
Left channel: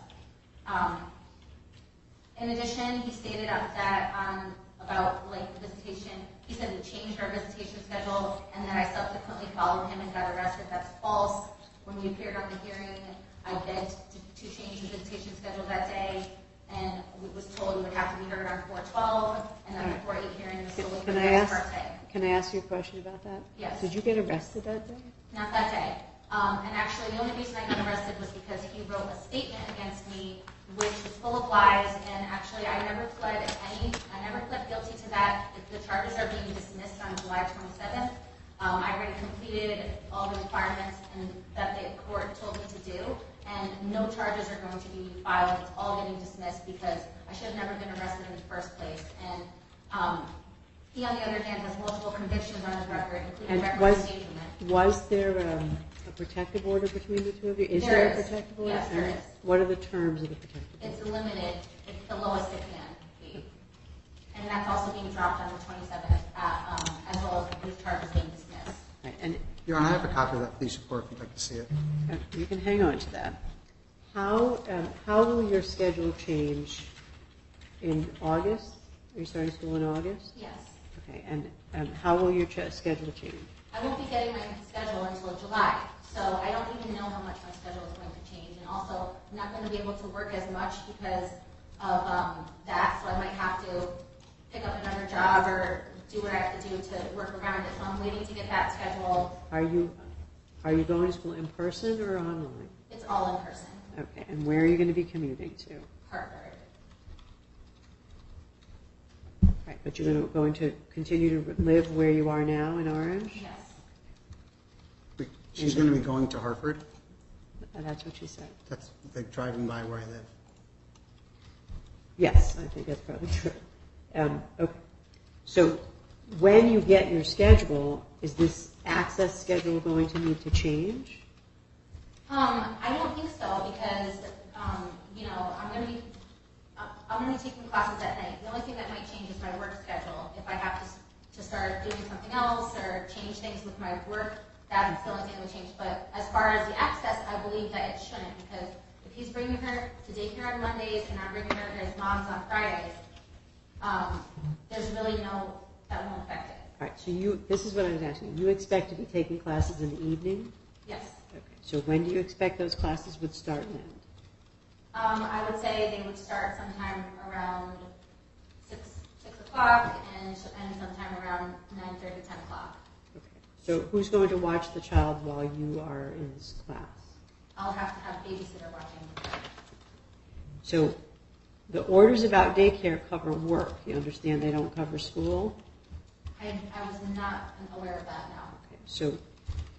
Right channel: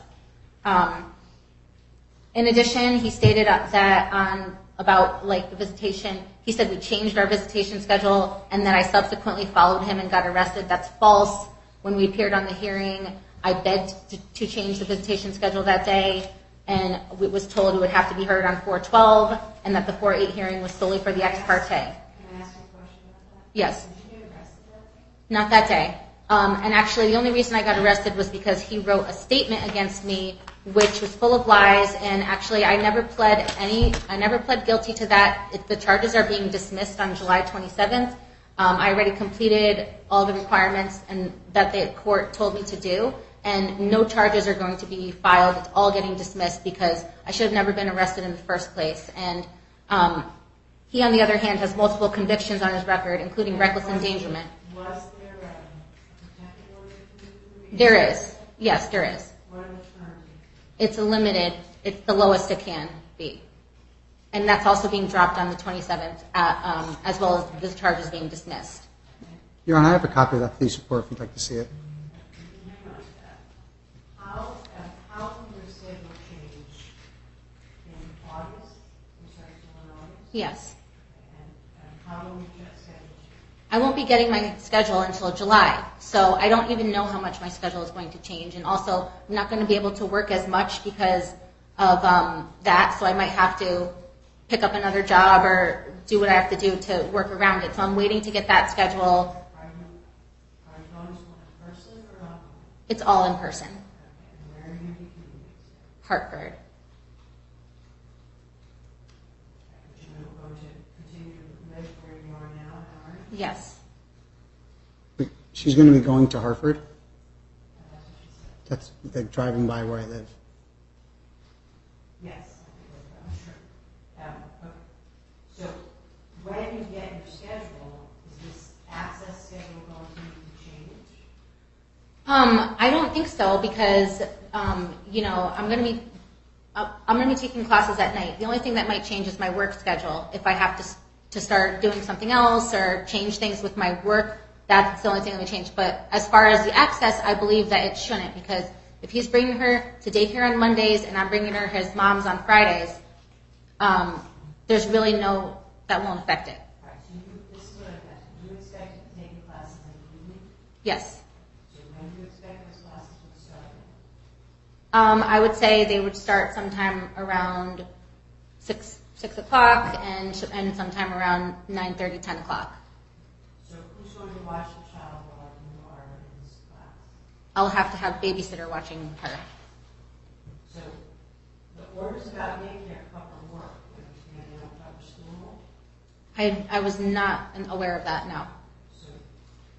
In addition, he stated that about like the visitation, he said we changed our visitation schedule and that I subsequently followed him and got arrested. That's false. When we appeared on the hearing, I begged to change the visitation schedule that day, and we was told it would have to be heard on 4/12, and that the 4/8 hearing was solely for the ex parte. Can I ask you a question about that? Yes. Did you get arrested that day? Not that day. And actually, the only reason I got arrested was because he wrote a statement against me, which was full of lies. And actually, I never pled guilty to that. The charges are being dismissed on July 27th. I already completed all the requirements and that the court told me to do, and no charges are going to be filed. It's all getting dismissed because I should have never been arrested in the first place. And he, on the other hand, has multiple convictions on his record, including reckless endangerment. Was there a protective order between the two of you? There is. Yes, there is. What are the terms of the protective order? It's a limited. It's the lowest it can be. And that's also being dropped on the 27th, as well as the charges being dismissed. Right, and Your Honor, I have a copy of that police report if you'd like to see it. you can hang on to that. How will your schedule change in August? Are you starting school in August? Yes. Okay, and how will your schedule change? I won't be getting my schedule until July, so I don't even know how much my schedule is going to change. And also, I'm not going to be able to work as much because of that, so I might have to pick up another job or do what I have to do to work around it. So I'm waiting to get that schedule. Are you going to school in person or online? It's all in person. Okay, and where are you going to be commuting to? Hartford. Right, but you're going to continue to live where you are now in Orange? Yes. Wait, she's going to be going to Hartford? That's what she said. That's like driving by where I live. Yes, I think that's probably true. Okay. So when you get your schedule, is this access schedule going to need to change? I don't think so because I'm going to be taking classes at night. The only thing that might change is my work schedule. If I have to start doing something else or change things with my work, that's the only thing that would change. But as far as the access, I believe that it shouldn't, because if he's bringing her to daycare on Mondays and I'm bringing her his mom's on Fridays, there's really that won't affect it. All right, so this is what I was asking. You expect to be taking classes in the evening? Yes. Okay. So when do you expect those classes would start and end? I would say they would start sometime around 6 o'clock and sometime around 9:30, 10 o'clock. Okay. So who's going to watch the child while you are in this class? I'll have to have babysitter watching her. So the orders about daycare cover work. You understand they don't cover school? I was not aware of that, no. So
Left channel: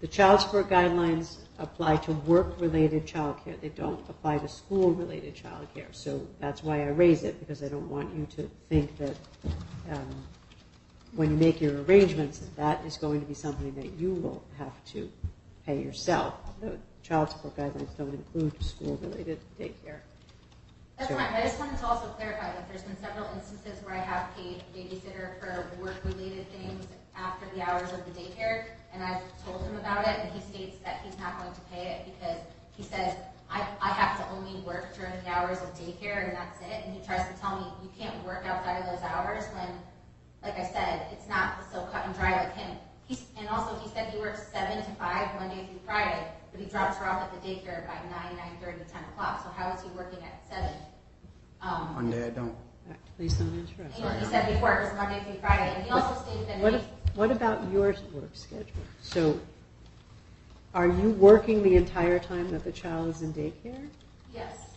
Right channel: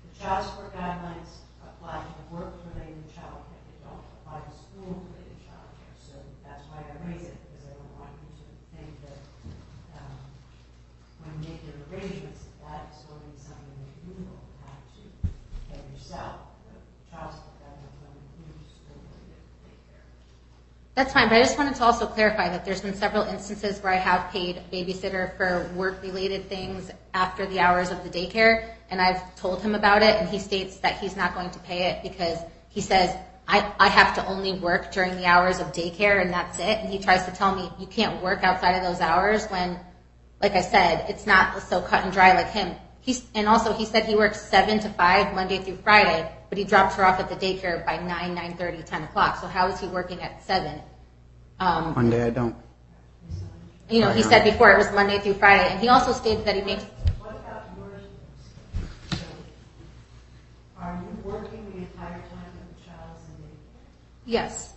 the child support guidelines apply to work-related childcare. They don't apply to school-related childcare. So that's why I raise it, because I don't want you to think that when you make your arrangements, that is going to be something that you will have to pay yourself. The child support guidelines don't include school-related daycare. That's fine, but I just wanted to also clarify that there's been several instances where I have paid babysitter for work-related things after the hours of the daycare, and I've told him about it, and he states that he's not going to pay it because he says, I have to only work during the hours of daycare, and that's it. And he tries to tell me, you can't work outside of those hours when, like I said, it's not so cut and dry like him. And also, he said he works 7 to 5, Monday through Friday, but he drops her off at the daycare by 9, 9:30, 10 o'clock. So how is he working at 7? Monday I don't. All right, please don't interrupt. You know, he said before it was Monday through Friday, and he also stated that he makes... What about your work schedule? So are you working the entire time that the child is in daycare? Yes.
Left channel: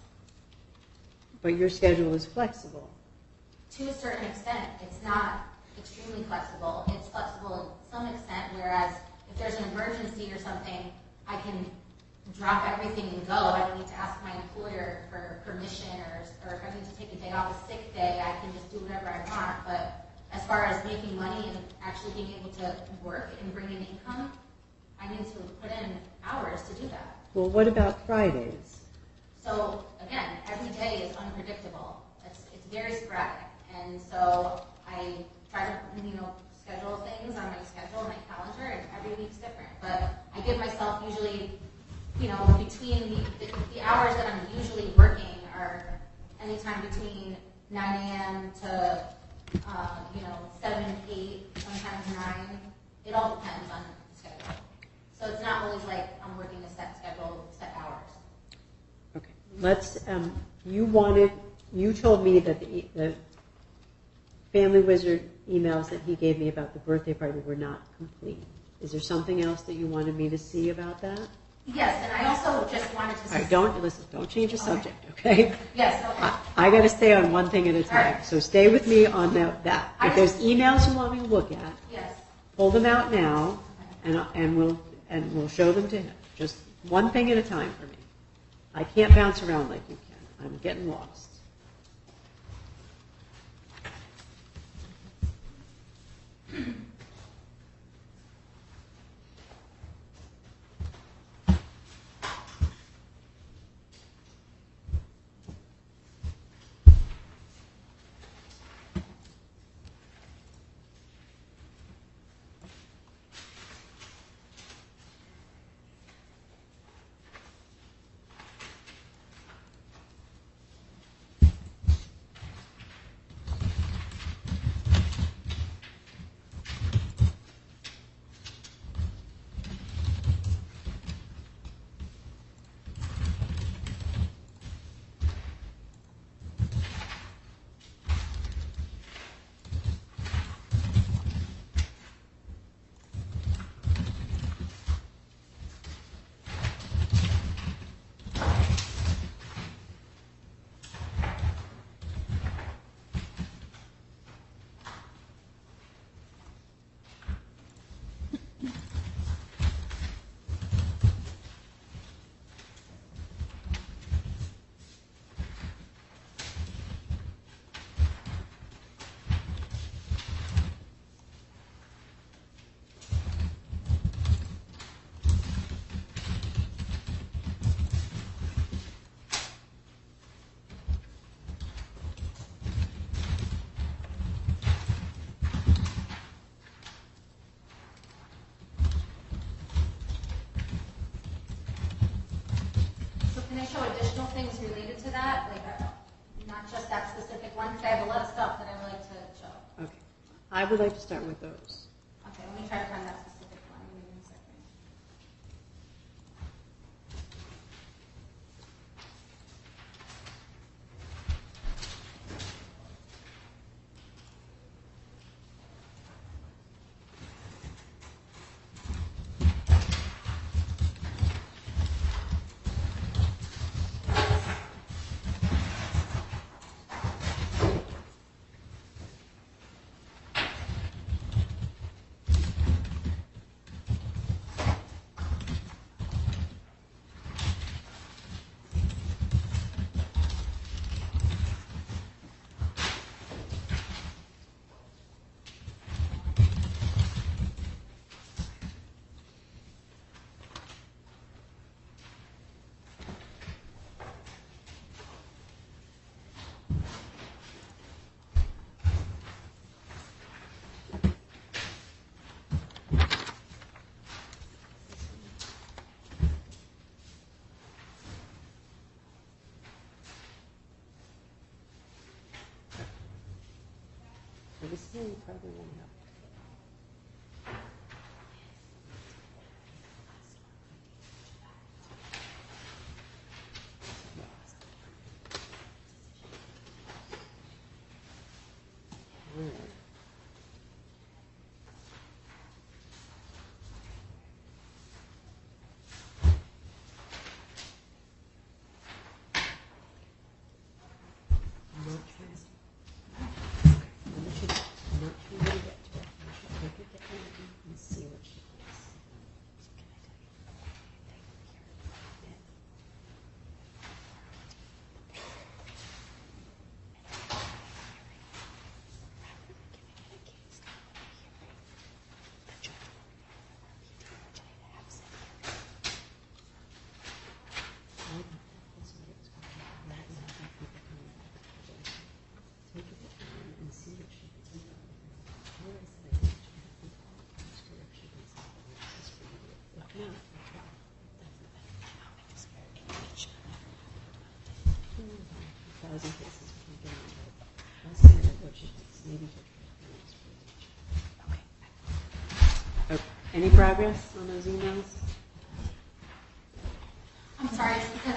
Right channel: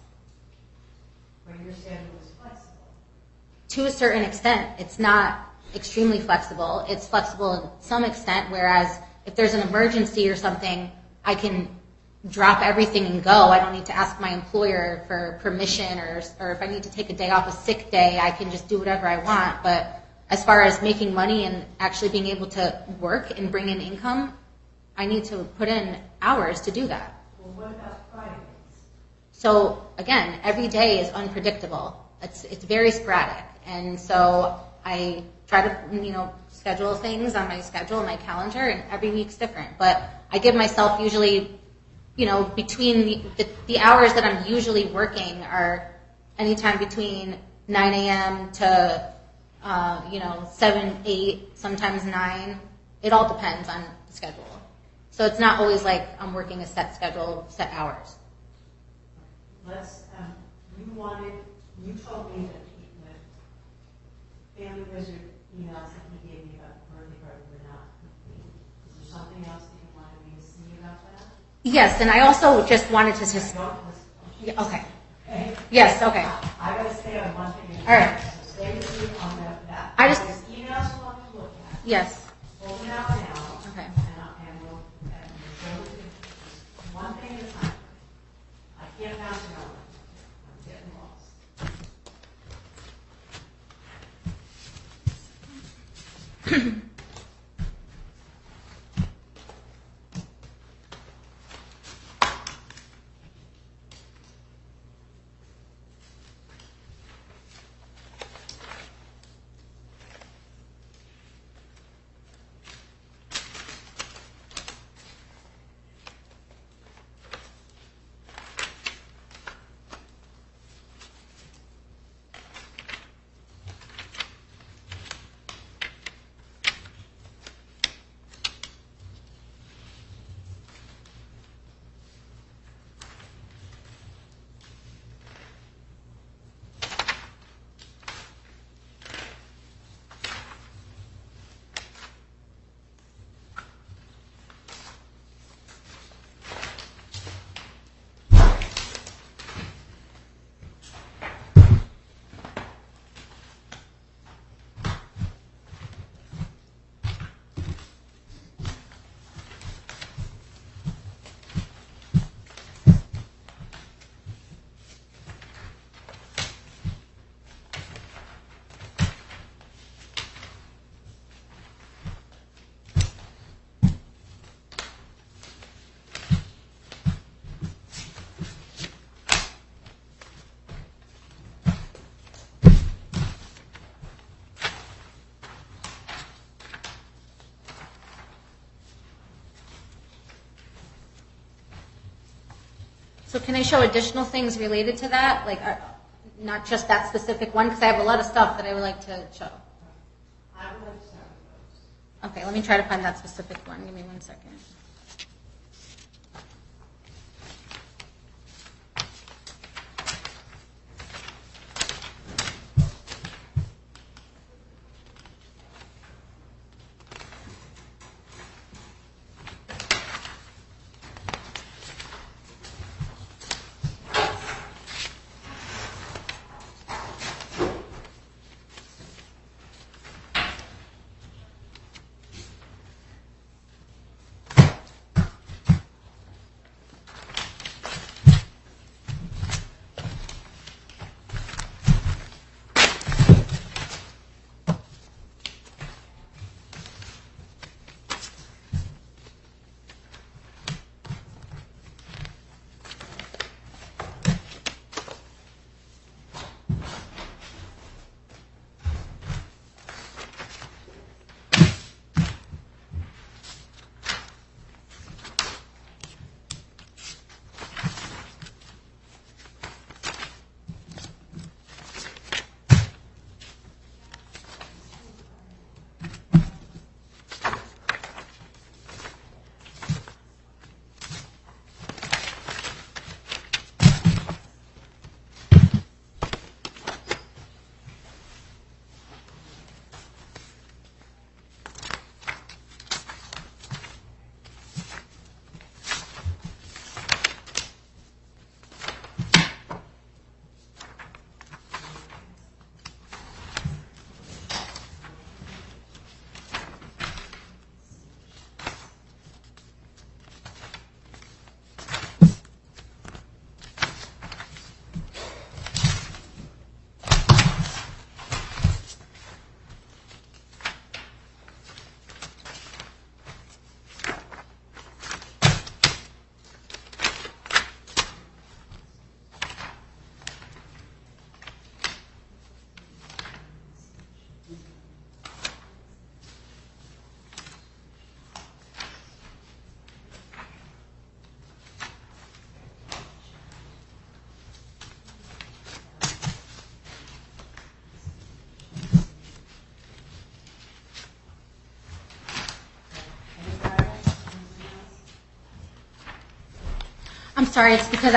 But your schedule is flexible. To a certain extent, it's not extremely flexible. It's flexible in some extent, whereas if there's an emergency or something, I can drop everything and go. I don't need to ask my employer for permission, or if I need to take a day off, a sick day, I can just do whatever I want. But as far as making money and actually being able to work and bring in income, I need to put in hours to do that. Well, what about Fridays? So again, every day is unpredictable. It's very sporadic, and so I try to schedule things on my schedule, my calendar, and every week's different. But I give myself usually, between the hours that I'm usually working are anytime between 9 a.m. to 7, 8, sometimes 9. It all depends on the schedule. So it's not always like I'm working a set schedule, set hours. Okay. Let's. You told me that the Family Wizard emails that he gave me about the birthday party were not complete. Is there something else that you wanted me to see about that? Yes, and I also just wanted to say... Don't change the Okay. subject, okay? Yes, okay. I got to stay on one thing at a time. All right. So stay with me on that. If there's emails you want me to look at, Yes. pull them out now, Okay. and we'll show them to him. Just one thing at a time for me. I can't bounce around like you can. I'm getting lost. So can I show additional things related to that? Like, not just that specific one, because I have a lot of stuff that I would like to show. Okay. I would like to start with those. Okay, let me try to find that specific one. Give me 1 second. Any progress on those emails? I'm sorry, it's because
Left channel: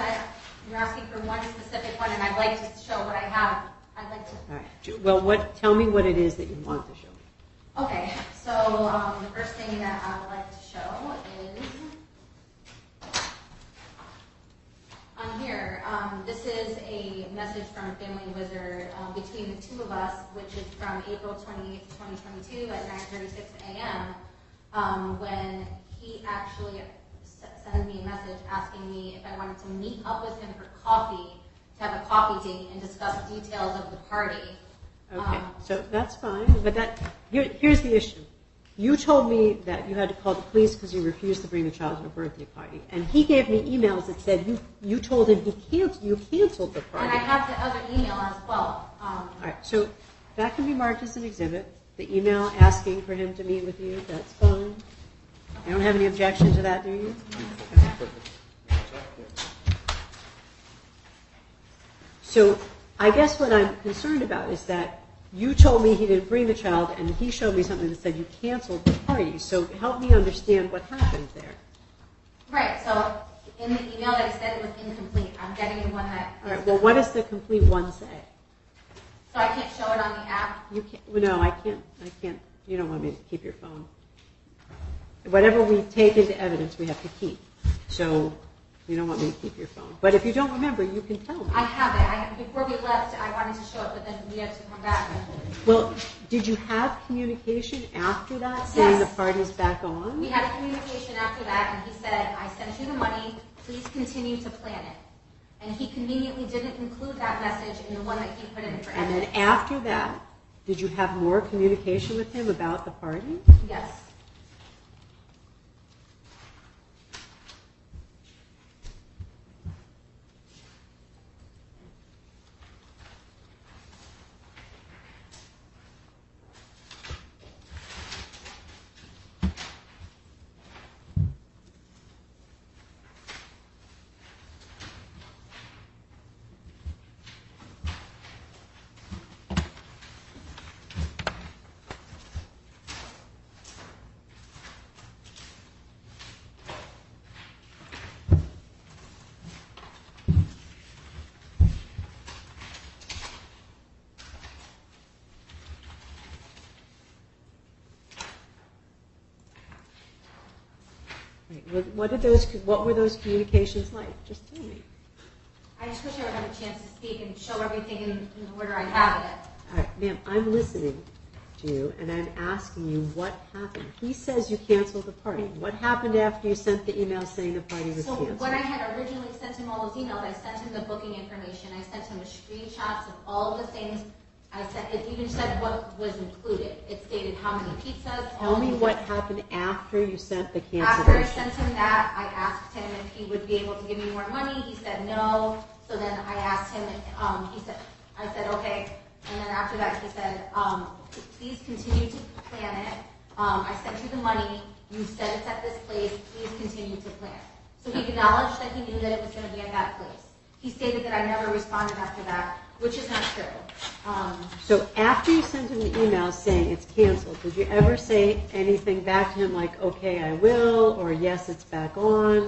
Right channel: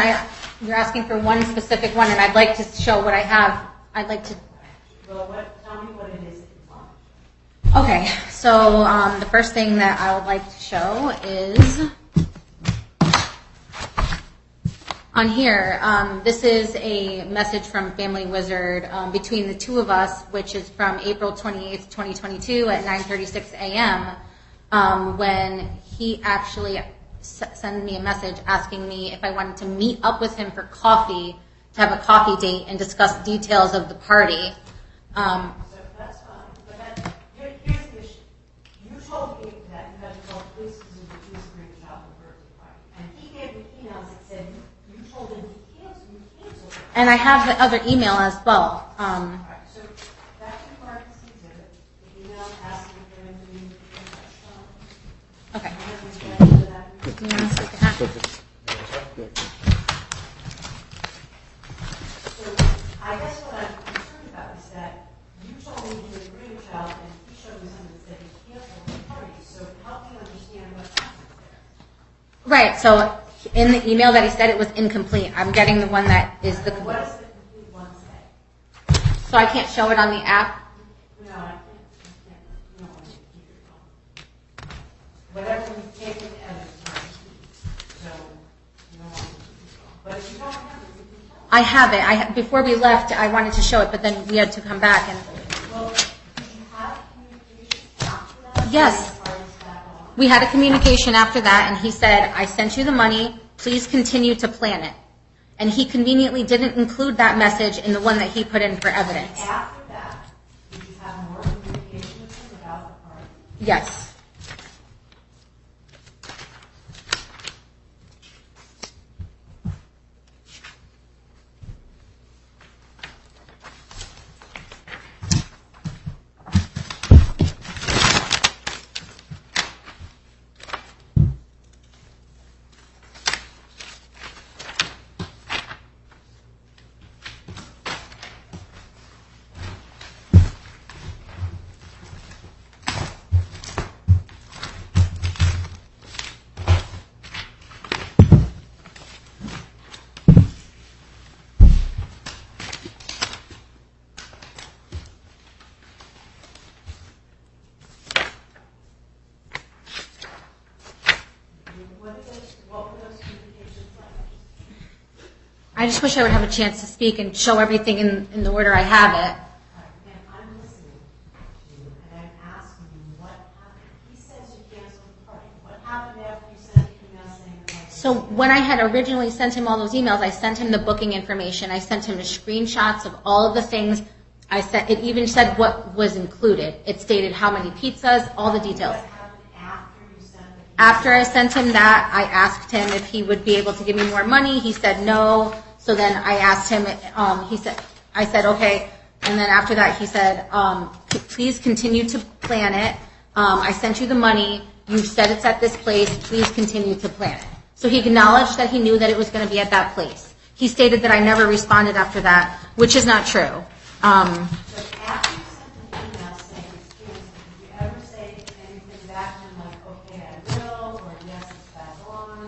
you're asking for one specific one, and I'd like to show what I have. I'd like to. All right. Well, tell me what it is that you want to show. Okay, so the first thing that I would like to show is on here. This is a message from Family Wizard between the two of us, which is from April 28th, 2022 at 9:36 a.m. When he actually sent me a message asking me if I wanted to meet up with him for coffee, to have a coffee date and discuss details of the party. Okay, so that's fine, but here's the issue. You told me that you had to call the police because you refused to bring the child to a birthday party, and he gave me emails that said you told him you canceled the party. And I have the other email as well. All right, so that can be marked as an exhibit. The email asking for him to meet with you, that's fine. Okay. I don't have any objection to that, do you? So I guess what I'm concerned about is that you told me he didn't bring the child, and he showed me something that said you canceled the party. So help me understand what happened there. Right, so in the email that he said it was incomplete. I'm getting the one that is the... Well, what does the complete one say? So I can't show it on the app? You can't. Well, no, I can't. You don't want me to keep your phone. Whatever we take into evidence, we have to keep. So you don't want me to keep your phone. But if you don't remember, you can tell me. I have it. Before we left, I wanted to show it, but then we had to come back. And Well, did you have communication after that? Yes. Saying the party's back on? we had a communication after that, and he said, I sent you the money. Please continue to plan it. And he conveniently didn't include that message in the one that he put in for evidence. And after that, did you have more communication with him about the party? Yes. What were those communications like? Just tell me. I just wish I would have a chance to speak and show everything in the order I have it. All right, ma'am, I'm listening to you, and I'm asking you what happened. He says you canceled the party. What happened after you sent the email saying the party was So canceled? when I had originally sent him all those emails, I sent him the booking information. I sent him the screenshots of all of the things. It even said what was included. It stated how many pizzas, all the details. What happened after you sent the cancellation? After I sent him that, I asked him if he would be able to give me more money. He said no. So then I asked him, I said, okay. And then after that, he said, please continue to plan it. I sent you the money. You said it's at this place. Please continue to plan it. So he acknowledged that he knew that it was going to be at that place. He stated that I never responded after that, which is not true. So after you sent him the email saying it's canceled, did you ever say anything back to him like, okay, I will, or yes, it's back on?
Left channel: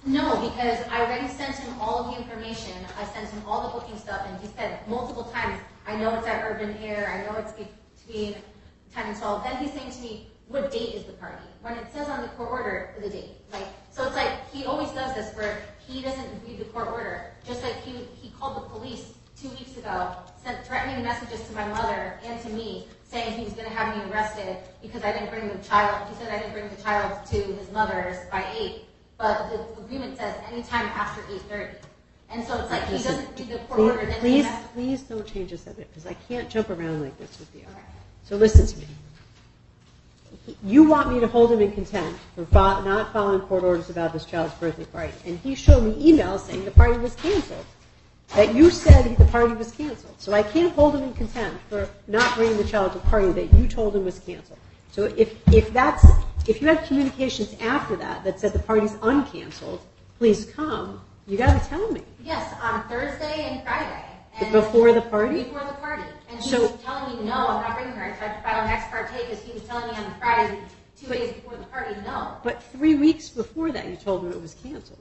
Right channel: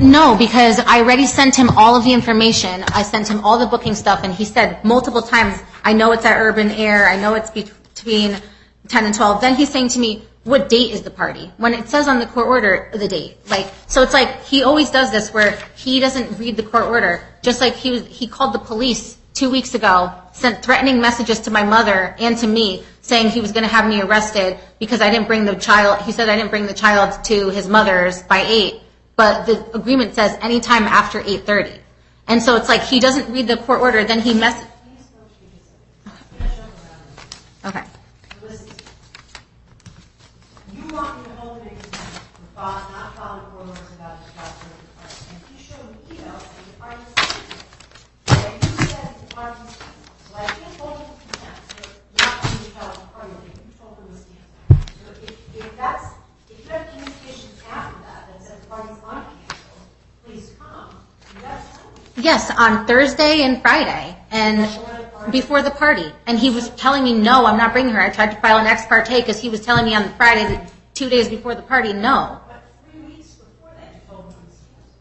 No, because I already sent him all of the information. I sent him all the booking stuff, and he said multiple times, I know it's at Urban Air. I know it's between 10 and 12. Then he's saying to me, what date is the party? When it says on the court order, the date. So it's like he always does this where he doesn't read the court order. Just like he called the police 2 weeks ago, sent threatening messages to my mother and to me saying he was going to have me arrested because I didn't bring the child. He said I didn't bring the child to his mother's by 8, but the agreement says anytime after 8:30. And so it's like he doesn't read the court order, then he Please don't change the subject because I can't jump around like this with you. Okay. So listen to me. You want me to hold him in contempt for not following court orders about this child's birthday party. And he showed me emails saying the party was canceled. That you said the party was canceled. So I can't hold him in contempt for not bringing the child to a party that you told him was canceled. So if you had communications after that said the party's uncanceled, please come. You got to tell me. Yes, on Thursday and Friday. And before the party? Before the party. And he was telling me, no, I'm not bringing her. I tried to file an ex parte because he was telling me on the Friday, 2 days before the party, no. But 3 weeks before that, you told him it was canceled.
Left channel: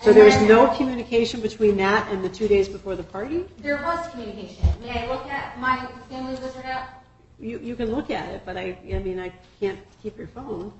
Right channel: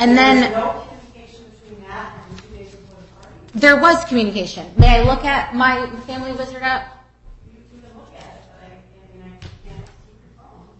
And so then there was no communication between that and the 2 days before the party? There was communication. May I look at my family wizard app? You can look at it, but I can't keep your phone.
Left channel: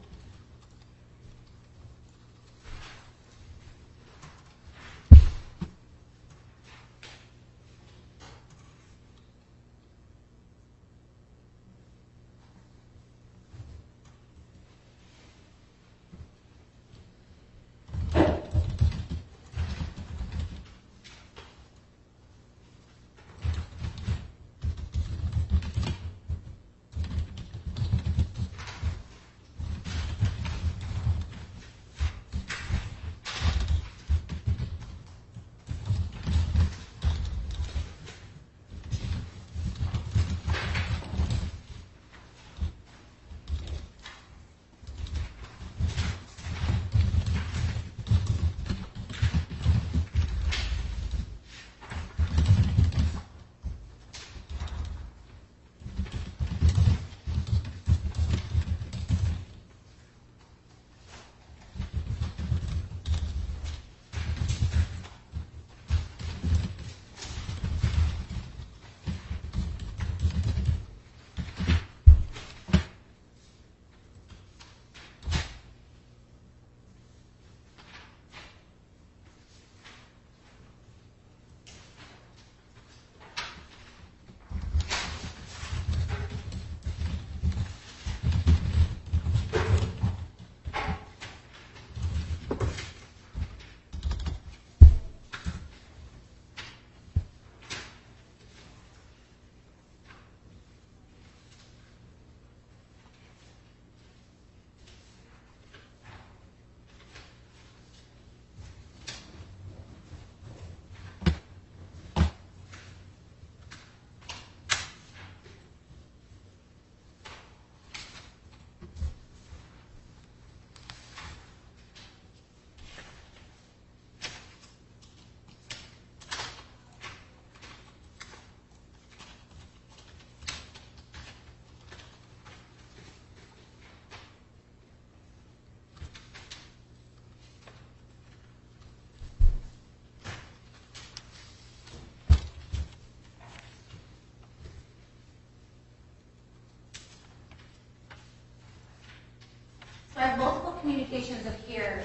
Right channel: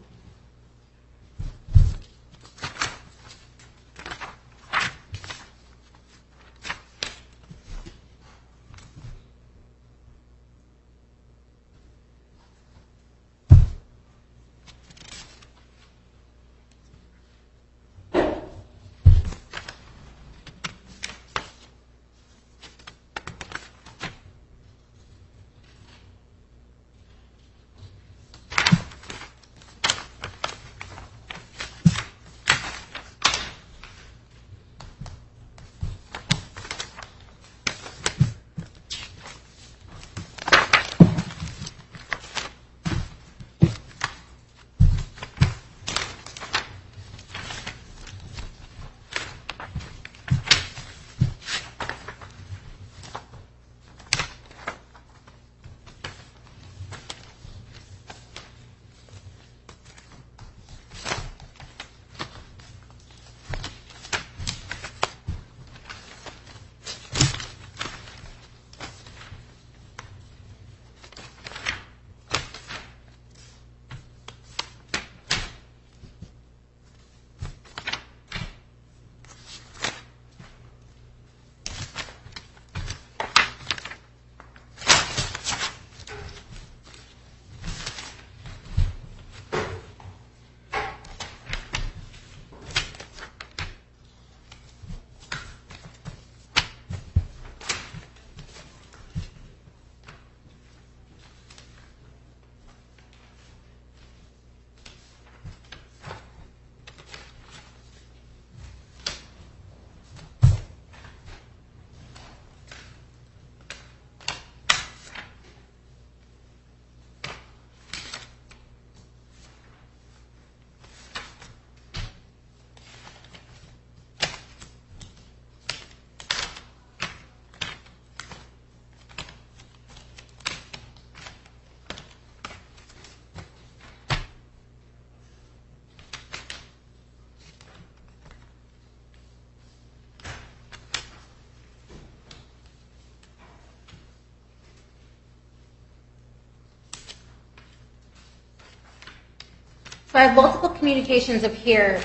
So I have multiple communications up here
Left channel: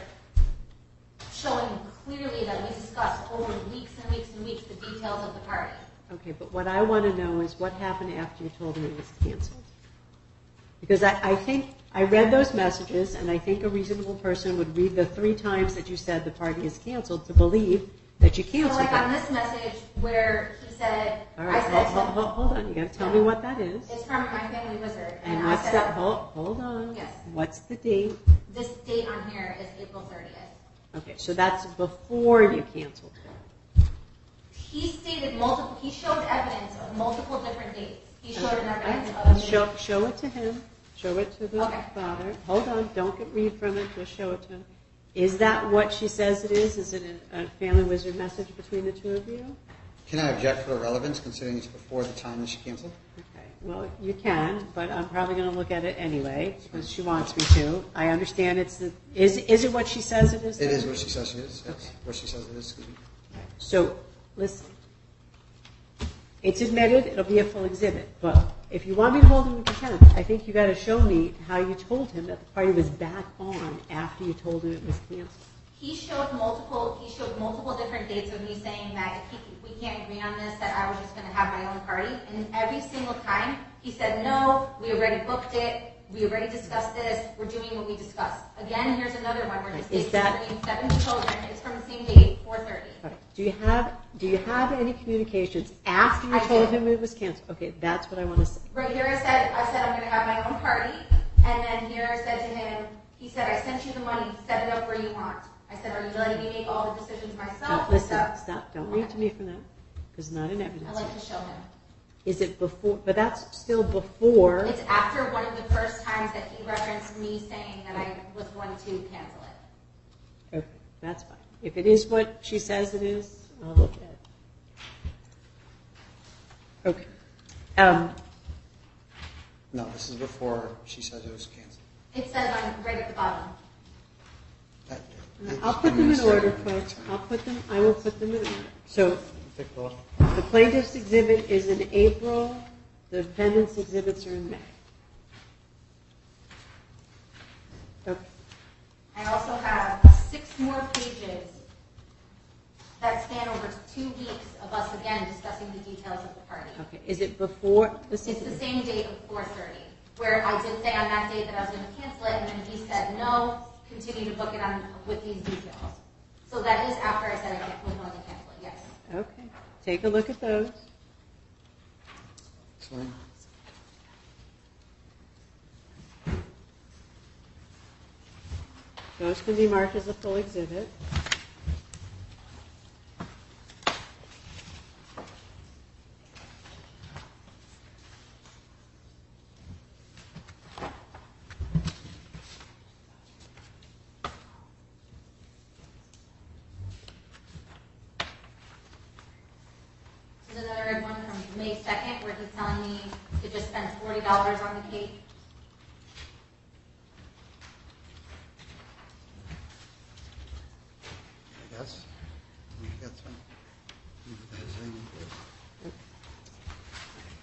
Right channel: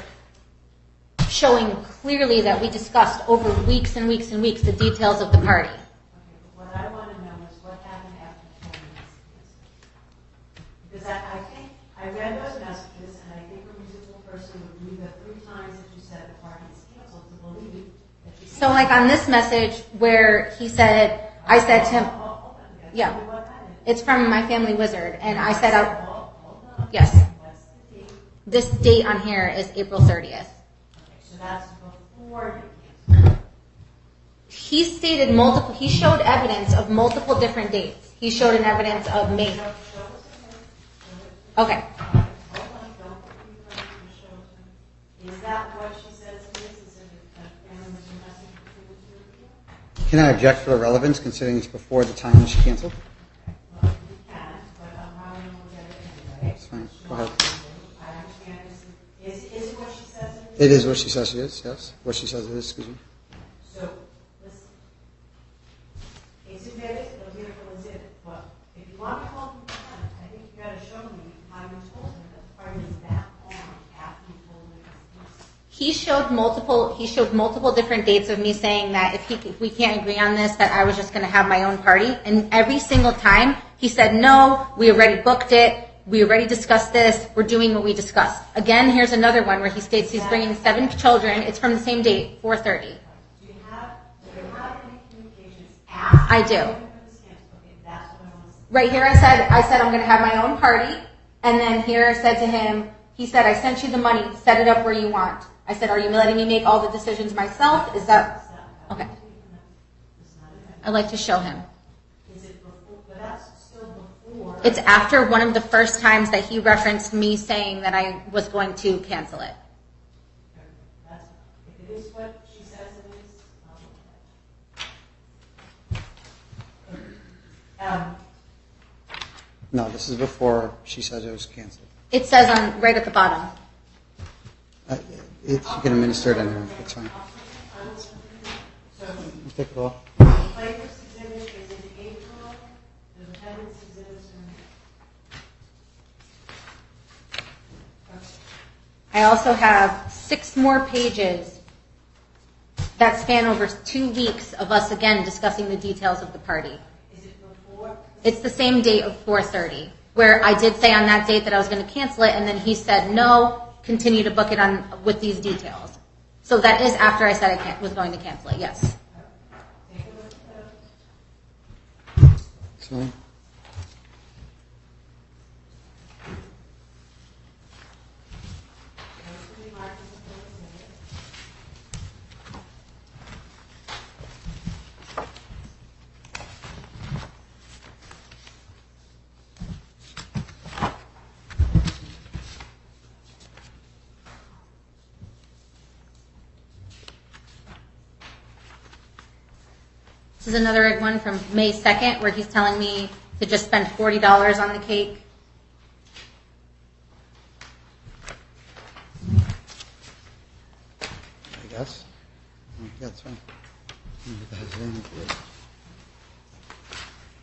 showing clearly that we discussed over weeks and weeks and weeks the details of the party. Okay, but what I want to know is what happened after you told him it was canceled. Because I think, I read those messages, and I think a reasonable person would read the 3 times that you said the party is canceled to believe that you canceled. So like on this message where he said, Right, I said to him, hold on, you got to Yeah. tell me what that is. it's from my family wizard, and I said, Hold on. Yes. What's the date? this date on here is April 30th. Okay, so that's before you canceled. He stated multiple, he showed evidence of multiple different dates. He showed an evidence of May. Show it to him. Show it to the Okay. father. Hold on, don't read from it, just show it to him. Is that what she says it is? Is it a family wizard message between the 2 of you? Can I object for the relevance, considering it's before the time that she canceled? Okay, well, you can, but I'm probably going to look at it anyway, fine. because she wants me to. I understand is it what she says it is? It is what she says it is, yes. What she says it is, excuse me. So, listen. It's admitted, it'll be a full exhibit, but if you want me to hold him in contempt, I think you got to show me how you told him that the party was back on after you told him it was canceled. He showed multiple different dates of me saying that if we can't agree on this, that I was just going to have my own party. And every single time he said, no, we already booked it. We already discussed this. We're doing what we discussed. Again, here's another one where he states he's bringing 7 children. It's from the same date, 4:30. Do you have any communications after you I do. told him it was canceled? Okay, that's what I want to say. Right here I said I'm going to have my own party. And then here I said to him, he said, I sent you the money. Set it up where you want. I said, are you letting me make all the decisions myself? Is that... Stop. Don't Okay. read to me from that. Because not in evidence. I'd like to show him. Is it before? But that's still before. It's after one of the first times that he referenced me saying that I was going to cancel it. Okay, that's fine. If it is what she says it is, I'll look at it. Okay. No, this is before she says it was canceled. It says right at the bottom. You I'll can put them in administer it order anyway, quick. it's fine. I will put them in order. So You take it off. the plaintiff's exhibit is in April. The defendant's exhibits are in May. Okay. I also have 6 more pages that span over 2 weeks of us again discussing the details of the party. Okay. Is it before? It's the same date of 4:30, where I did say on that date that I was going to cancel it, and then he said no, continue to book it on with these details. So that is after I said I was going to cancel it. Yes. Okay. Take a look at those. It's fine. Those can be marked as a full exhibit. This is another one from May 2nd, where he's telling me to just spend $40 on the cake. I guess. Yeah, that's fine.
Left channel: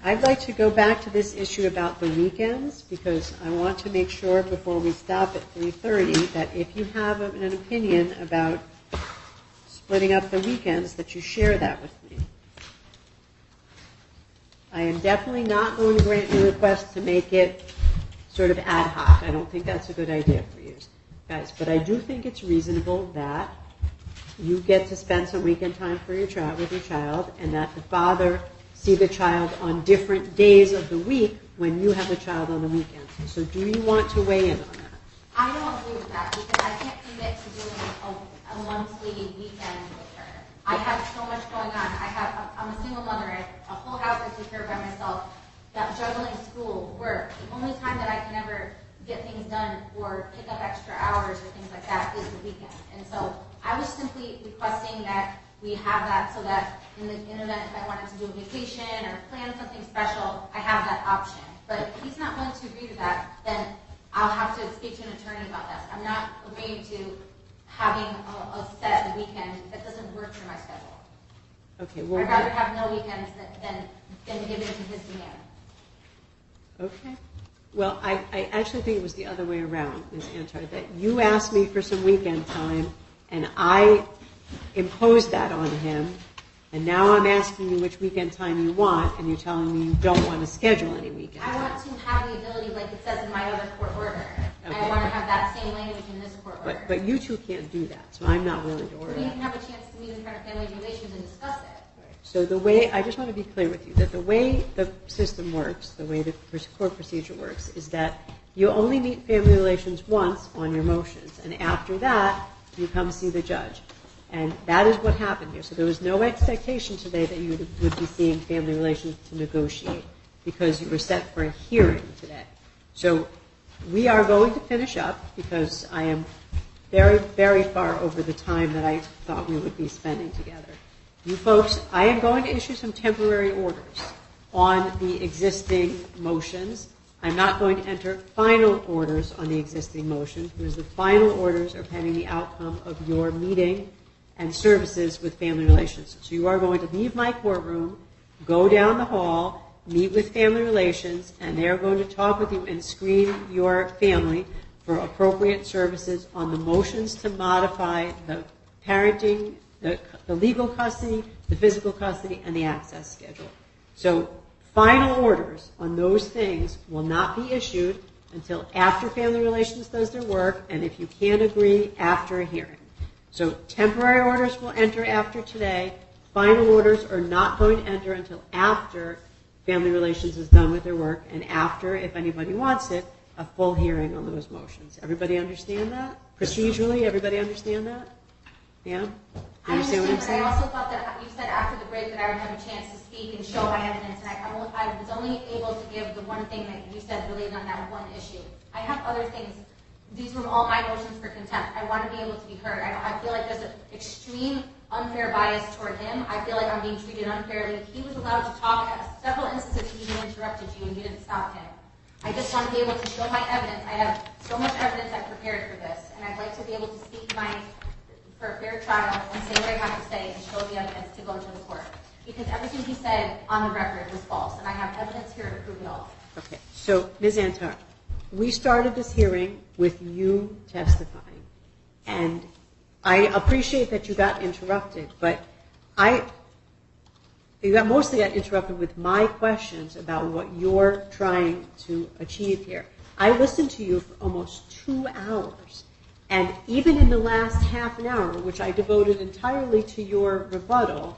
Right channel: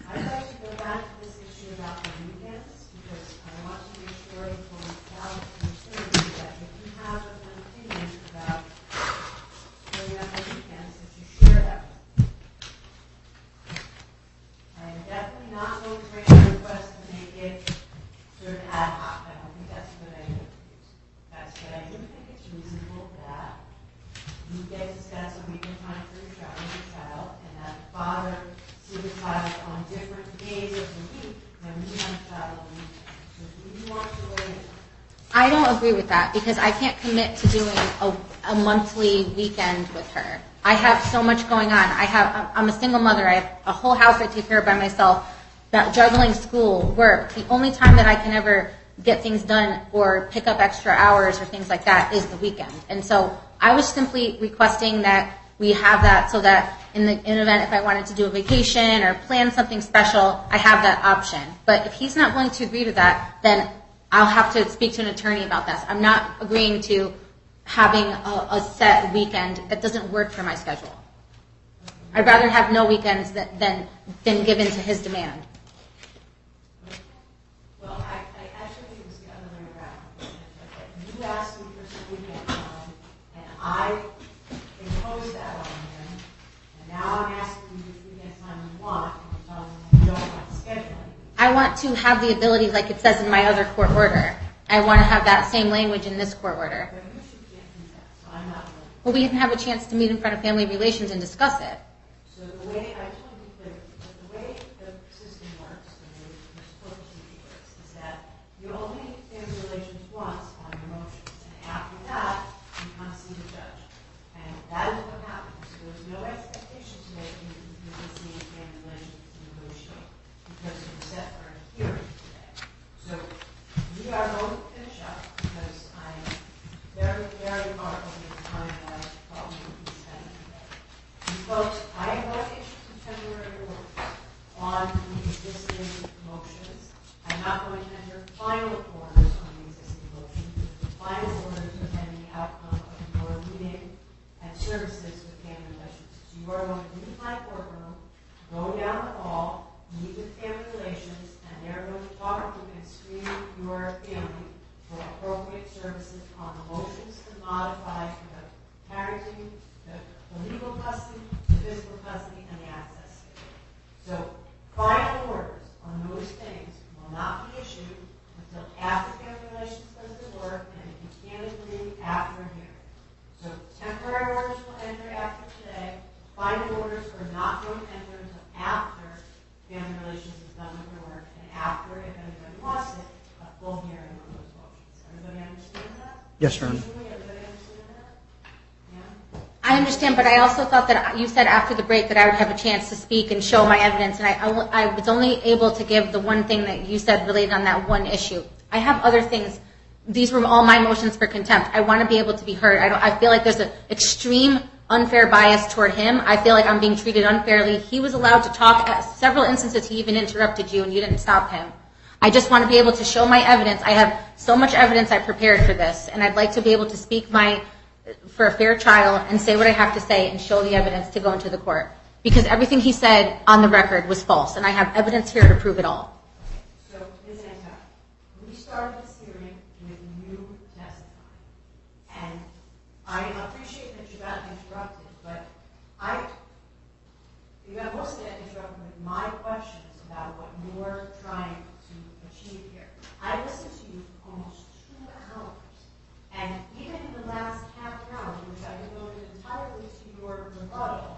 I'd like to go back to this issue about the weekends, because I want to make sure before we stop at 3:30 that if you have an opinion about splitting up the weekends, that you share that with me. I am definitely not going to grant your request to make it sort of ad hoc. I don't think that's a good idea for you guys, but I do think it's reasonable that you get to spend some weekend time for your child with your child, and that the father see the child on different days of the week when you have a child on the weekend. So do you want to weigh in on that? I don't agree with that because I can't commit to doing a monthly weekend with her. I have so much going on. I'm a single mother. I have a whole house I take care of by myself. That juggling school, work. The only time that I can ever get things done or pick up extra hours or things like that is the weekend. And so I was simply requesting that we have that so that in the event if I wanted to do a vacation or plan something special, I have that option. But if he's not willing to agree to that, then I'll have to speak to an attorney about this. I'm not agreeing to having a set weekend that doesn't work for my schedule. Okay. I'd rather have no weekends than give in to his demand. Okay. Well, I actually think it was the other way around, Ms. Antar, that you asked me for some weekend time, and I imposed that on him, and now I'm asking you which weekend time you want, and you're telling me you don't want to schedule any weekend. I want to have the ability, like it says in my other court order. I want to have that same language in this court order. But you two can't do that, so I'm not willing to order. But we didn't have a chance to meet in front of Family Relations and discuss it. So the way, I just want to be clear with you, that the way the system works, the way the court procedure works, is that you only meet Family Relations once on your motions, and after that, you come see the judge. And that is what happened here. So there was no expectation today that you would be seeing Family Relations to negotiate, because you were set for a hearing today. So we are going to finish up, because I am very, very far over the time that I thought we would be spending together. You folks, I am going to issue some temporary orders on the existing motions. I'm not going to enter final orders on the existing motion, because the final orders are pending the outcome of your meeting and services with Family Relations. So you are going to leave my courtroom, go down the hall, meet with Family Relations, and they are going to talk with you and screen your family for appropriate services on the motions to modify the parenting, the legal custody, the physical custody, and the access schedule. So final orders on those things will not be issued until after Family Relations does their work, and if you can't agree, after a hearing. So temporary orders will enter after today. Final orders are not going to enter until after Family Relations is done with their work, and after, if anybody wants it, a full hearing on those motions. Everybody understand that? Yes, ma'am. Procedurally, everybody understand that? Yeah? I understand, but I also thought that you said after the break that I would have a chance to speak and show my evidence, and I was only able to give the one thing that you said related on that one issue. I have other things. These were all my motions for contempt. I want to be able to be heard. I feel like there's an extreme unfair bias toward him. I feel like I'm being treated unfairly. He was allowed to talk at several instances. He even interrupted you, and you didn't stop him. I just want to be able to show my evidence. I have so much evidence I prepared for this, and I'd like to be able to speak for a fair trial and say what I have to say and show the evidence to go into the court. Because everything he said on the record was false, and I have evidence here to prove it all. Okay, so Ms. Antar, we started this hearing with you testifying, and I appreciate that you got interrupted, but you mostly got interrupted with my questions about what you're trying to achieve here. I listened to you for almost 2 hours, and even in the last half an hour, which I devoted entirely to your rebuttal,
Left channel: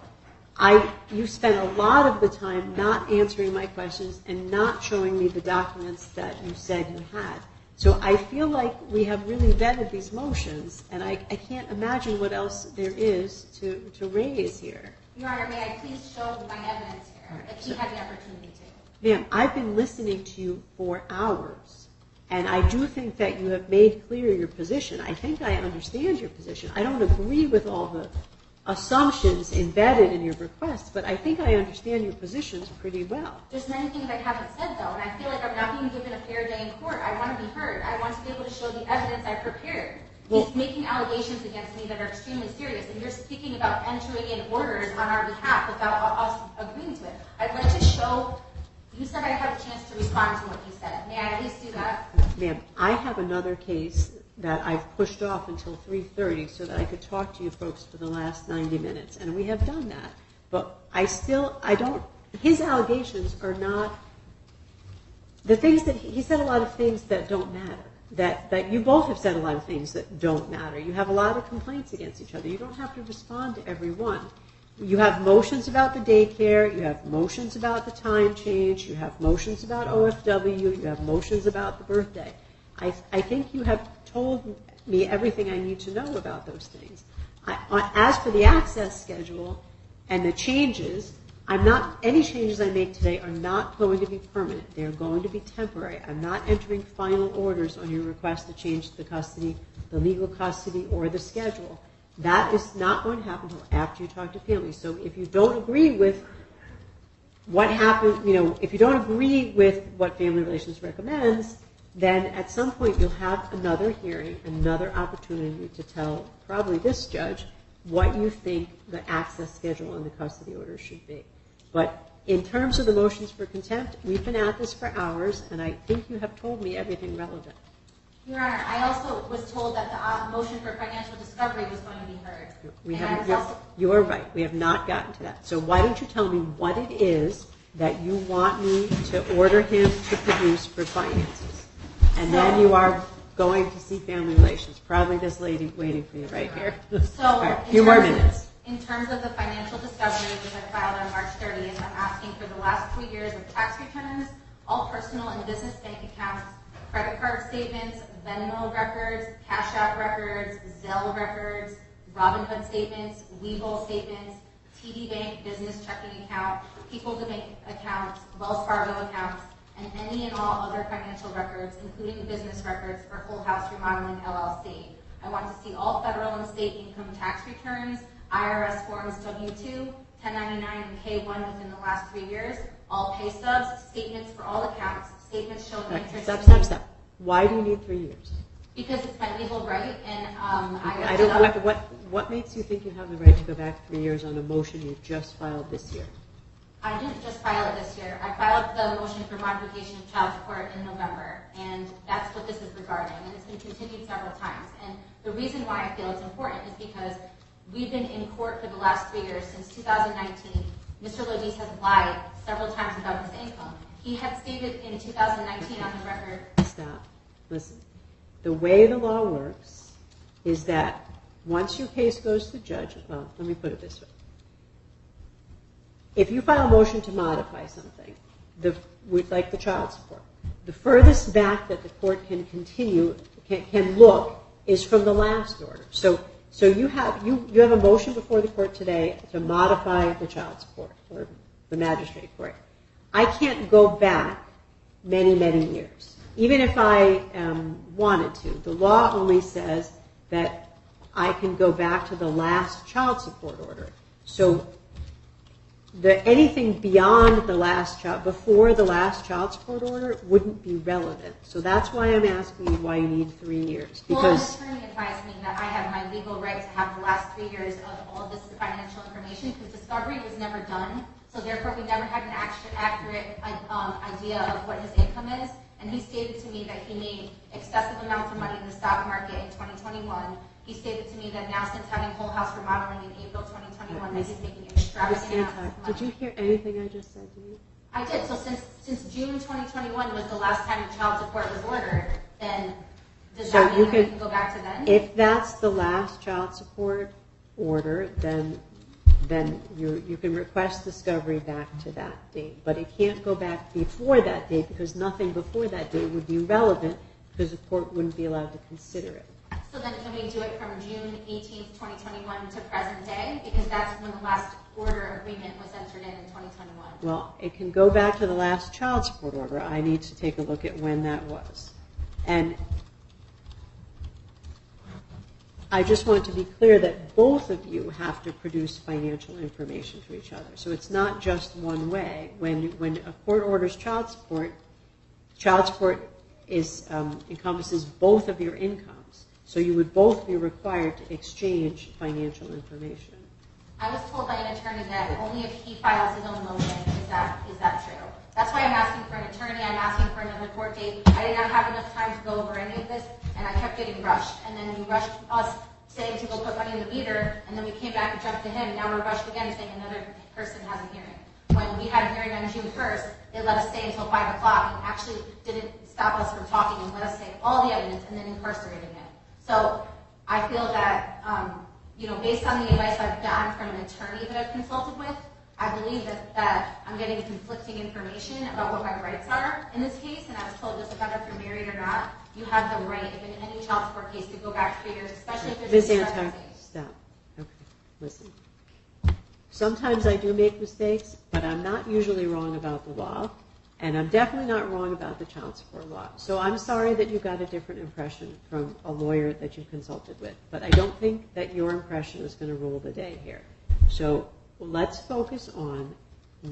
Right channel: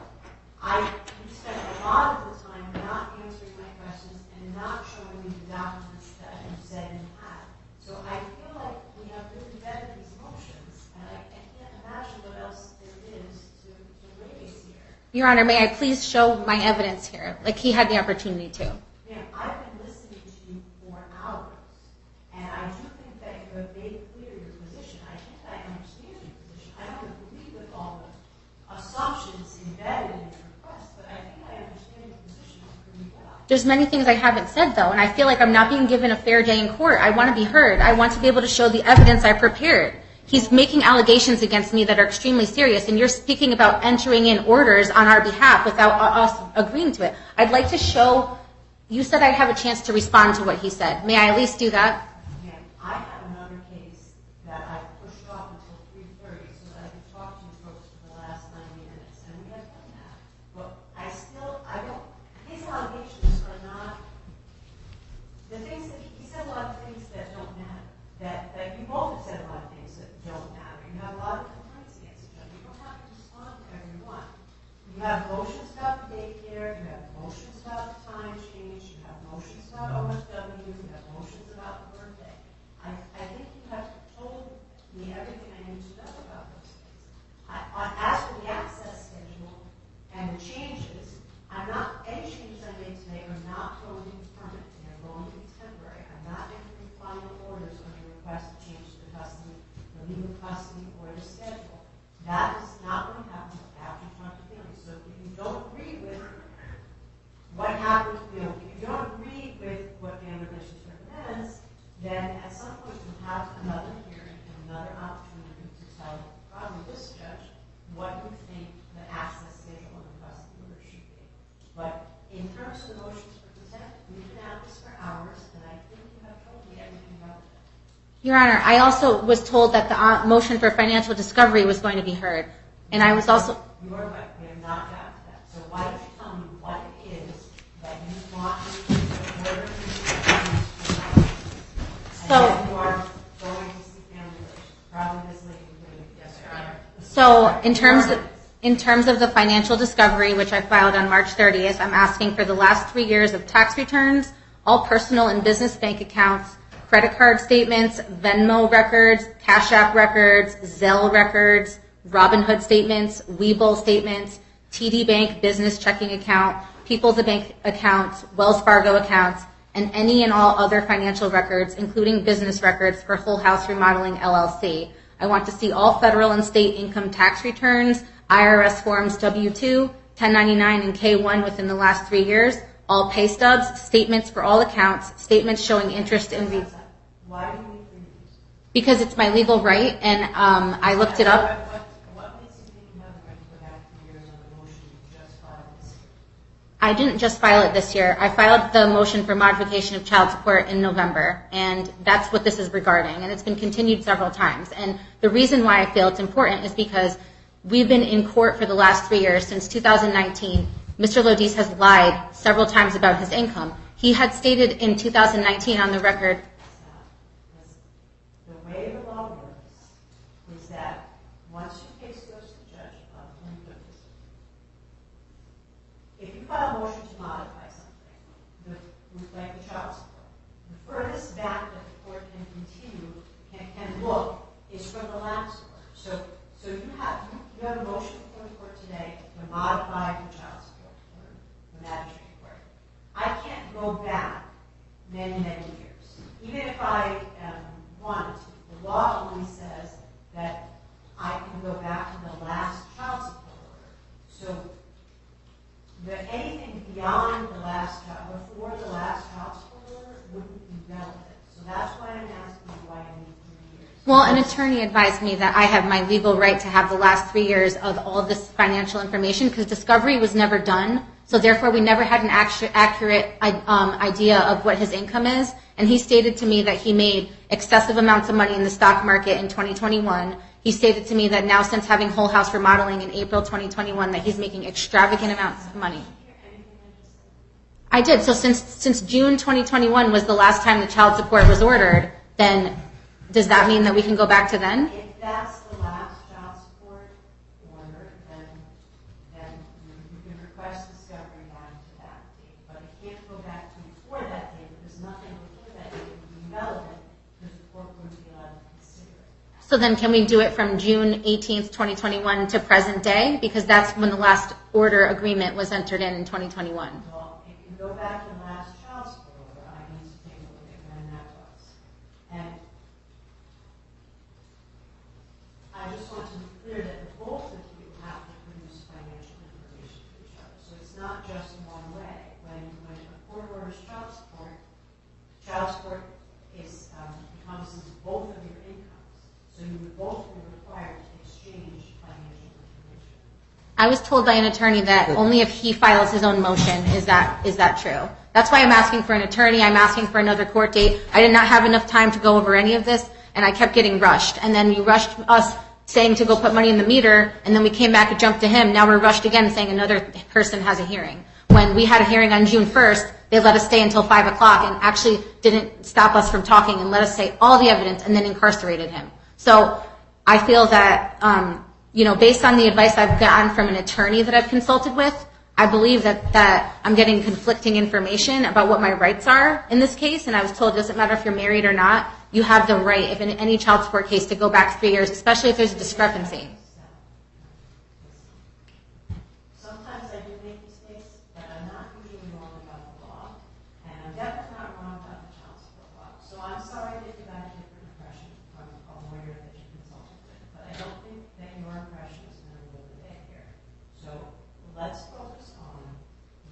you spent a lot of the time not answering my questions and not showing me the documents that you said you had. So I feel like we have really vetted these motions, and I can't imagine what else there is to raise here. Your Honor, may I please show my evidence here, like he had the opportunity to? Ma'am, I've been listening to you for hours, and I do think that you have made clear your position. I think I understand your position. I don't agree with all the assumptions embedded in your requests, but I think I understand your positions pretty well. There's many things I haven't said, though, and I feel like I'm not being given a fair day in court. I want to be heard. I want to be able to show the evidence I prepared. He's making allegations against me that are extremely serious, and you're speaking about entering in orders on our behalf without us agreeing to it. I'd like to show, you said I'd have a chance to respond to what he said. May I at least do that? Ma'am, I have another case that I've pushed off until 3:30 so that I could talk to you folks for the last 90 minutes, and we have done that. But his allegations are not, the things that, he said a lot of things that don't matter. That you both have said a lot of things that don't matter. You have a lot of complaints against each other. You don't have to respond to every one. You have motions about the daycare. You have motions about the time change. You have motions about OFW. You have motions about the birthday. I think you have told me everything I need to know about those things. As for the access schedule and the changes, any changes I make today are not going to be permanent. They are going to be temporary. I'm not entering final orders on your request to change the custody, the legal custody, or the schedule. That is not going to happen until after you talk to families. So if you don't agree with what happened, if you don't agree with what Family Relations recommends, then at some point you'll have another hearing, another opportunity to tell probably this judge what you think the access schedule and the custody order should be. But in terms of the motions for contempt, we've been at this for hours, and I think you have told me everything relevant. Your Honor, I also was told that the motion for financial discovery was going to be heard. And I was also... You are right. We have not gotten to that. So why don't you tell me what it is that you want me to order him to produce for finances? And then you are going to see family relations. Probably this lady waiting for you right here. So in terms of the financial discovery, which I filed on March 30th, I'm asking for the last 3 years of tax returns, all personal and business bank accounts, credit card statements, Venmo records, Cash App records, Zelle records, Robinhood statements, Webull statements, TD Bank business checking account, People's Bank accounts, Wells Fargo accounts, and any and all other financial records, including business records for Whole House Remodeling LLC. I want to see all federal and state income tax returns, IRS forms W-2, 1099, and K-1 within the last 3 years, all pay stubs, statements for all accounts, statements showing interest in these. Why do you need 3 years? Because it's my legal right, and I looked it up. What makes you think you have the right to go back 3 years on a motion you just filed this year? I didn't just file it this year. I filed the motion for modification of child support in November, and that's what this is regarding, and it's been continued several times. And the reason why I feel it's important is because we've been in court for the last 3 years, since 2019. Mr. Lodice has lied several times about his income. He had stated in 2019 on the record... Stop. Listen. The way the law works is that once your case goes to judge, well, let me put it this way. If you file a motion to modify something, like the child support, the furthest back that the court can continue, can look, is from the last order. So you have a motion before the court today to modify the child support, or the magistrate court. I can't go back many, many years. Even if I wanted to. The law only says that I can go back to the last child support order. So anything beyond the last before the last child support order wouldn't be relevant. So that's why I'm asking you why you need 3 years. Well, an attorney advised me that I have my legal right to have the last 3 years of all this financial information because discovery was never done. So therefore, we never had an accurate idea of what his income is. And he stated to me that he made excessive amounts of money in the stock market in 2021. He stated to me that now, since having Whole House Remodeling in April 2021, that he's making extravagant amounts of money. Did you hear anything I just said to you? I did. So since June 2021 was the last time the child support was ordered, then does that mean that we can go back to then? If that's the last child support order, then you can request discovery back to that date. But it can't go back before that date because nothing before that date would be relevant because the court wouldn't be allowed to consider it. So then can we do it from June 18th, 2021 to present day? Because that's when the last order agreement was entered in 2021. Well, it can go back to the last child support order. I need to take a look at when that was. And I just want to be clear that both of you have to produce financial information to each other. So it's not just one way. When a court orders child support encompasses both of your incomes. So you would both be required to exchange financial information. I was told by an attorney that only if he files his own motion is that true. That's why I'm asking for an attorney. I'm asking for another court date. I did not have enough time to go over any of this, and I kept getting rushed. And then you rushed us saying to go put money in the meter, and then we came back and jumped to him. Now we're rushed again saying another person has a hearing. When we had a hearing on June 1st, they let us stay until 5 o'clock and actually didn't stop us from talking and let us say all the evidence and then incarcerated him. So I feel that, based on the advice I've gotten from an attorney that I've consulted with, I believe that I'm getting conflicting information about what my rights are in this case. And I was told it doesn't matter if you're married or not, you have the right, if in any child support case, to go back 3 years, especially if there's a discrepancy. Stop. Okay. Listen. Sometimes I do make mistakes, but I'm not usually wrong about the law. And I'm definitely not wrong about the child support law. So I'm sorry that you got a different impression from a lawyer that you consulted with. But I don't think that your impression is going to rule the day here. So let's focus on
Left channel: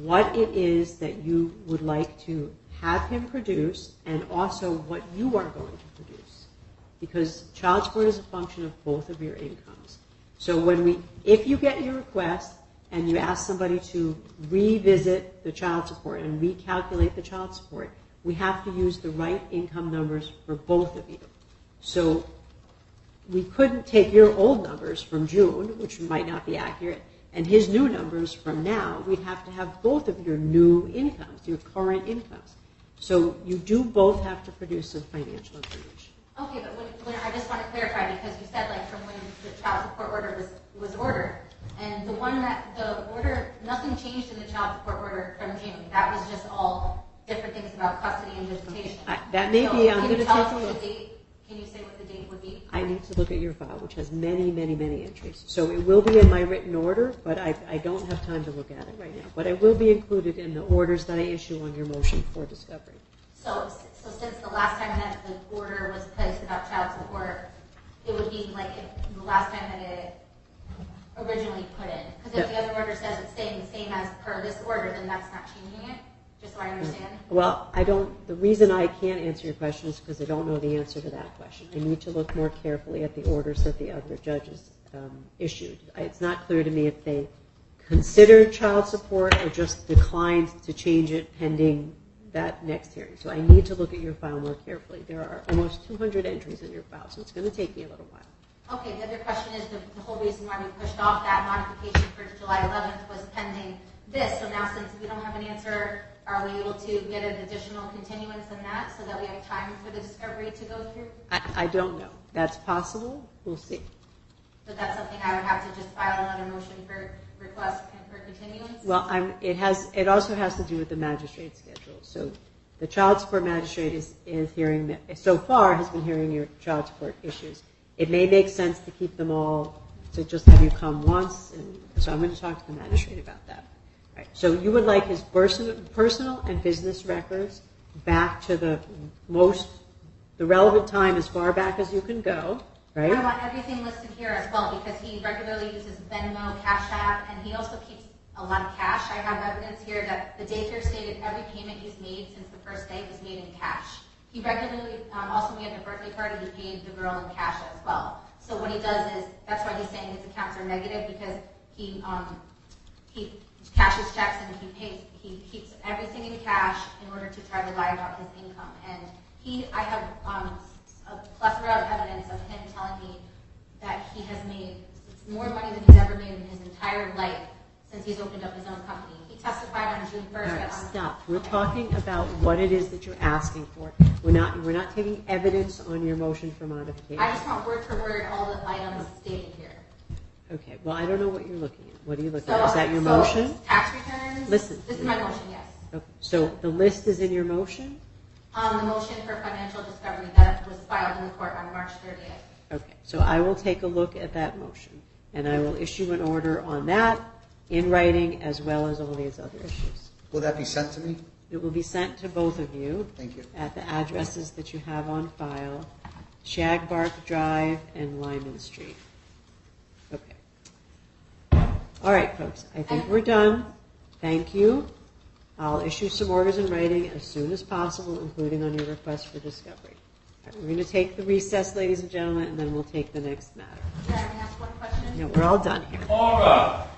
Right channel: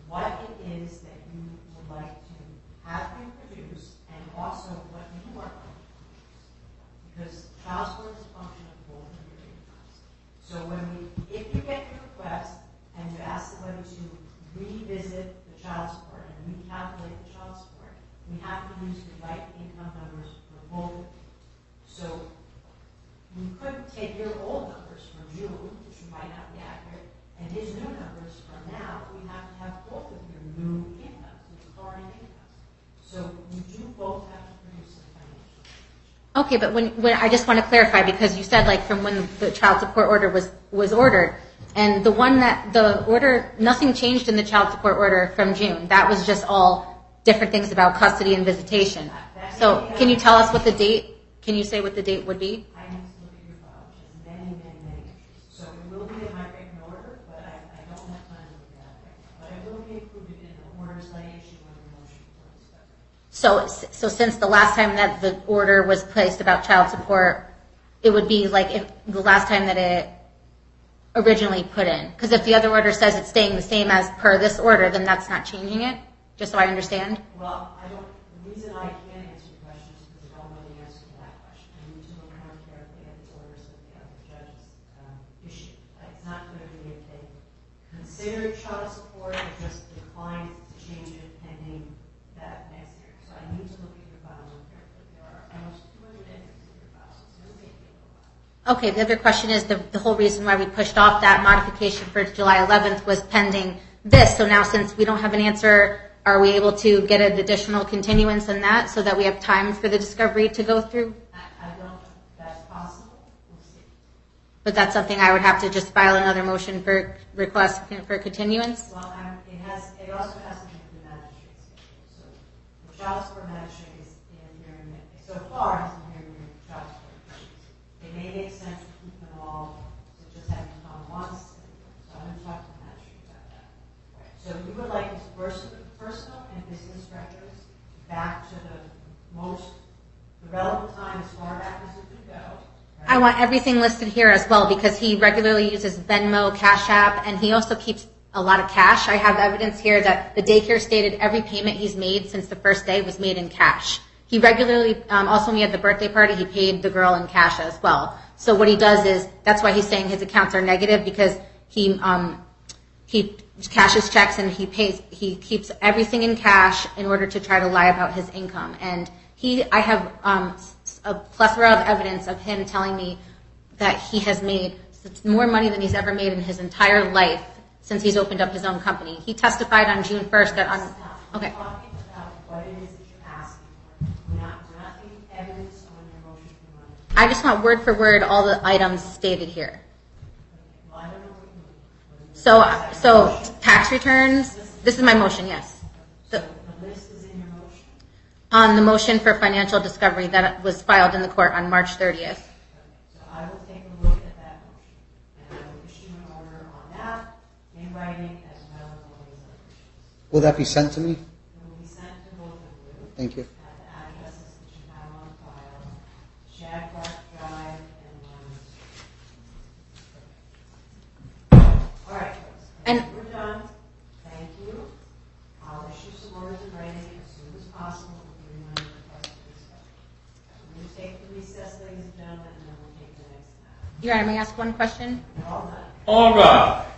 what it is that you would like to have him produce and also what you are going to produce. Because child support is a function of both of your incomes. So if you get your request, and you ask somebody to revisit the child support and recalculate the child support, we have to use the right income numbers for both of you. So we couldn't take your old numbers from June, which might not be accurate, and his new numbers from now. We'd have to have both of your new incomes, your current incomes. So you do both have to produce some financial information. Okay, but when I just want to clarify, because you said like from when the child support order was ordered, and the order, nothing changed in the child support order from June. That was just all different things about custody and visitation. That may so be can you tell us what the date, can you say what the date would be? I need to look at your file, which has many, many, many entries. So it will be in my written order, but I don't have time to look at it right now. But it will be included in the orders that I issue on your motion for discovery. So since the last time that the order was placed about child support, it would be like if the last time that it originally put in. Because if the other order says it's staying the same as per this order, then that's not changing it, just so I understand? Well, the reason I can't answer your question is because I don't know the answer to that question. I need to look more carefully at the orders that the other judges issued. It's not clear to me if they considered child support or just declined to change it pending that next hearing. So I need to look at your file more carefully. There are almost 200 entries in your file, so it's going to take me a little while. Okay, the other question is the whole reason why we pushed off that modification for July 11th was pending this. So now since we don't have an answer, are we able to get an additional continuance in that so that we have time for the discovery to go through? I don't know. That's possible. We'll see. But that's something I would have to just file another motion for request for continuance? Well, it also has to do with the magistrate's schedule. So the child support magistrate is hearing, so far has been hearing your child support issues. It may make sense to keep them all, to just have you come once, and so I'm going to talk to the magistrate about that. Right. So you would like his personal and business records back to the relevant time as far back as you can go, right? I want everything listed here as well because he regularly uses Venmo, Cash App, and he also keeps a lot of cash. I have evidence here that the daycare stated every payment he's made since the first day was made in cash. He regularly, also when he had the birthday party, he paid the girl in cash as well. So what he does is, that's why he's saying his accounts are negative, because he cashes checks and he keeps everything in cash in order to try to lie about his income. And I have a plethora of evidence of him telling me that he has made more money than he's ever made in his entire life since he's opened up his own company. He testified on June 1st that on... Stop. We're talking about what it is that you're asking for. We're not taking evidence on your motion for modification. I just want word for word all the items stated here. Okay. Well, I don't know what you're looking at. What are you looking at? Is that your motion? Tax returns. Listen. This is my motion, yes. Okay. So the list is in your motion? On the motion for financial discovery that was filed in the court on March 30th. Okay. So I will take a look at that motion, and I will issue an order on that in writing as well as all these other issues. Will that be sent to me? It will be sent to both of you. Thank you. At the addresses that you have on file, Shagbark Drive and Lyman Street. Okay. All right, folks. I think we're done. Thank you. I'll issue some orders in writing as soon as possible, including on your request for discovery. All right, we're going to take the recess, ladies and gentlemen, and then we'll take the next matter. Your Honor, may I ask one question? No, we're all done here. All right.